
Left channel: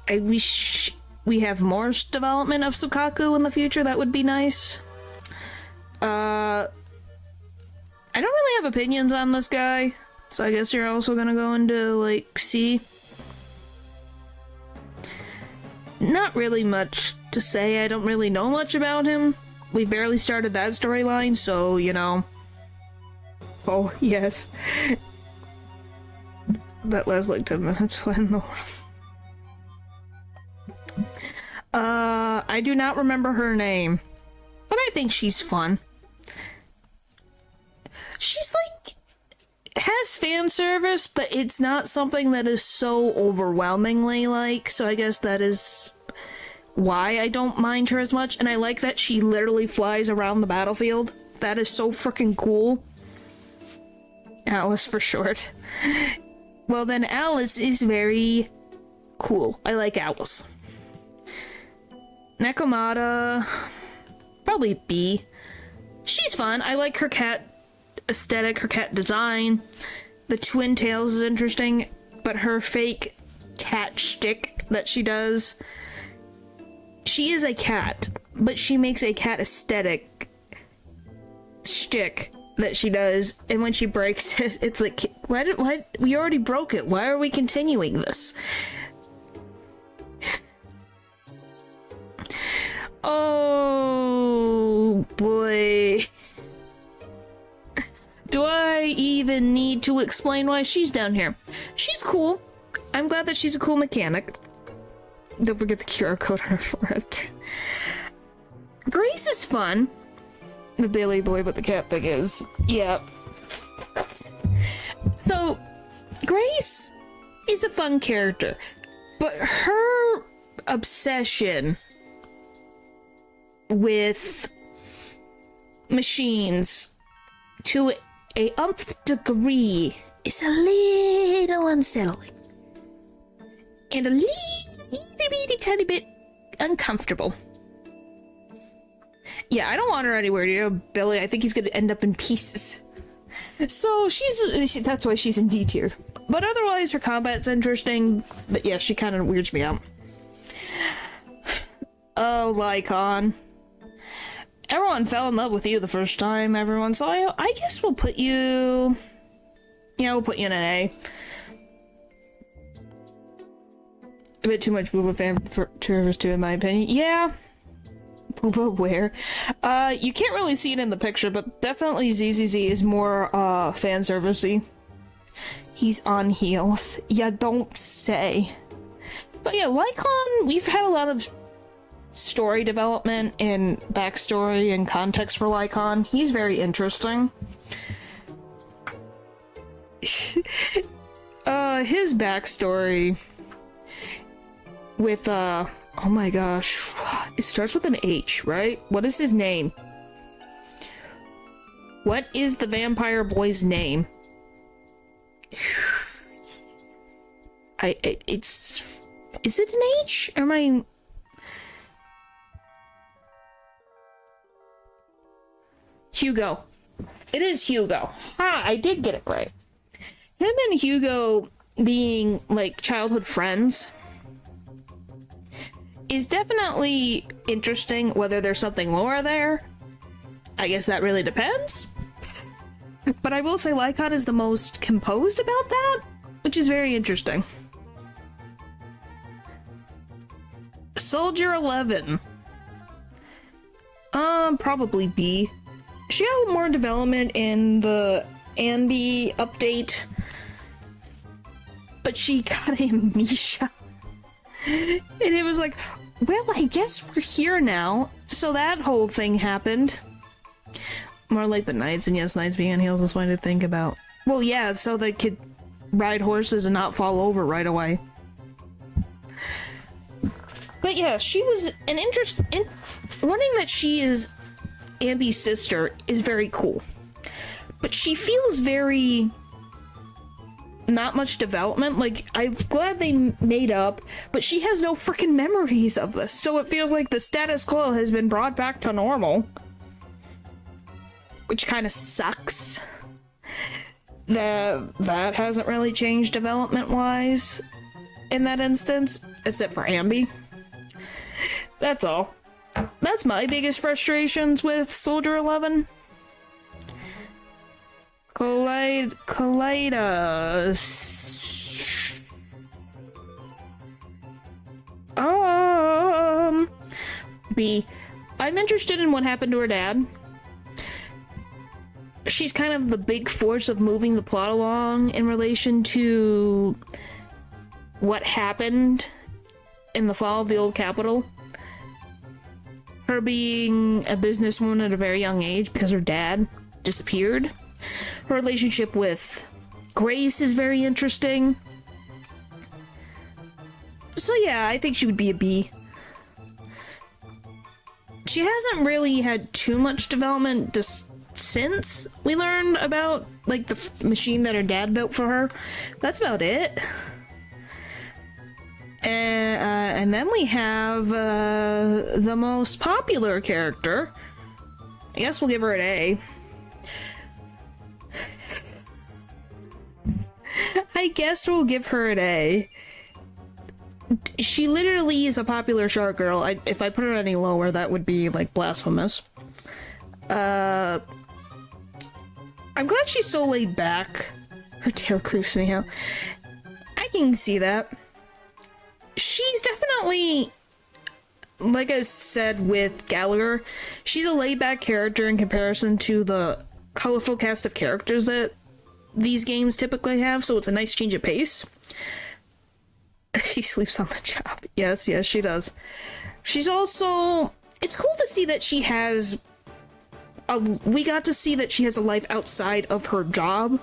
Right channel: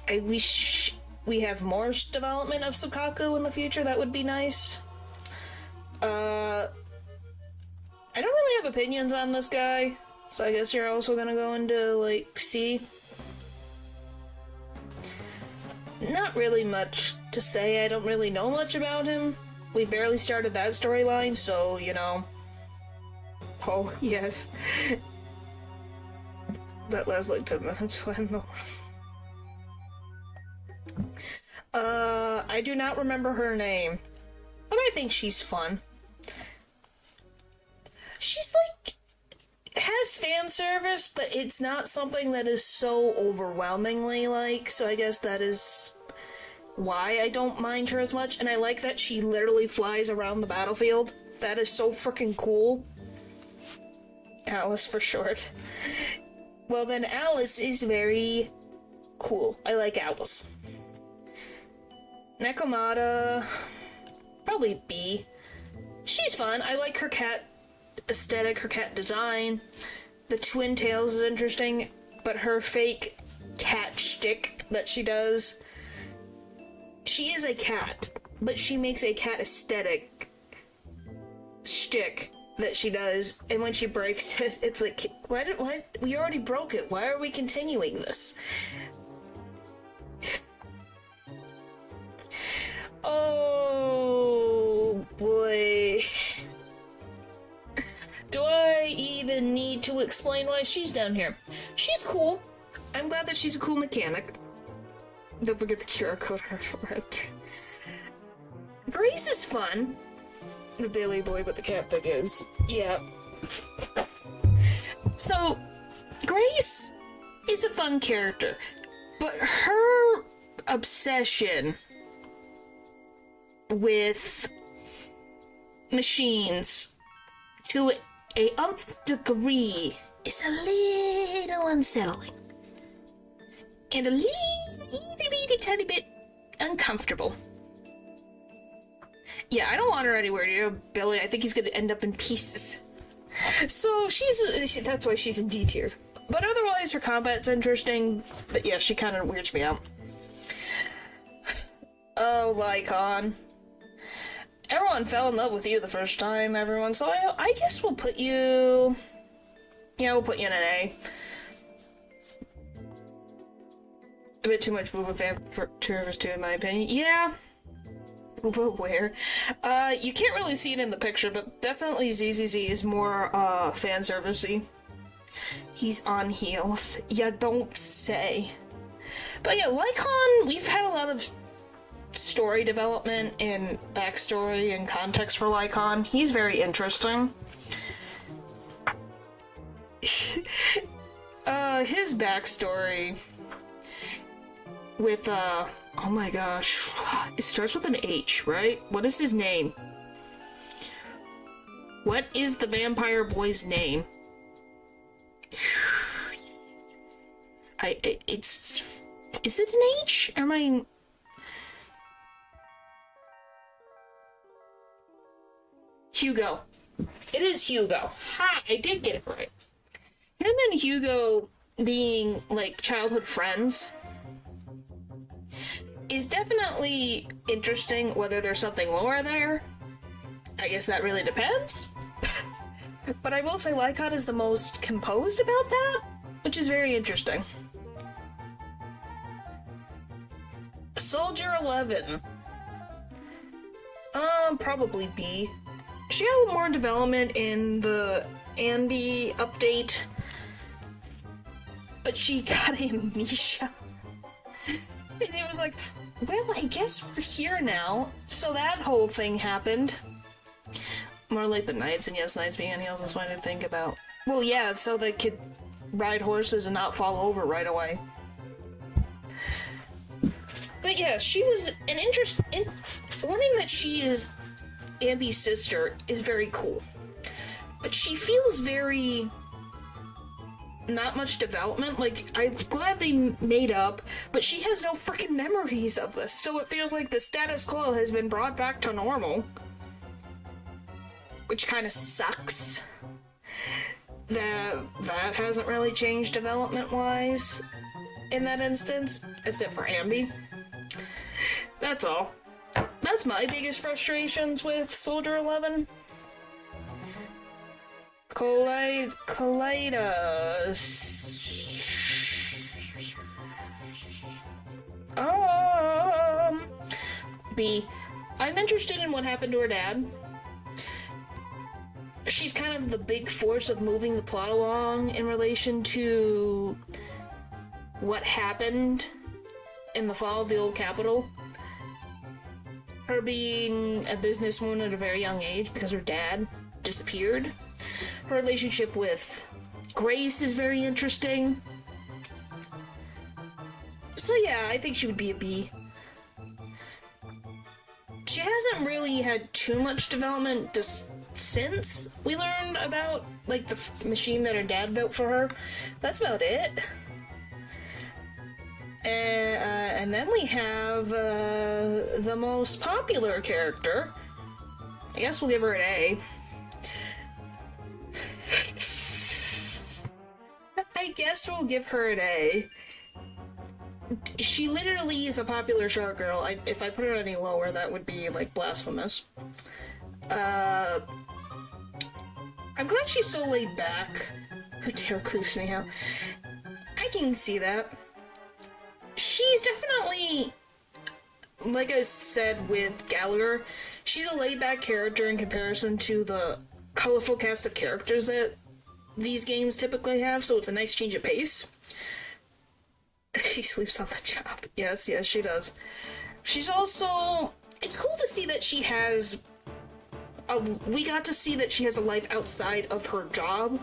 I wish we have more development of Sukaku in the future. That would be nice. I don't really have opinions on this guy, so I guess you're also gonna go into, like, C. Not really much to say. I don't really know much about him. We barely started that storyline, so, you know. Oh, yes. That lasts like 10 minutes when the... I do not remember her name, but I think she's fun. She's like, has fan service, but it's not something that is so overwhelmingly like, so I guess that is why I don't mind her as much, and I like that she literally flies around the battlefield. That is so freaking cool. Alice for short. Well then, Alice is very cool. I like Alice. Nekomata, probably B. She's fun. I like her cat aesthetic, her cat design. The twin tails is interesting, but her fake cat shtick that she does. She is a cat, but she makes a cat aesthetic shtick that she does, and when she breaks it, it's like, what? We already broke it. Why are we continuing this? boy. Do I even need to explain why she's down here? She's cool. I'm glad that she's a cool mechanic. Don't forget the QR code on her forehead. Grace is fun. The Bailey boy with the cat thing is. Yeah. So, Grace is a fun character, but her obsession with machines to a umph degree is a little unsettling. And a little tiny bit uncomfortable. Yeah, I don't want her anywhere near Billy. I think he's gonna end up in pieces. So that's why she's in D tier. But otherwise, her combat's interesting. But yeah, she kind of weirds me out. Oh, Lycon. Everyone fell in love with you the first time, everyone. So I guess we'll put you... Yeah, we'll put you in an A. A bit too much Booba fan service too, in my opinion. Yeah. Booba where? You can't really see it in the picture, but definitely ZZZ is more, fan servicey. He's on heels. Yeah, don't say. But yeah, Lycon, we've had a lot of story development and backstory and context for Lycon. He's very interesting. His backstory with, oh my gosh, it starts with an H, right? What is his name? What is the vampire boy's name? Is it an H? Or am I... Hugo. It is Hugo. Ha! I did get it right. Him and Hugo being, like, childhood friends is definitely interesting. Whether there's something more there, I guess that really depends. But I will say Lycon is the most composed about that, which is very interesting. Soldier 11. Probably B. She had more development in the Andy update, but she got amnesia. And it was like, well, I guess we're here now. So that whole thing happened. More like the knights, and yes, knights being on heels is fine to think about. Well, yeah, so they could ride horses and not fall over right away. But yeah, she was an learning that she is Ambi's sister is very cool. But she feels very... not much development. Like, I'm glad they made up, but she has no freaking memories of this. So it feels like the status quo has been brought back to normal. Which kind of sucks. That hasn't really changed development-wise in that instance, except for Ambi. That's all. That's my biggest frustrations with Soldier 11. Kaleidos. B. I'm interested in what happened to her dad. She's kind of the big force of moving the plot along in relation to what happened in the fall of the old capital. Her being a businesswoman at a very young age because her dad disappeared. Her relationship with Grace is very interesting. So yeah, I think she would be a B. She hasn't really had too much development just since we learned about, like, the machine that her dad built for her. That's about it. And then we have the most popular character. I guess we'll give her an A. I guess we'll give her an A. She literally is a popular shark girl. If I put her any lower, that would be, like, blasphemous. I'm glad she's so laid back. Her tail creeps me out. I can see that. She's definitely like I said with Gallagher, she's a laid-back character in comparison to the colorful cast of characters that these games typically have, so it's a nice change of pace. She sleeps on the job. Yes, she does. She's also... It's cool to see that she has... we got to see that she has a life outside of her job.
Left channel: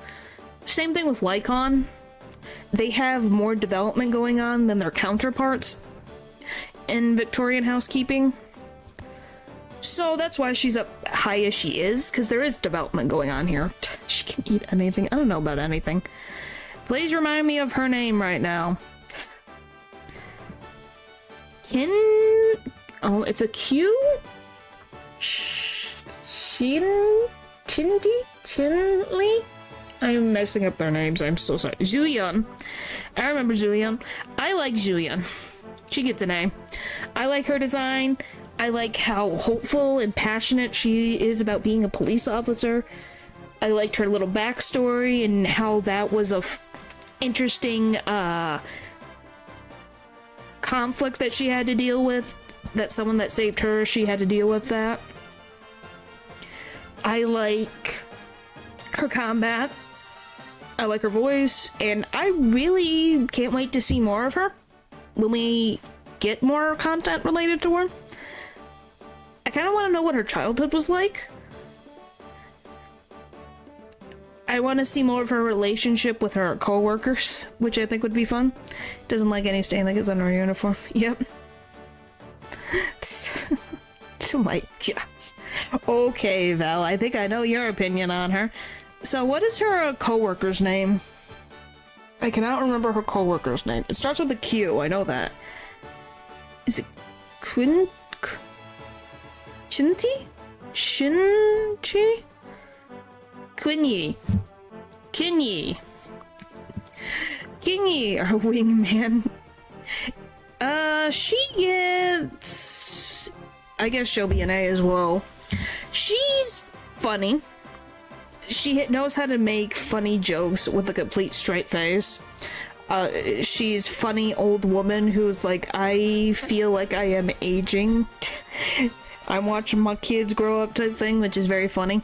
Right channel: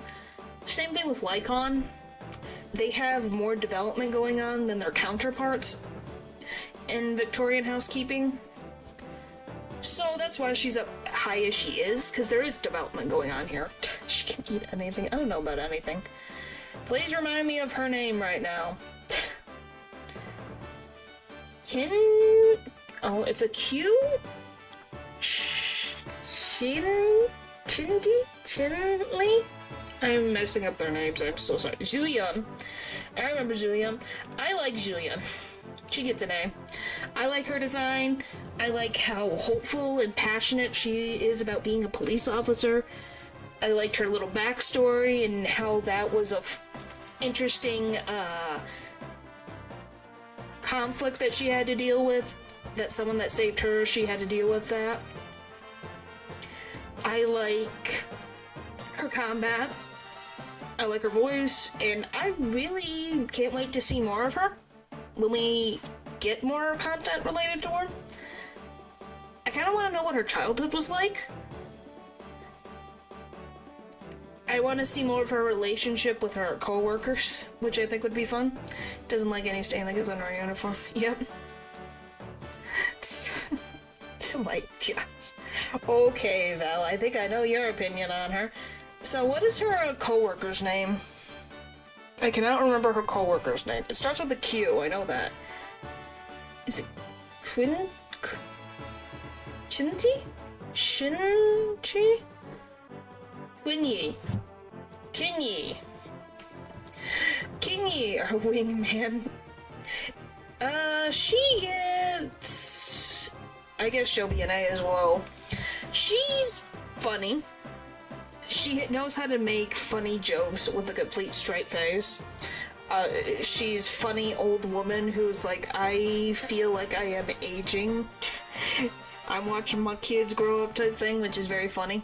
Same thing with Lycon. They have more development going on than their counterparts in Victorian housekeeping. So that's why she's up high as she is, because there is development going on here. She can eat anything. I don't know about anything. Please remind me of her name right now. Oh, it's a Q? Chinli? I'm messing up their names, I'm so sorry. Zuyun. I remember Zuyun. I like Zuyun. She gets an A. I like her design. I like how hopeful and passionate she is about being a police officer. I liked her little backstory and how that was a interesting conflict that she had to deal with. That someone that saved her, she had to deal with that. I like her combat. I like her voice, and I really can't wait to see more of her when we get more content related to her. I kind of want to know what her childhood was like. I want to see more of her relationship with her co-workers, which I think would be fun. Doesn't like any stain like it's under her uniform. Yep. Oh my god. Okay, Val, I think I know your opinion on her. So what is her co-worker's name? I cannot remember her co-worker's name. It starts with a Q, I know that. Is it Chinti? Shinchi? Quinyi. Kinyi, our wingman. She gets... I guess she'll be an A as well. She's funny. She knows how to make funny jokes with a complete straight face. She's funny old woman who's like, I feel like I am aging. I'm watching my kids grow up type thing, which is very funny.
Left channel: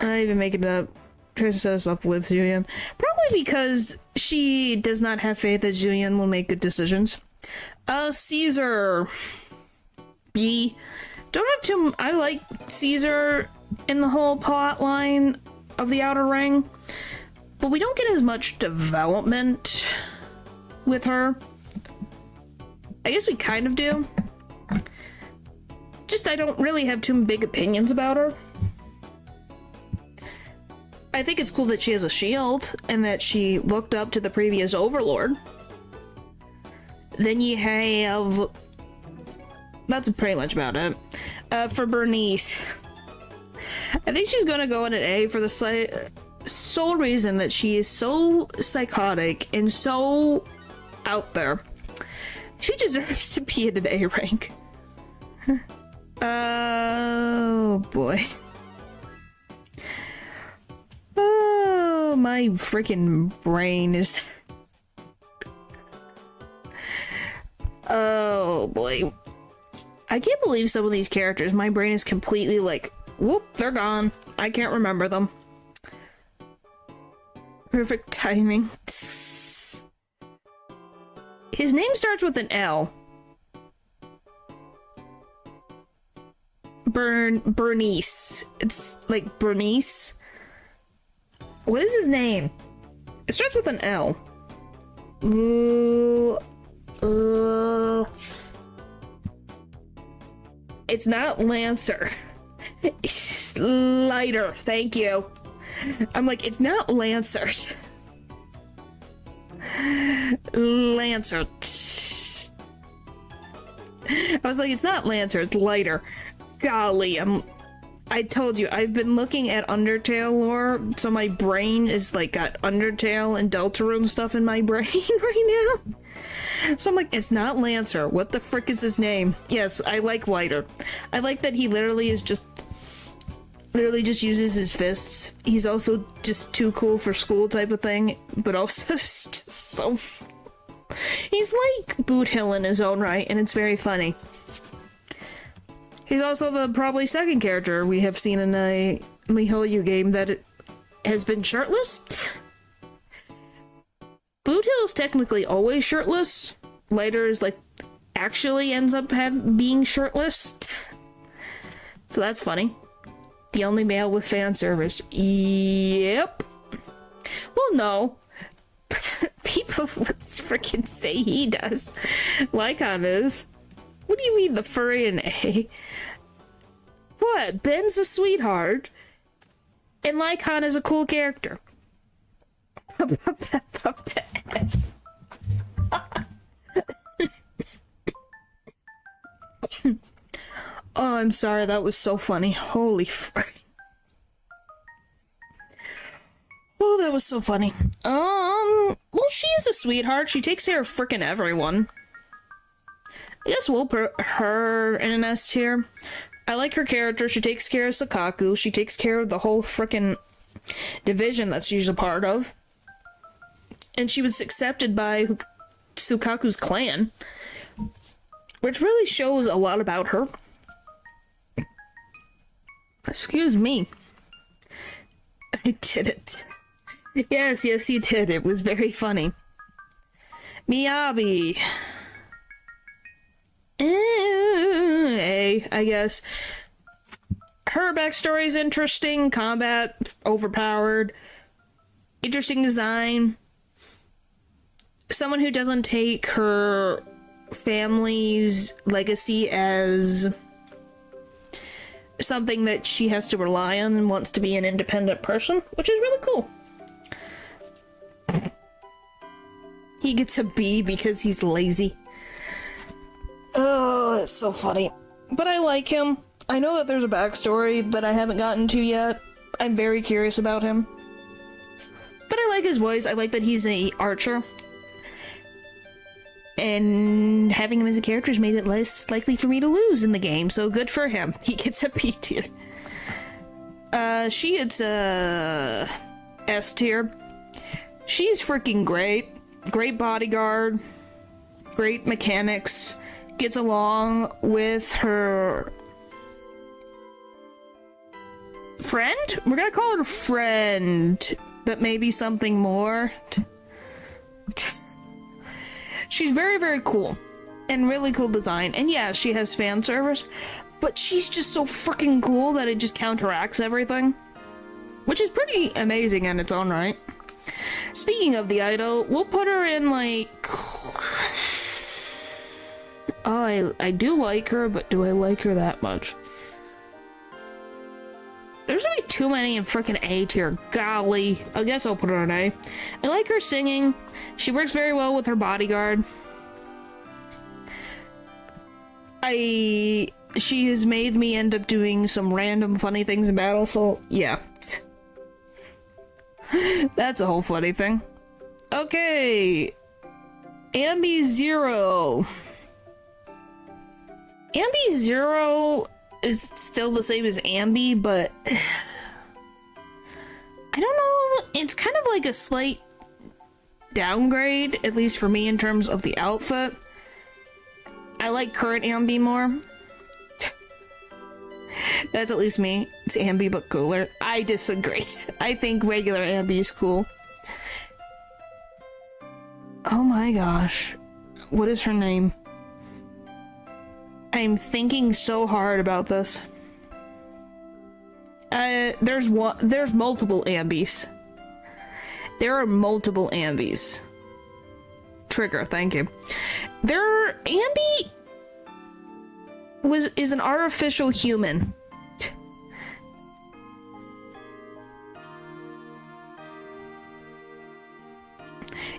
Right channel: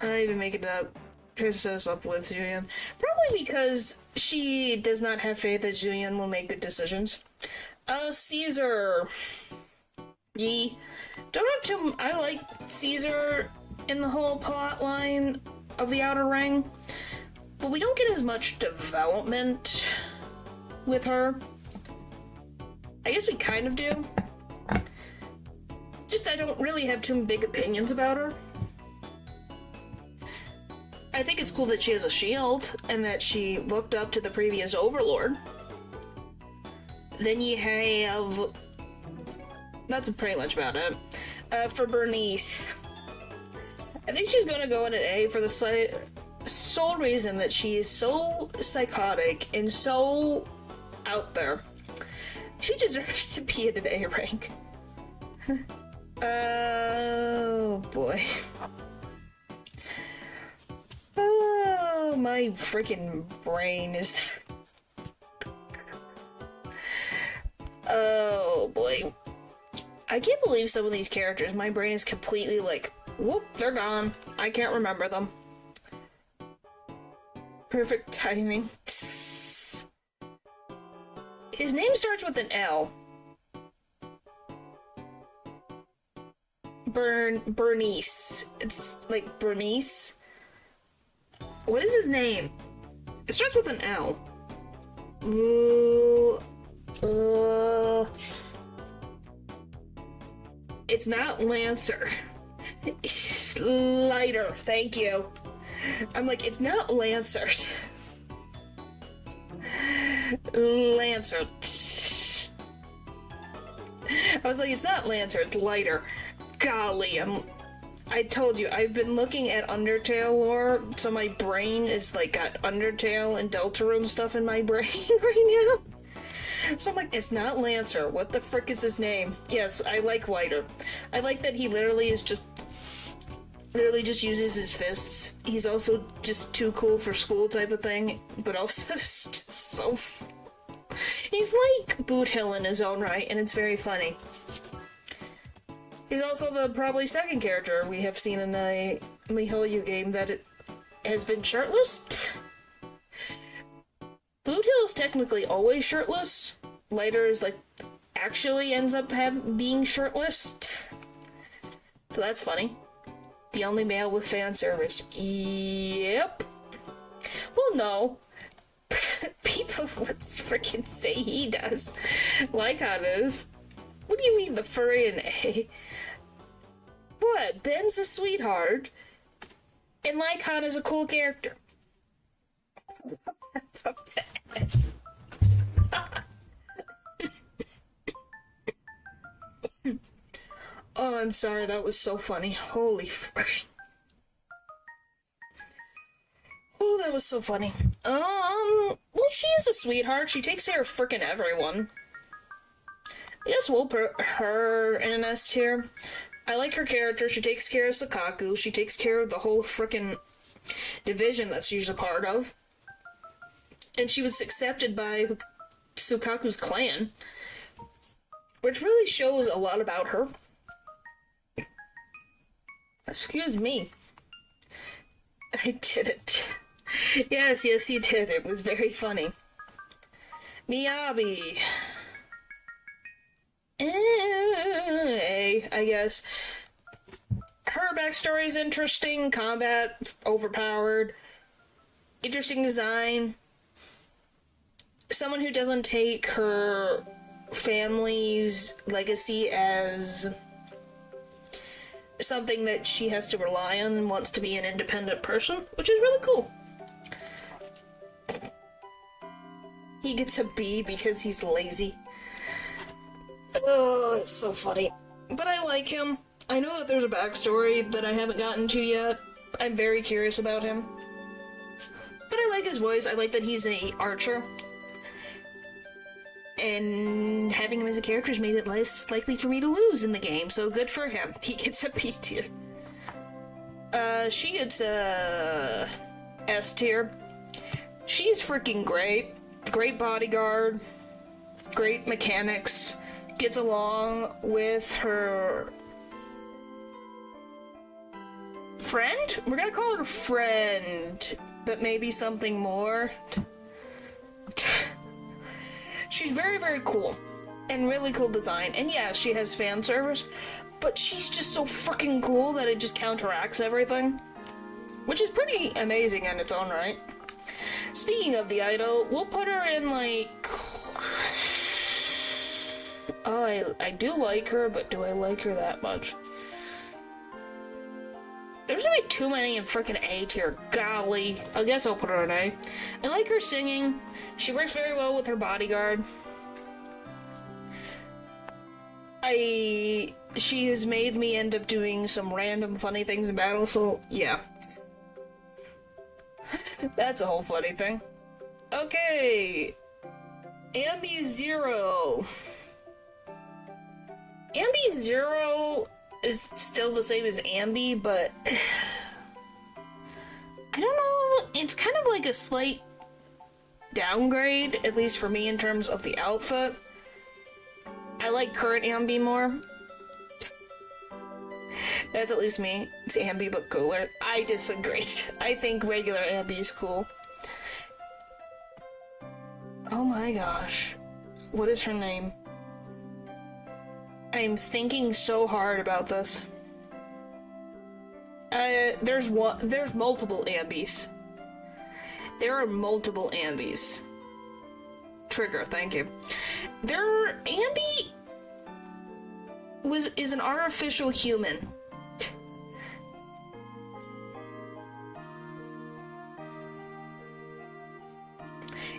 I even make it up. Try to set us up with Julian. Probably because she does not have faith that Julian will make good decisions. Caesar. B. Don't have to... I like Caesar in the whole plot line of the Outer Ring, but we don't get as much development with her. I guess we kind of do. Just I don't really have too big opinions about her. I think it's cool that she has a shield and that she looked up to the previous overlord. Then you have... That's pretty much about it. For Bernice. I think she's gonna go in an A for the sole reason that she is so psychotic and so out there. She deserves to be in an A rank. Oh boy. Oh, my freaking brain is... Oh boy. I can't believe some of these characters, my brain is completely like, whoop, they're gone. I can't remember them. Perfect timing. His name starts with an L. Bernice. It's like Bernice. What is his name? It starts with an L. It's not Lancer. It's Lighter. Thank you. I'm like, it's not Lancer. Lancer. I was like, it's not Lancer, it's Lighter. Golly, I told you, I've been looking at Undertale lore, so my brain is like got Undertale and Deltarune stuff in my brain right now. So I'm like, it's not Lancer. What the frick is his name? Yes, I like Lighter. I like that he literally just uses his fists. He's also just too cool for school type of thing, but also just He's like Boot Hill in his own right, and it's very funny. He's also the probably second character we have seen in a MiHoYo game that has been shirtless. Boot Hill's technically always shirtless. Later is like actually ends up being shirtless. So that's funny. The only male with fan service. Yep. Well, no. People would freaking say he does. Lycon is. What do you mean the furry and A? What? Ben's a sweetheart. And Lycon is a cool character. Oh, I'm sorry, that was so funny. Holy frick. Oh, that was so funny. Well, she is a sweetheart. She takes care of frickin' everyone. I guess we'll put her in an S tier. I like her character. She takes care of Sakaku. She takes care of the whole frickin' division that she's a part of. And she was accepted by Sukaku's clan. Which really shows a lot about her. Excuse me. I did it. Yes, you did. It was very funny. Miyabi. I guess. Her backstory is interesting. Combat, overpowered. Interesting design. Someone who doesn't take her family's legacy as something that she has to rely on and wants to be an independent person, which is really cool. He gets a B because he's lazy. Oh, it's so funny. But I like him. I know that there's a backstory that I haven't gotten to yet. I'm very curious about him. But I like his voice. I like that he's an archer. And having him as a character has made it less likely for me to lose in the game, so good for him. He gets a B tier. She gets a S tier. She's freaking great. Great bodyguard. Great mechanics. Gets along with her friend? We're gonna call her friend, but maybe something more. She's very, very cool. And really cool design. And yeah, she has fan service, but she's just so freaking cool that it just counteracts everything. Which is pretty amazing in its own right. Speaking of the idol, we'll put her in like... Oh, I do like her, but do I like her that much? There's gonna be too many in frickin' A tier. Golly. I guess I'll put her in A. I like her singing. She works very well with her bodyguard. She has made me end up doing some random funny things in battle, so yeah. That's a whole funny thing. Okay. Ambi Zero. Ambi Zero is still the same as Ambi, but I don't know, it's kind of like a slight downgrade, at least for me in terms of the outfit. I like current Ambi more. That's at least me. It's Ambi but cooler. I disagree. I think regular Ambi is cool. Oh my gosh. What is her name? I'm thinking so hard about this. There's multiple Ambis. There are multiple Ambis. Trigger, thank you. Ambi is an artificial human.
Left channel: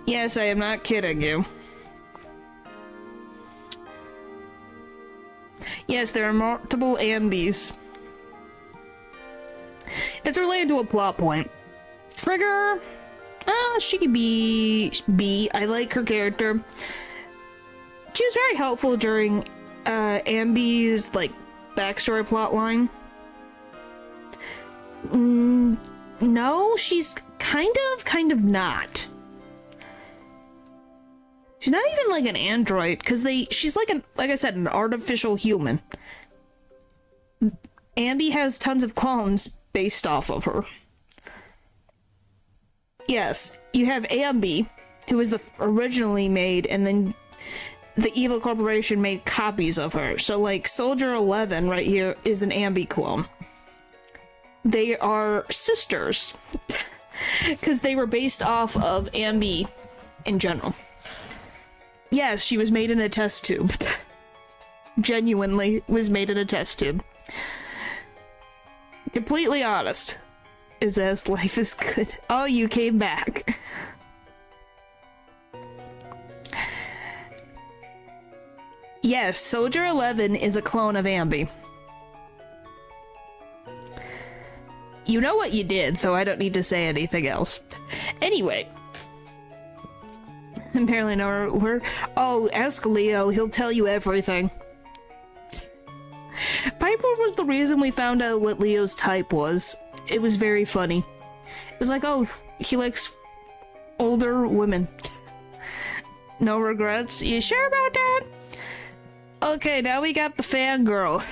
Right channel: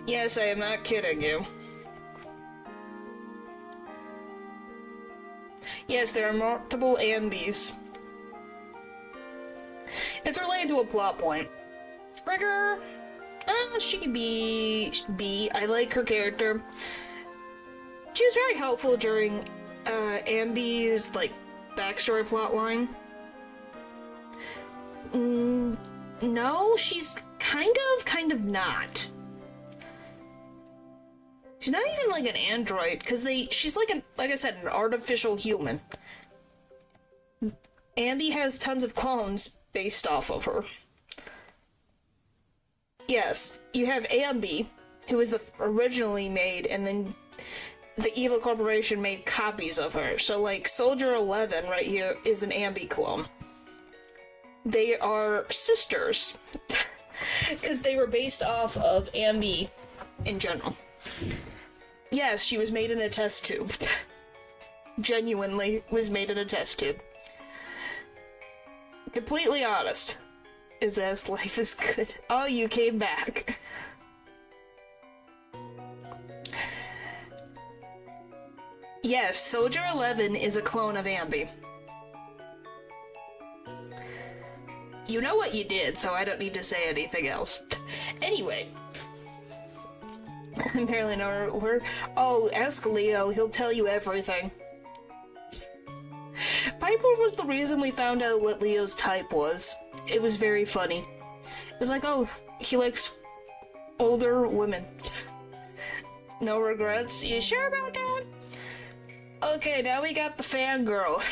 Yes, I am not kidding you. Yes, there are multiple Ambis. It's related to a plot point. Trigger, she could be B. I like her character. She was very helpful during Ambi's like backstory plot line. No, she's kind of not. She's not even like an android, because she's like like I said, an artificial human. Ambi has tons of clones based off of her. Yes, you have Ambi, who was originally made, and then the evil corporation made copies of her. So like Soldier 11 right here is an Ambi clone. They are sisters because they were based off of Ambi in general. Yes, she was made in a test tube. Genuinely was made in a test tube. Completely honest. Is as life is good. Oh, you came back. Yes, Soldier 11 is a clone of Ambi. You know what you did, so I don't need to say anything else. Anyway. Apparently no, oh, ask Leo, he'll tell you everything. Piper was the reason we found out what Leo's type was. It was very funny. It was like, oh, he likes older women. No regrets? You sure about that? Okay, now we got the fangirl.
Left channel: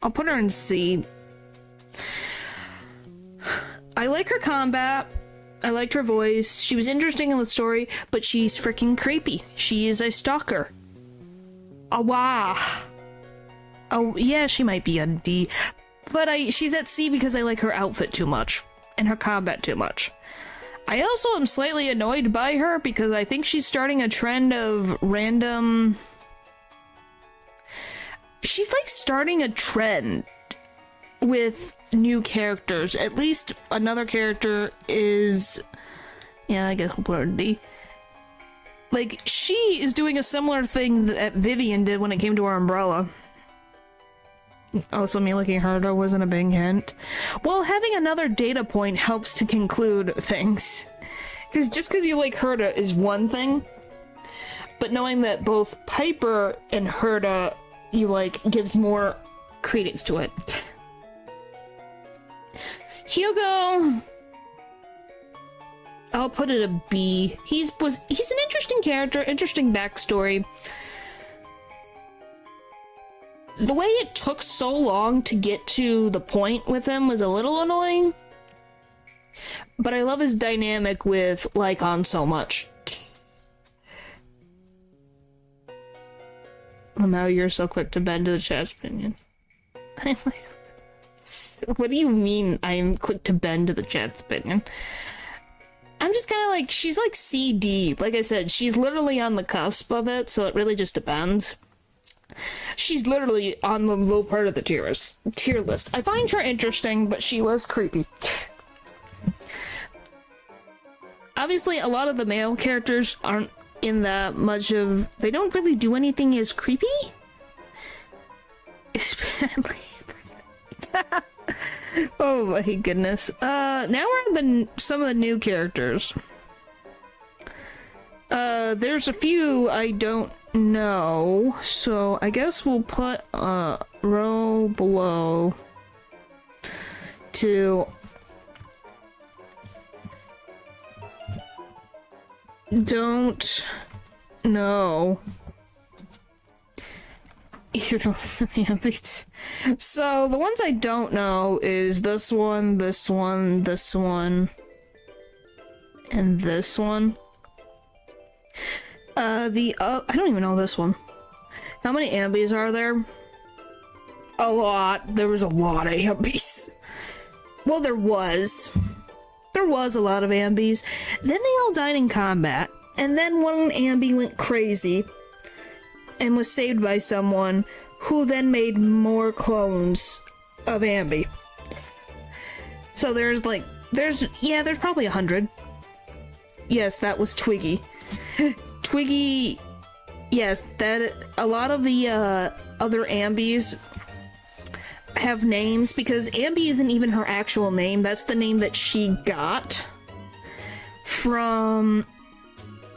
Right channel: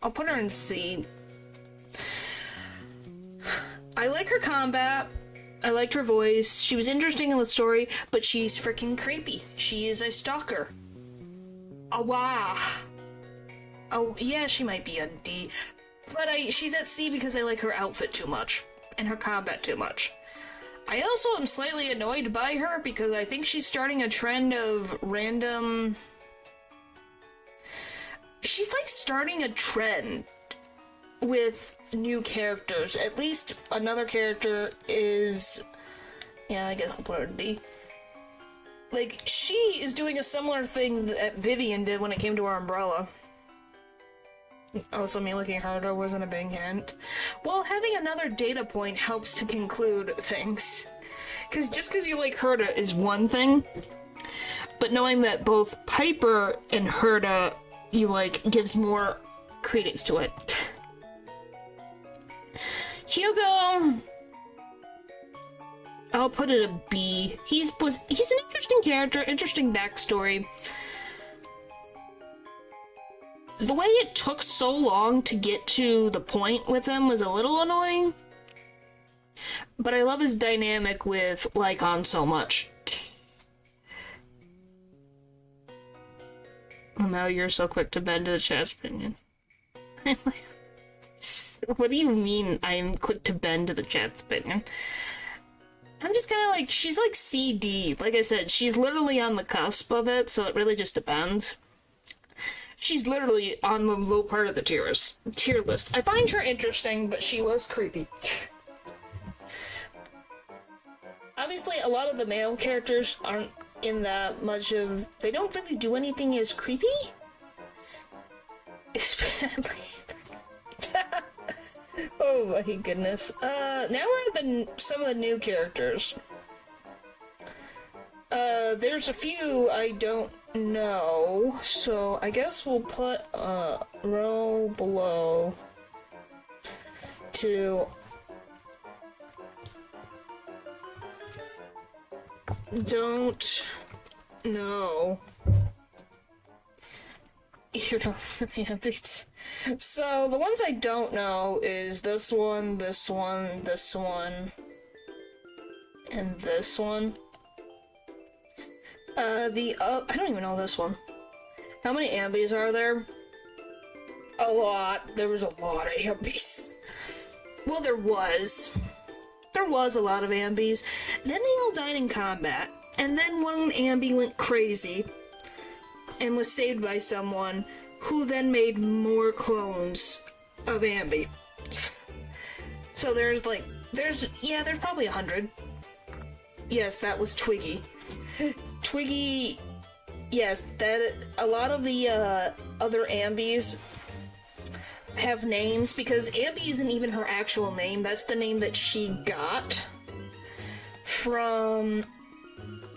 I'll put her in C. I like her combat. I liked her voice. She was interesting in the story, but she's freaking creepy. She is a stalker. Oh, wow. Oh, yeah, she might be on D. But she's at C because I like her outfit too much. And her combat too much. I also am slightly annoyed by her because I think she's starting a trend of random... She's like starting a trend with new characters. At least another character is... Yeah, I guess I'll put her in D. Like, she is doing a similar thing that Vivian did when it came to her umbrella. Also, me looking harder wasn't a big hint. Well, having another data point helps to conclude things. Because just because you like Herta is one thing, but knowing that both Piper and Herta you like gives more credence to it. Hugo, I'll put it a B. He's an interesting character, interesting backstory. The way it took so long to get to the point with him was a little annoying. But I love his dynamic with Lycon so much. Well, now you're so quick to bend to the chat's opinion. I'm like, what do you mean I'm quick to bend to the chat's opinion? I'm just kind of like, she's like CD. Like I said, she's literally on the cusp of it, so it really just depends. She's literally on the low part of the tier list. I find her interesting, but she was creepy. Obviously, a lot of the male characters aren't in that much of... They don't really do anything as creepy? Especially... Oh my goodness. Now we're at some of the new characters. There's a few I don't know, so I guess we'll put row below to don't know. You know, so the ones I don't know is this one, this one, this one, and this one. I don't even know this one. How many Ambis are there? A lot. There was a lot of Ambis. Well, there was. There was a lot of Ambis. Then they all died in combat. And then one Ambi went crazy and was saved by someone who then made more clones of Ambi. So there's probably 100. Yes, that was Twiggy. Twiggy, yes, that a lot of the other Ambis have names because Ambi isn't even her actual name. That's the name that she got from...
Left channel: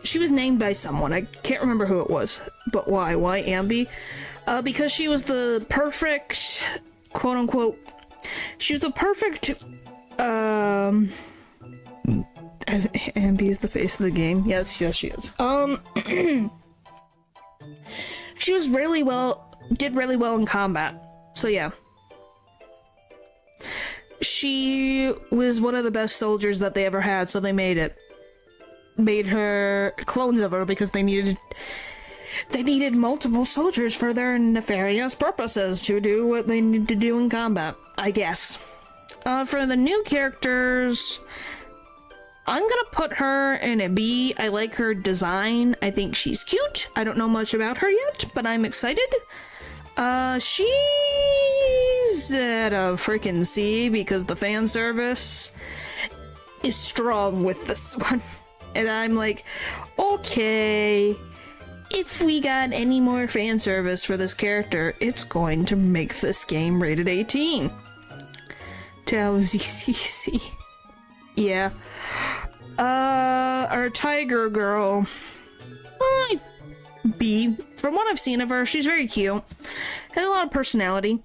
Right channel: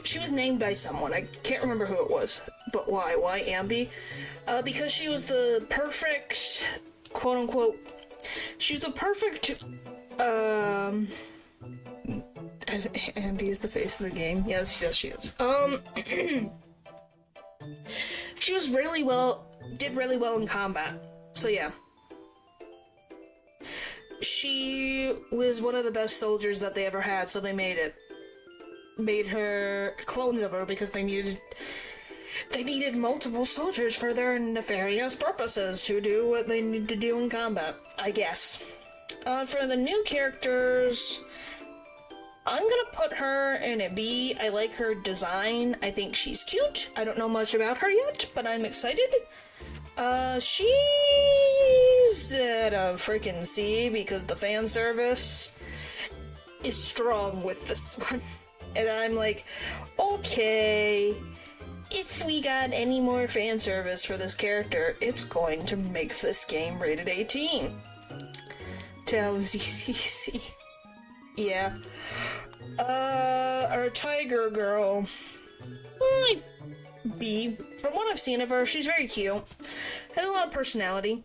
She was named by someone. I can't remember who it was. But why? Why Ambi? Because she was the perfect, quote-unquote... She was the perfect... Ambi is the face of the game. Yes, she is. She was did really well in combat. So yeah. She was one of the best soldiers that they ever had, so they made her clones of her because they needed multiple soldiers for their nefarious purposes to do what they need to do in combat, I guess. For the new characters, I'm gonna put her in a B. I like her design. I think she's cute. I don't know much about her yet, but I'm excited. She's at a freaking C because the fan service is strong with this one. And I'm like, okay, if we got any more fan service for this character, it's going to make this game rated 18. Tell ZCC. Yeah. Our tiger girl. B. From what I've seen of her, she's very cute. Had a lot of personality.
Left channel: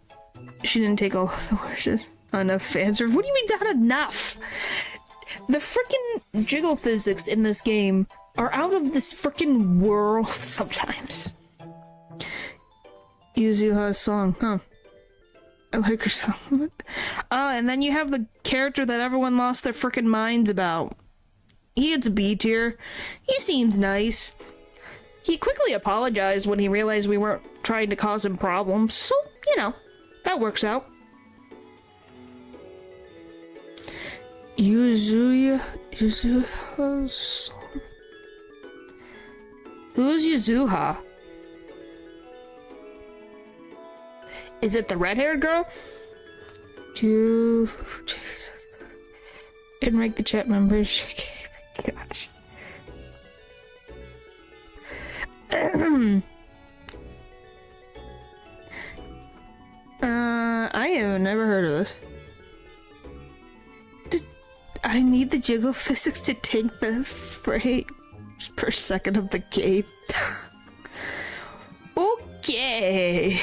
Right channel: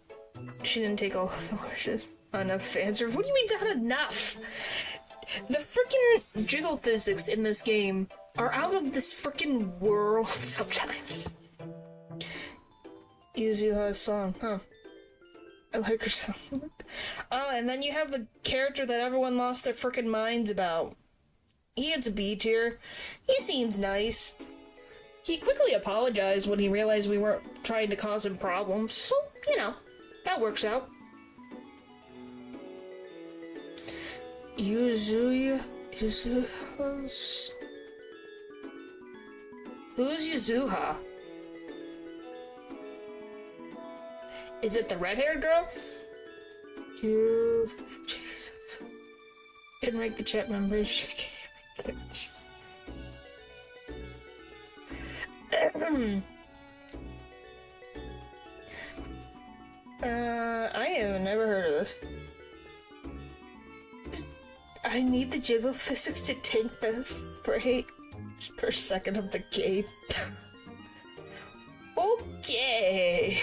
She didn't take all the wishes. Enough fan service. What do you mean not enough? The freaking jiggle physics in this game are out of this freaking world sometimes. Yuzuha's song, huh? I like her song. And then you have the character that everyone lost their freaking minds about. He gets a B tier. He seems nice. He quickly apologized when he realized we weren't trying to cause him problems, so, you know, that works out. Yuzuha's song. Who's Yuzuha? Is it the red-haired girl? Jesus. Didn't rank the chat members. Gosh. I have never heard of this. I need the jiggle physics to take the frame per second of the game. Okay.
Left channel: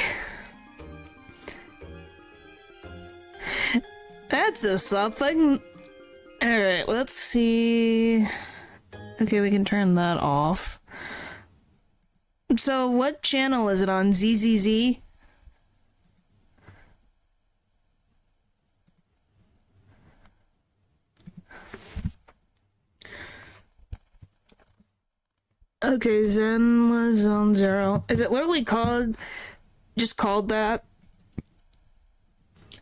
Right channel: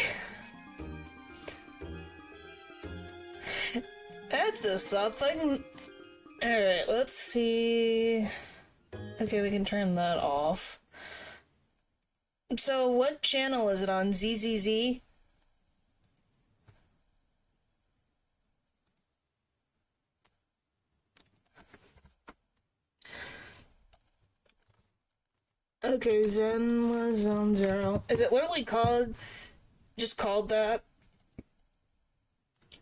That's a something. Alright, let's see. Okay, we can turn that off. So, what channel is it on? ZZZ? Okay, Zenla Zone Zero. Is it literally just called that?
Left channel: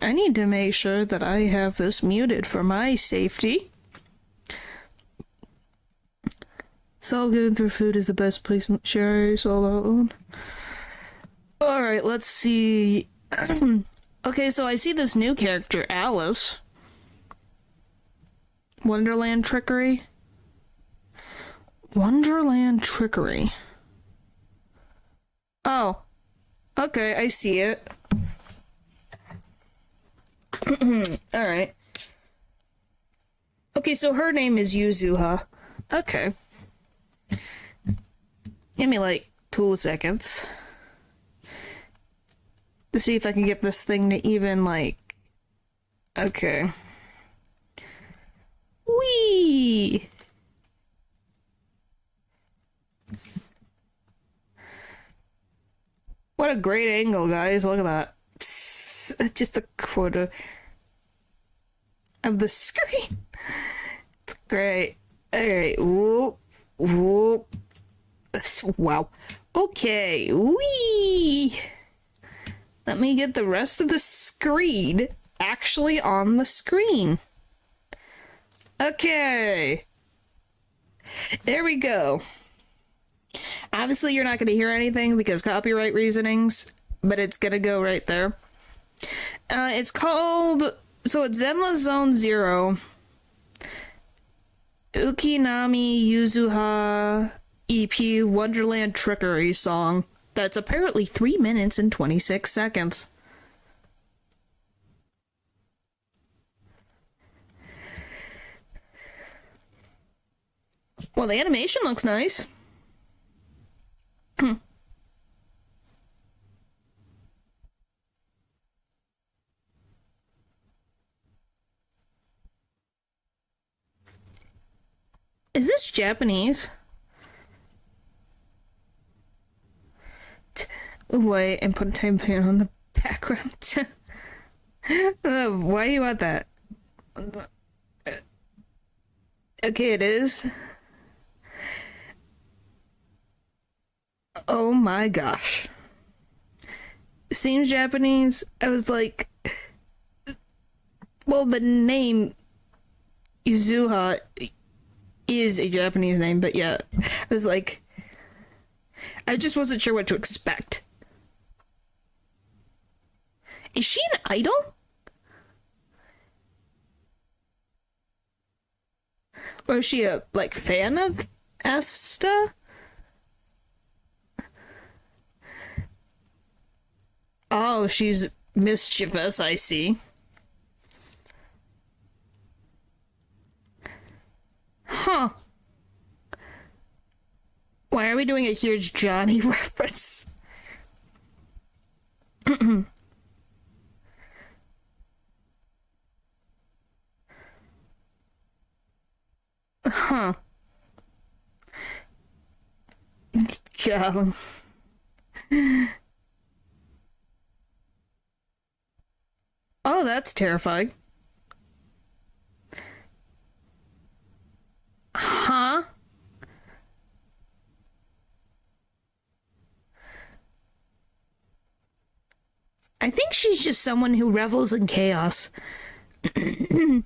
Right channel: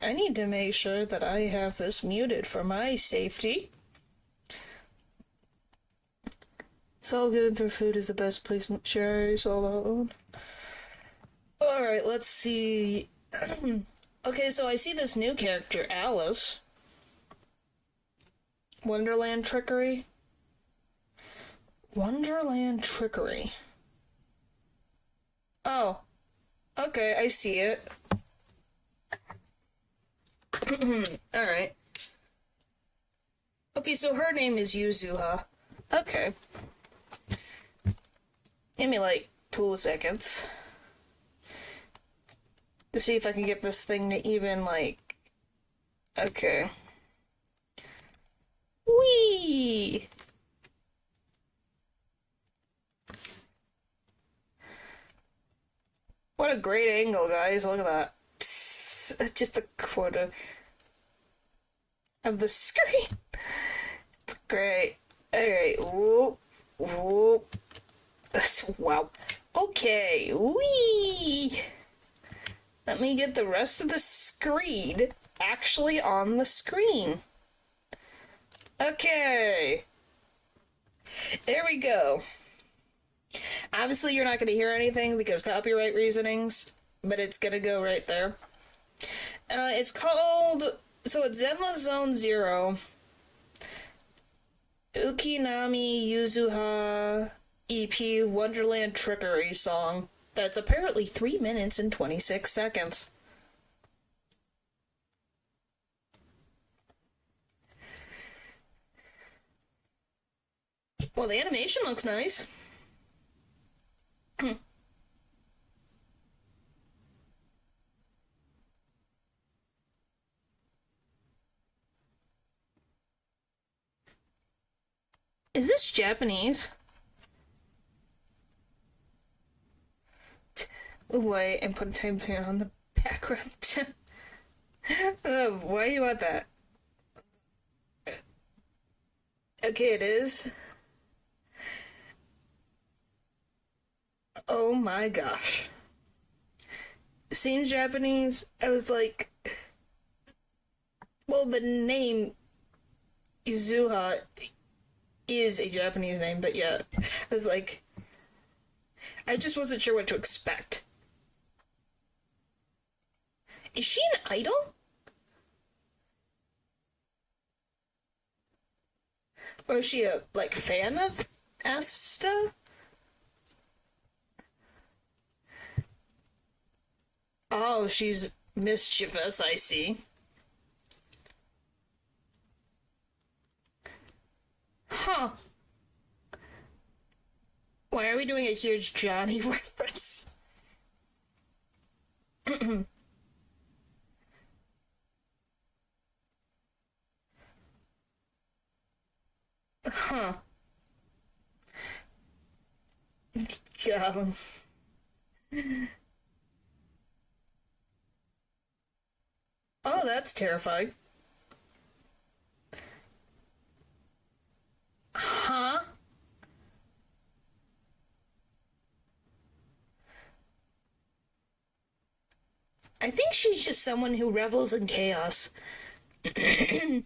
I need to make sure that I have this muted for my safety. Soul Going Through Food is the best placement. Sherry, solo. Alright, let's see. Okay, so I see this new character, Alice. Wonderland Trickery. Wonderland Trickery. Oh. Okay, I see it. Alright. Okay, so her name is Yuzuha. Okay. Give me like 2 seconds to see if I can get this thing to even like... Okay. Whee! What a great angle, guys. Look at that. Just a quarter of the screen. It's great. Alright. Whoop. Whoop. Wow. Okay. Whee! Let me get the rest of the screen actually on the screen. Okay. There we go. Obviously, you're not going to hear anything because copyright reasonings, but it's going to go right there. It's called... So it's Zenla Zone Zero. Ukinami Yuzuha EP Wonderland Trickery song. That's apparently 3 minutes and 26 seconds. Well, the animation looks nice. Is this Japanese? away and put a time pan on the background. Oh, why do you want that? Okay, it is. Oh my gosh. Seems Japanese. I was like, well, the name Izuha is a Japanese name, but yeah, I was like, I just wasn't sure what to expect. Is she an idol? Or is she a, like, fan of Asta? Oh, she's mischievous, I see. Huh. Why are we doing a huge Johnny reference? Huh. Yeah. Oh, that's terrifying. Huh? I think she's just someone who revels in chaos. Hmm.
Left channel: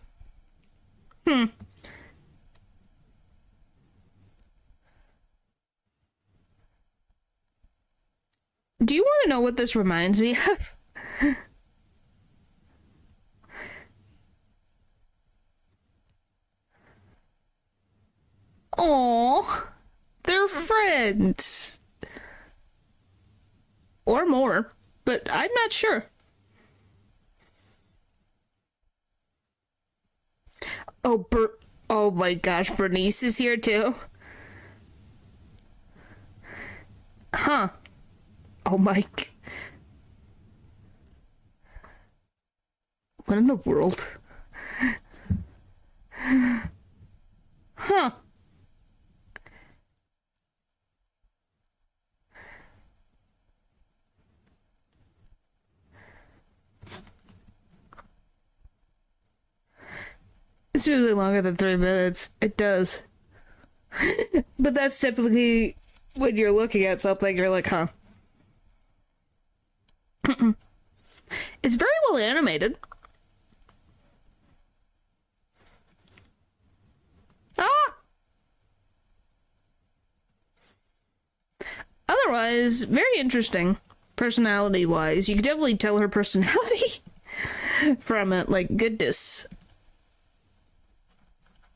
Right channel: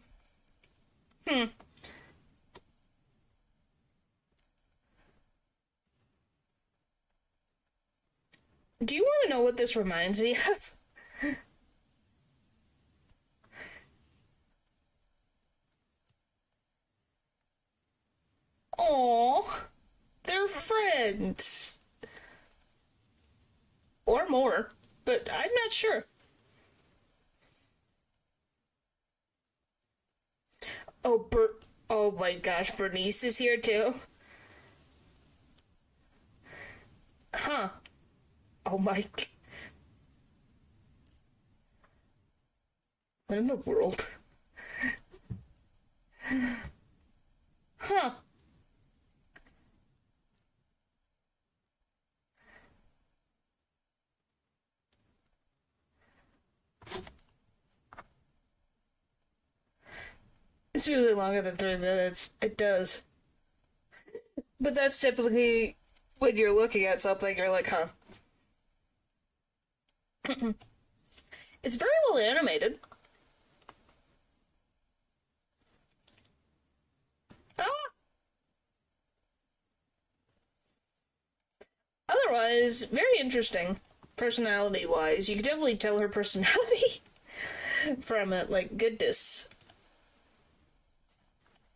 Do you want to know what this reminds me of? Oh, they're friends. Or more, but I'm not sure. Oh, oh my gosh, Bernice is here too. Huh. Oh my. What in the world? Huh. It's really longer than 3 minutes. It does. But that's typically when you're looking at something, you're like, huh. It's very well animated. Ah! Otherwise, very interesting. Personality wise, you can definitely tell her personality from it. Like, goodness.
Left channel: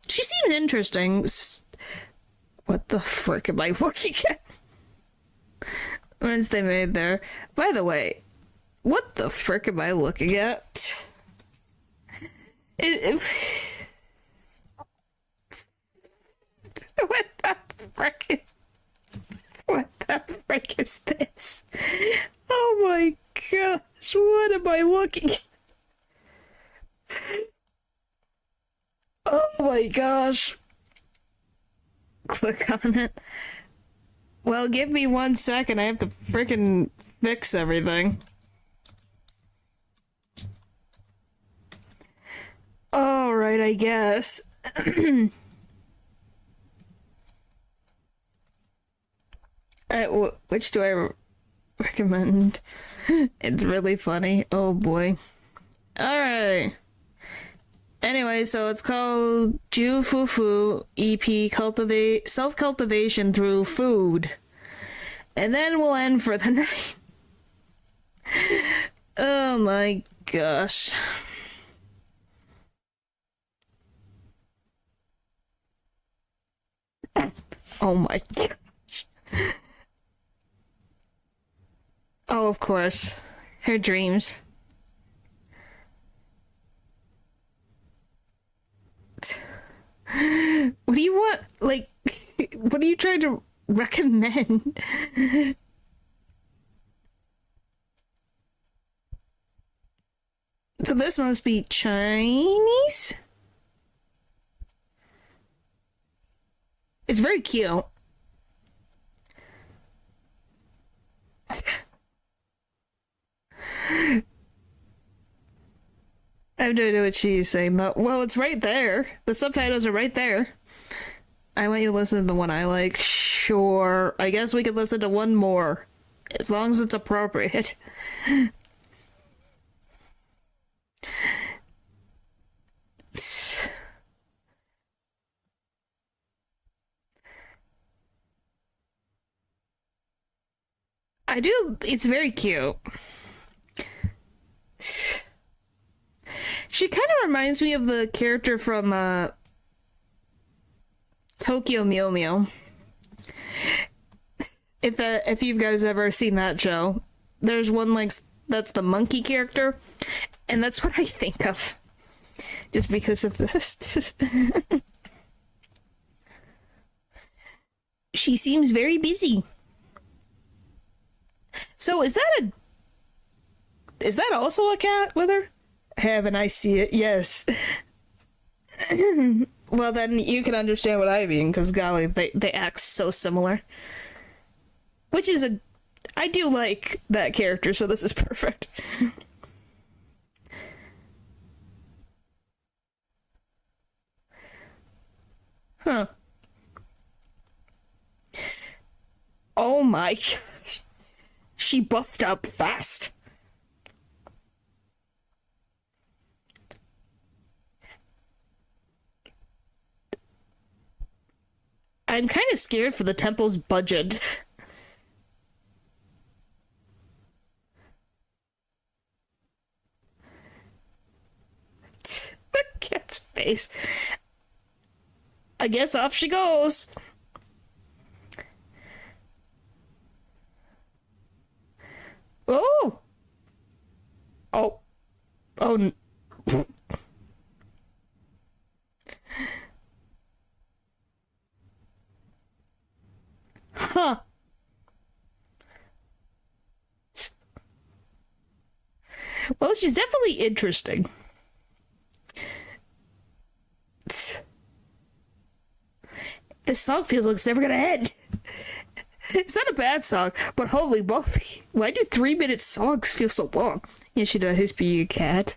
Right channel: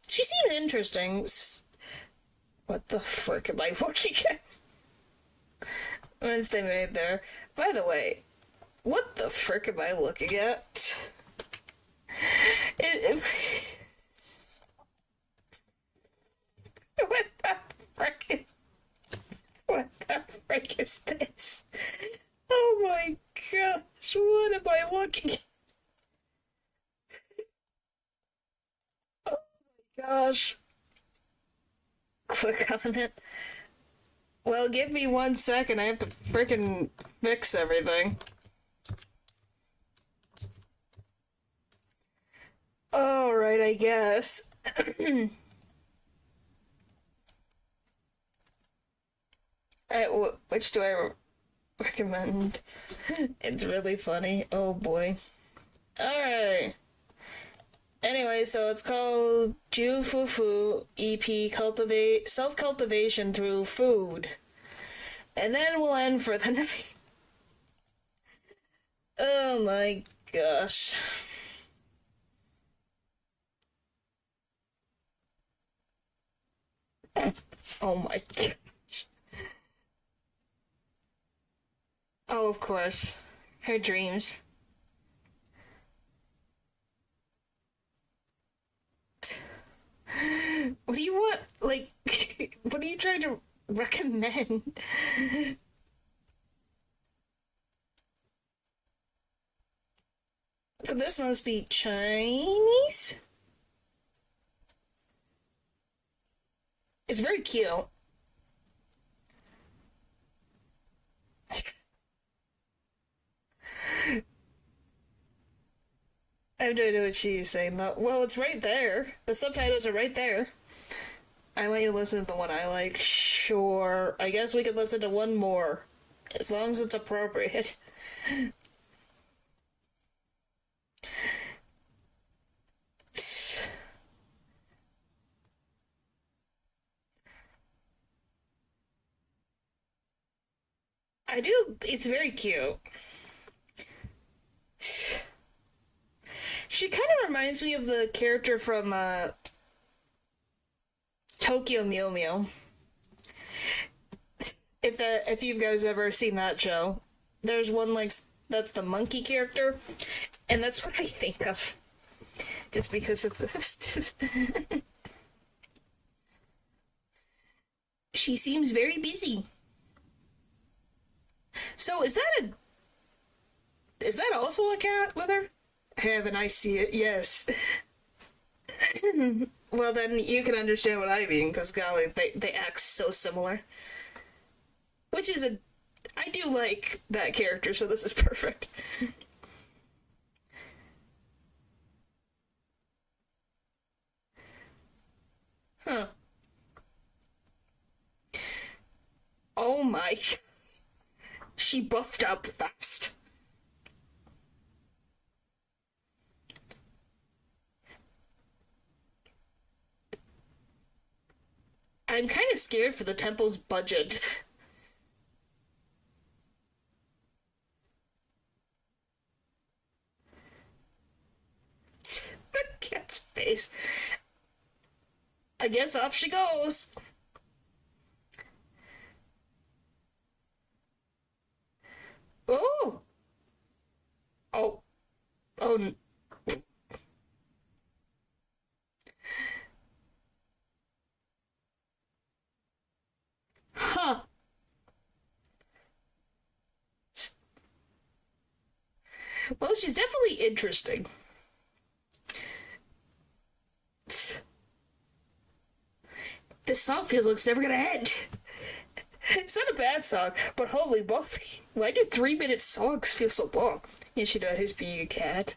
She seemed interesting. What the frick am I looking at? Once they made there. By the way, what the frick am I looking at? What the frick is? What the frick is this? Oh my gosh, what am I looking at? Oh my gosh. Click on it. Well, give me 1 second. I have to freaking fix everything. Alright, I guess. Which do I recommend? It's really funny. Oh boy. Alright. Anyway, so it's called Jufufu EP Self-Cultivation Through Food. And then we'll end for the night. Oh my gosh. Oh my gosh. Oh, of course. Her dreams. What do you want? Like, what are you trying to recommend? So this must be Chinese? It's very cute. I have no idea what she's saying, but well, it's right there. The subtitles are right there. I want you to listen to the one I like. Sure. I guess we could listen to one more. As long as it's appropriate. I do. It's very cute. She kind of reminds me of the character from Tokyo Mew Mew. If you guys ever seen that show, there's one like that's the monkey character, and that's what I think of, just because of this. She seems very busy. So is that also a cat with her? Haven't I see it? Yes. Well, then you can understand what I mean, because golly, they act so similar. Which is I do like that character, so this is perfect. Huh. Oh my gosh. She buffed up fast. I'm kind of scared for the temple's budget. The cat's face. I guess off she goes. Oh! Oh. Oh. Huh. Well, she's definitely interesting. This song feels like it's never gonna end. It's not a bad song, but holy moly. Why do 3-minute songs feel so long? You should know his be a cat.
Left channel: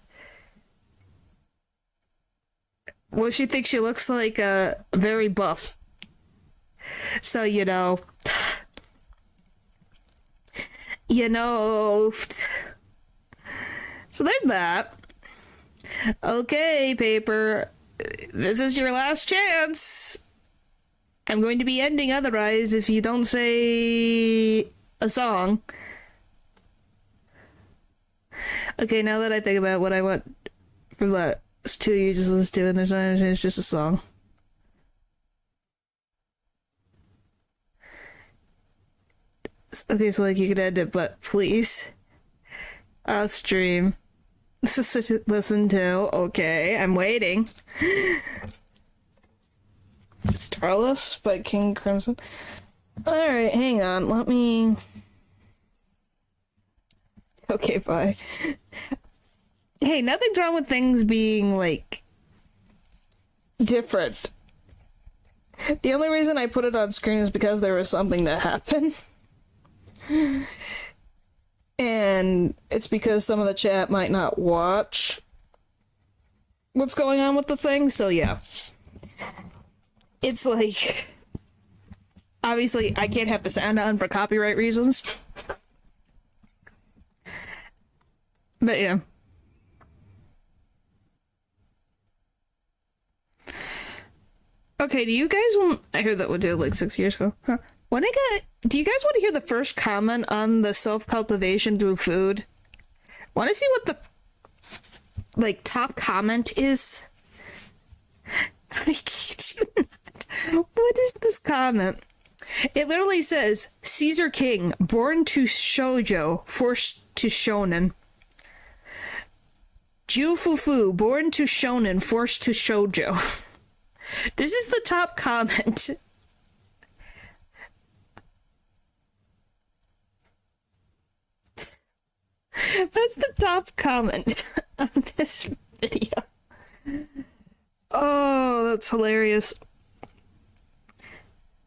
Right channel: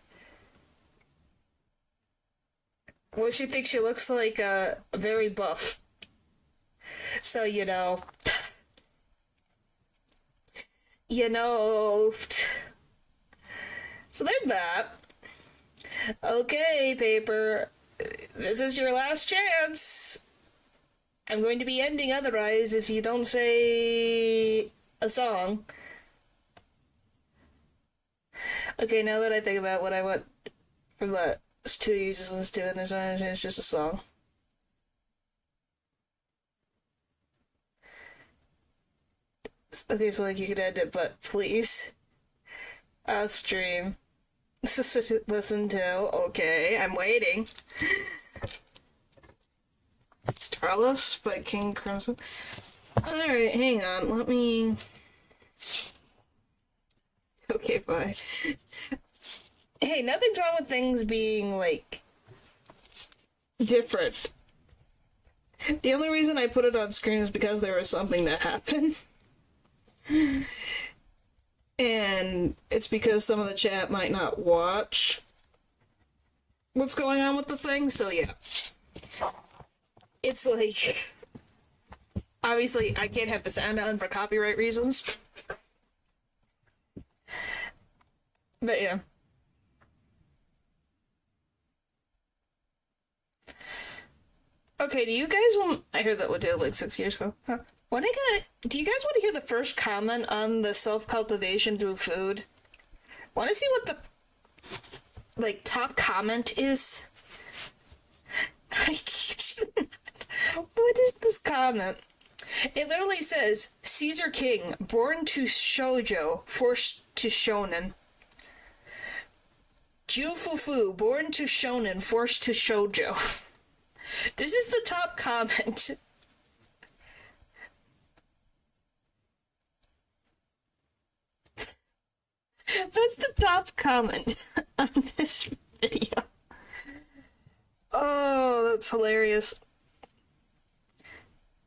Well, she thinks she looks like very buff. So, you know. You know. So there's that. Okay, Paper. This is your last chance. I'm going to be ending otherwise if you don't say a song. Okay, now that I think about what I want from the two you just listened to, and there's not, it's just a song. Okay, so like you could end it, but please. I'll stream. Listen to. Okay, I'm waiting. Starless by King Crimson. Alright, hang on. Let me. Okay, bye. Hey, nothing's wrong with things being, like, different. The only reason I put it on screen is because there was something that happened. And it's because some of the chat might not watch what's going on with the thing, so yeah. It's like, obviously I can't have the sound on for copyright reasons. But yeah. Okay, do you guys want... I heard that one did like 6 years ago. Huh. Do you guys want to hear the first comment on the self-cultivation through food? Want to see what the, like, top comment is? I kid you not. What is this comment? It literally says, Caesar King, born to shoujo, forced to shonen. Ju Fufu, born to shonen, forced to shoujo. This is the top comment. That's the top comment on this video. Oh, that's hilarious.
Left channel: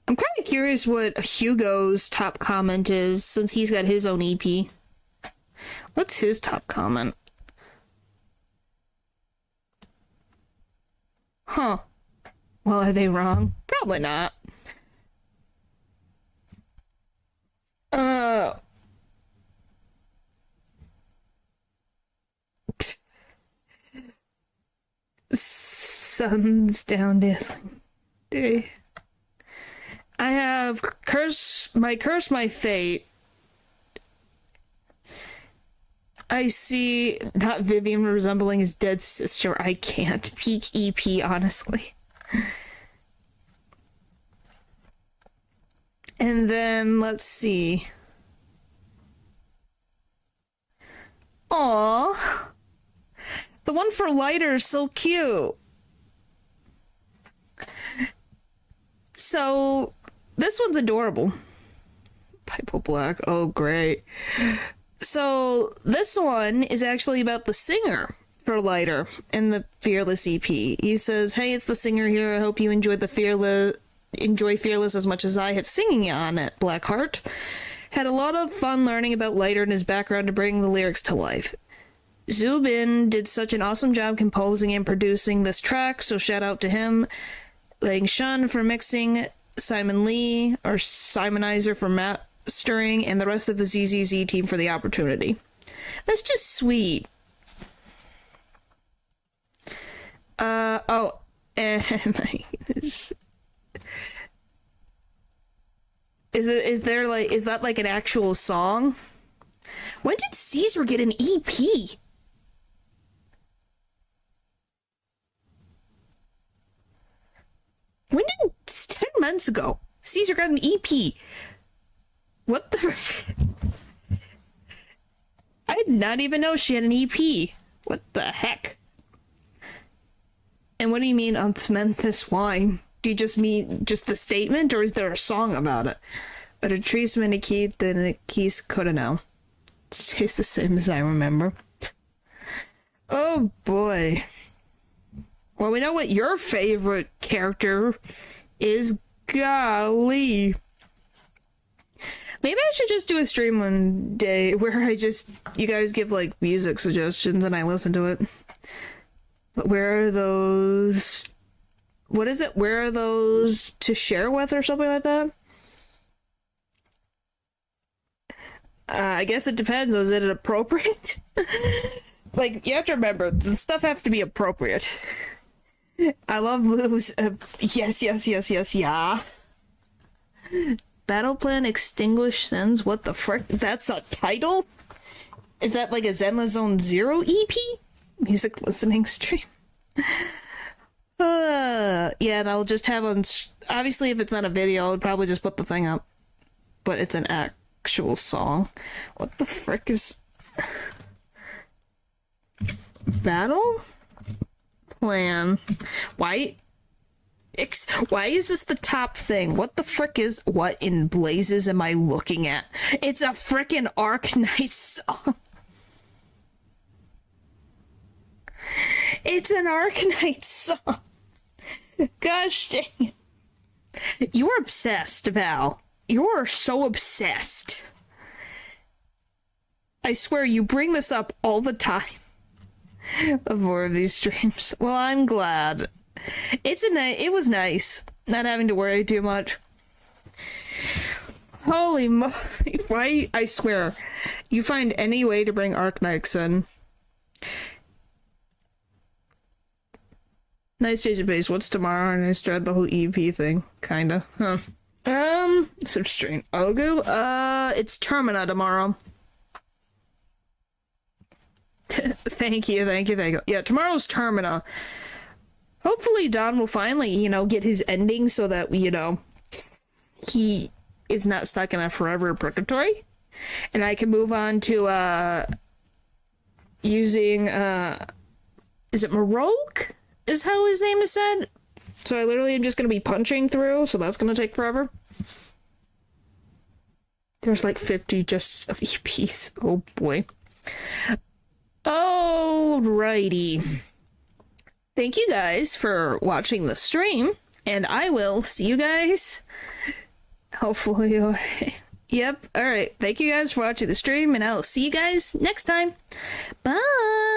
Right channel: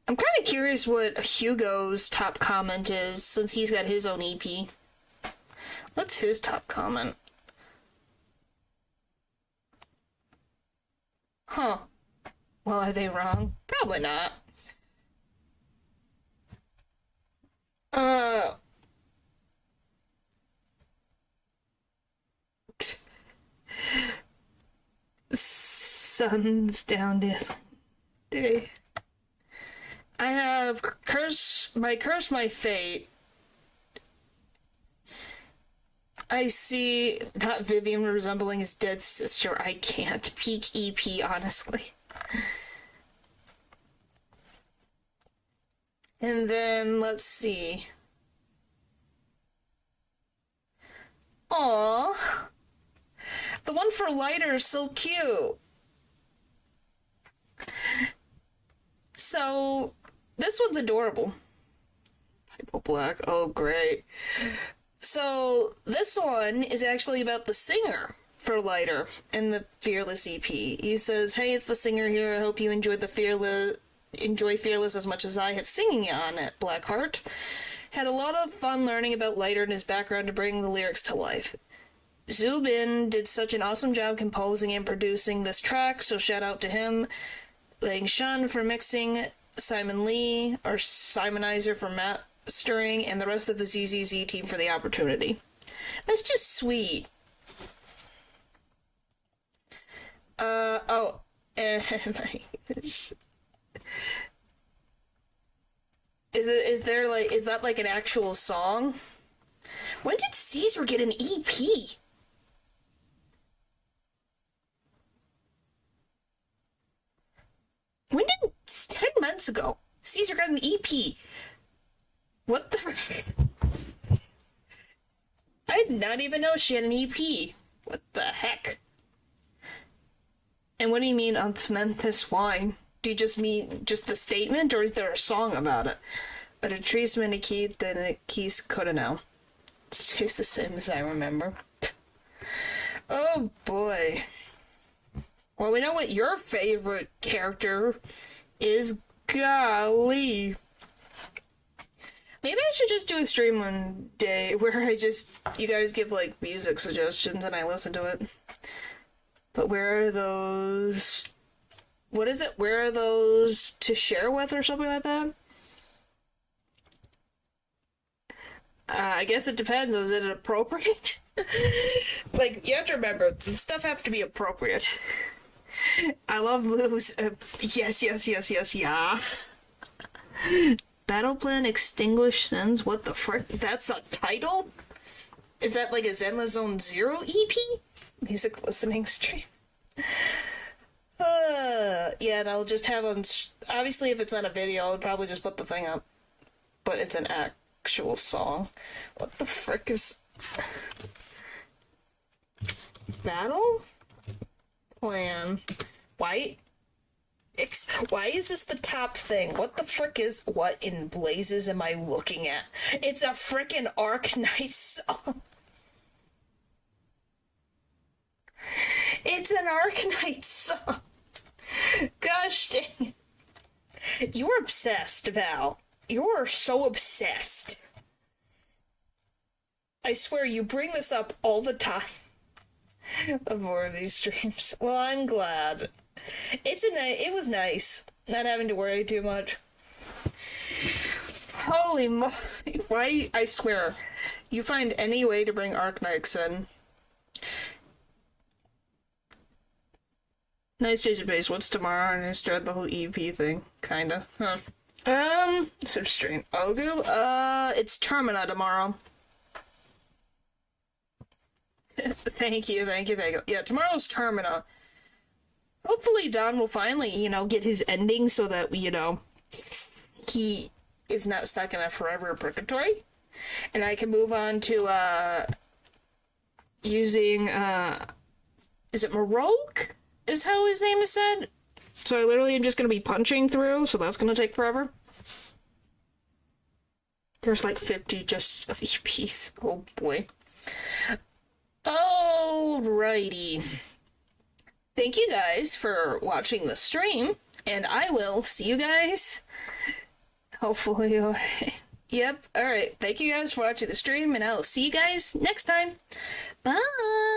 I'm kind of curious what Hugo's top comment is, since he's got his own EP. What's his top comment? Huh. Well, are they wrong? Probably not. Uh... Sun's down dancing. Day. I have curse my fate. I see not Vivian resembling his dead sister. I can't. Peak EP, honestly. And then, let's see. Aww. The one for lighter is so cute. So, this one's adorable. Pipo Black. Oh, great. So, this one is actually about the singer for Lighter in the Fearless EP. He says, "Hey, it's the singer here. I hope you enjoy Fearless as much as I had singing on it, Blackheart. Had a lot of fun learning about Lighter and his background to bring the lyrics to life. Zubin did such an awesome job composing and producing this track, so shout out to him. Lang Shun for mixing, Simon Lee, our Simonizer for mastering, and the rest of the ZZZ team for the opportunity." That's just sweet. Oh, and my goodness. Is that like an actual song? When did Caesar get an EP? When did 10 months ago Caesar got an EP? What the? I did not even know she had an EP. What the heck? And what do you mean Untmenthus wine? Do you just mean just the statement, or is there a song about it? But a trees many key than a keys coulda now. It tastes the same as I remember. Oh boy. Well, we know what your favorite character is. Golly. Maybe I should just do a stream one day where you guys give like music suggestions and I listen to it. But where are those? What is it? Where are those to share with or something like that? I guess it depends. Is it appropriate? Like, you have to remember, the stuff have to be appropriate. I love moves. Yes, yeah. Battle Plan Extinguish Sins? What the frick? That's a title? Is that like a Zenla Zone Zero EP? Music listening stream? Yeah, and I'll just have on... Obviously, if it's on a video, I'll probably just put the thing up. But it's an actual song. What the frick is... Battle Plan. Why is this the top thing? What the frick is... What in blazes am I looking at? It's a frickin' Arknight song. It's an Arknight song. Gosh dang it. You're obsessed, Val. You're so obsessed. I swear you bring this up all the time. Of more of these streams. Well, I'm glad. It was nice not having to worry too much. Holy moly. Why? I swear. You find any way to bring Arknights in. Nice change of pace. What's tomorrow? And I started the whole EP thing. Kinda. Huh. Some strange. I'll go. It's Termina tomorrow. Thank you. Yeah, tomorrow's Termina. Hopefully Don will finally, get his ending so that, he is not stuck in a forever purgatory. And I can move on to, using, is it Maroke? Is how his name is said? So I literally am just gonna be punching through, so that's gonna take forever. There's like 50 just of EPs. Oh boy. Alrighty. Thank you guys for watching the stream, and I will see you guys hopefully. Yep, alright. Thank you guys for watching the stream, and I'll see you guys next time. Bye!